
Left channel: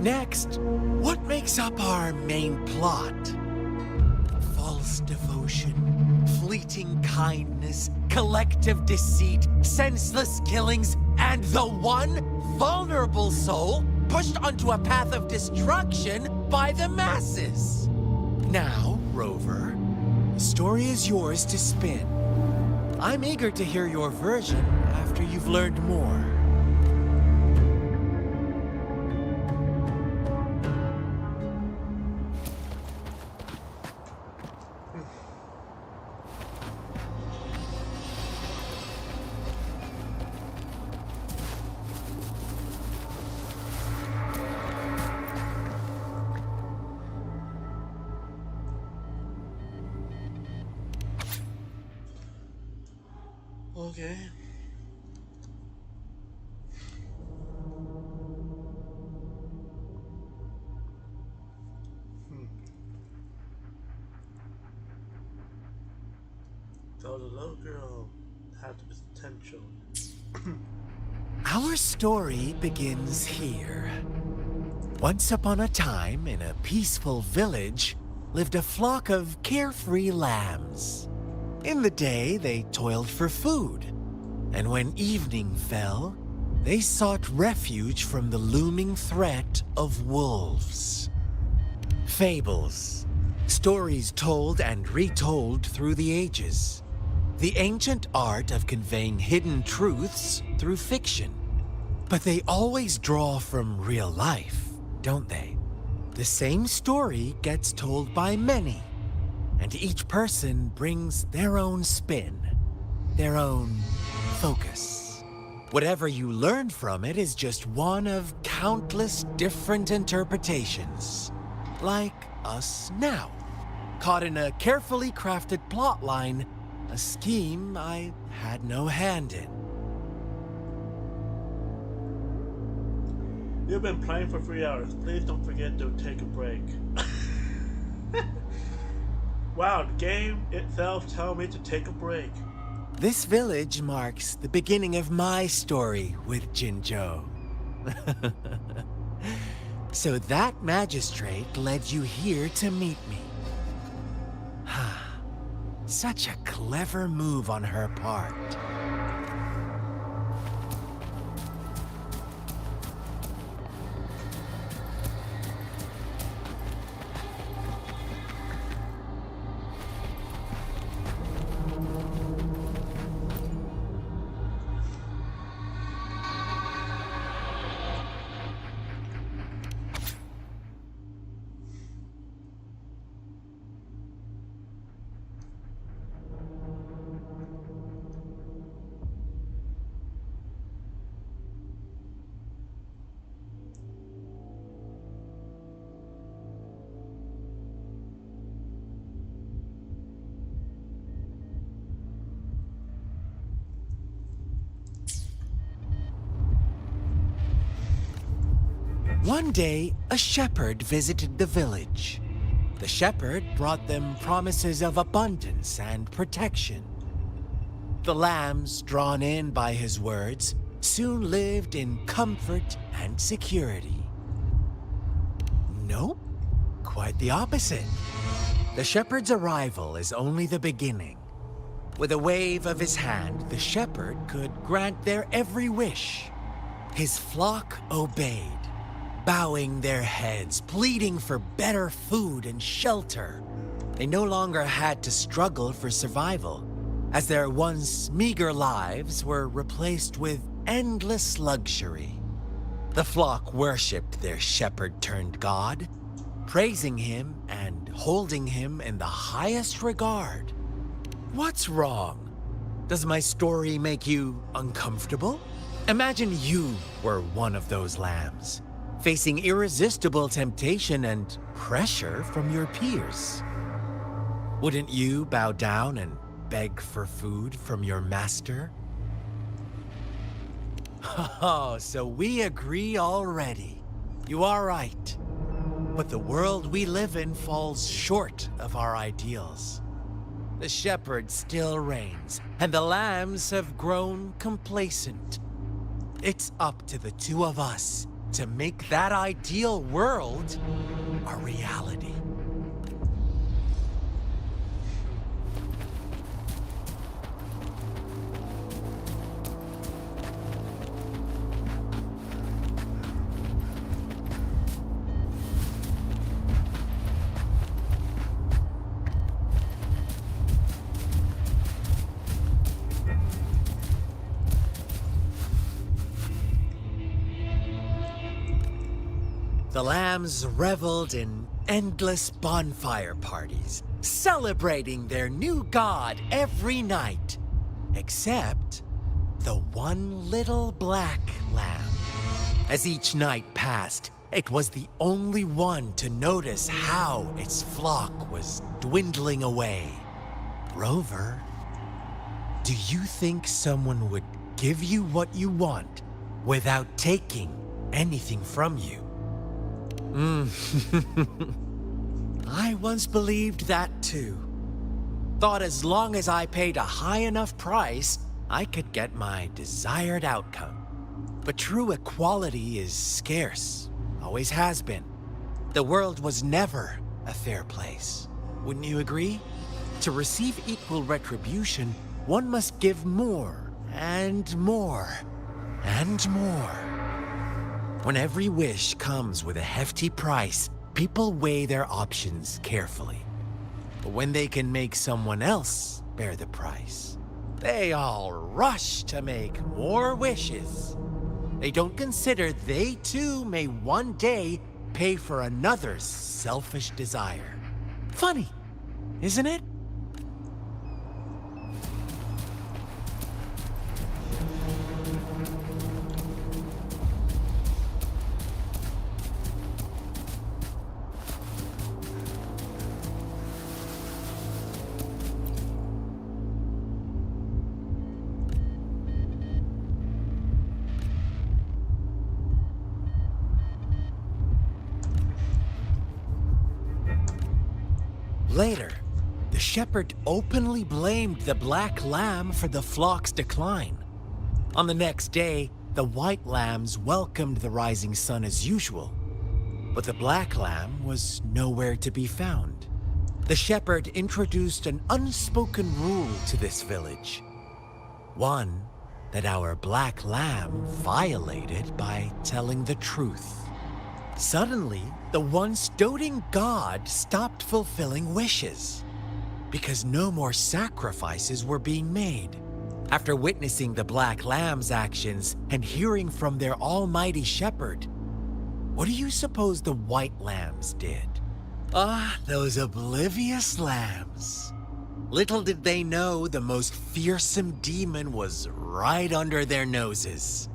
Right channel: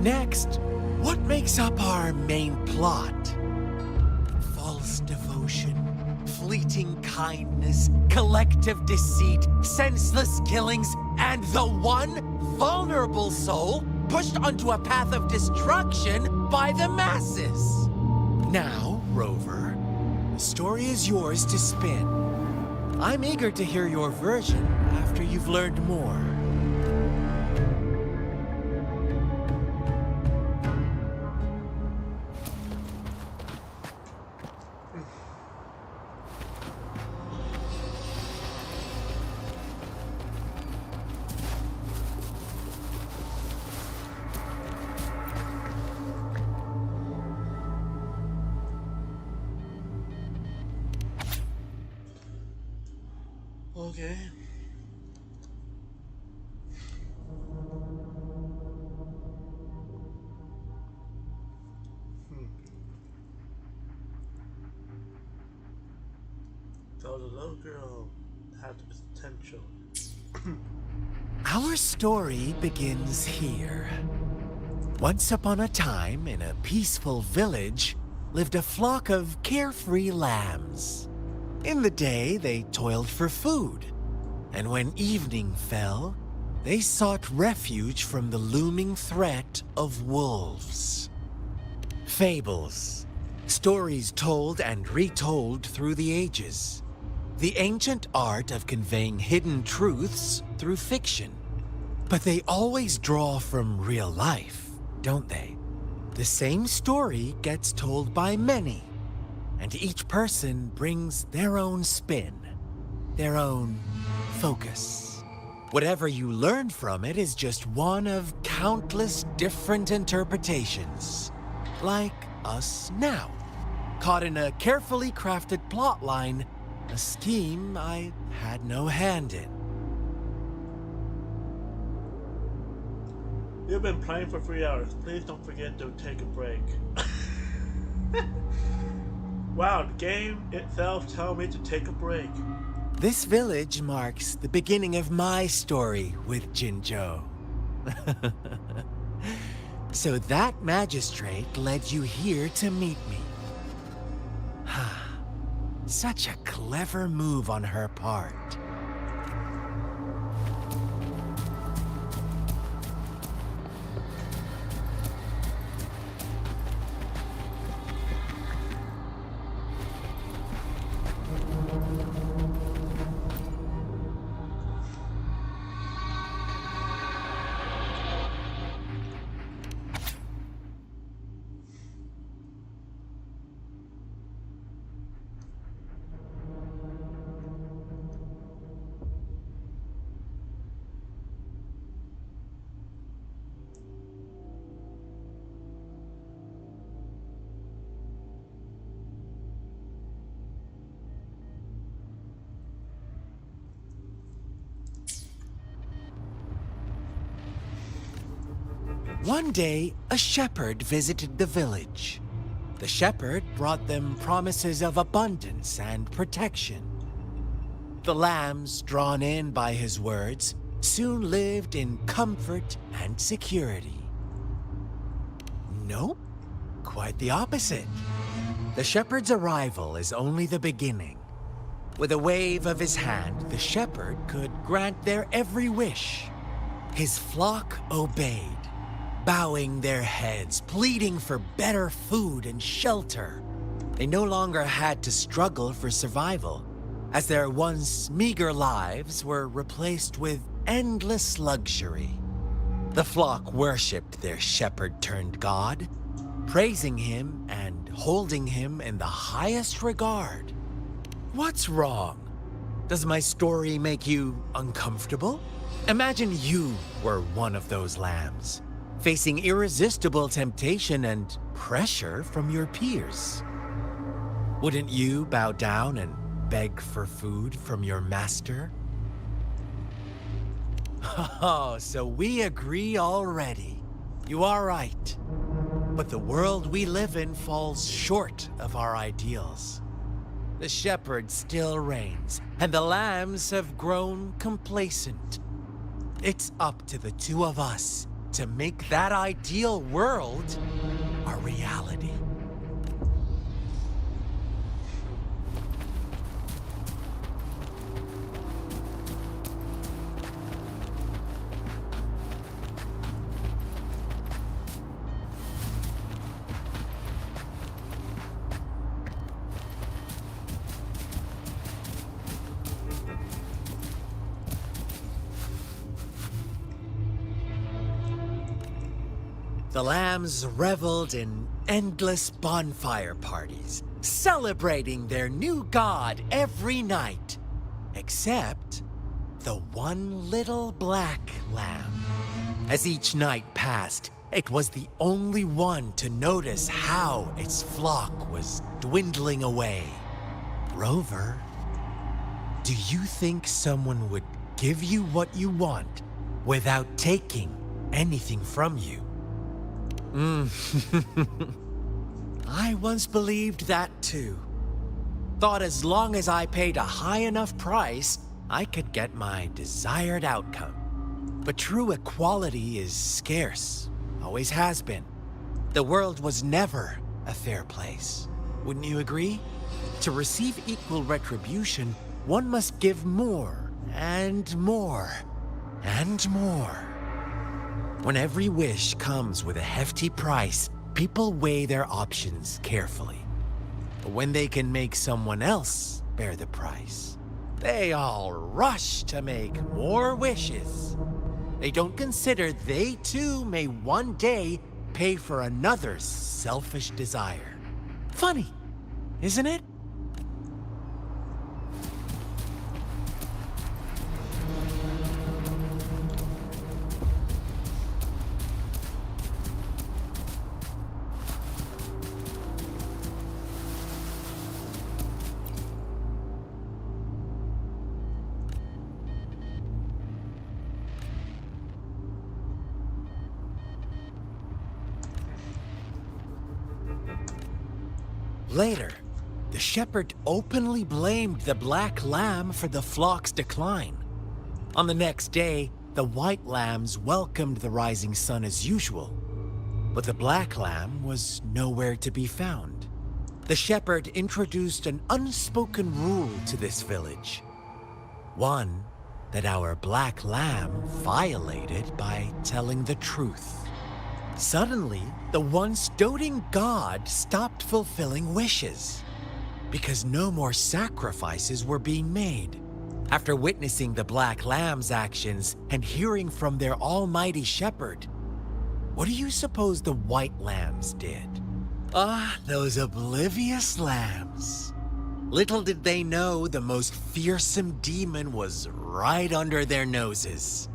Next, what makes up our main plot? False devotion, fleeting kindness, collective deceit, senseless killings, and the one vulnerable soul pushed onto a path of destruction by the masses. Now, Rover, the story is yours to spin. I'm eager to hear your version after you've learned more. Okay. So the little girl had the potential. Our story begins here. Once upon a time, in a peaceful village, lived a flock of carefree lambs. In the day, they toiled for food, and when evening fell, they sought refuge from the looming threat of wolves. Fables, stories told and retold through the ages. The ancient art of conveying hidden truths through fiction. But they always draw from real life, don't they? The same story gets told by many, and each person brings their own spin, their own focus. Whatever you learn from it is just one of countless different interpretations. Like us now, caught in a carefully crafted plotline, a scheme I had no hand in. You've been playing for 3 hours. Please don't forget to take a break. Wow, the game itself tells me to take a break. This village marks the beginning of my story with Jinzhou. So that magistrate led you here to meet me. Such a clever move on her part. One day, a shepherd visited the village. The shepherd brought them promises of abundance and protection. The lambs, drawn in by his words, soon lived in comfort and security. Nope, quite the opposite. The shepherd's arrival is only the beginning. With a wave of his hand, the shepherd could grant their every wish. His flock obeyed, bowing their heads, pleading for better food and shelter. They no longer had to struggle for survival, as their once meager lives were replaced with endless luxury. The flock worshipped their shepherd-turned-god, praising him and holding him in the highest regard. What's wrong? Does my story make you uncomfortable? Imagine you were one of those lambs, facing irresistible temptation and pressure from your peers. Wouldn't you bow down and beg for food from your master? Oh, so we agree already. You are right. But the world we live in falls short of our ideals. The shepherd still reigns, and the lambs have grown complacent. It's up to the two of us to make that ideal world a reality. The lambs reveled in endless bonfire parties, celebrating their new god every night. Except the one little black lamb. As each night passed, it was the only one to notice how its flock was dwindling away. Rover, do you think someone would give you what you want without taking anything from you? I once believed that too. Thought as long as I paid a high enough price, I could get my desired outcome. But true equality is scarce, always has been. The world was never a fair place. Wouldn't you agree? To receive equal retribution, one must give more, and more, and more. When every wish comes with a hefty price, people weigh their options carefully. But when they can make someone else bear the price, they all rush to make more wishes. They don't consider they too may one day pay for another's selfish desire. Funny, isn't it? Later, the shepherd openly blamed the black lamb for the flock's decline. On the next day, the white lambs welcomed the rising sun as usual, but the black lamb was nowhere to be found. The shepherd introduced an unspoken rule to this village. One that our black lamb violated by telling the truth. Suddenly, the once doting god stopped fulfilling wishes because no more sacrifices were being made. After witnessing the black lamb's actions and hearing from their almighty shepherd, what do you suppose the white lambs did? Those oblivious lambs. Little did they know the most fearsome demon was right under their noses.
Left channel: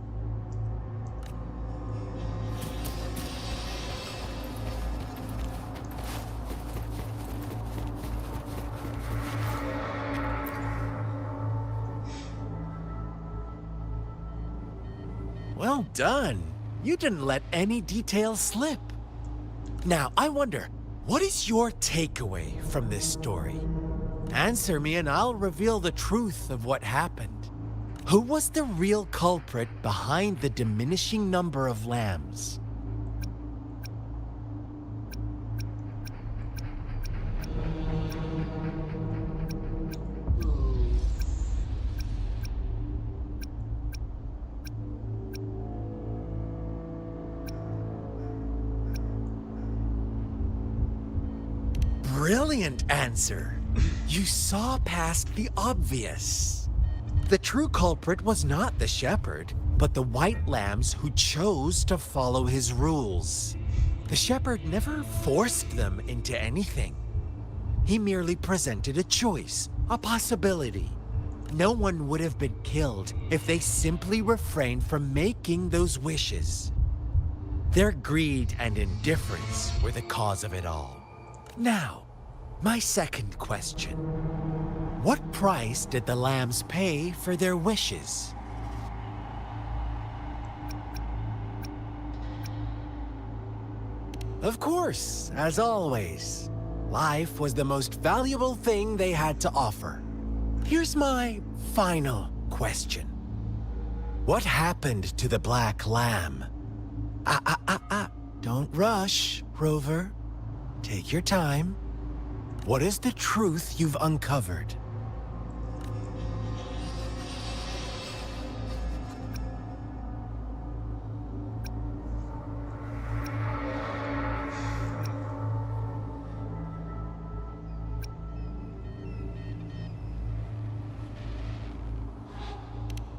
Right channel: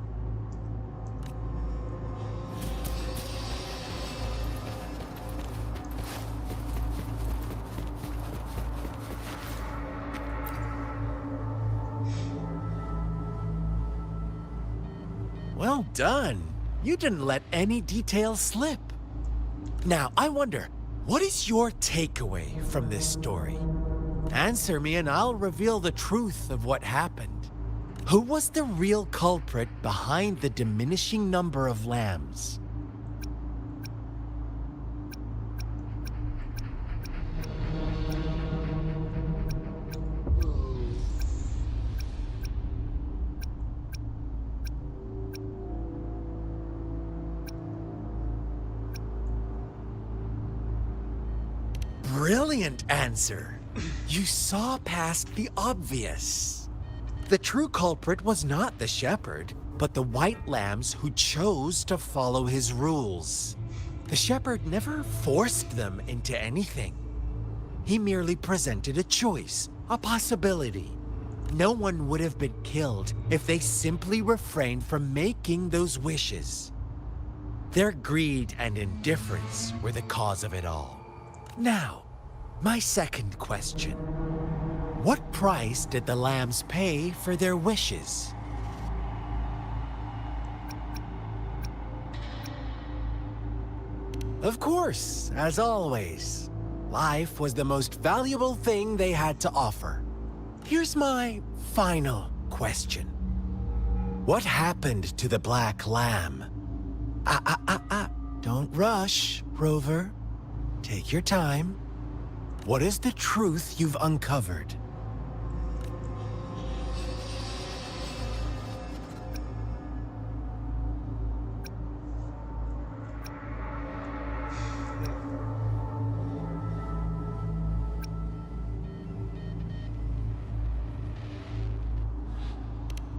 Well done. You didn't let any details slip. Now, I wonder, what is your takeaway from this story? Answer me and I'll reveal the truth of what happened. Who was the real culprit behind the diminishing number of lambs? Brilliant answer. You saw past the obvious. The true culprit was not the shepherd, but the white lambs who chose to follow his rules. The shepherd never forced them into anything. He merely presented a choice, a possibility. No one would have been killed if they simply refrained from making those wishes. Their greed and indifference were the cause of it all. Now, my second question. What price did the lambs pay for their wishes? Of course, as always. Life was the most valuable thing they had to offer. Here's my final question. What happened to the black lamb? Don't rush, Rover. Take your time. What is the truth you've uncovered?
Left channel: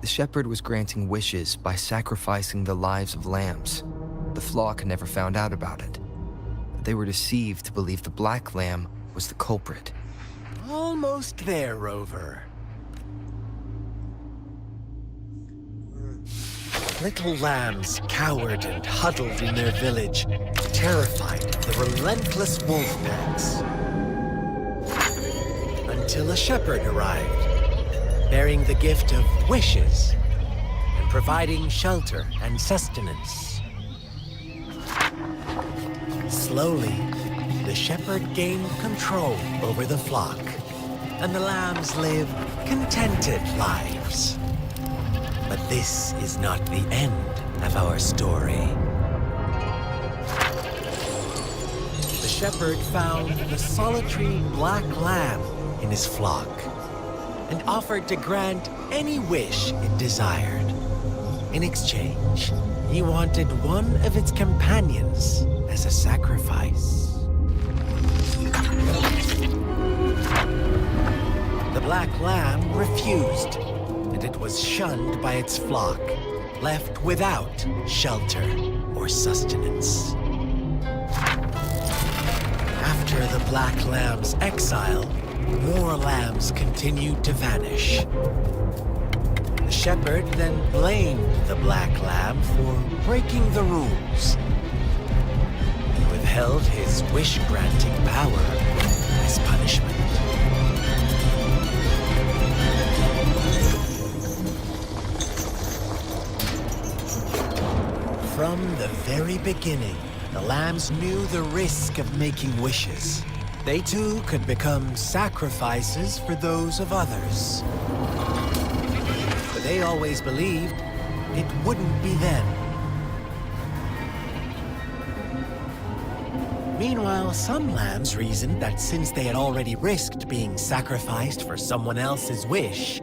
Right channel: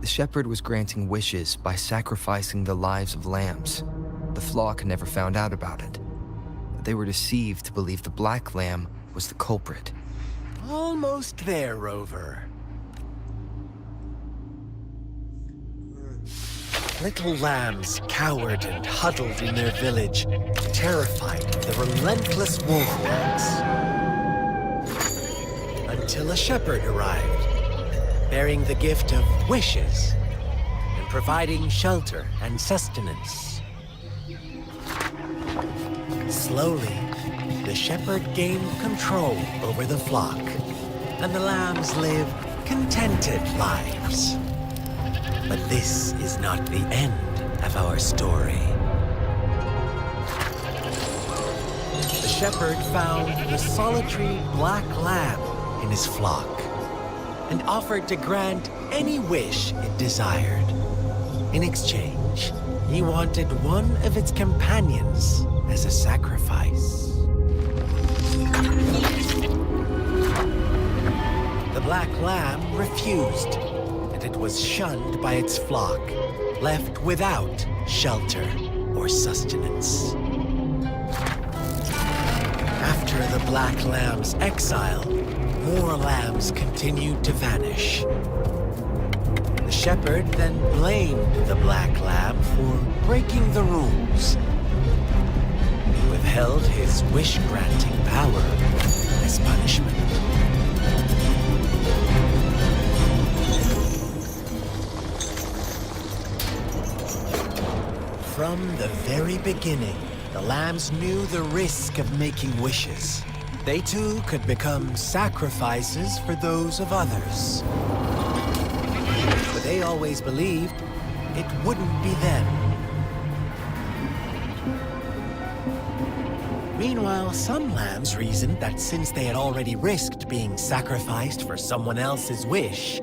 The shepherd was granting wishes by sacrificing the lives of lambs. the flock never found out about it. They were deceived to believe the Black Lamb was the culprit. Almost there, Rover. Little lambs cowered and huddled in their village, terrified of the relentless wolf packs. Until a shepherd arrived, bearing the gift of wishes and providing shelter and sustenance. Slowly, the shepherd gained control over the flock, and the lambs lived contented lives. But this is not the end of our story. The shepherd found the solitary black lamb in his flock and offered to grant any wish it desired. In exchange, he wanted one of its companions as a sacrifice. The black lamb refused, and it was shunned by its flock, left without shelter or sustenance. After the black lamb's exile, more lambs continued to vanish. The shepherd then blamed the black lamb for breaking the rules and withheld his wish-granting power as punishment. From the very beginning, the lambs knew the risk of making wishes. They too could become sacrifices for those of others. But they always believed it wouldn't be them. Meanwhile, some lambs reasoned that since they had already risked being sacrificed for someone else's wish,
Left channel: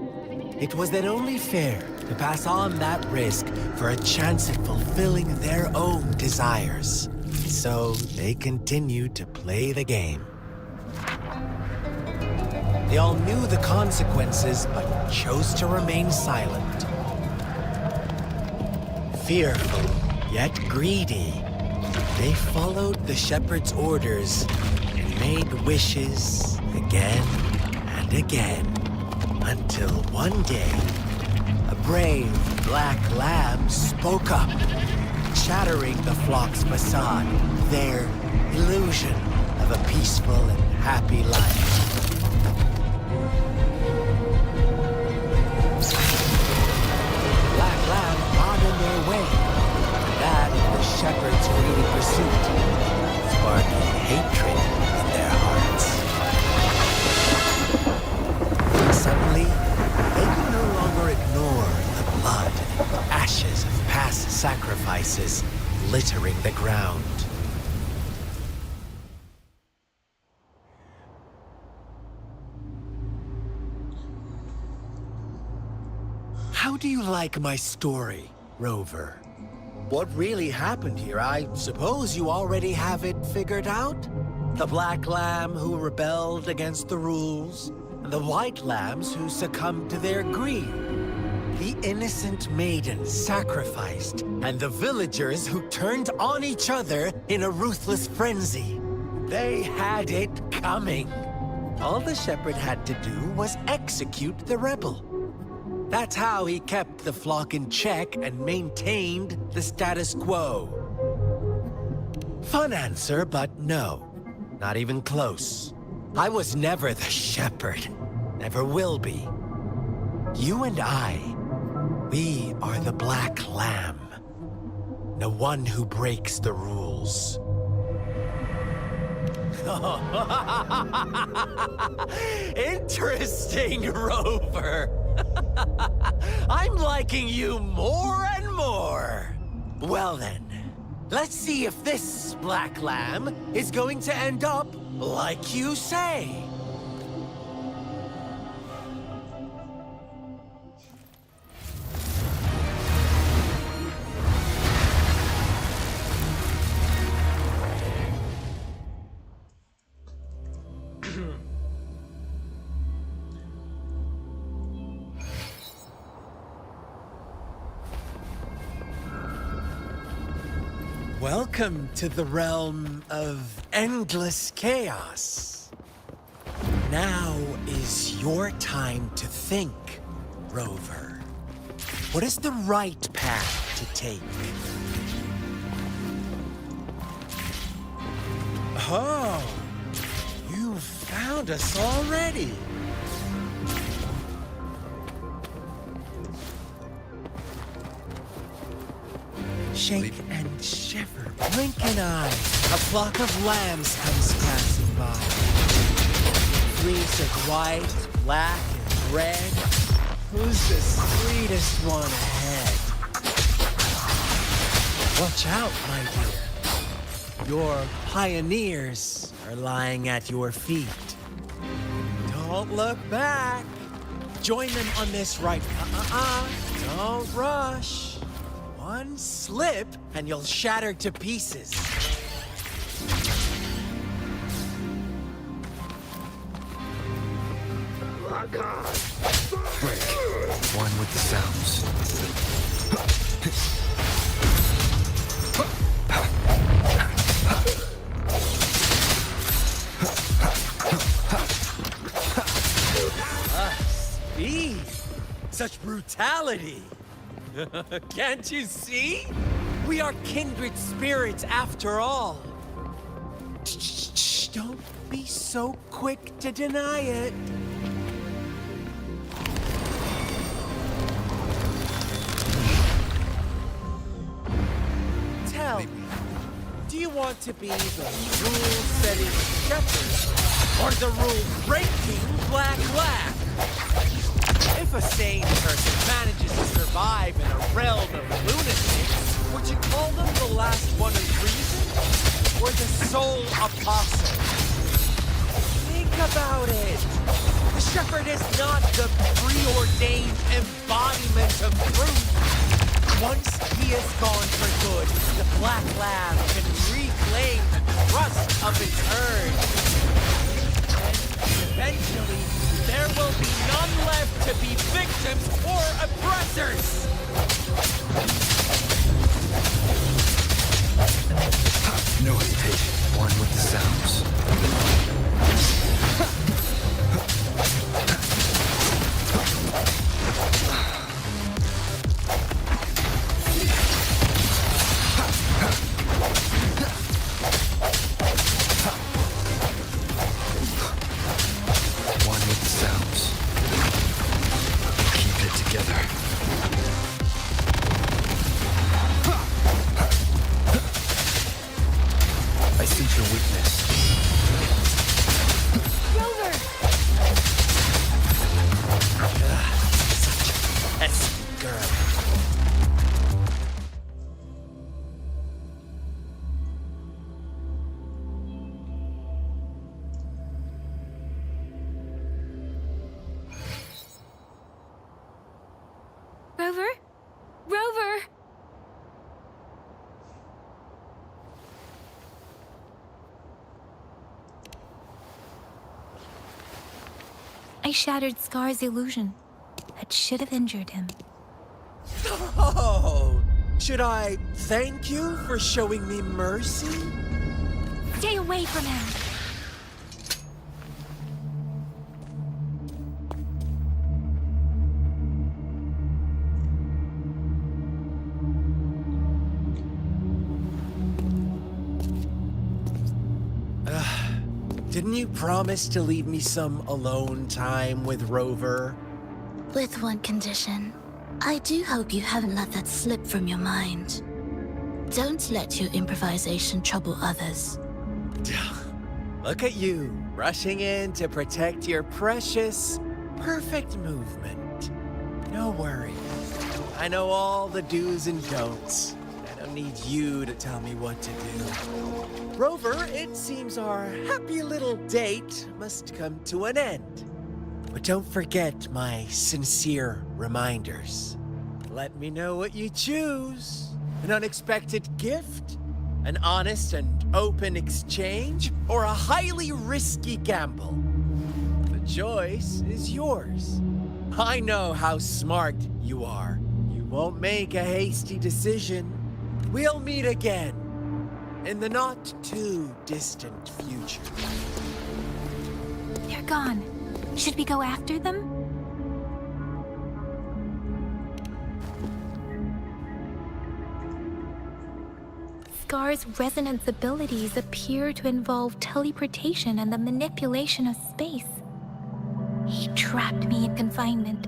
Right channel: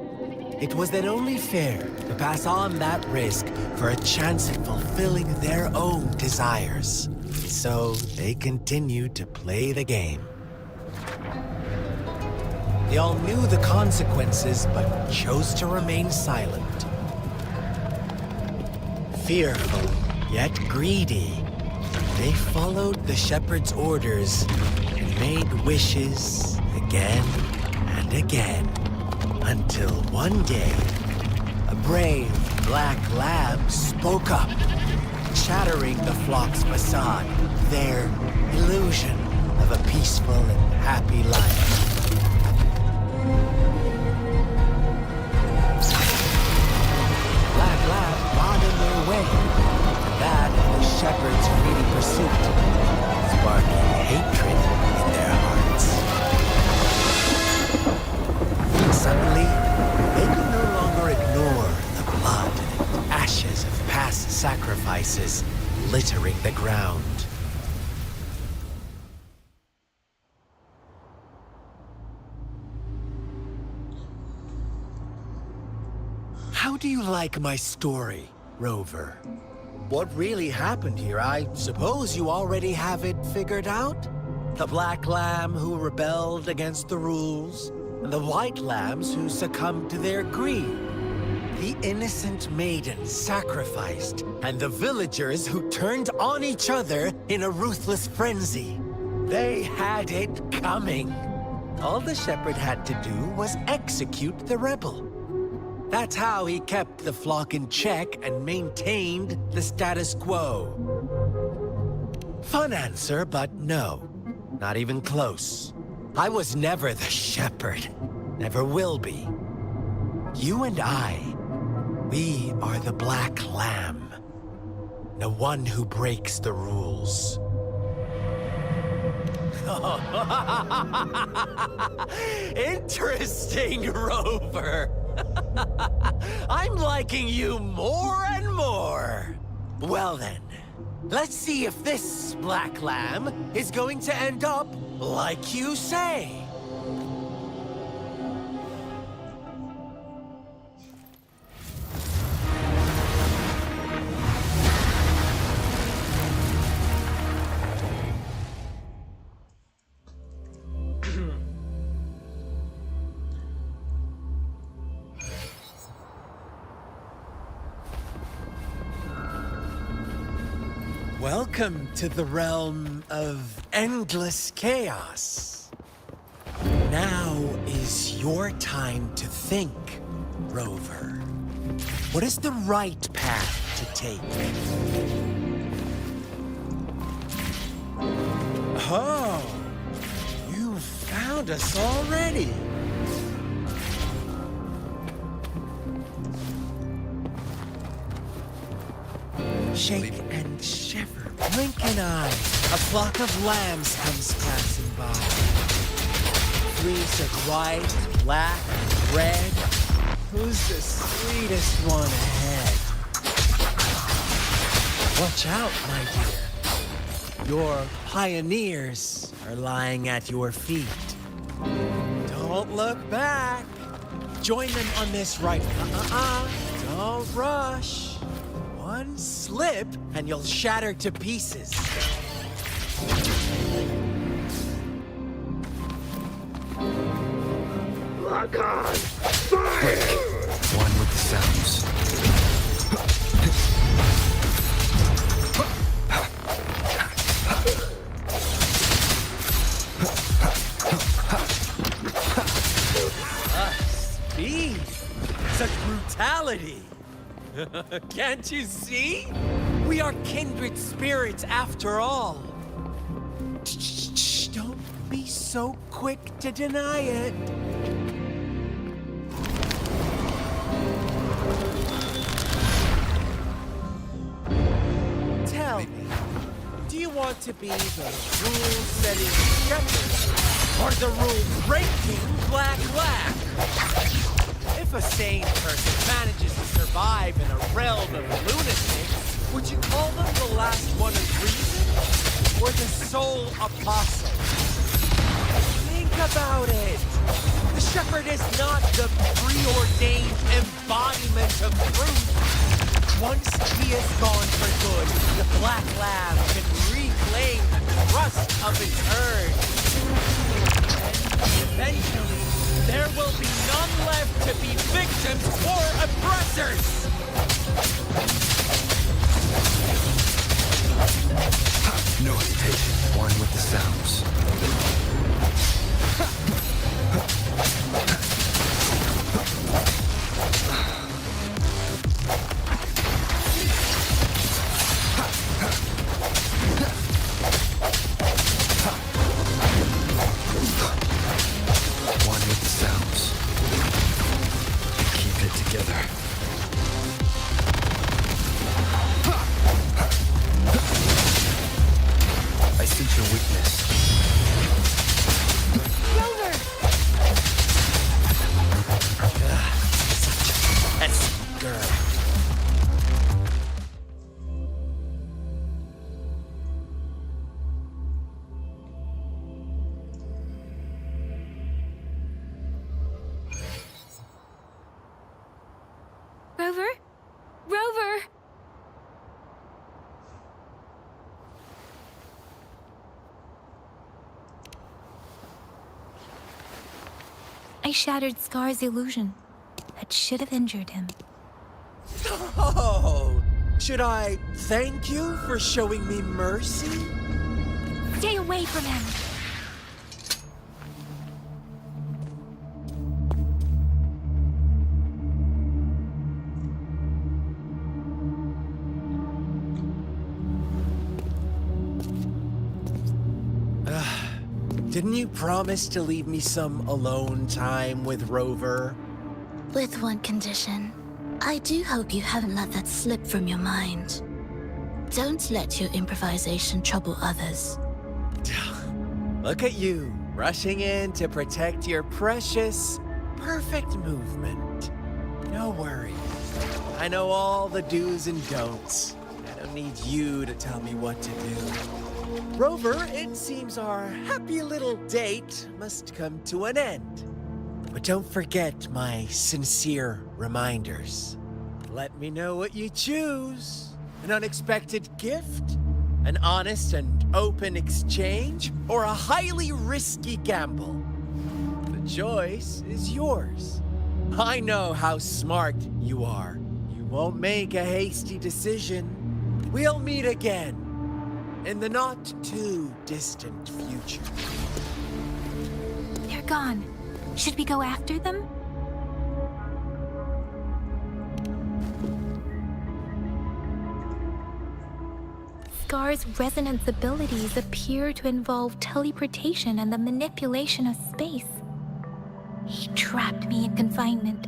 it was then only fair to pass on that risk for a chance at fulfilling their own desires. So they continued to play the game. They all knew the consequences, but chose to remain silent. Fearful, yet greedy, they followed the shepherd's orders and made wishes again and again, until one day, a brave black lamb spoke up, shattering the flock's facade, their illusion of a peaceful and happy life. Black lamb got in their way, and that of the shepherd's greedy pursuit, sparking hatred in their hearts. Suddenly, they could no longer ignore the blood and ashes of past sacrifices littering the ground. How do you like my story, Rover? What really happened here? I suppose you already have it figured out? The black lamb who rebelled against the rules, and the white lambs who succumbed to their greed. The innocent maiden sacrificed, and the villagers who turned on each other in a ruthless frenzy. They had it coming. All the shepherd had to do was execute the rebel. That's how he kept the flock in check and maintained the status quo. Fun answer, but no. Not even close. I was never the shepherd. Never will be. You and I, we are the black lamb. The one who breaks the rules. Interesting, Rover. I'm liking you more and more. Well then, let's see if this black lamb is going to end up like you say. Welcome to the realm of endless chaos. Now is your time to think, Rover. What is the right path to take? Oh, you found us already. Shake and shiver, blink an eye. A flock of lambs comes passing by. Fleece of white, black, and red. Who's the sweetest one ahead? Watch out, my dear. Your pioneers are lying at your feet. Don't look back. Join them on this right. Don't rush. One slip, and you'll shatter to pieces. Lock on! Break. One with the sounds. Speed! Such brutality! Can't you see? We are kindred spirits after all. Shh, don't be so quick to deny it. Tell me, do you want to be the rule-setting shepherd or the rule-breaking Black? If a sane person manages to survive in a realm of lunatics, would you call them the last one of reason? Or the sole apostle? Think about it. The shepherd is not the preordained embodiment of truth. Once he is gone for good, the Black Lamb can reclaim the trust of its herd. And eventually, there will be none left to be victims or oppressors! No hesitation. One with the sounds. Rover? Rover! I shattered Scar's illusion. That should have injured him. Oh! Should I thank you for showing me mercy? Stay away from him! Didn't you promise to leave me some alone time with Rover? With one condition. I do hope you haven't let that slip from your mind. Don't let your improvisation trouble others. Look at you, rushing in to protect your precious, perfect movement. No worries. I know all the do's and don'ts. I don't need you to tell me what to do. Rover, it seems our happy little date must come to an end. But don't forget my sincere reminders. Let me know what you choose. An unexpected gift? An honest and open exchange? Or a highly risky gamble? The choice is yours. I know how smart you are. You won't make a hasty decision. We'll meet again. in the not too distant future. They're gone. Should we go after them? Scar's resonance abilities appear to involve teleportation and the manipulation of space. He trapped me in confinement,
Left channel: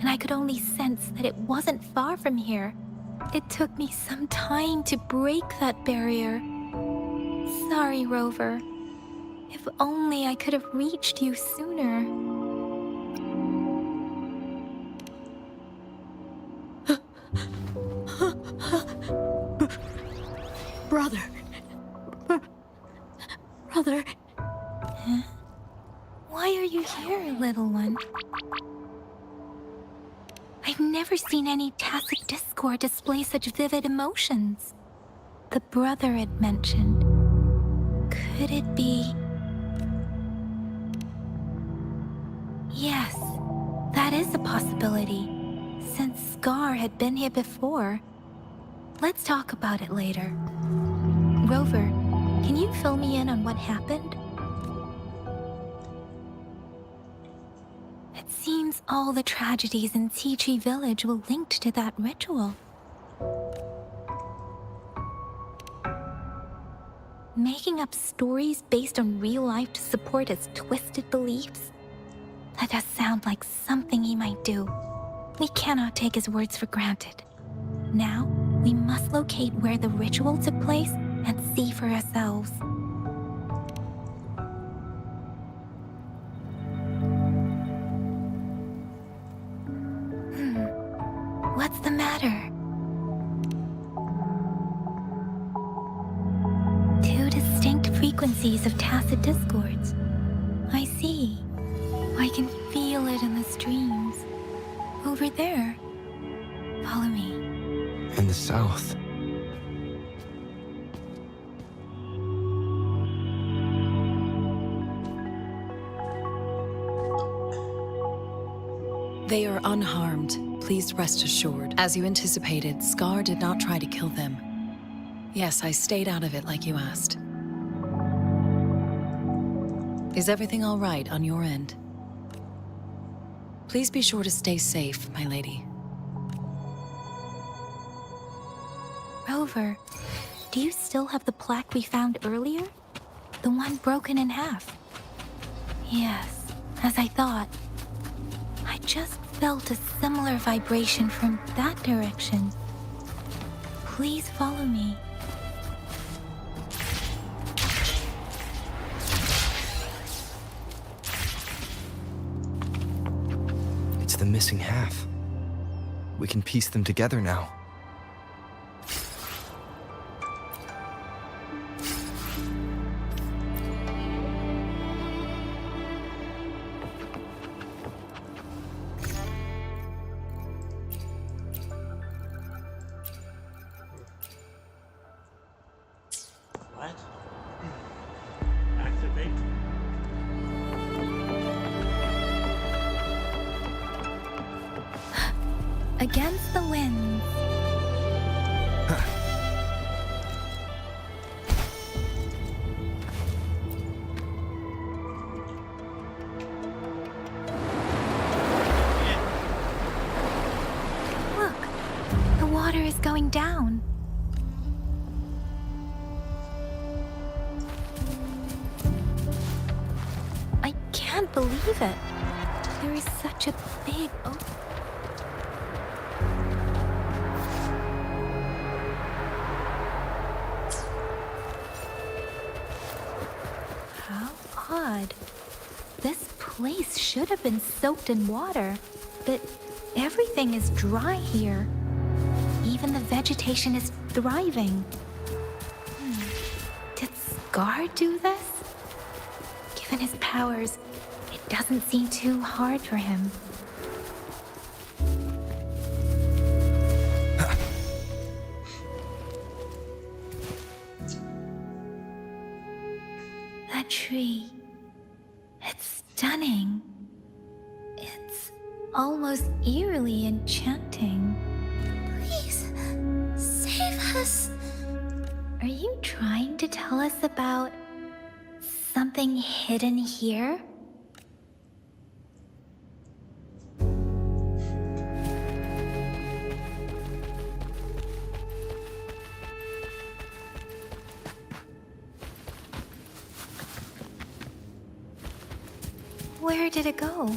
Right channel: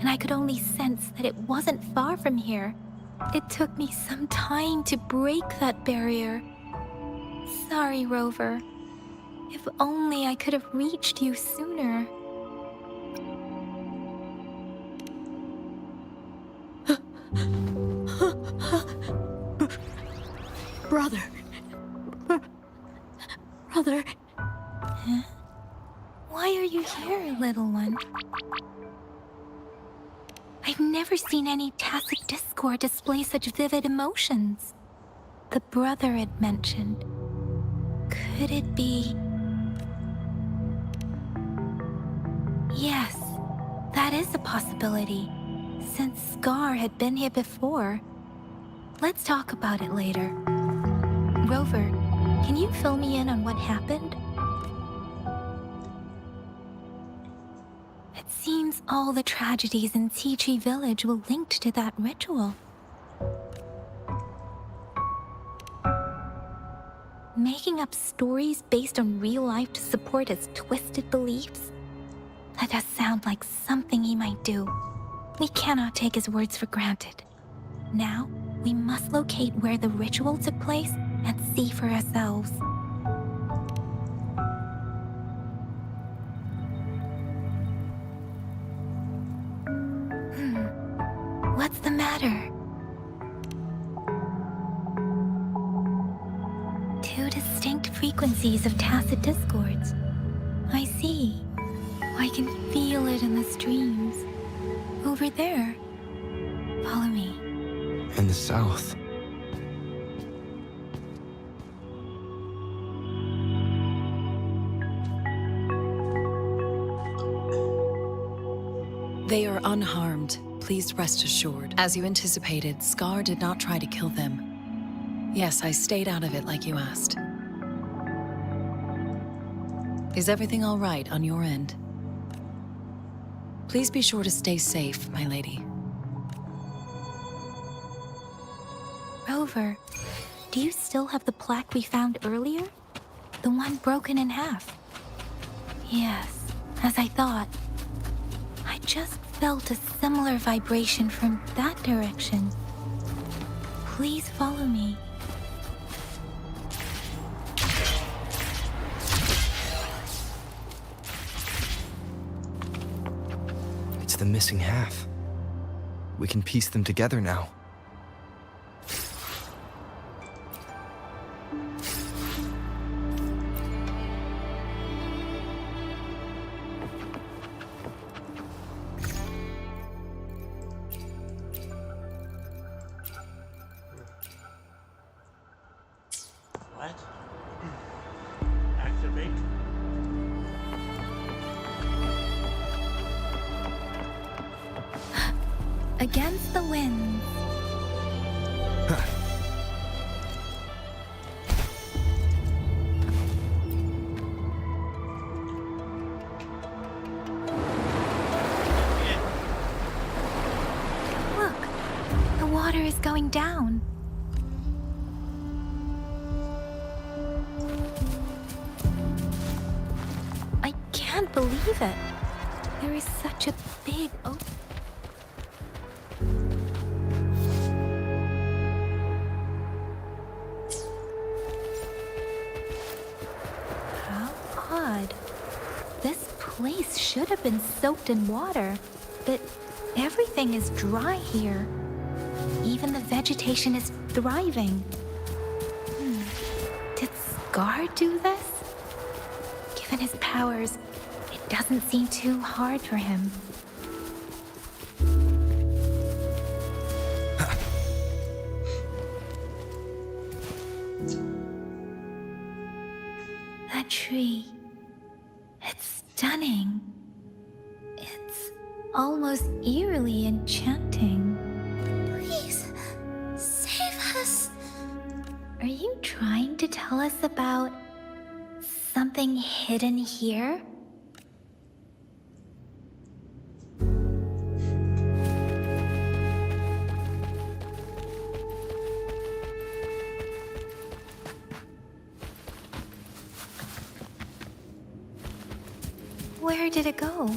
and I could only sense that it wasn't far from here. It took me some time to break that barrier. Sorry, Rover. If only I could have reached you sooner. Brother. Brother. Huh? Why are you here, little one? I've never seen any tacit discord display such vivid emotions. The brother it mentioned. Could it be... Yes, that is a possibility, since Scar had been here before. Let's talk about it later. Rover, can you fill me in on what happened? It seems all the tragedies in Tea Tree Village were linked to that ritual. Making up stories based on real life to support his twisted beliefs? That does sound like something he might do. We cannot take his words for granted. Now, we must locate where the ritual took place and see for ourselves. What's the matter? Two distinct frequencies of tacit discords. I see. I can feel it in the streams. Over there. Follow me. In the south. They are unharmed. Please rest assured. As you anticipated, Scar did not try to kill them. Yes, I stayed out of it like you asked. Is everything all right on your end? Please be sure to stay safe, my lady. Rover, do you still have the plaque we found earlier? The one broken in half? Yes, as I thought. I just felt a similar vibration from that direction. Please follow me. It's the missing half. We can piece them together now. What? Activate? Against the winds. Look, the water is going down. I can't believe it. There is such a big ocean. How odd. This place should have been soaked in water, but everything is dry here. Even the vegetation is thriving. Did Scar do this? Given his powers, it doesn't seem too hard for him. That tree. It's stunning. It's almost eerily enchanting. Please, save us. Are you trying to tell us about something hidden here? Where did it go?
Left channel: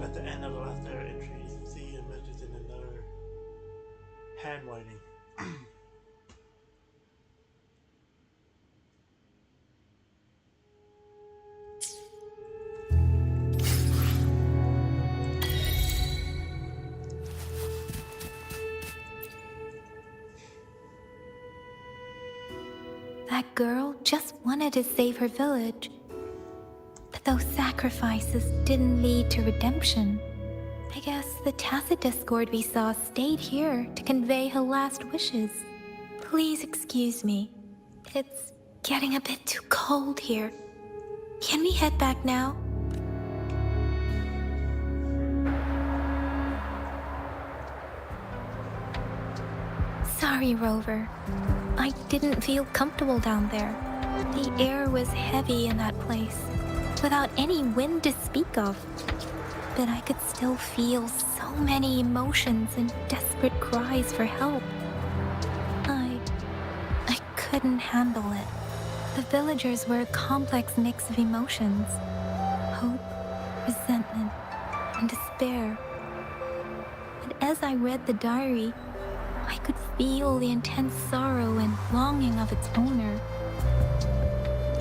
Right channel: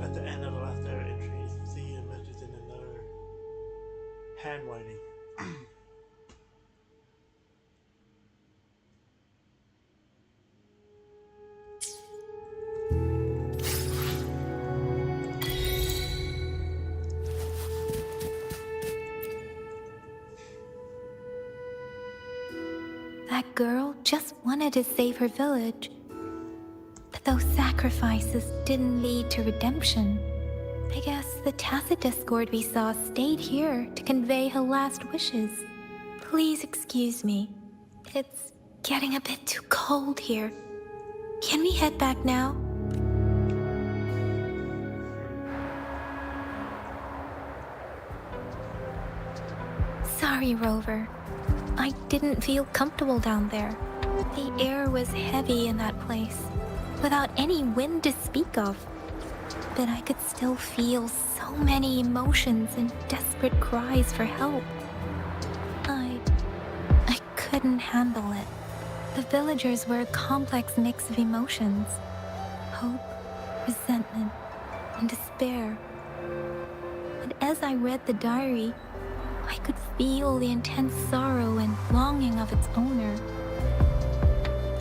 At the end of the last diary entry, see images in another handwriting. That girl just wanted to save her village. But those sacrifices didn't lead to redemption. I guess the tacit discord we saw stayed here to convey her last wishes. Please excuse me. It's getting a bit too cold here. Can we head back now? Sorry, Rover. I didn't feel comfortable down there. The air was heavy in that place, without any wind to speak of. But I could still feel so many emotions and desperate cries for help. I couldn't handle it. The villagers were a complex mix of emotions. Hope, resentment, and despair. But as I read the diary, I could feel the intense sorrow and longing of its owner.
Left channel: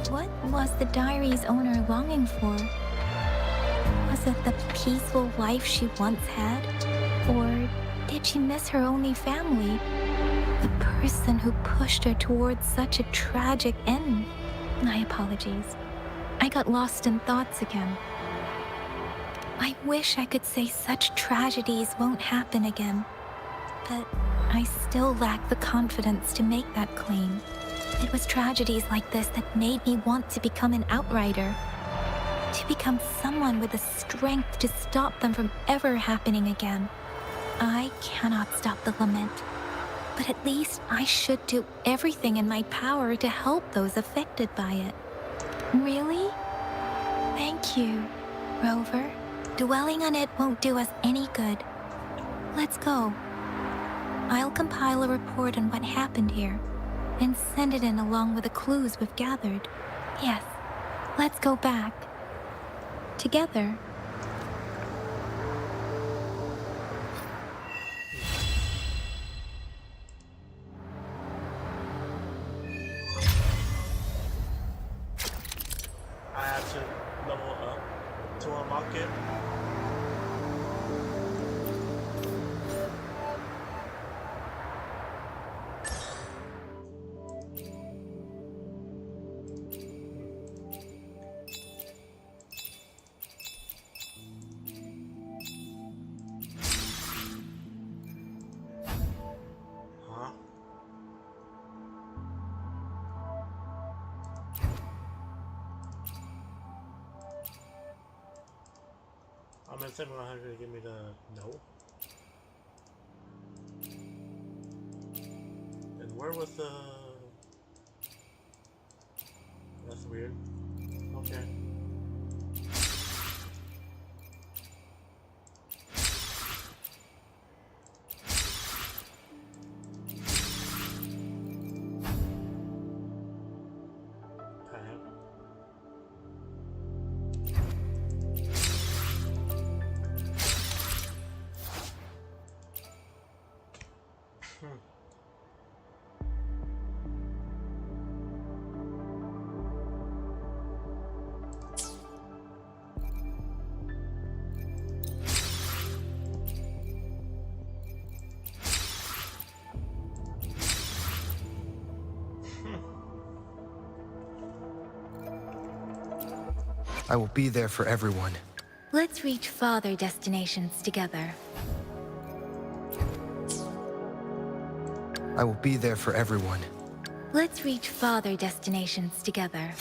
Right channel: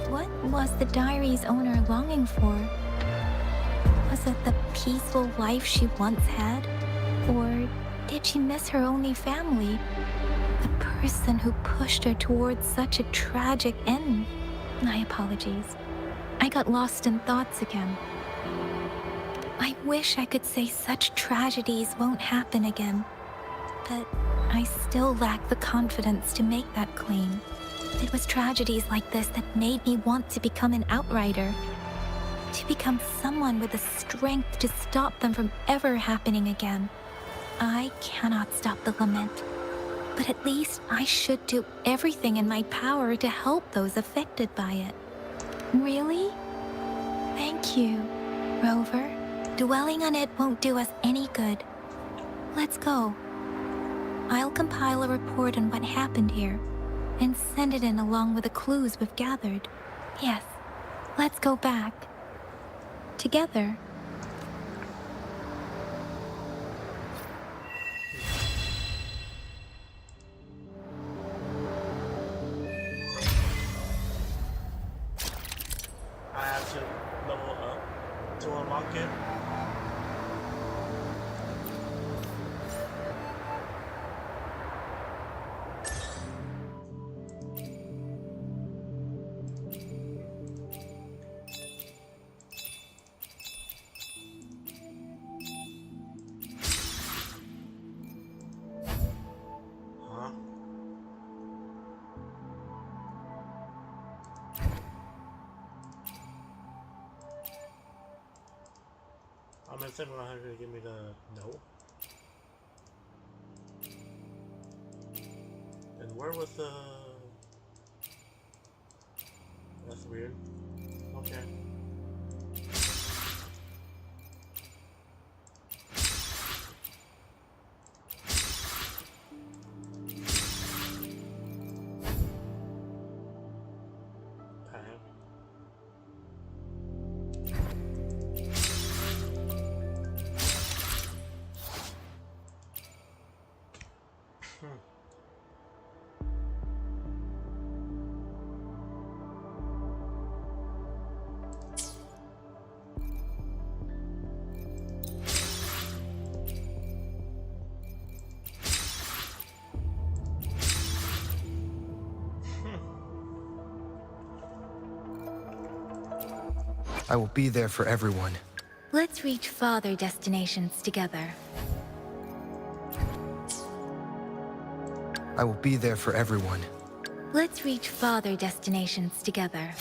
What was the diary's owner longing for? Was it the peaceful life she once had? Or did she miss her only family? The person who pushed her towards such a tragic end? My apologies. I got lost in thoughts again. I wish I could say such tragedies won't happen again, but I still lack the confidence to make that claim. It was tragedies like this that made me want to become an outrider. To become someone with the strength to stop them from ever happening again. I cannot stop the lament, but at least I should do everything in my power to help those affected by it. Really? Thank you, Rover. Dwelling on it won't do us any good. Let's go. I'll compile a report on what happened here and send it in along with the clues we've gathered. Yes, let's go back. Together. I have to level up to unlock it. Huh? I'm at 700 to give me the no. And where was the... That's weird. Okay. I will be there for everyone. Let's reach farther destinations together. I will be there for everyone. Let's reach farther destinations together.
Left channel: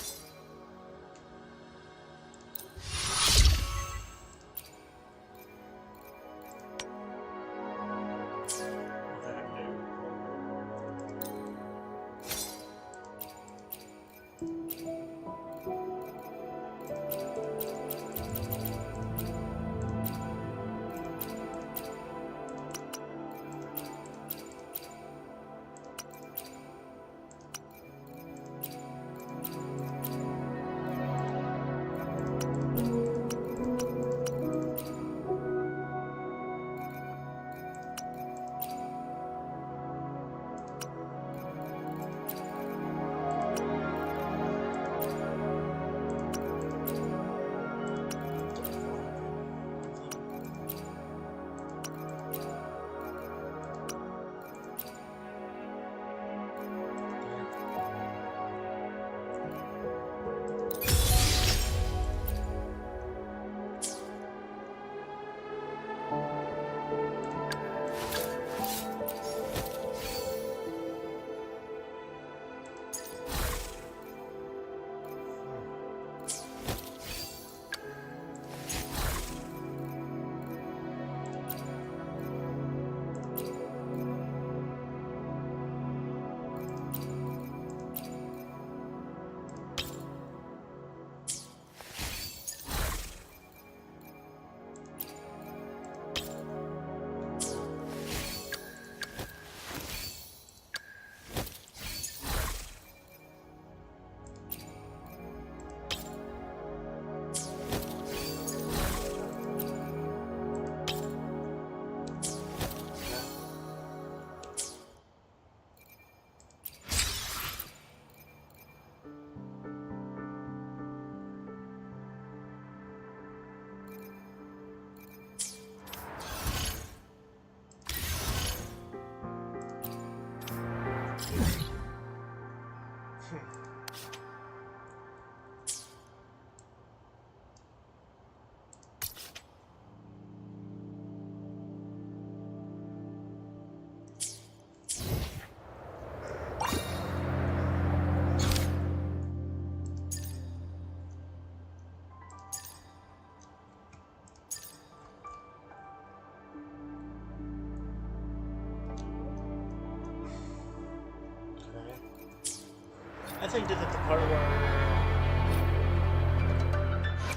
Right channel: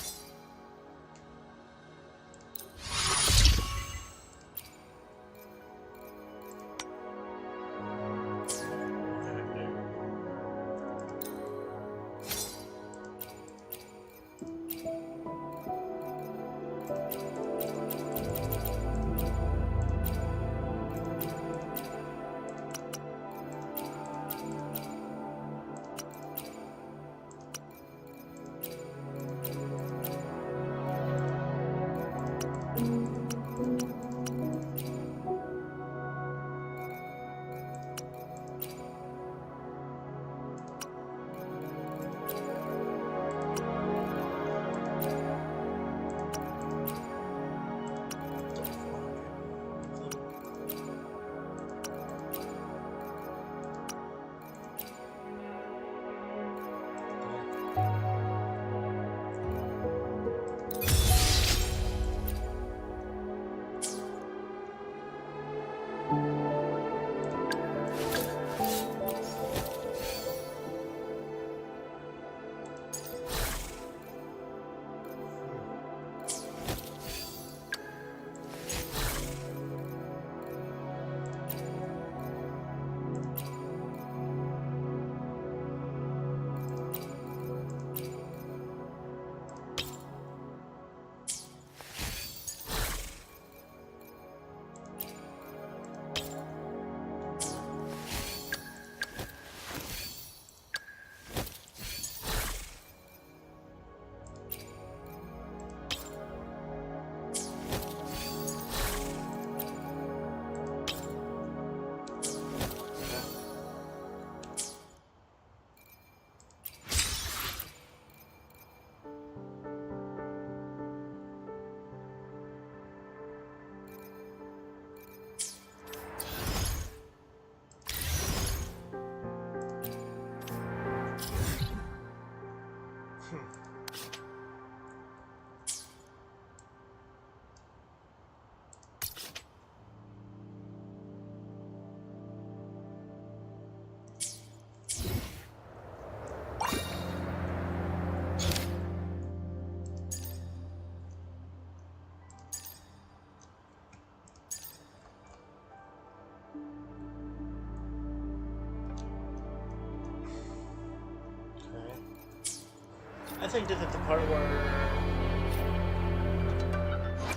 I think this is the part where...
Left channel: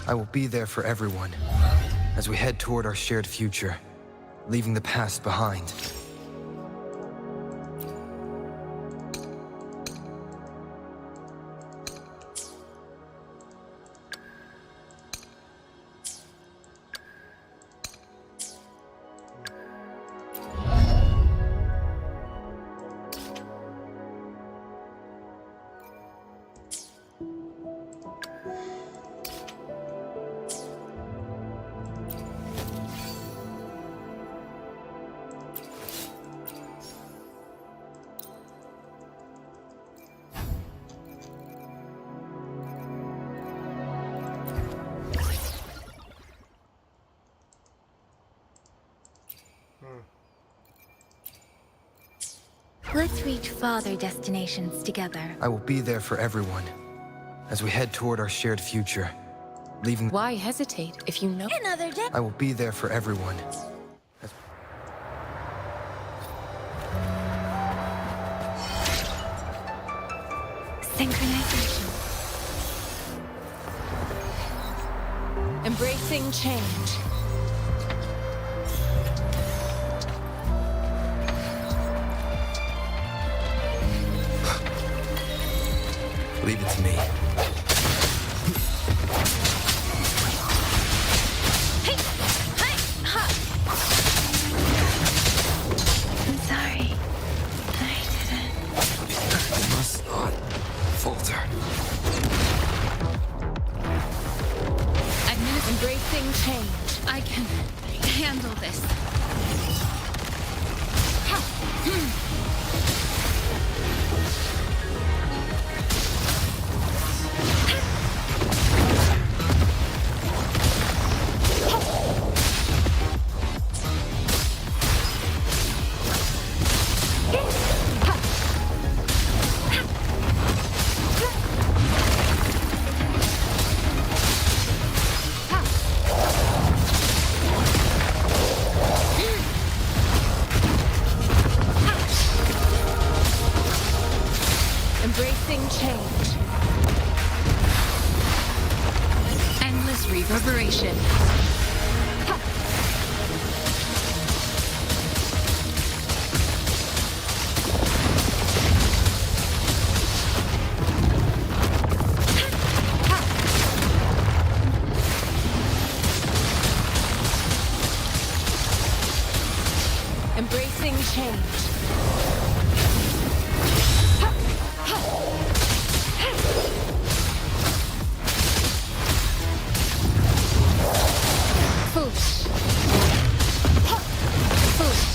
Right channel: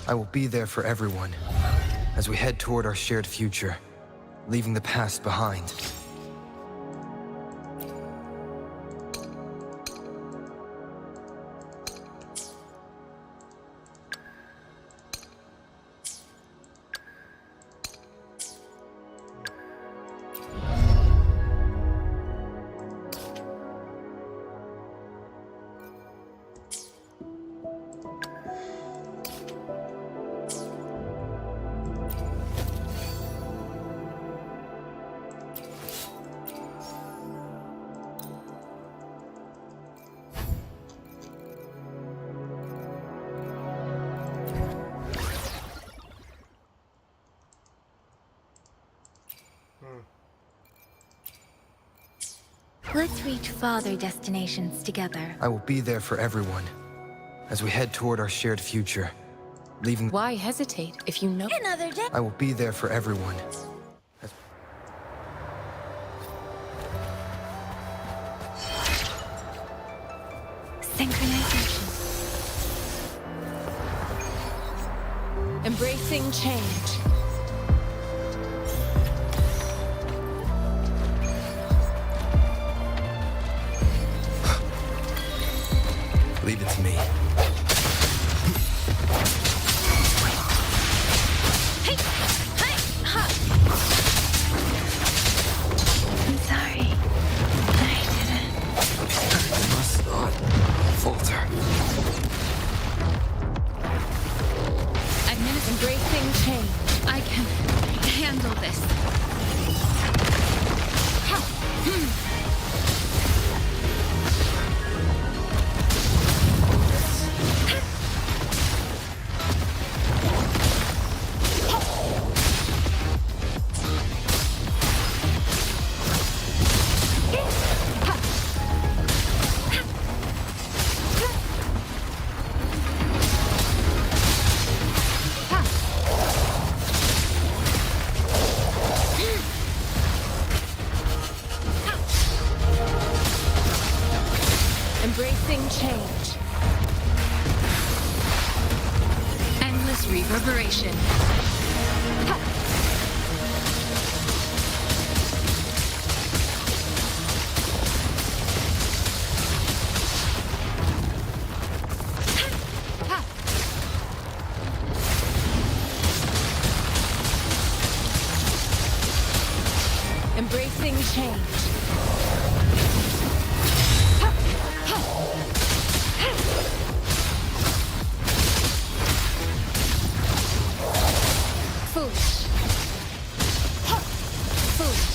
I will be there for everyone as we head toward our shared future, leaving the past behind. Let's reach farther destinations together. I will be there for everyone as we head toward our shared future, leaving... Why hesitate if you know? Another day. I will be there for everyone. Synchronization. Embracing change. Leave it to me. I'm sorry. I didn't. You must not falter. Embracing change. I can handle this. Embracing change. Endless reverberation. Embracing change. Foolish. Foolish.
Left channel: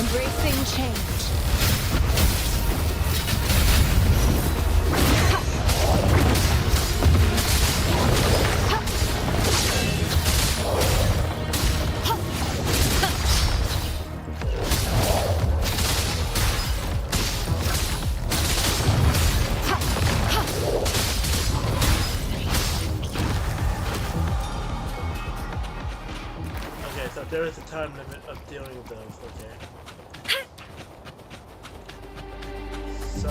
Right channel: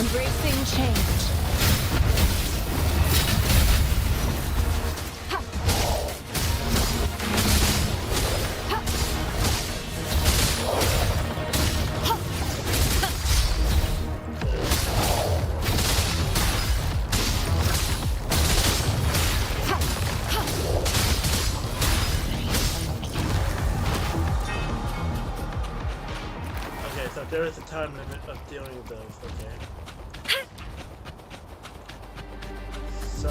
Embracing change. Okay, so there is a time limit of dealing with those, okay. So...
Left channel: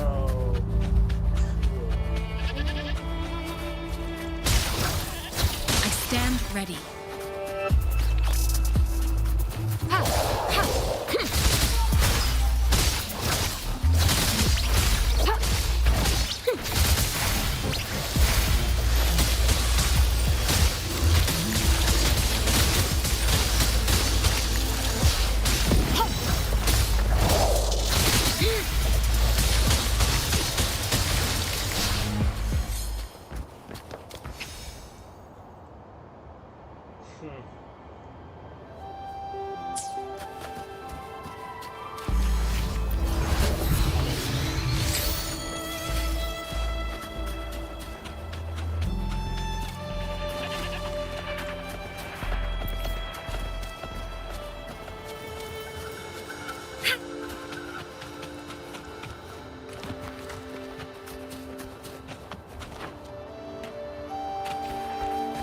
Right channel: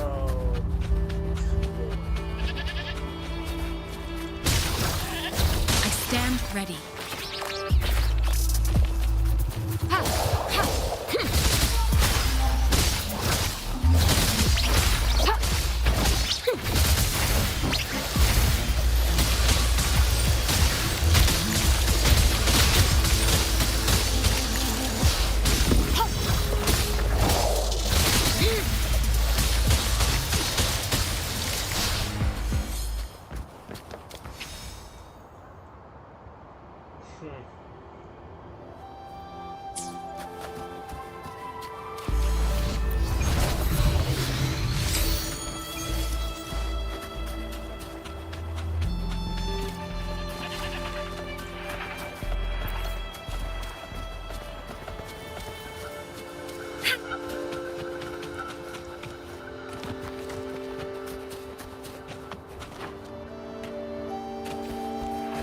I stand ready.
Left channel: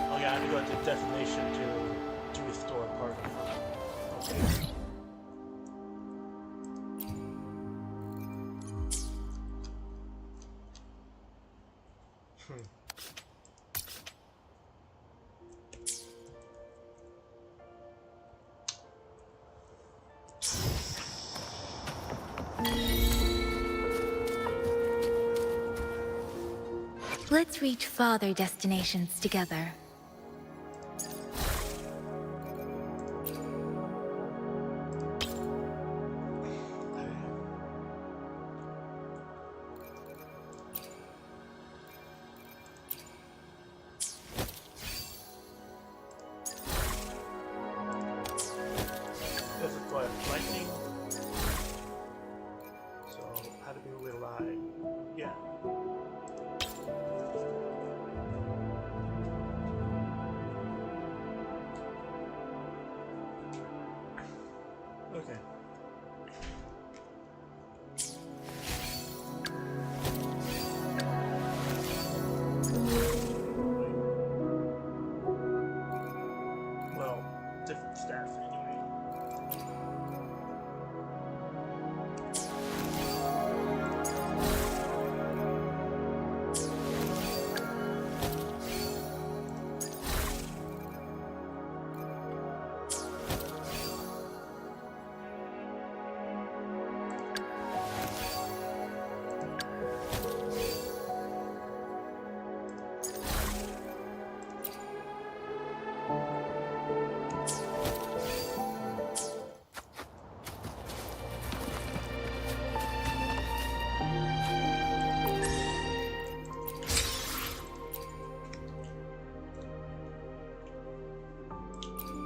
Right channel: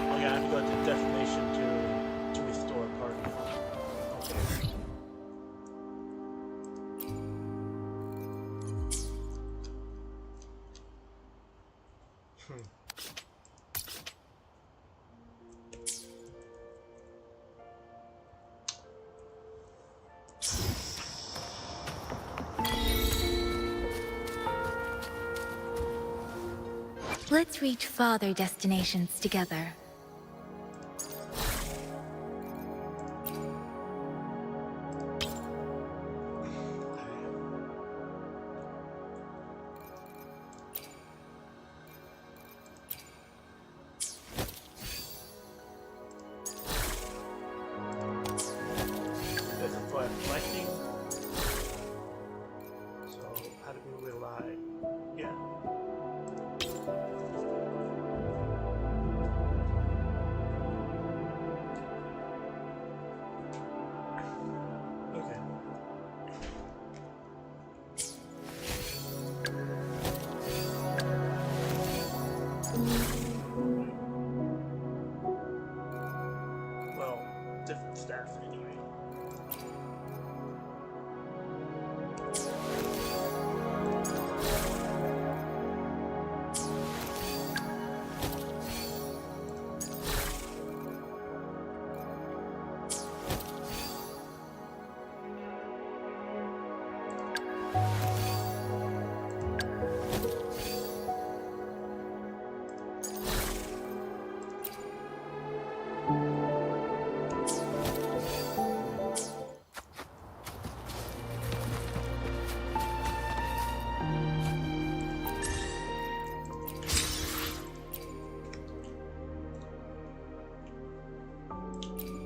Okay, I have to go to destination to restore party. Okay. Let's reach farther destinations together. This is for lightning. So how do we rely? Yeah. Okay. Well, different stats anyway.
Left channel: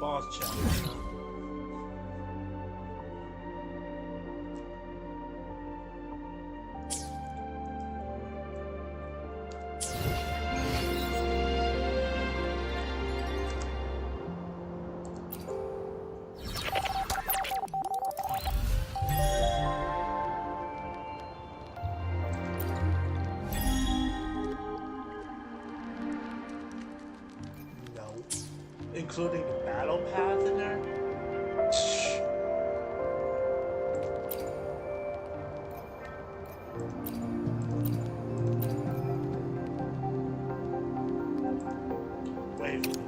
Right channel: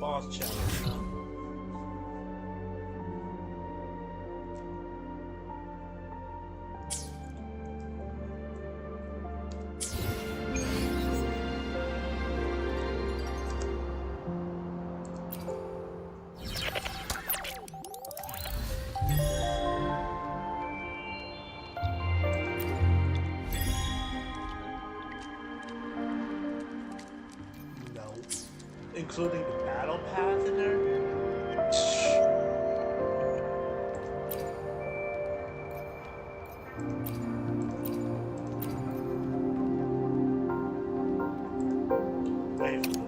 Boss challenge, huh? including the battle path in there? Wave 3.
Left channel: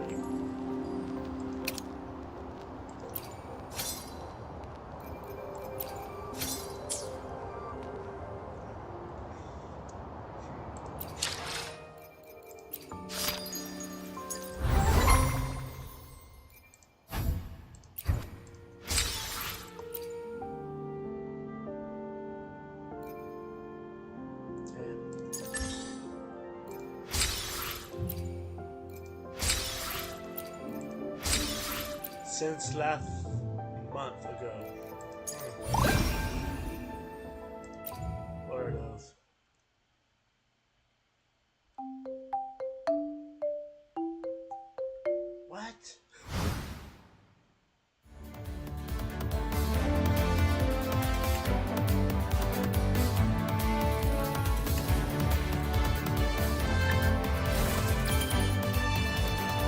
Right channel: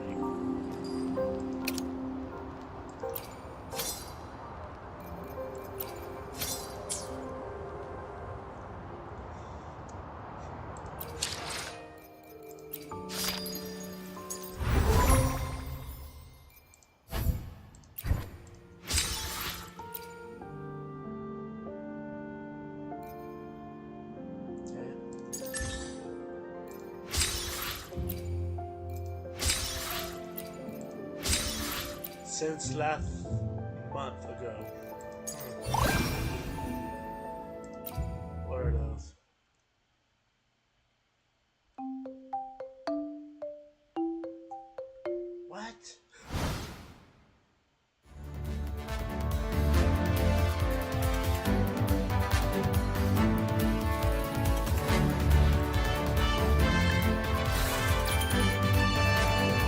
Since last month ago. What are those? What?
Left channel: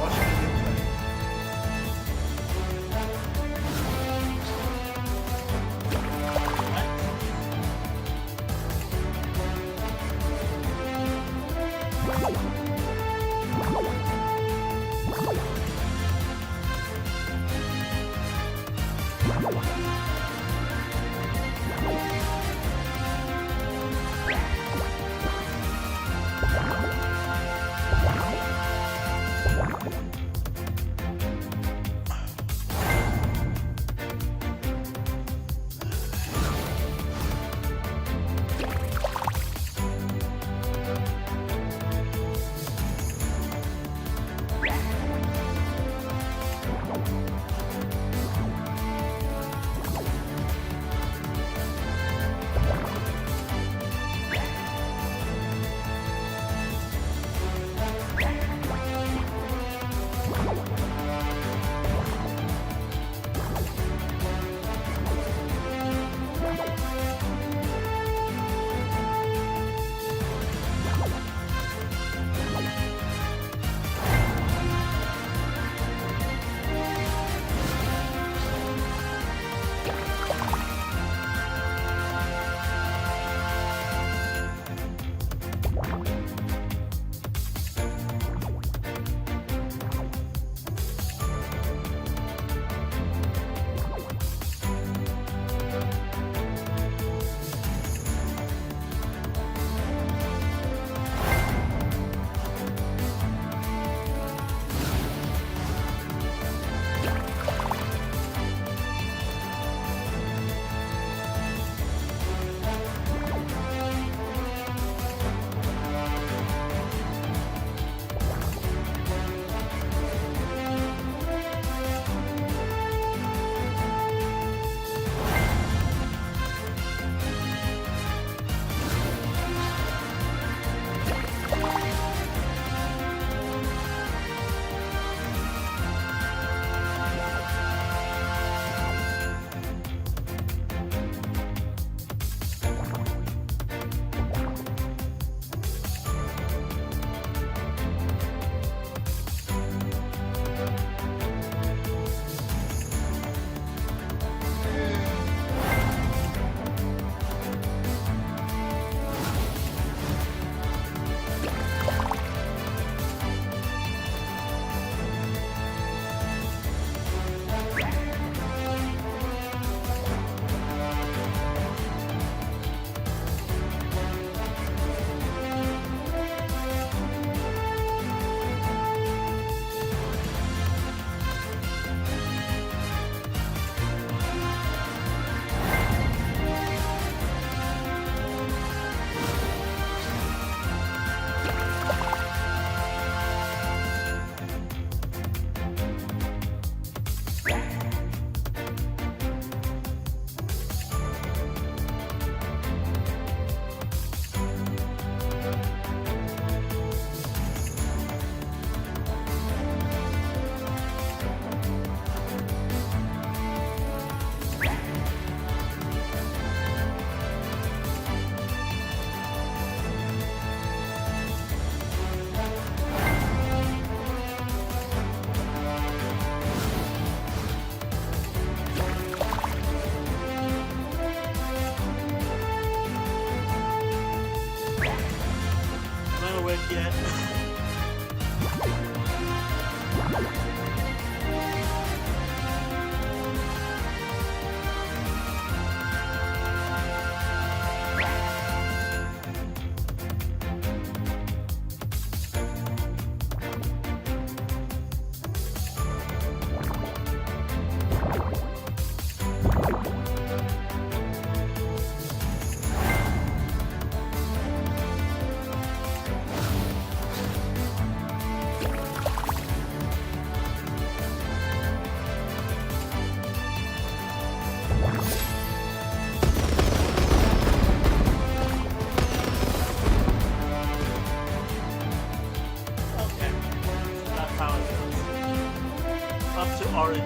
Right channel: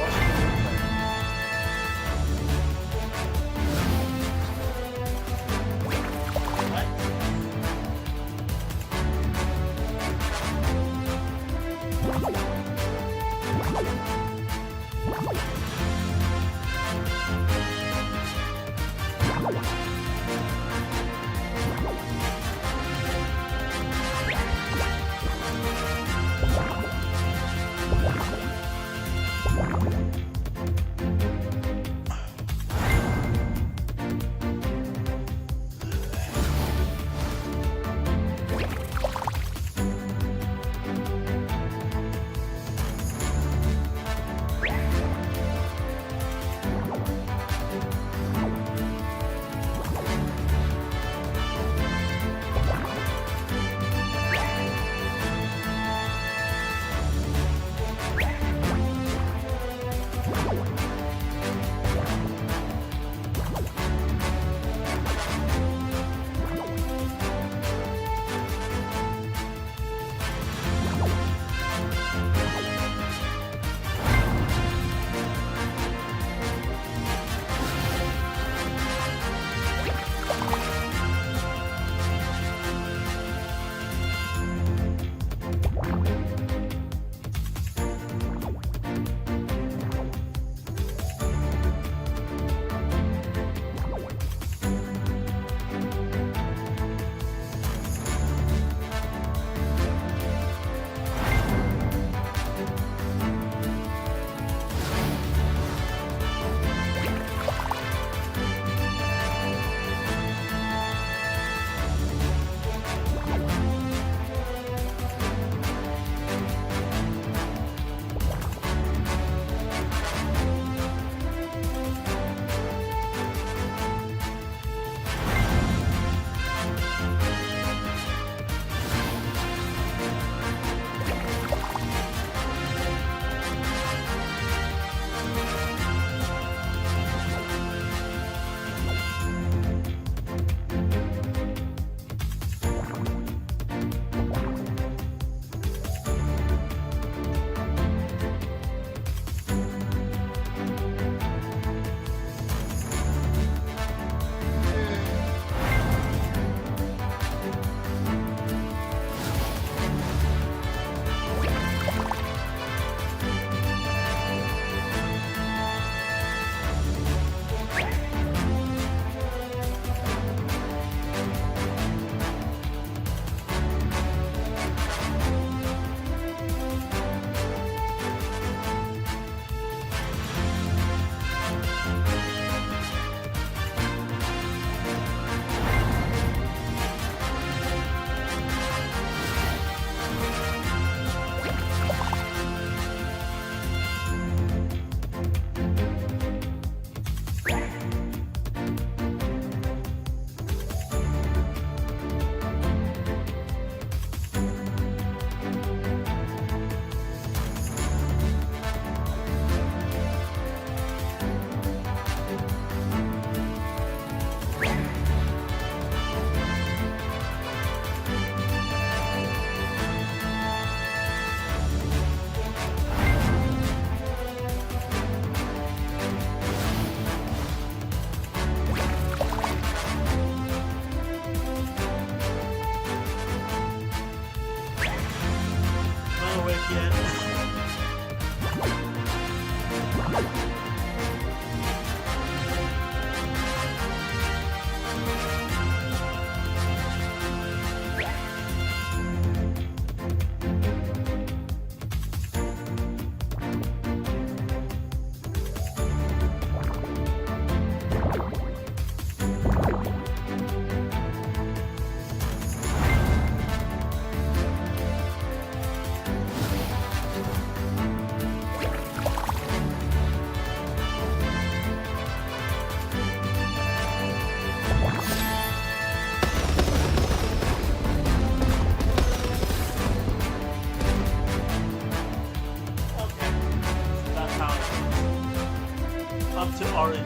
Watch the replay. yet. Okay, so that's how it goes. Up to RNG.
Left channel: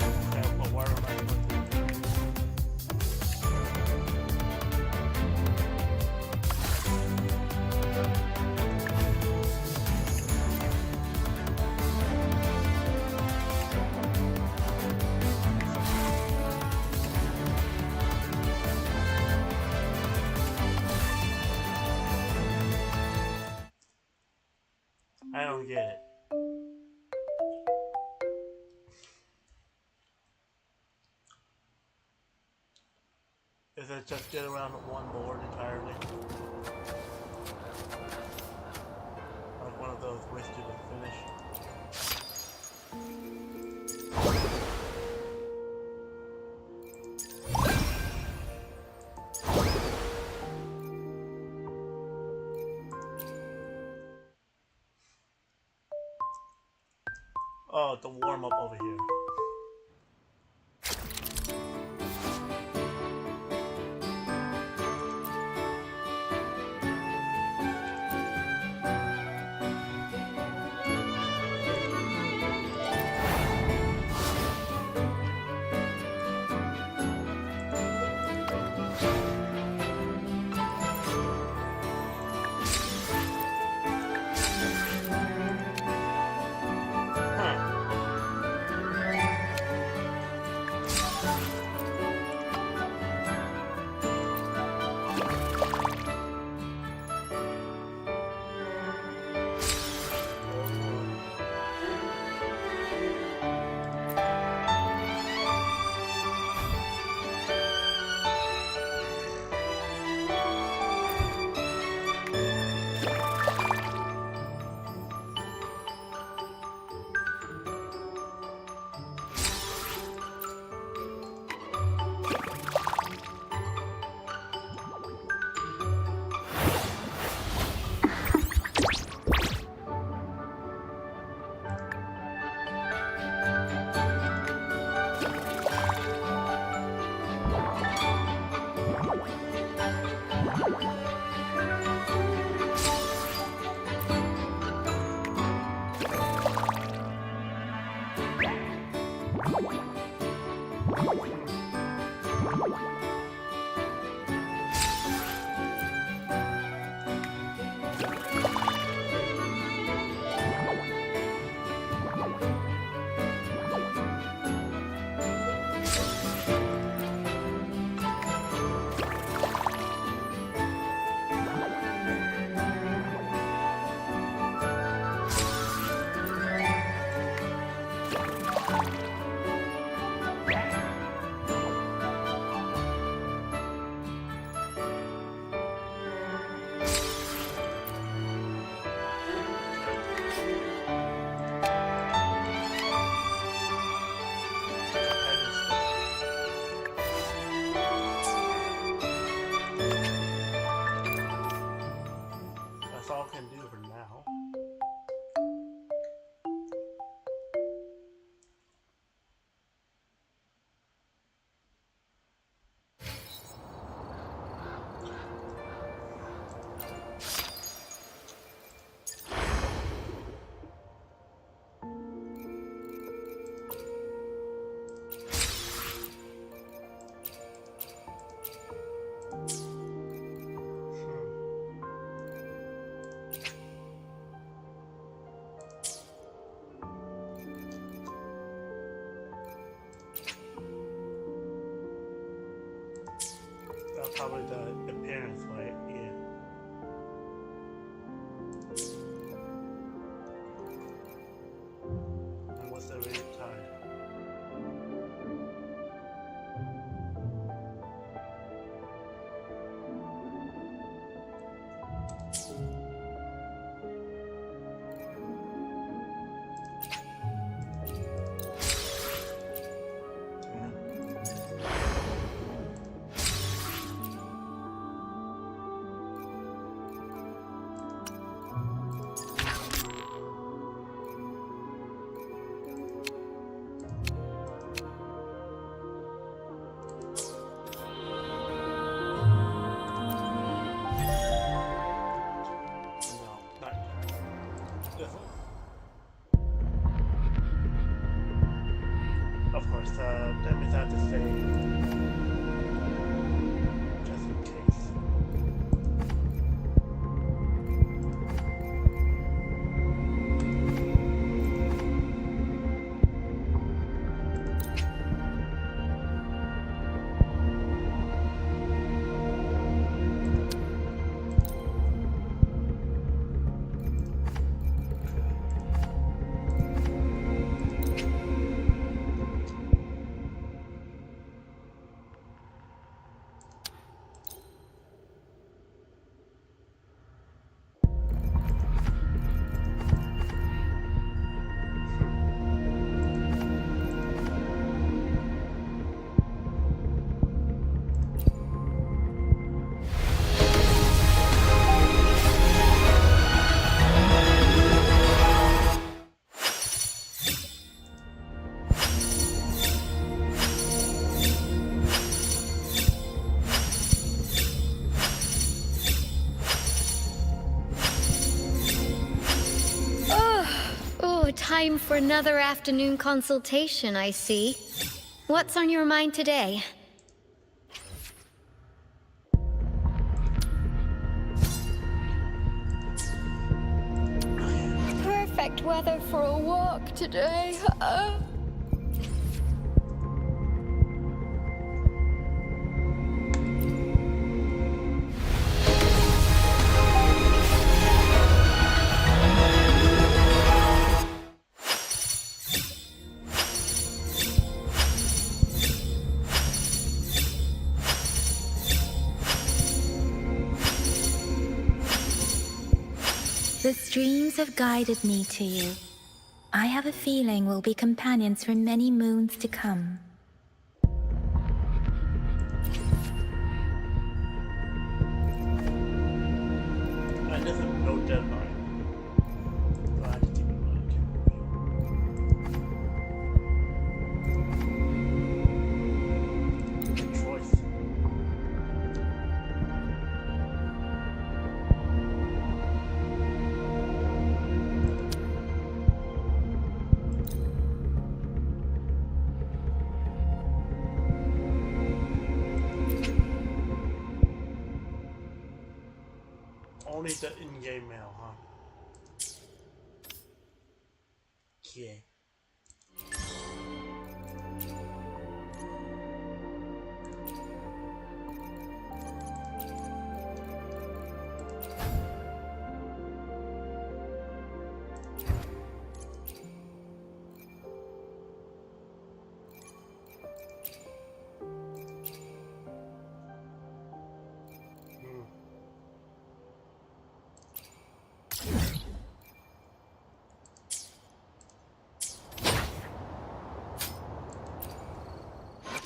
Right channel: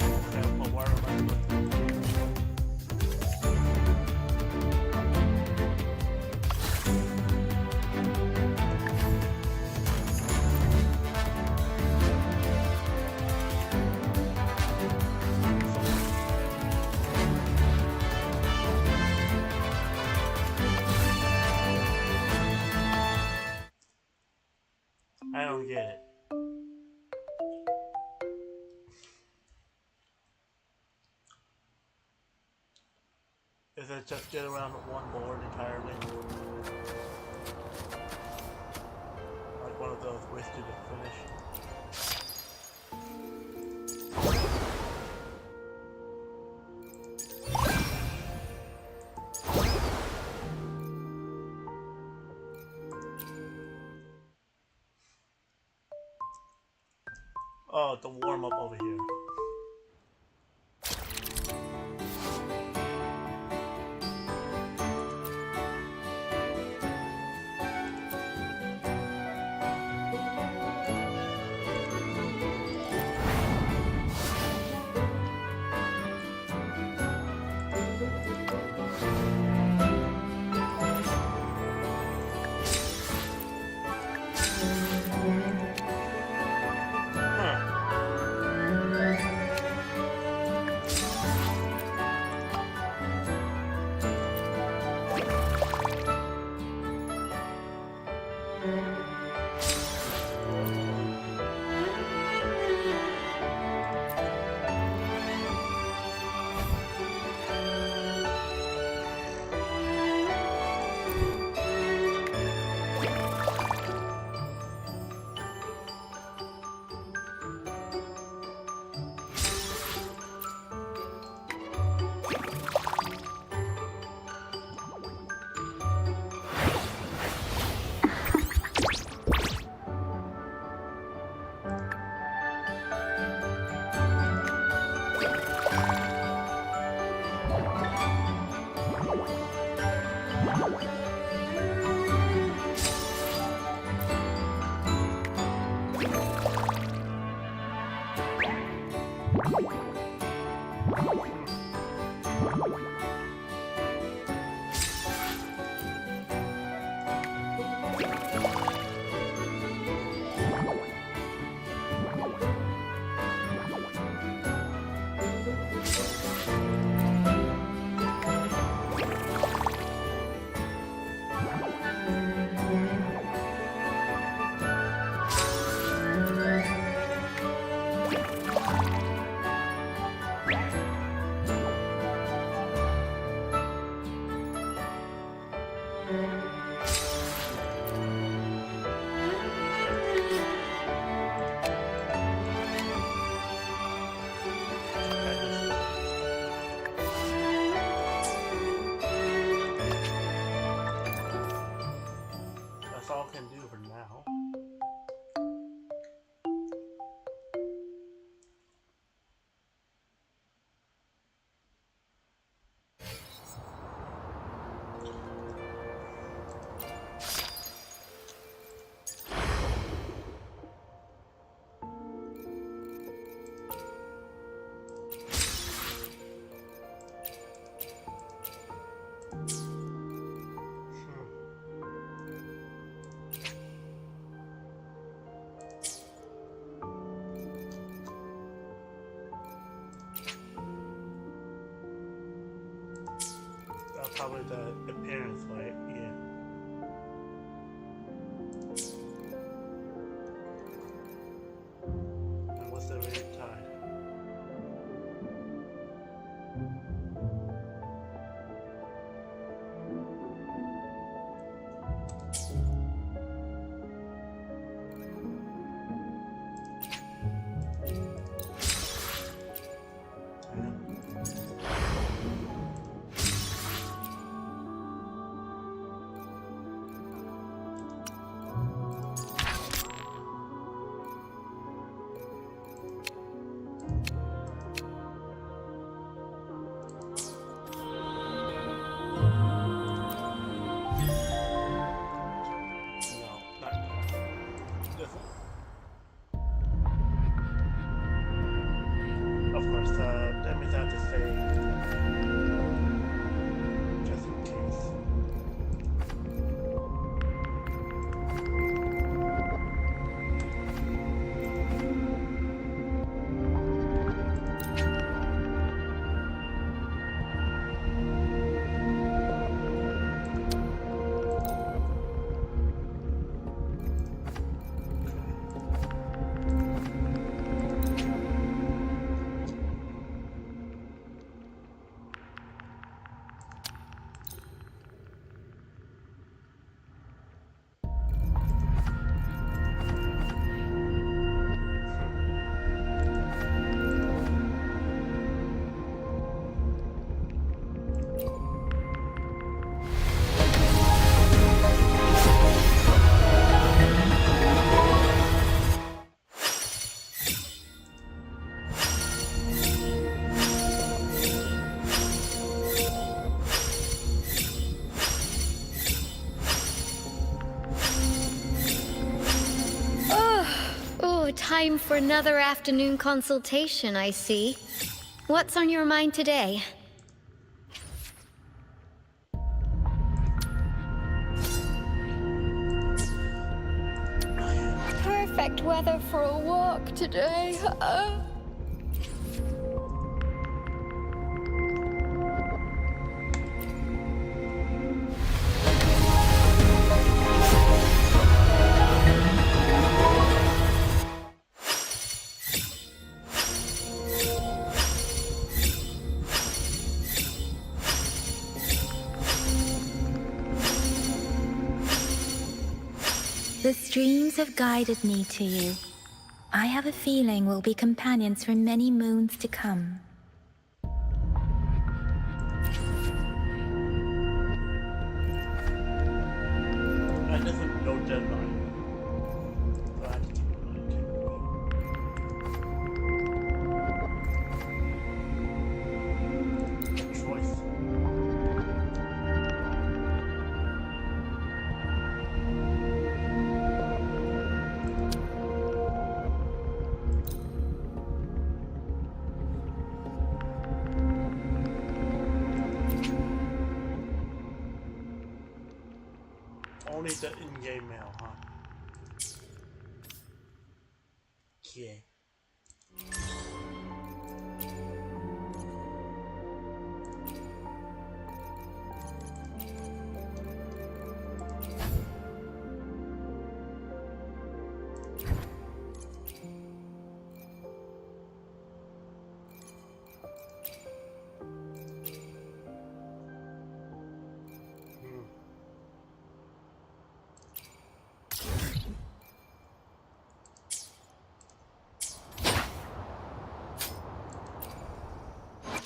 Okay, but where am I supposed to? I don't get it. Is it just get around one board entirely? Like one of those race to the finish? Oh, the warm up over here. Huh. probably the appearance, right? Yeah. And what's the rate tide? Of course, that means I have to save just in case. Time for another afternoon consultation, I see. What's on your mind today? Perfect weather for a walk today. The streams have guided me to you. I have a feeling we'll be companions for many moons to come. And there's no deadline. So I have to keep in mind too. Good choice. Only the in-game mail, huh? Yeah.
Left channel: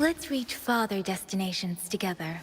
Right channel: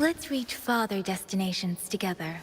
Let's reach farther destinations together.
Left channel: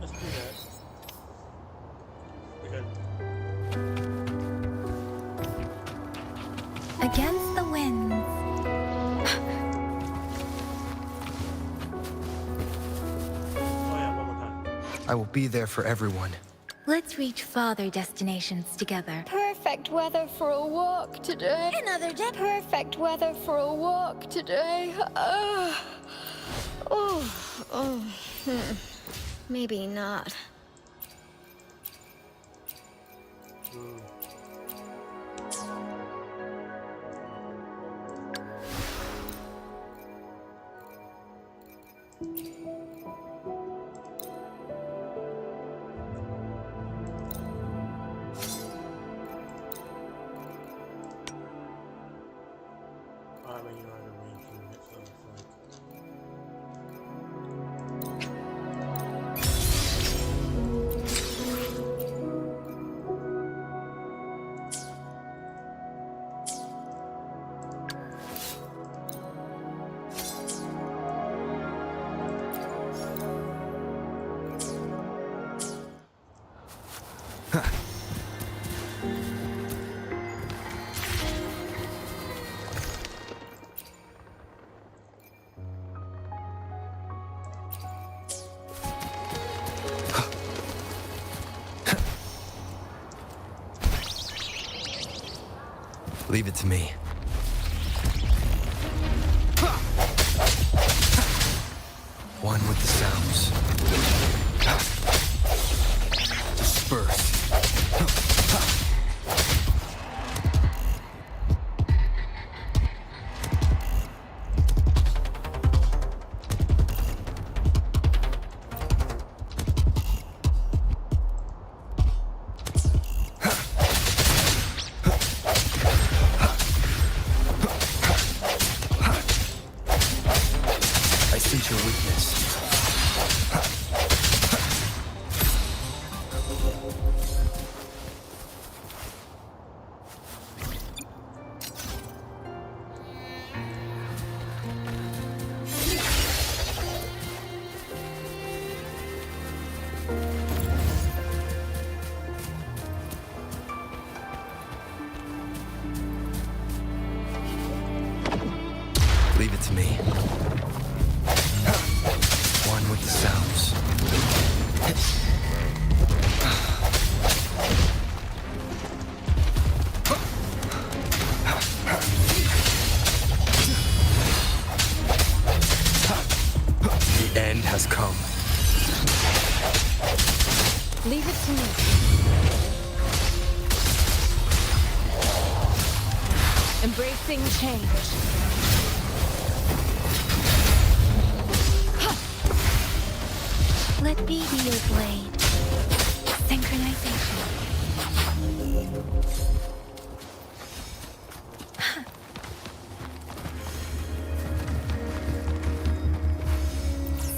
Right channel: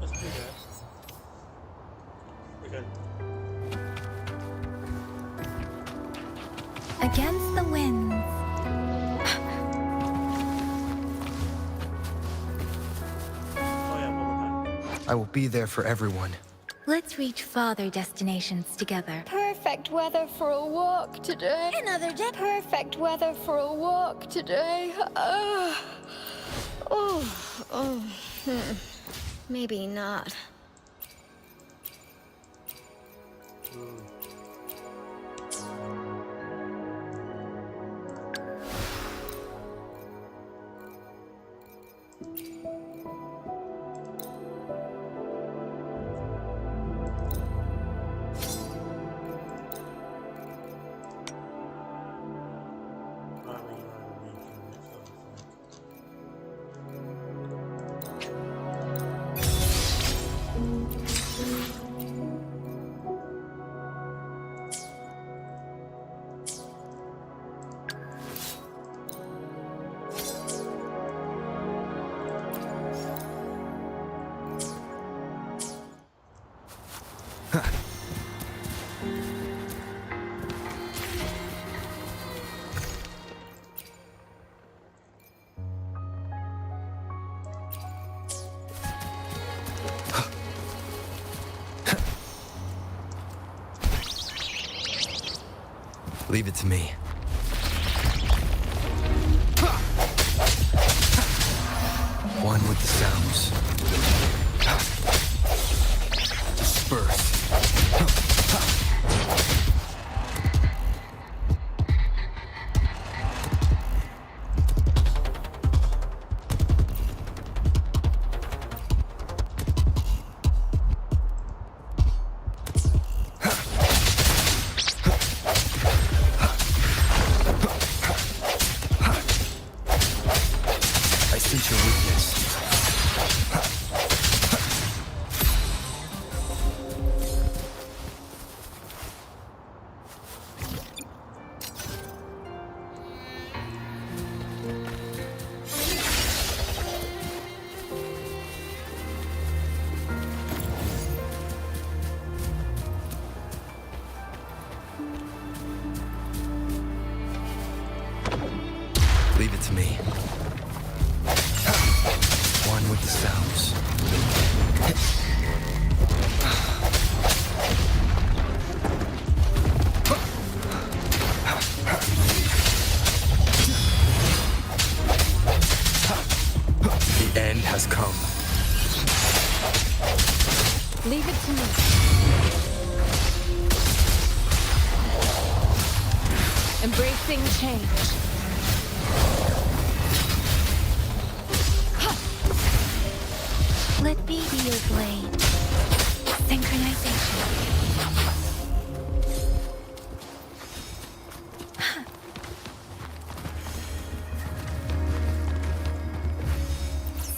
Let's do that. We're good. Against the winds. I will be there for everyone. Let's reach farther destinations together. Perfect weather for a walk today. Another day. Perfect weather for a walk today. Maybe not. Leave it to me. One with the sounds. Disperse. I sense your weakness. Leave it to me. One with the sounds. The end has come. Leave it to me. Embracing change. Let me be your blade. Synchronization.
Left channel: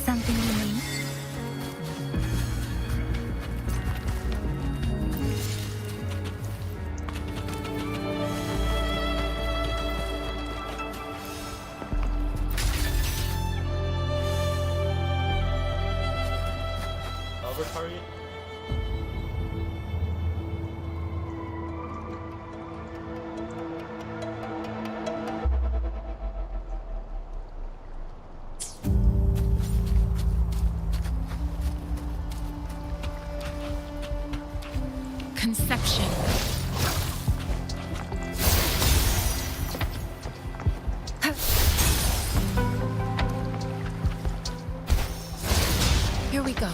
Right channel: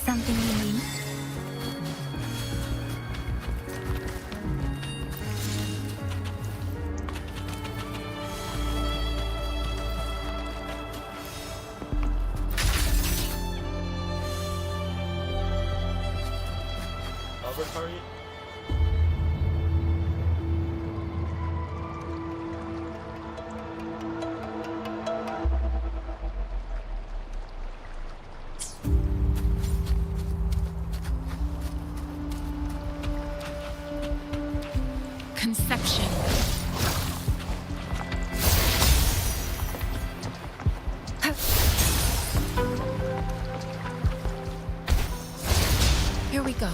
Something you need? Over target. Conception. Here we go.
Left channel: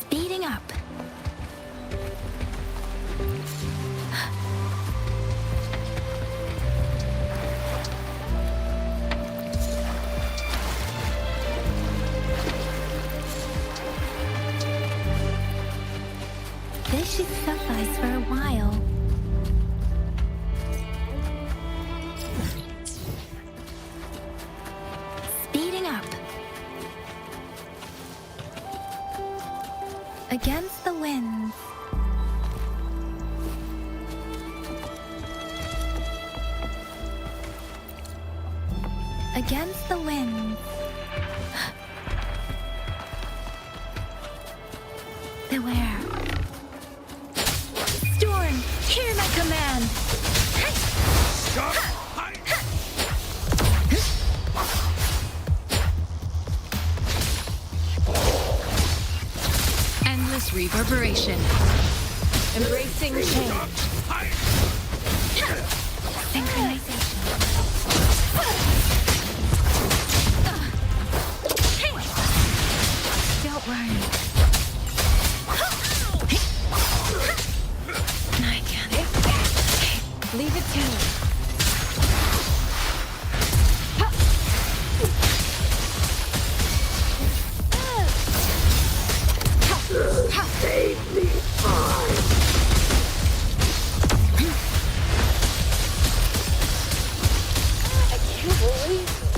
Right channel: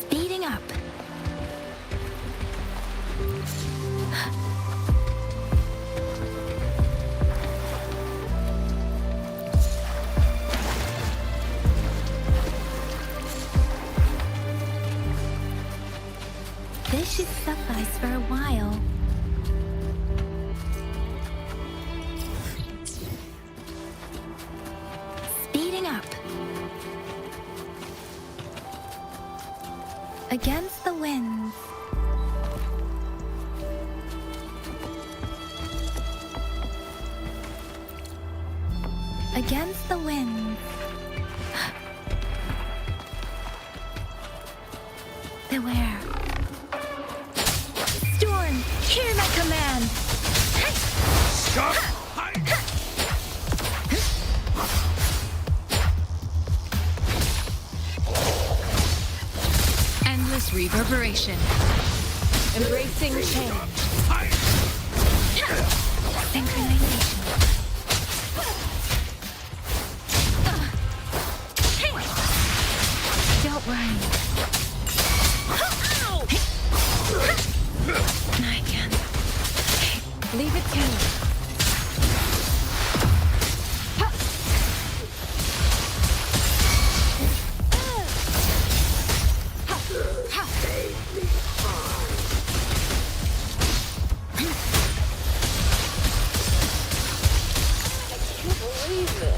Speeding up. This should suffice for a while. Speeding up. Against the winds. against the winds. Beware. Storm, hear my command. Stop! Endless reverberation. Embracing change. Synchronization. Don't worry. I can't. Leave it to me. Safely fine. I can't believe it.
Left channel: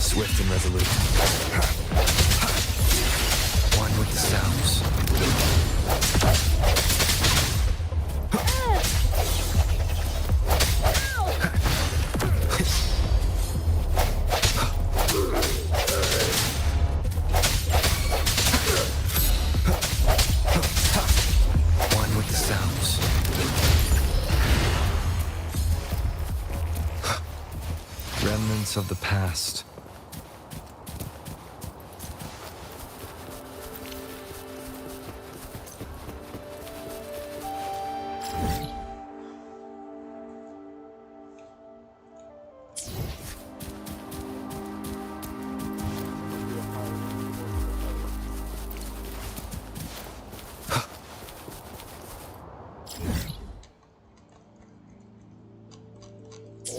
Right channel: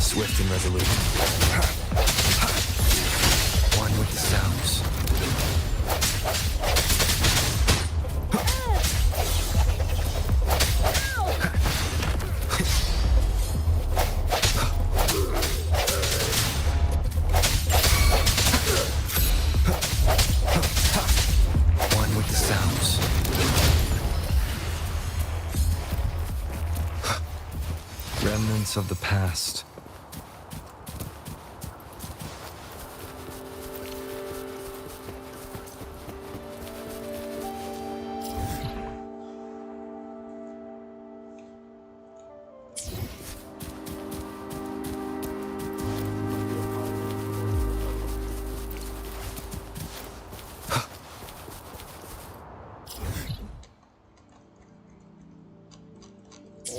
Swift and resolute. One with the sounds. One with the sounds. Remnants of the past.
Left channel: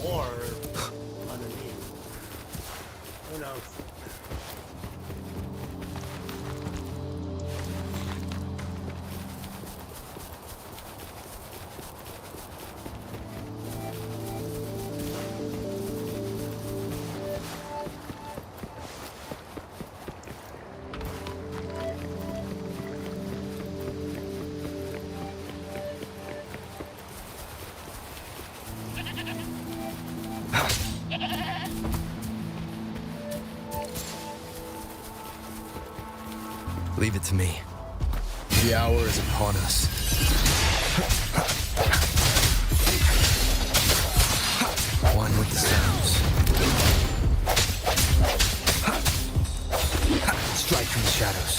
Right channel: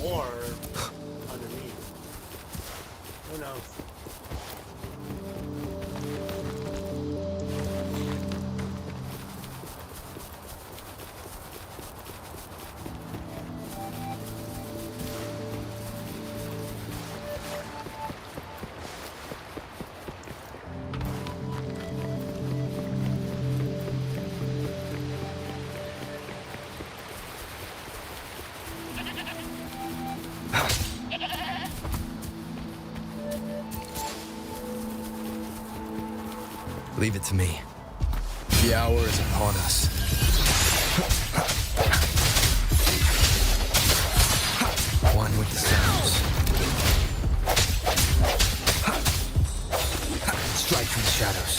Or underneath. Who knows? Leave it to me. The hour is upon us. One with the sounds. Strike from the shadows.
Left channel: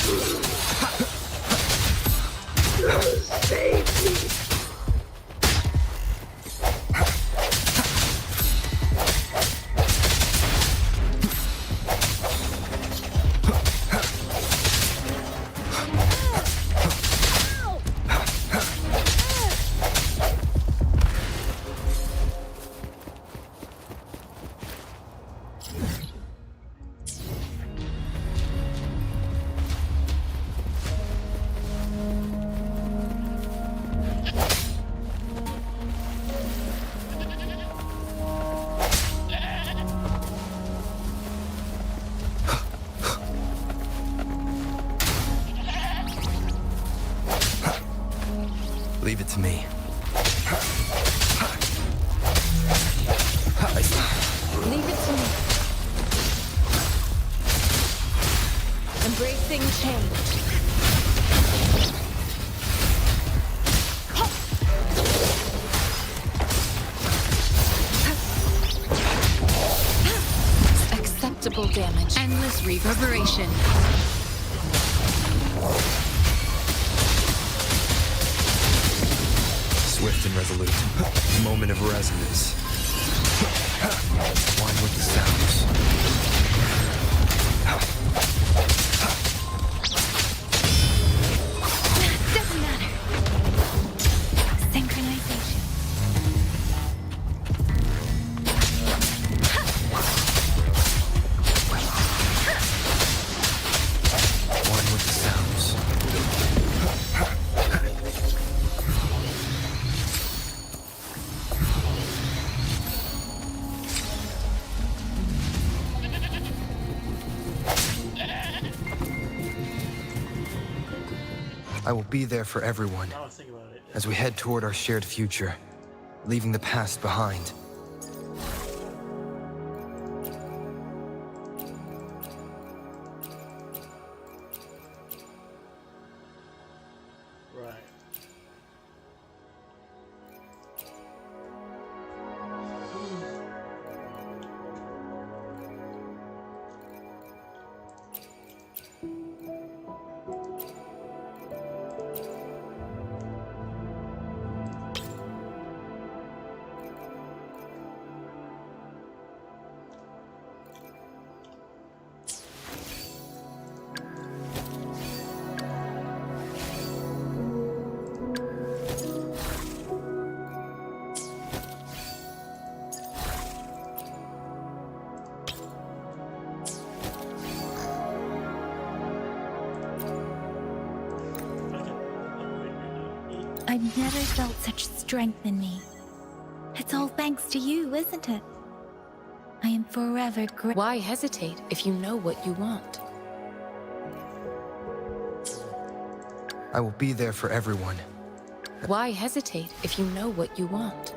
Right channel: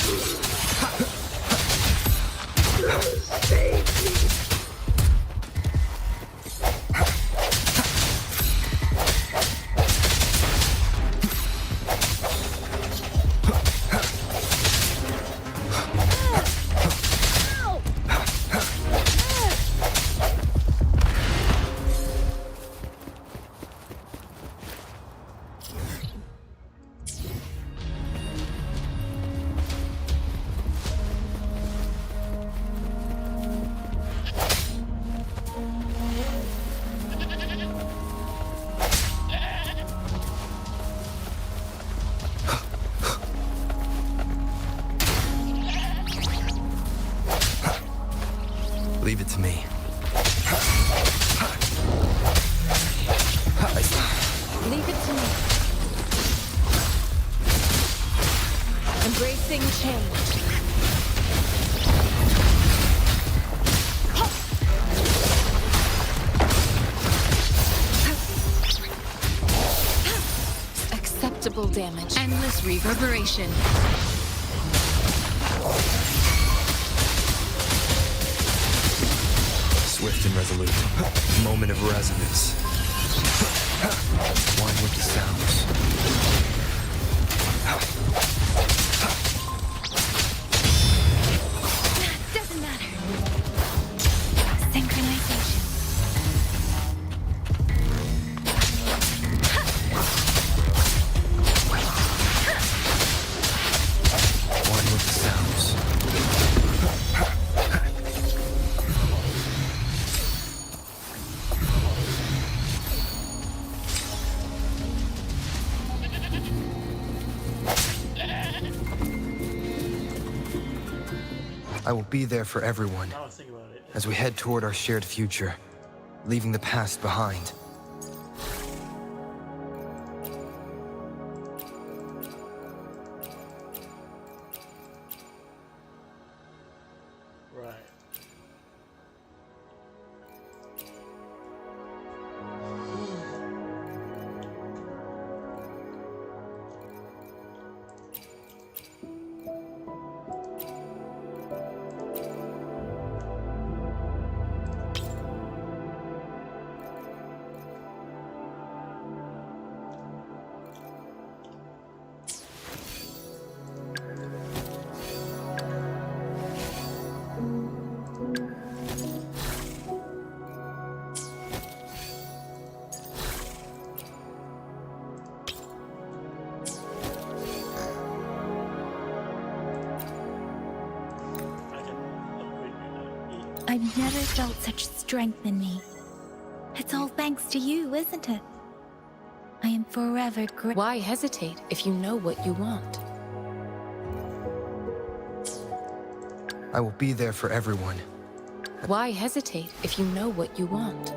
Save me. Leave it to me. Leave it to me. Embracing change. Acceptable damage. Endless reverberation. Swift and resolute. Moment of resonance. One with the sounds. Doesn't matter. Synchronization. One with the sounds. I will be there for everyone. I was thinking about it. as we head toward our shared future, leaving the past behind. Right. I've never felt such strength in me. It's all thanks to you, isn't it? I am forever grateful. Why hesitate if you know what you want? I will be there for everyone. Why hesitate if you know what you want?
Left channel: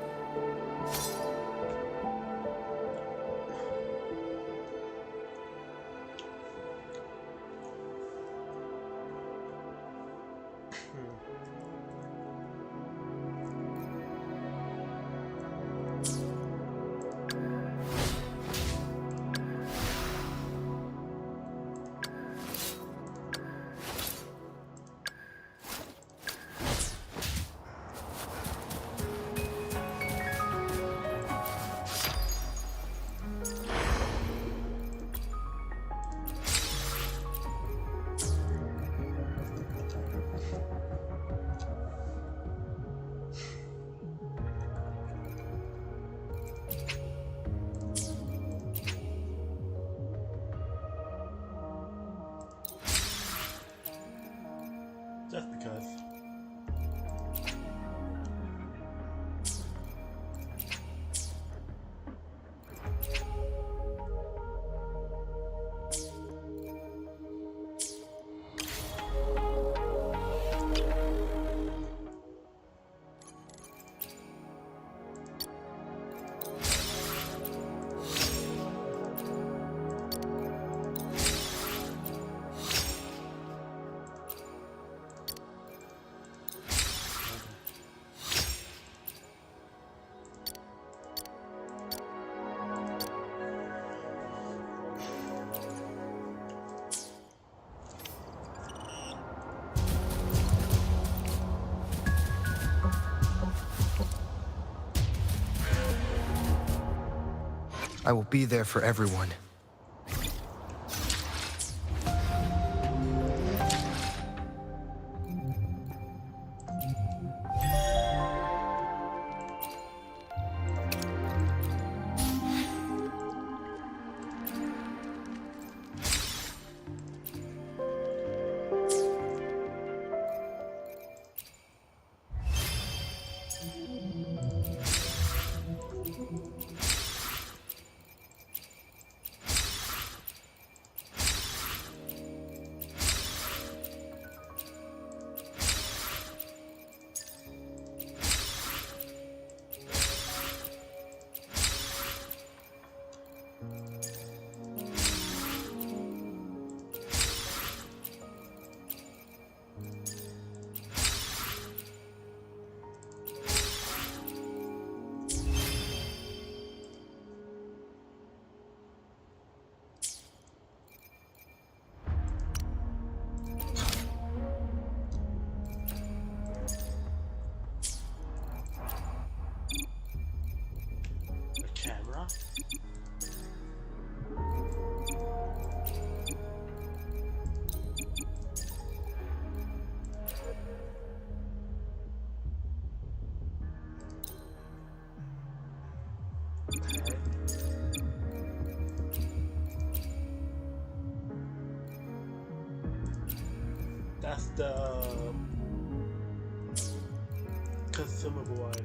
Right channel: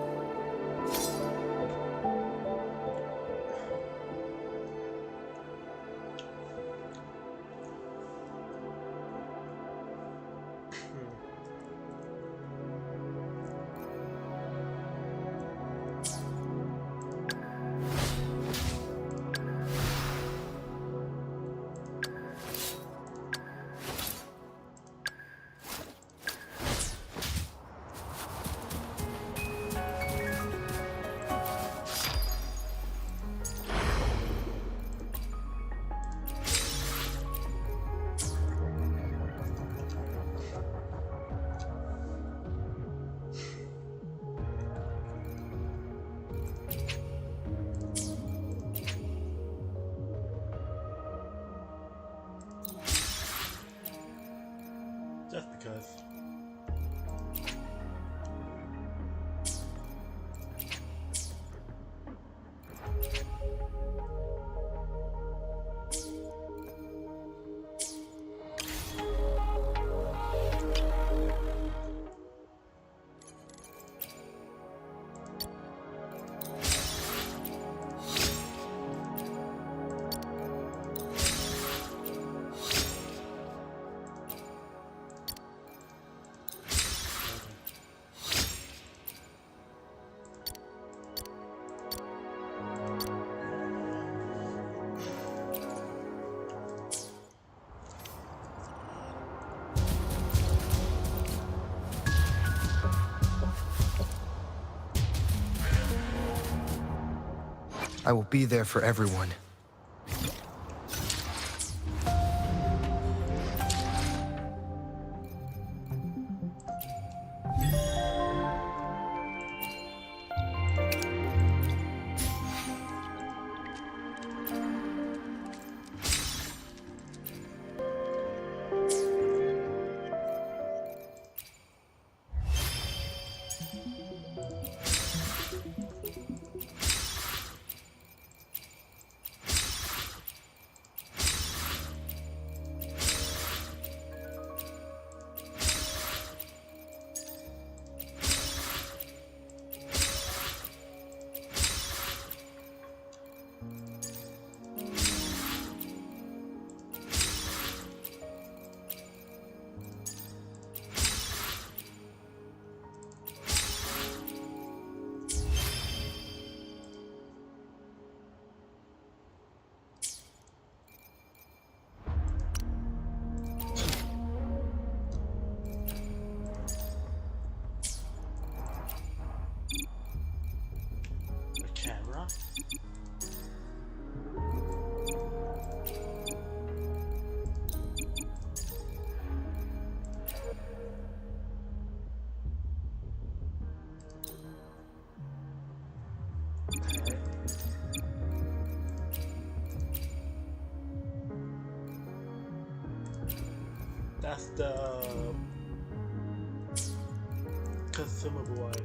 Just because. I will be there for everyone. The camera? Okay. That's the consumable item.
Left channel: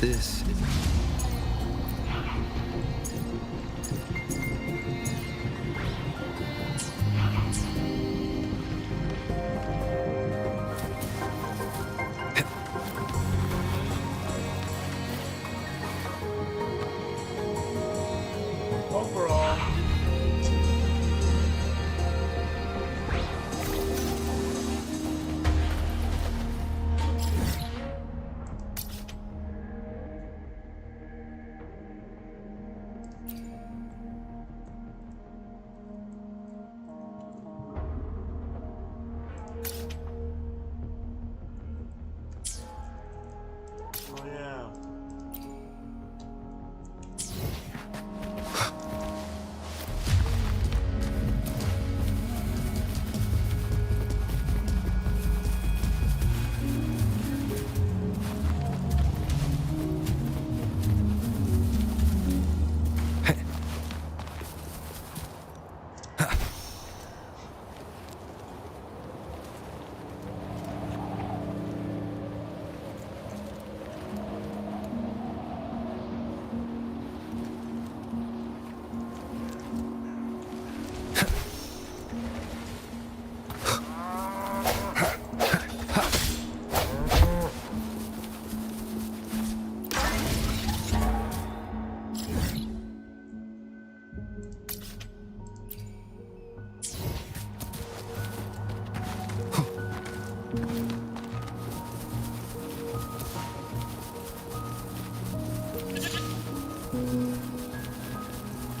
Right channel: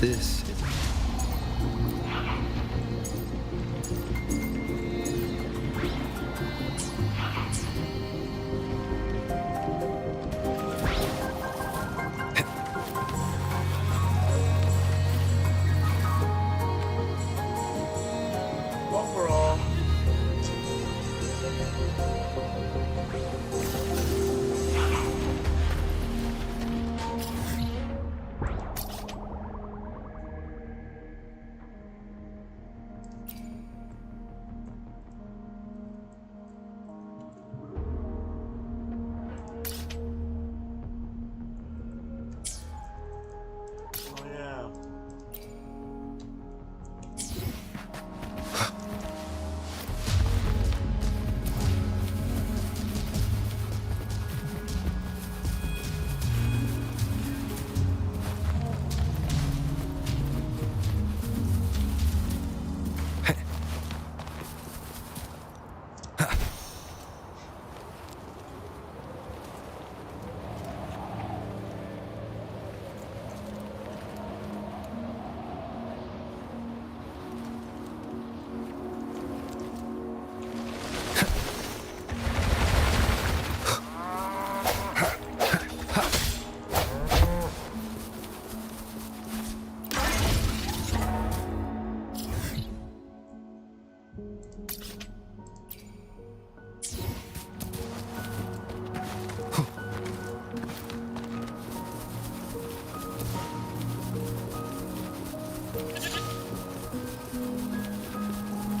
This is... Overall, oh yeah.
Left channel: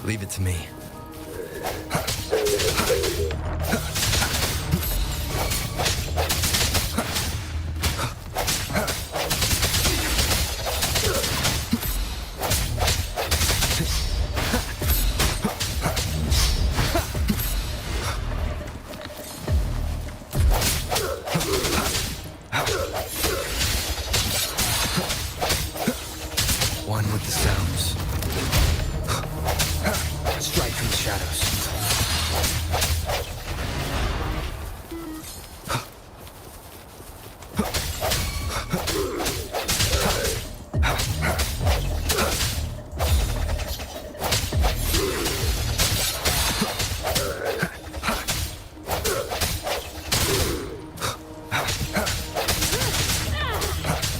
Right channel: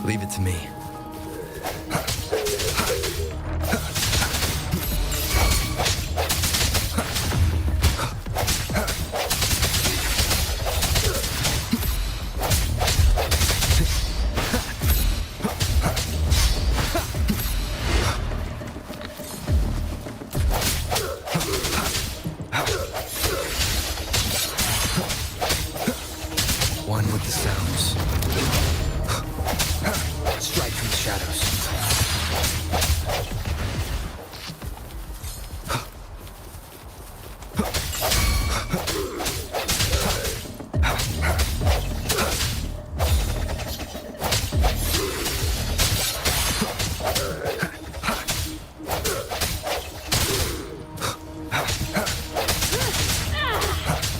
Leave it to me. One with the sounds. Strike from the shadows.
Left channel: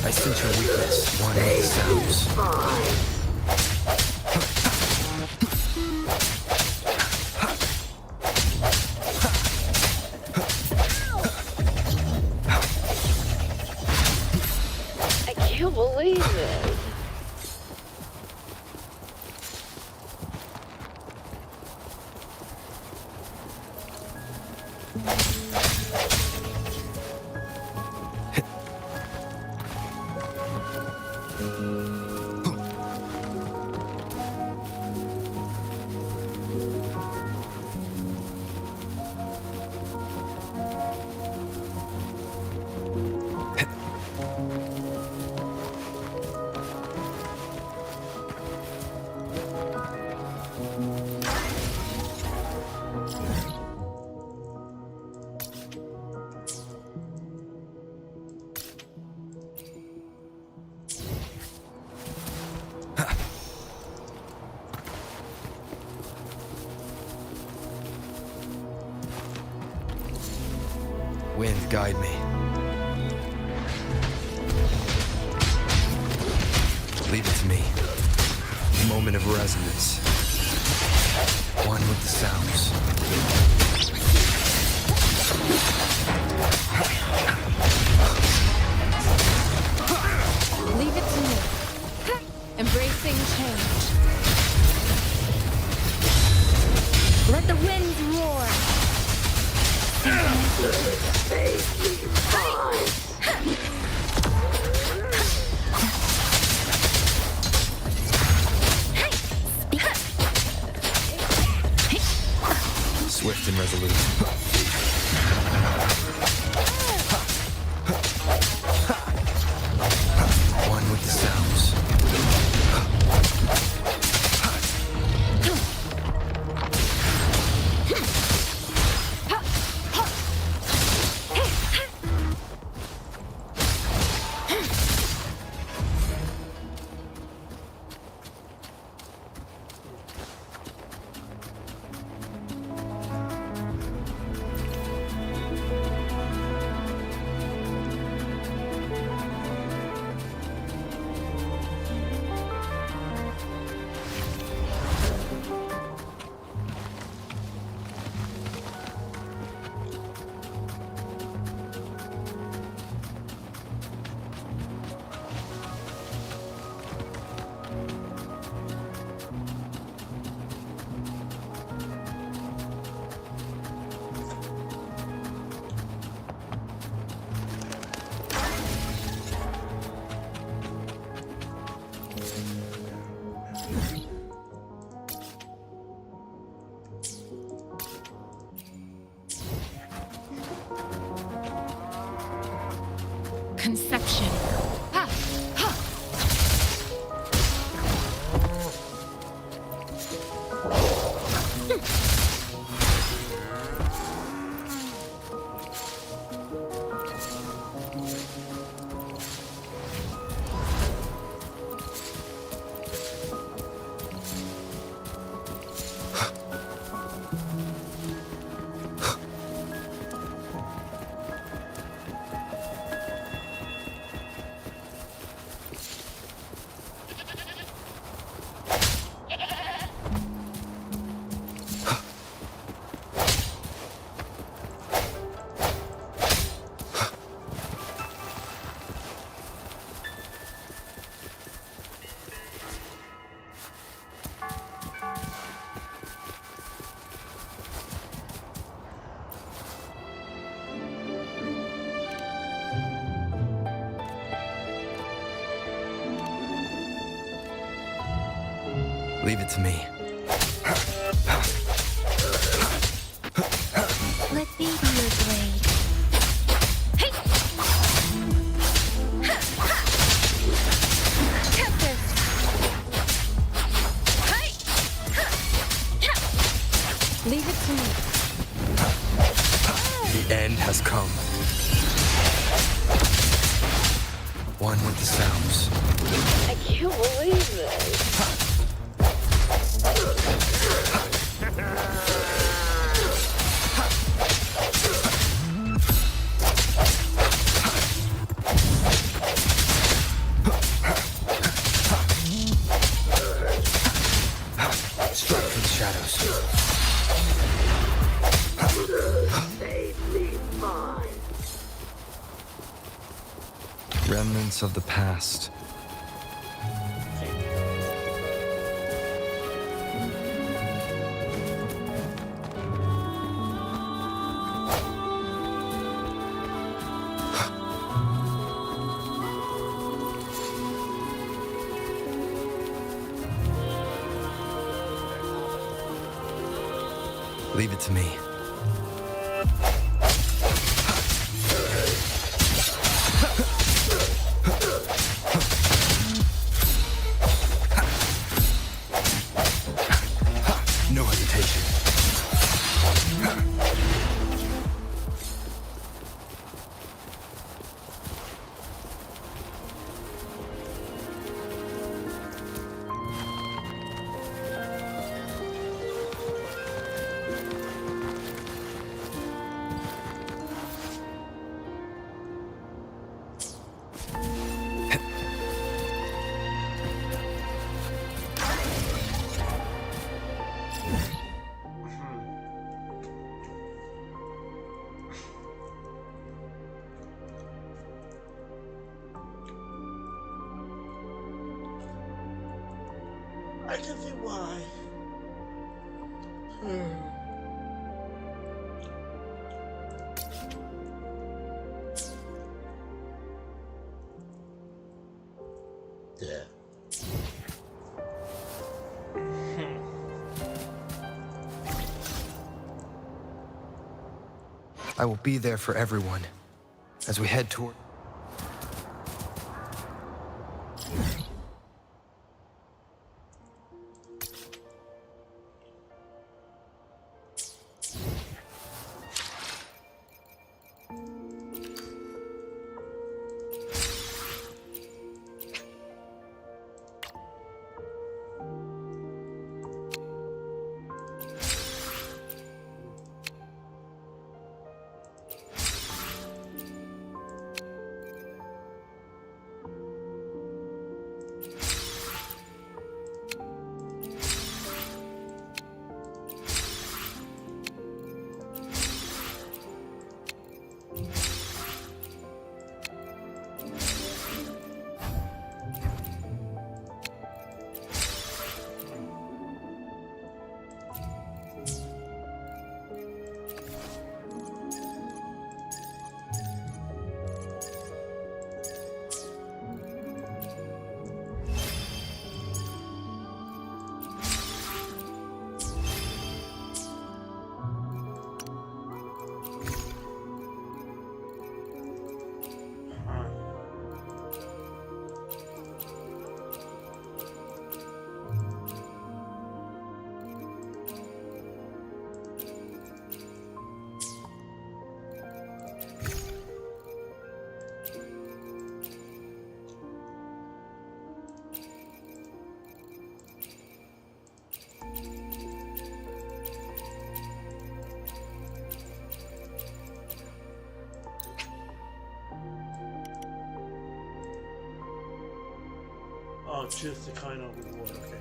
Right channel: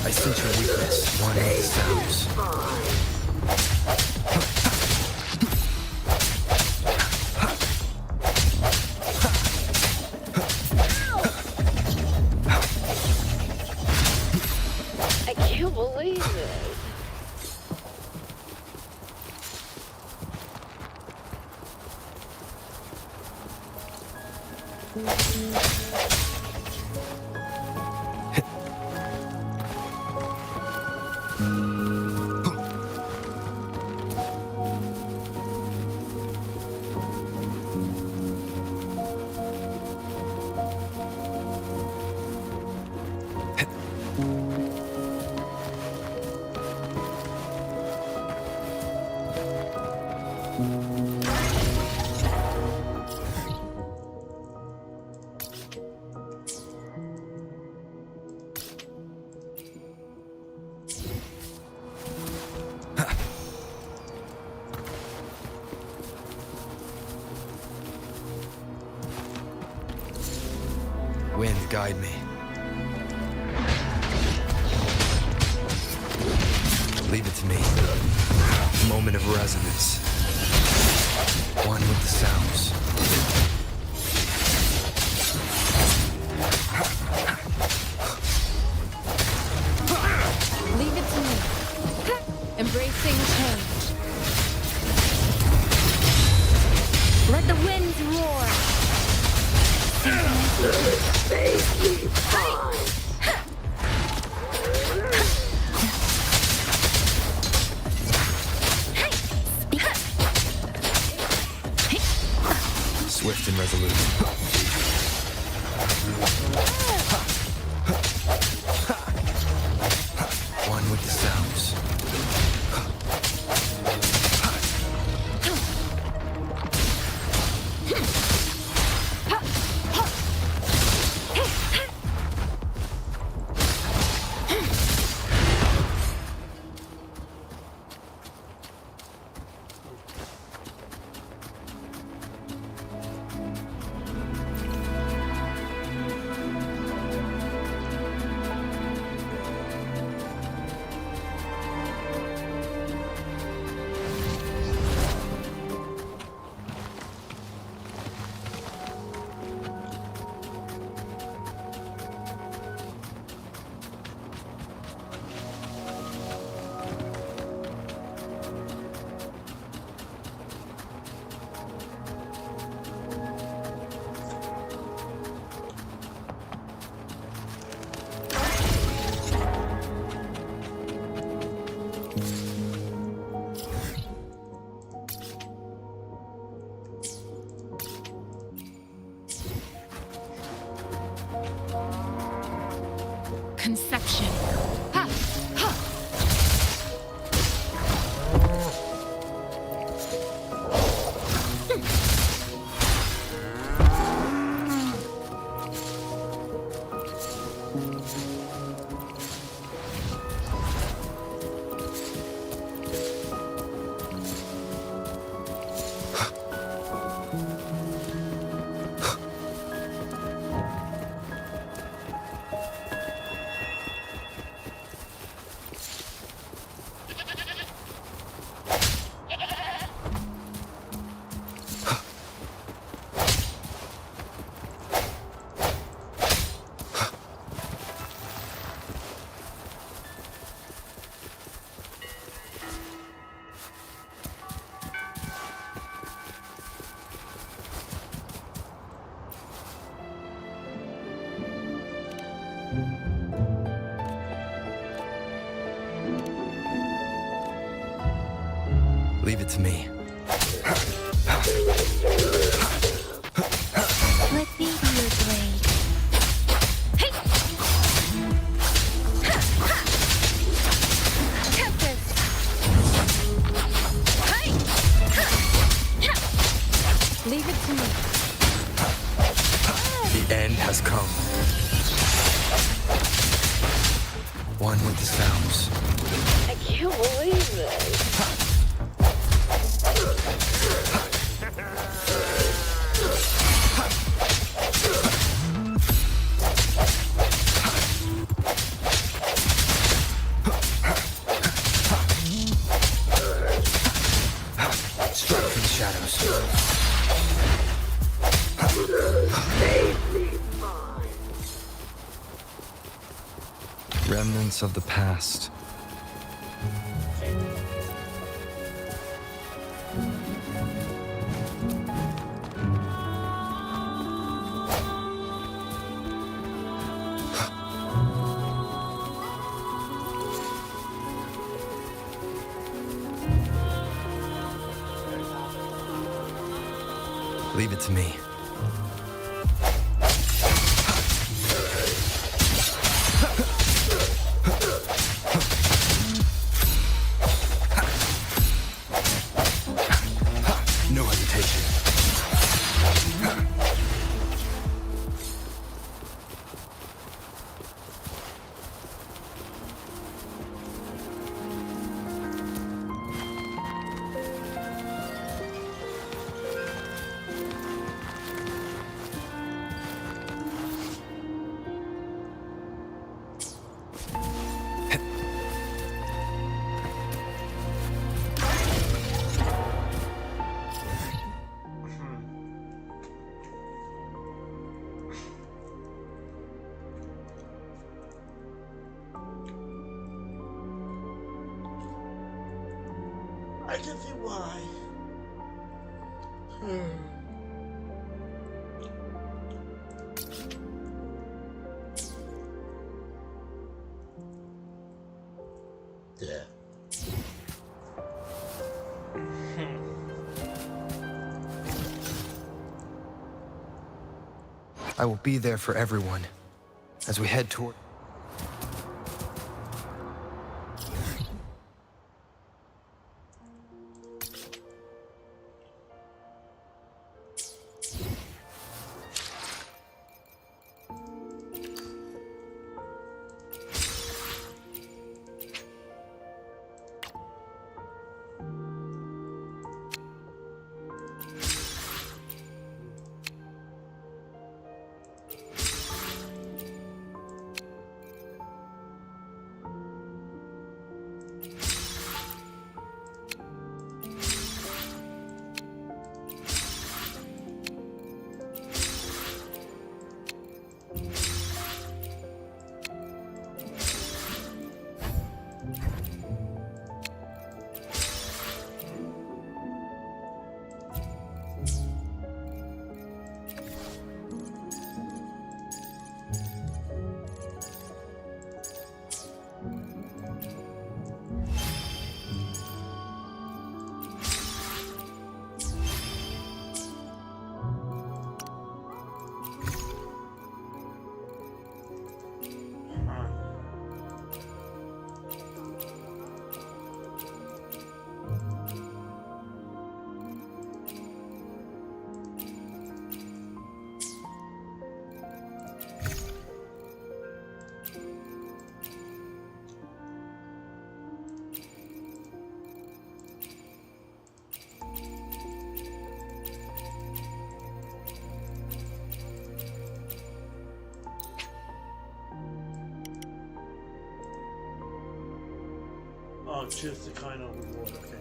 I sense your weakness. One with the sounds. I can't believe it. Wind, guide me. Leave it to me. Moment of resonance. One with the sounds. Leave it to me. Embracing change. Let the winds roar. Swift and resolute. One with the sounds. conception. Ha! Ha! Leave it to me. Let me be your blade. Hey! Ha! Ha! Captive! Hey! Ha! Ha! Leave it to me. The end has come. One with the sounds. I can't believe this. Strike from the shadows. Safely fine. Remnants of the past. Leave it to me. No hesitation. I can see why. Yeah. I will be there for everyone as we head toward. Oh, choose the kind of reward, okay.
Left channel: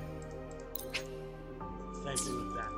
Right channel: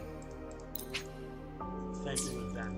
Same thing with that.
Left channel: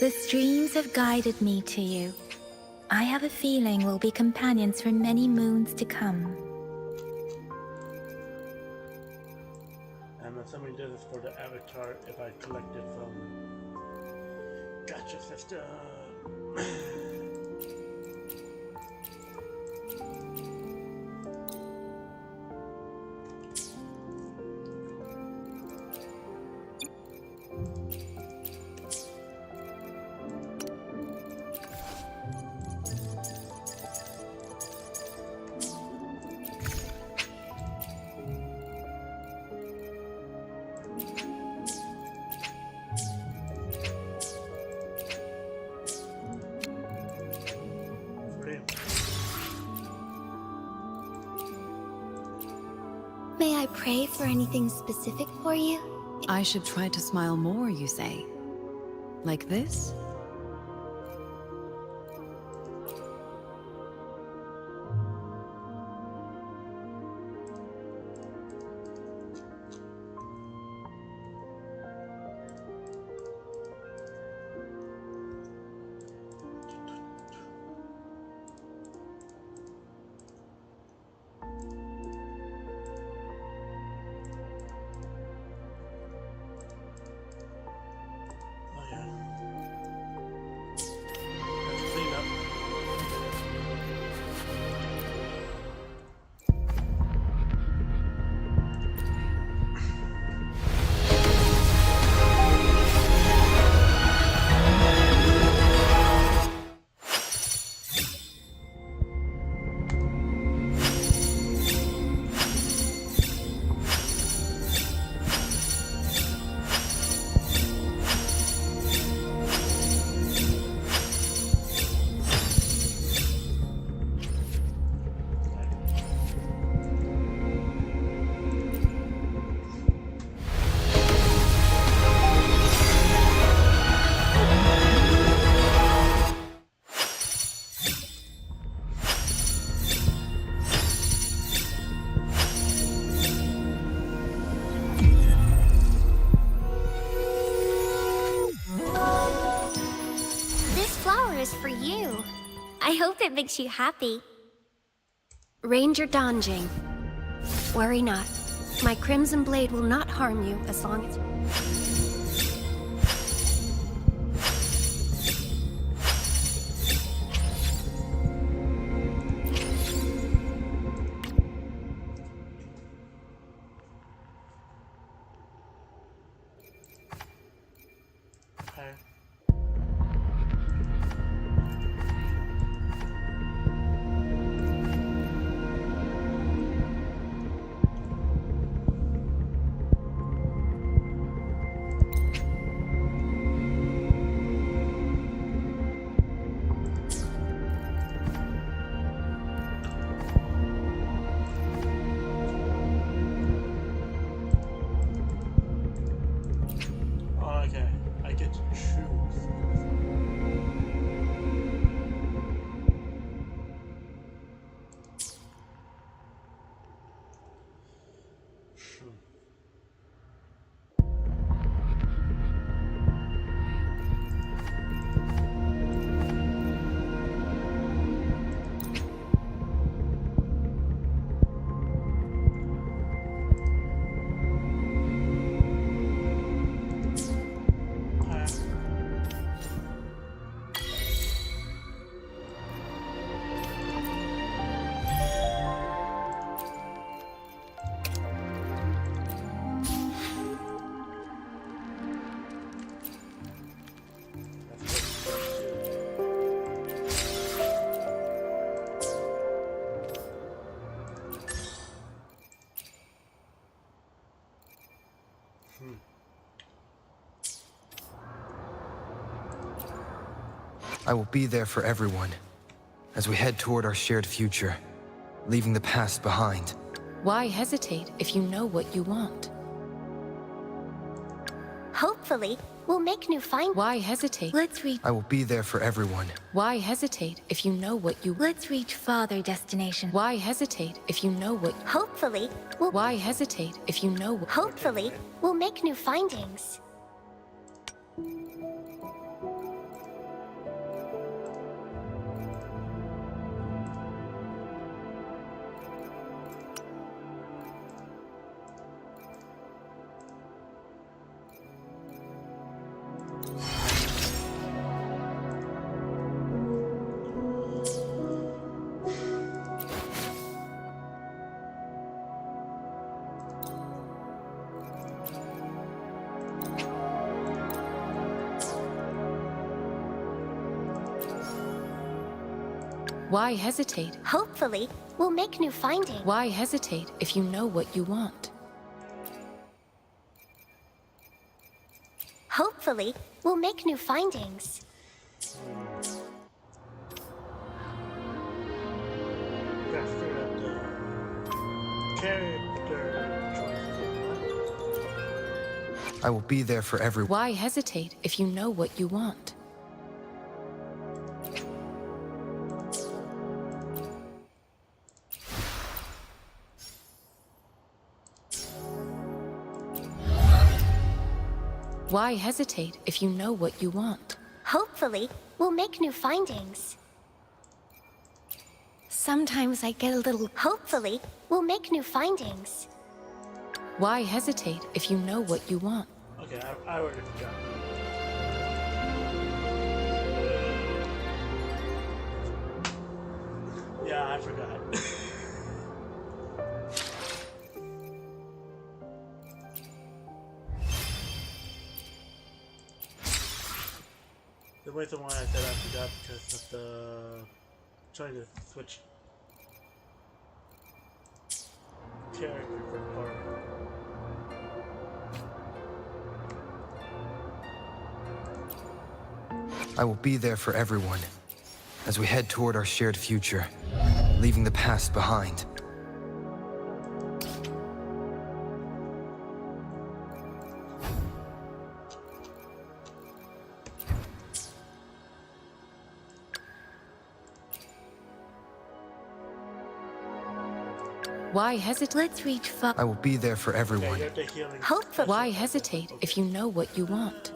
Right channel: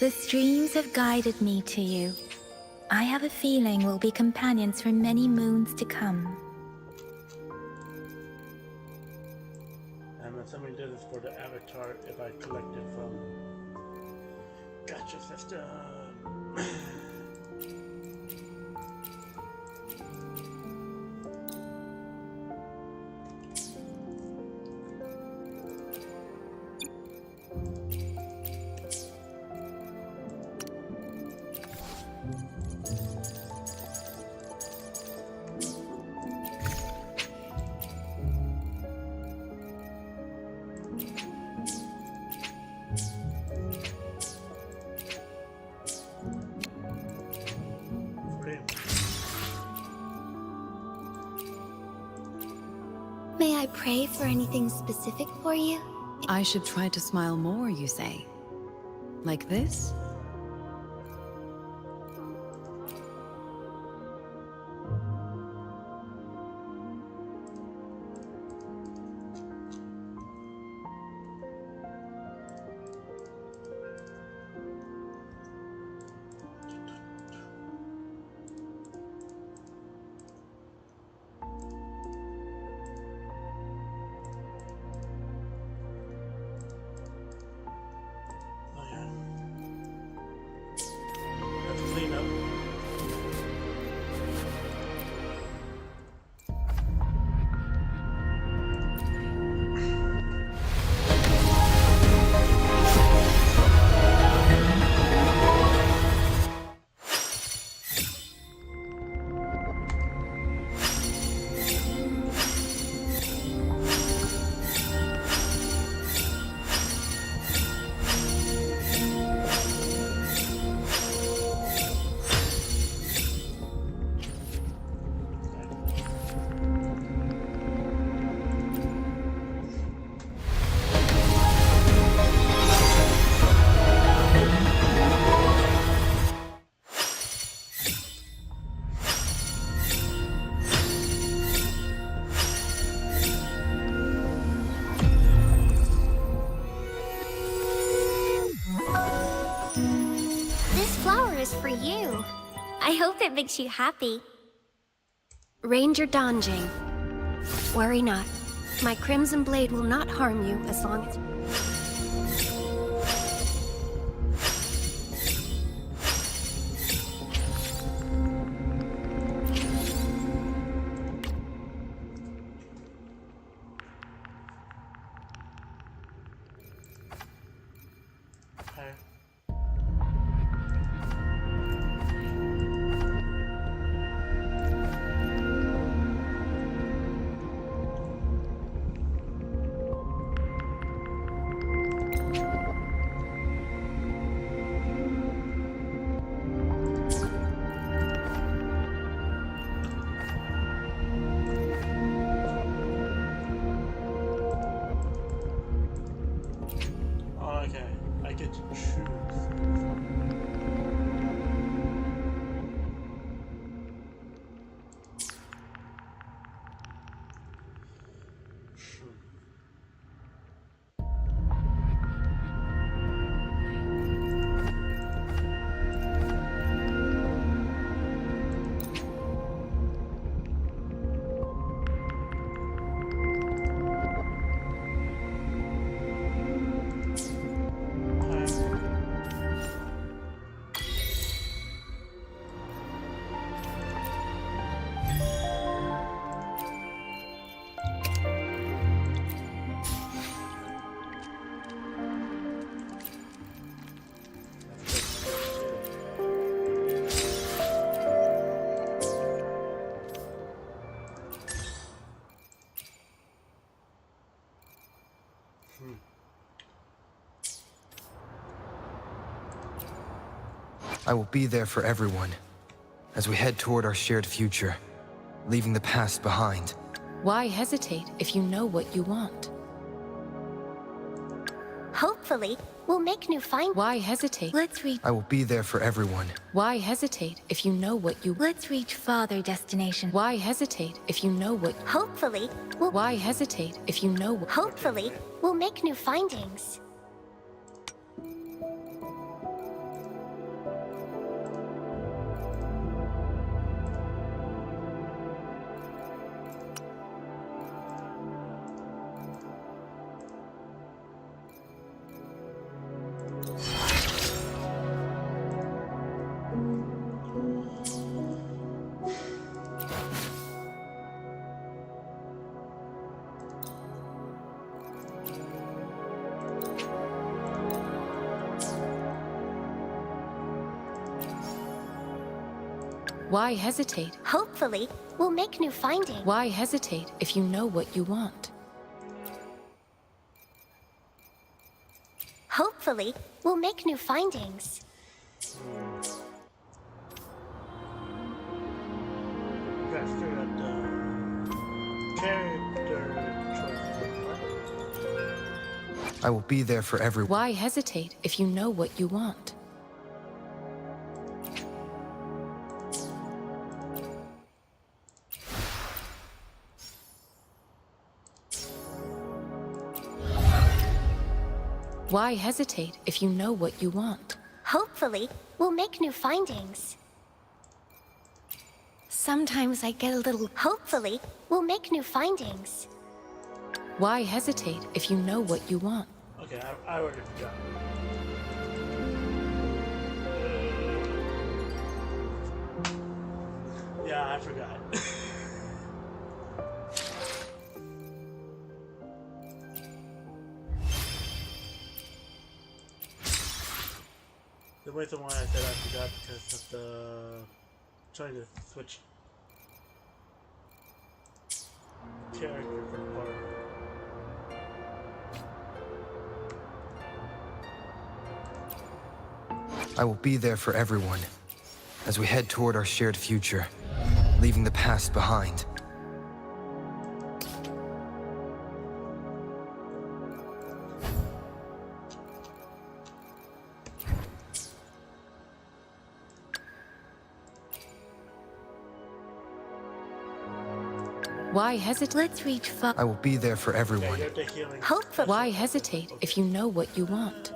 The streams have guided me to you. I have a feeling we'll be companions for many moons to come. I'm assuming this is for the avatar if I collect it from Gotcha System. May I pray for anything specific for you? I should try to smile more, you say? Like this? Oh yeah. Let's clean up. This flower is for you. I hope it makes you happy. Ranger Donjing. Worry not. My Crimson Blade will not harm you as long as... Okay. Oh, okay. I get to choose. Okay. I will be there for everyone as we head toward our shared future, leaving the past behind. Why hesitate if you know what you want? Hopefully, we'll make new finds. Why hesitate? Let's reach. I will be there for everyone. Why hesitate if you know what you... Let's reach farther destination. Why hesitate if you know what... Hopefully, we'll... Why hesitate if you know what... Hopefully, we'll make new findings. Why hesitate? Hopefully, we'll make new findings. Why hesitate if you know what you want? Hopefully, we'll make new findings. Gotta figure out the character choice again, what? I will be there for everyone. Why hesitate if you know what you want? Why hesitate if you know what you want? Hopefully, we'll make new findings. Sometimes I get a little. Hopefully, we'll make new findings. Why hesitate if you know what you want? Okay, I already forgot. Yeah, I forgot. The reason why I said I forgot because of the trying to switch character for the part. I will be there for everyone as we head toward our shared future, leaving the past behind. Why hesitate? Let's reach far. I will be there for everyone. Hopefully. Why hesitate if you know what you want?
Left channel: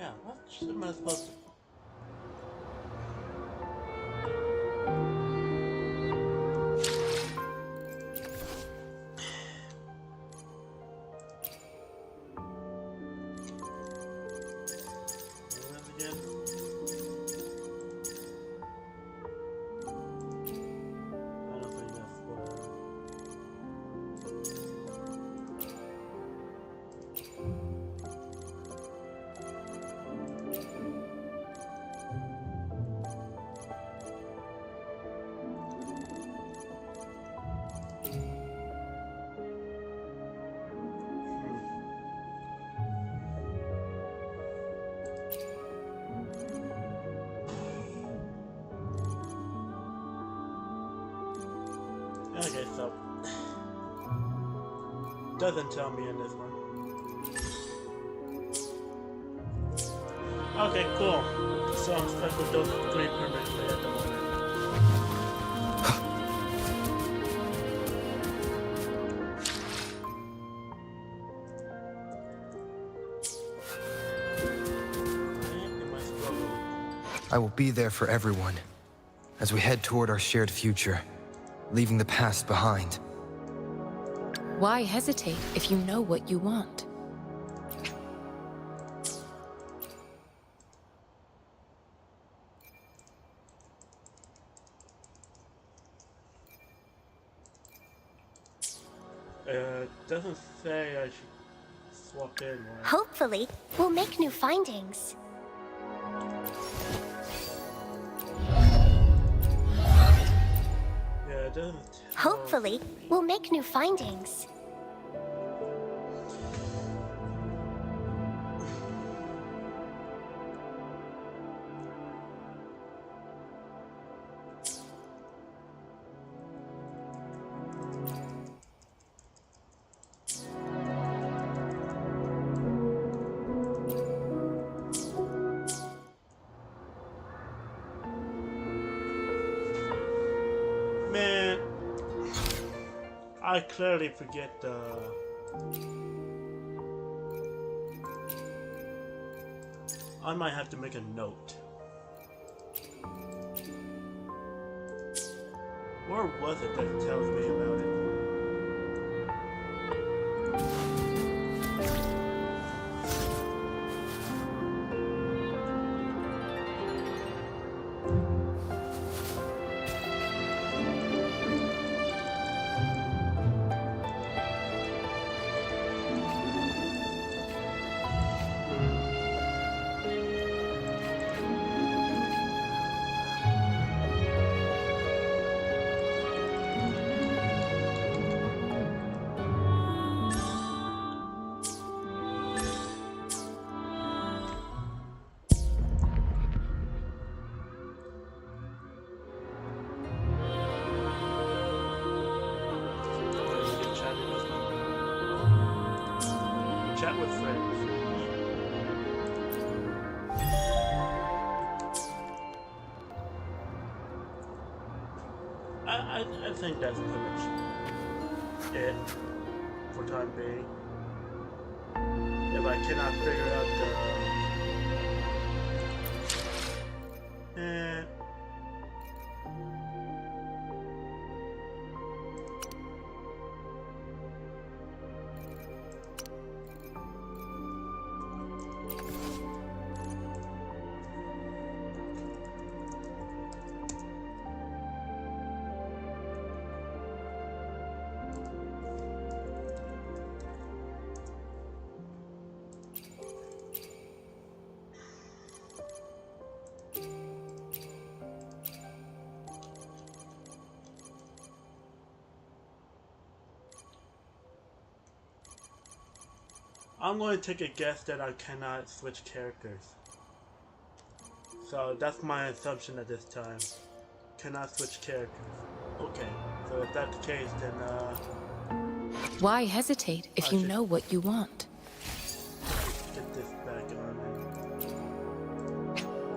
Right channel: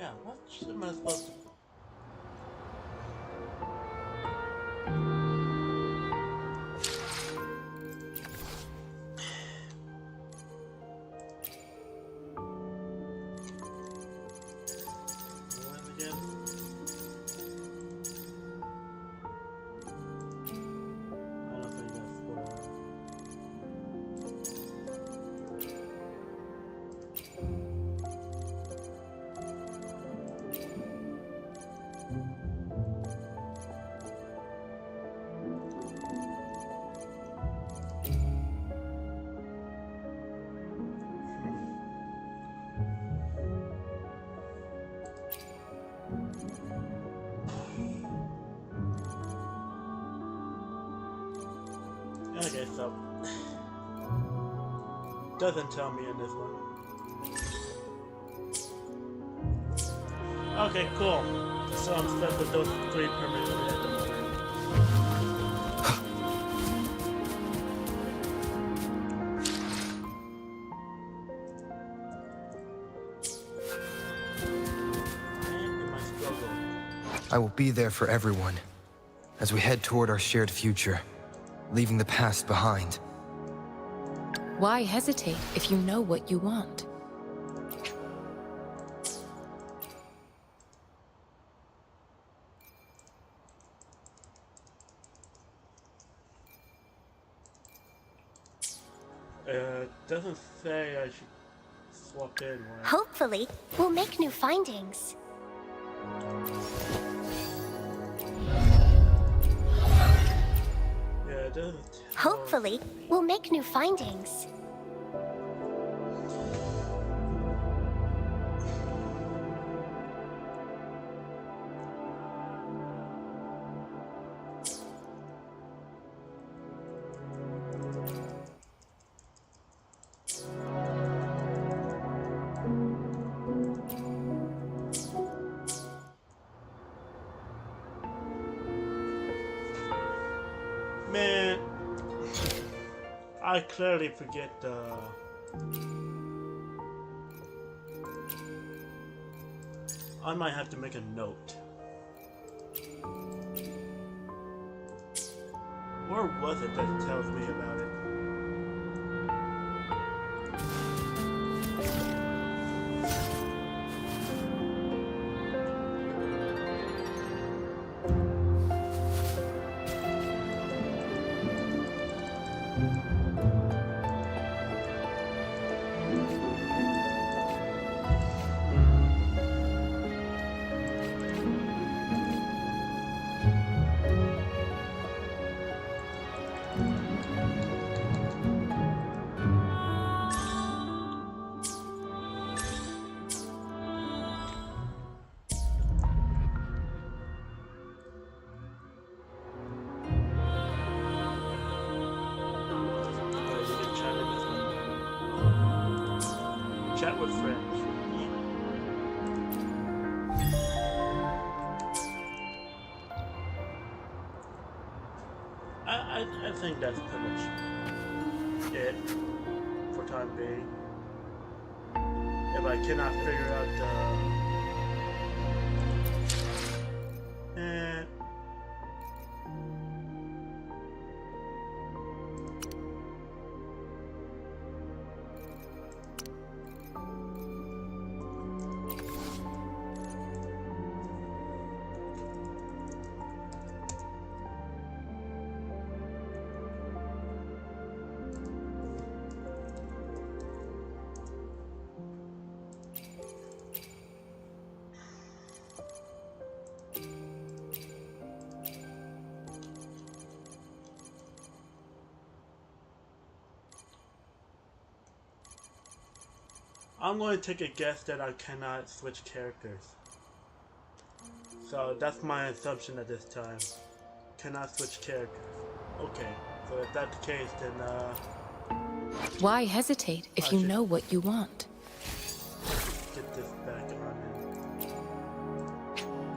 Yeah, what am I supposed to... again? I don't think that's for her. Okay, so doesn't tell me in this one. Okay, cool. So I'm stuck with those three permanently at the moment. I will be there for everyone as we head toward our shared future, leaving the past behind. Why hesitate if you know what you want? Doesn't say I should swap in, right? Hopefully, we'll make new findings. Yeah, it doesn't. Hopefully, we'll make new findings. Man, I clearly forget the. I might have to make a note. Where was it that tells me about it? Chat with friends. I think that's pretty much it for time being. If I cannot figure out the I'm going to take a guess that I cannot switch characters. So that's my assumption at this time. Cannot switch characters. Okay, so if that's the case, then Why hesitate if you know what you want? get this back on and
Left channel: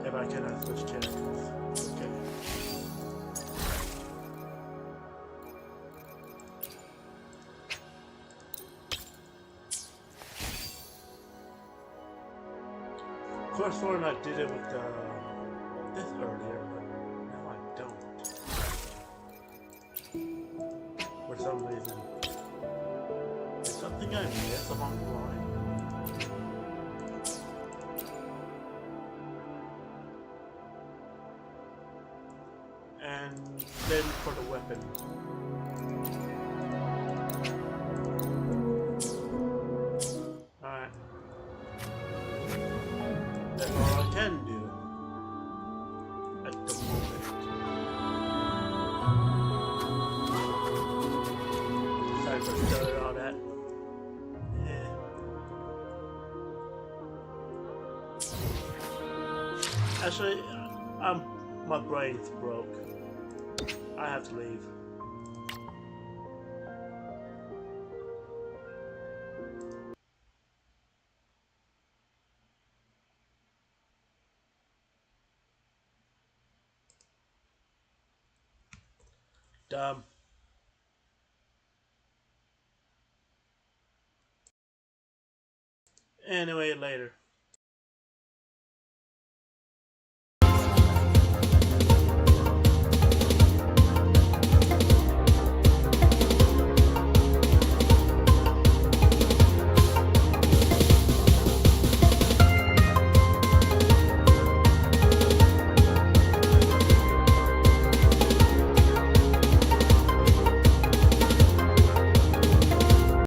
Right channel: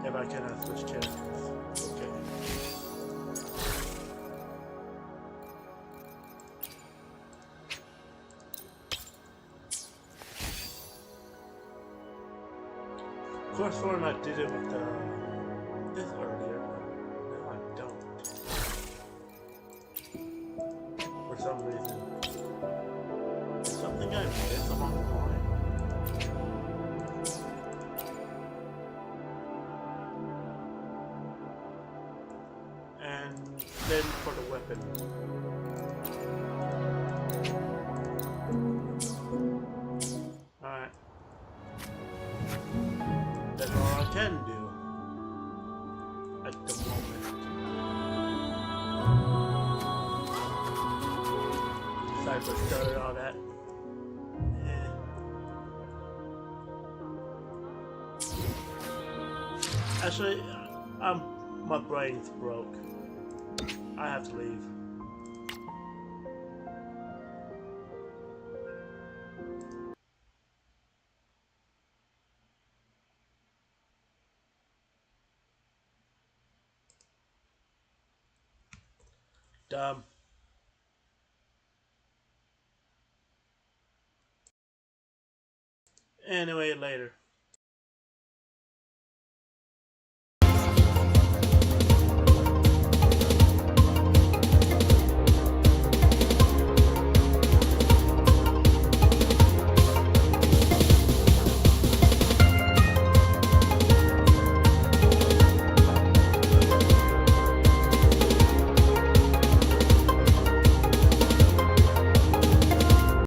if I cannot switch characters. Okay. Of course, sort of I did it with this earlier, but now I don't. For some reason. Is something I missed along the line? and then for the weapon. Alright. That's all I can do at the moment. Sorry for stuttering all that. Yeah. Actually, my brain's broke. I have to leave. Dumb. Anyway, later.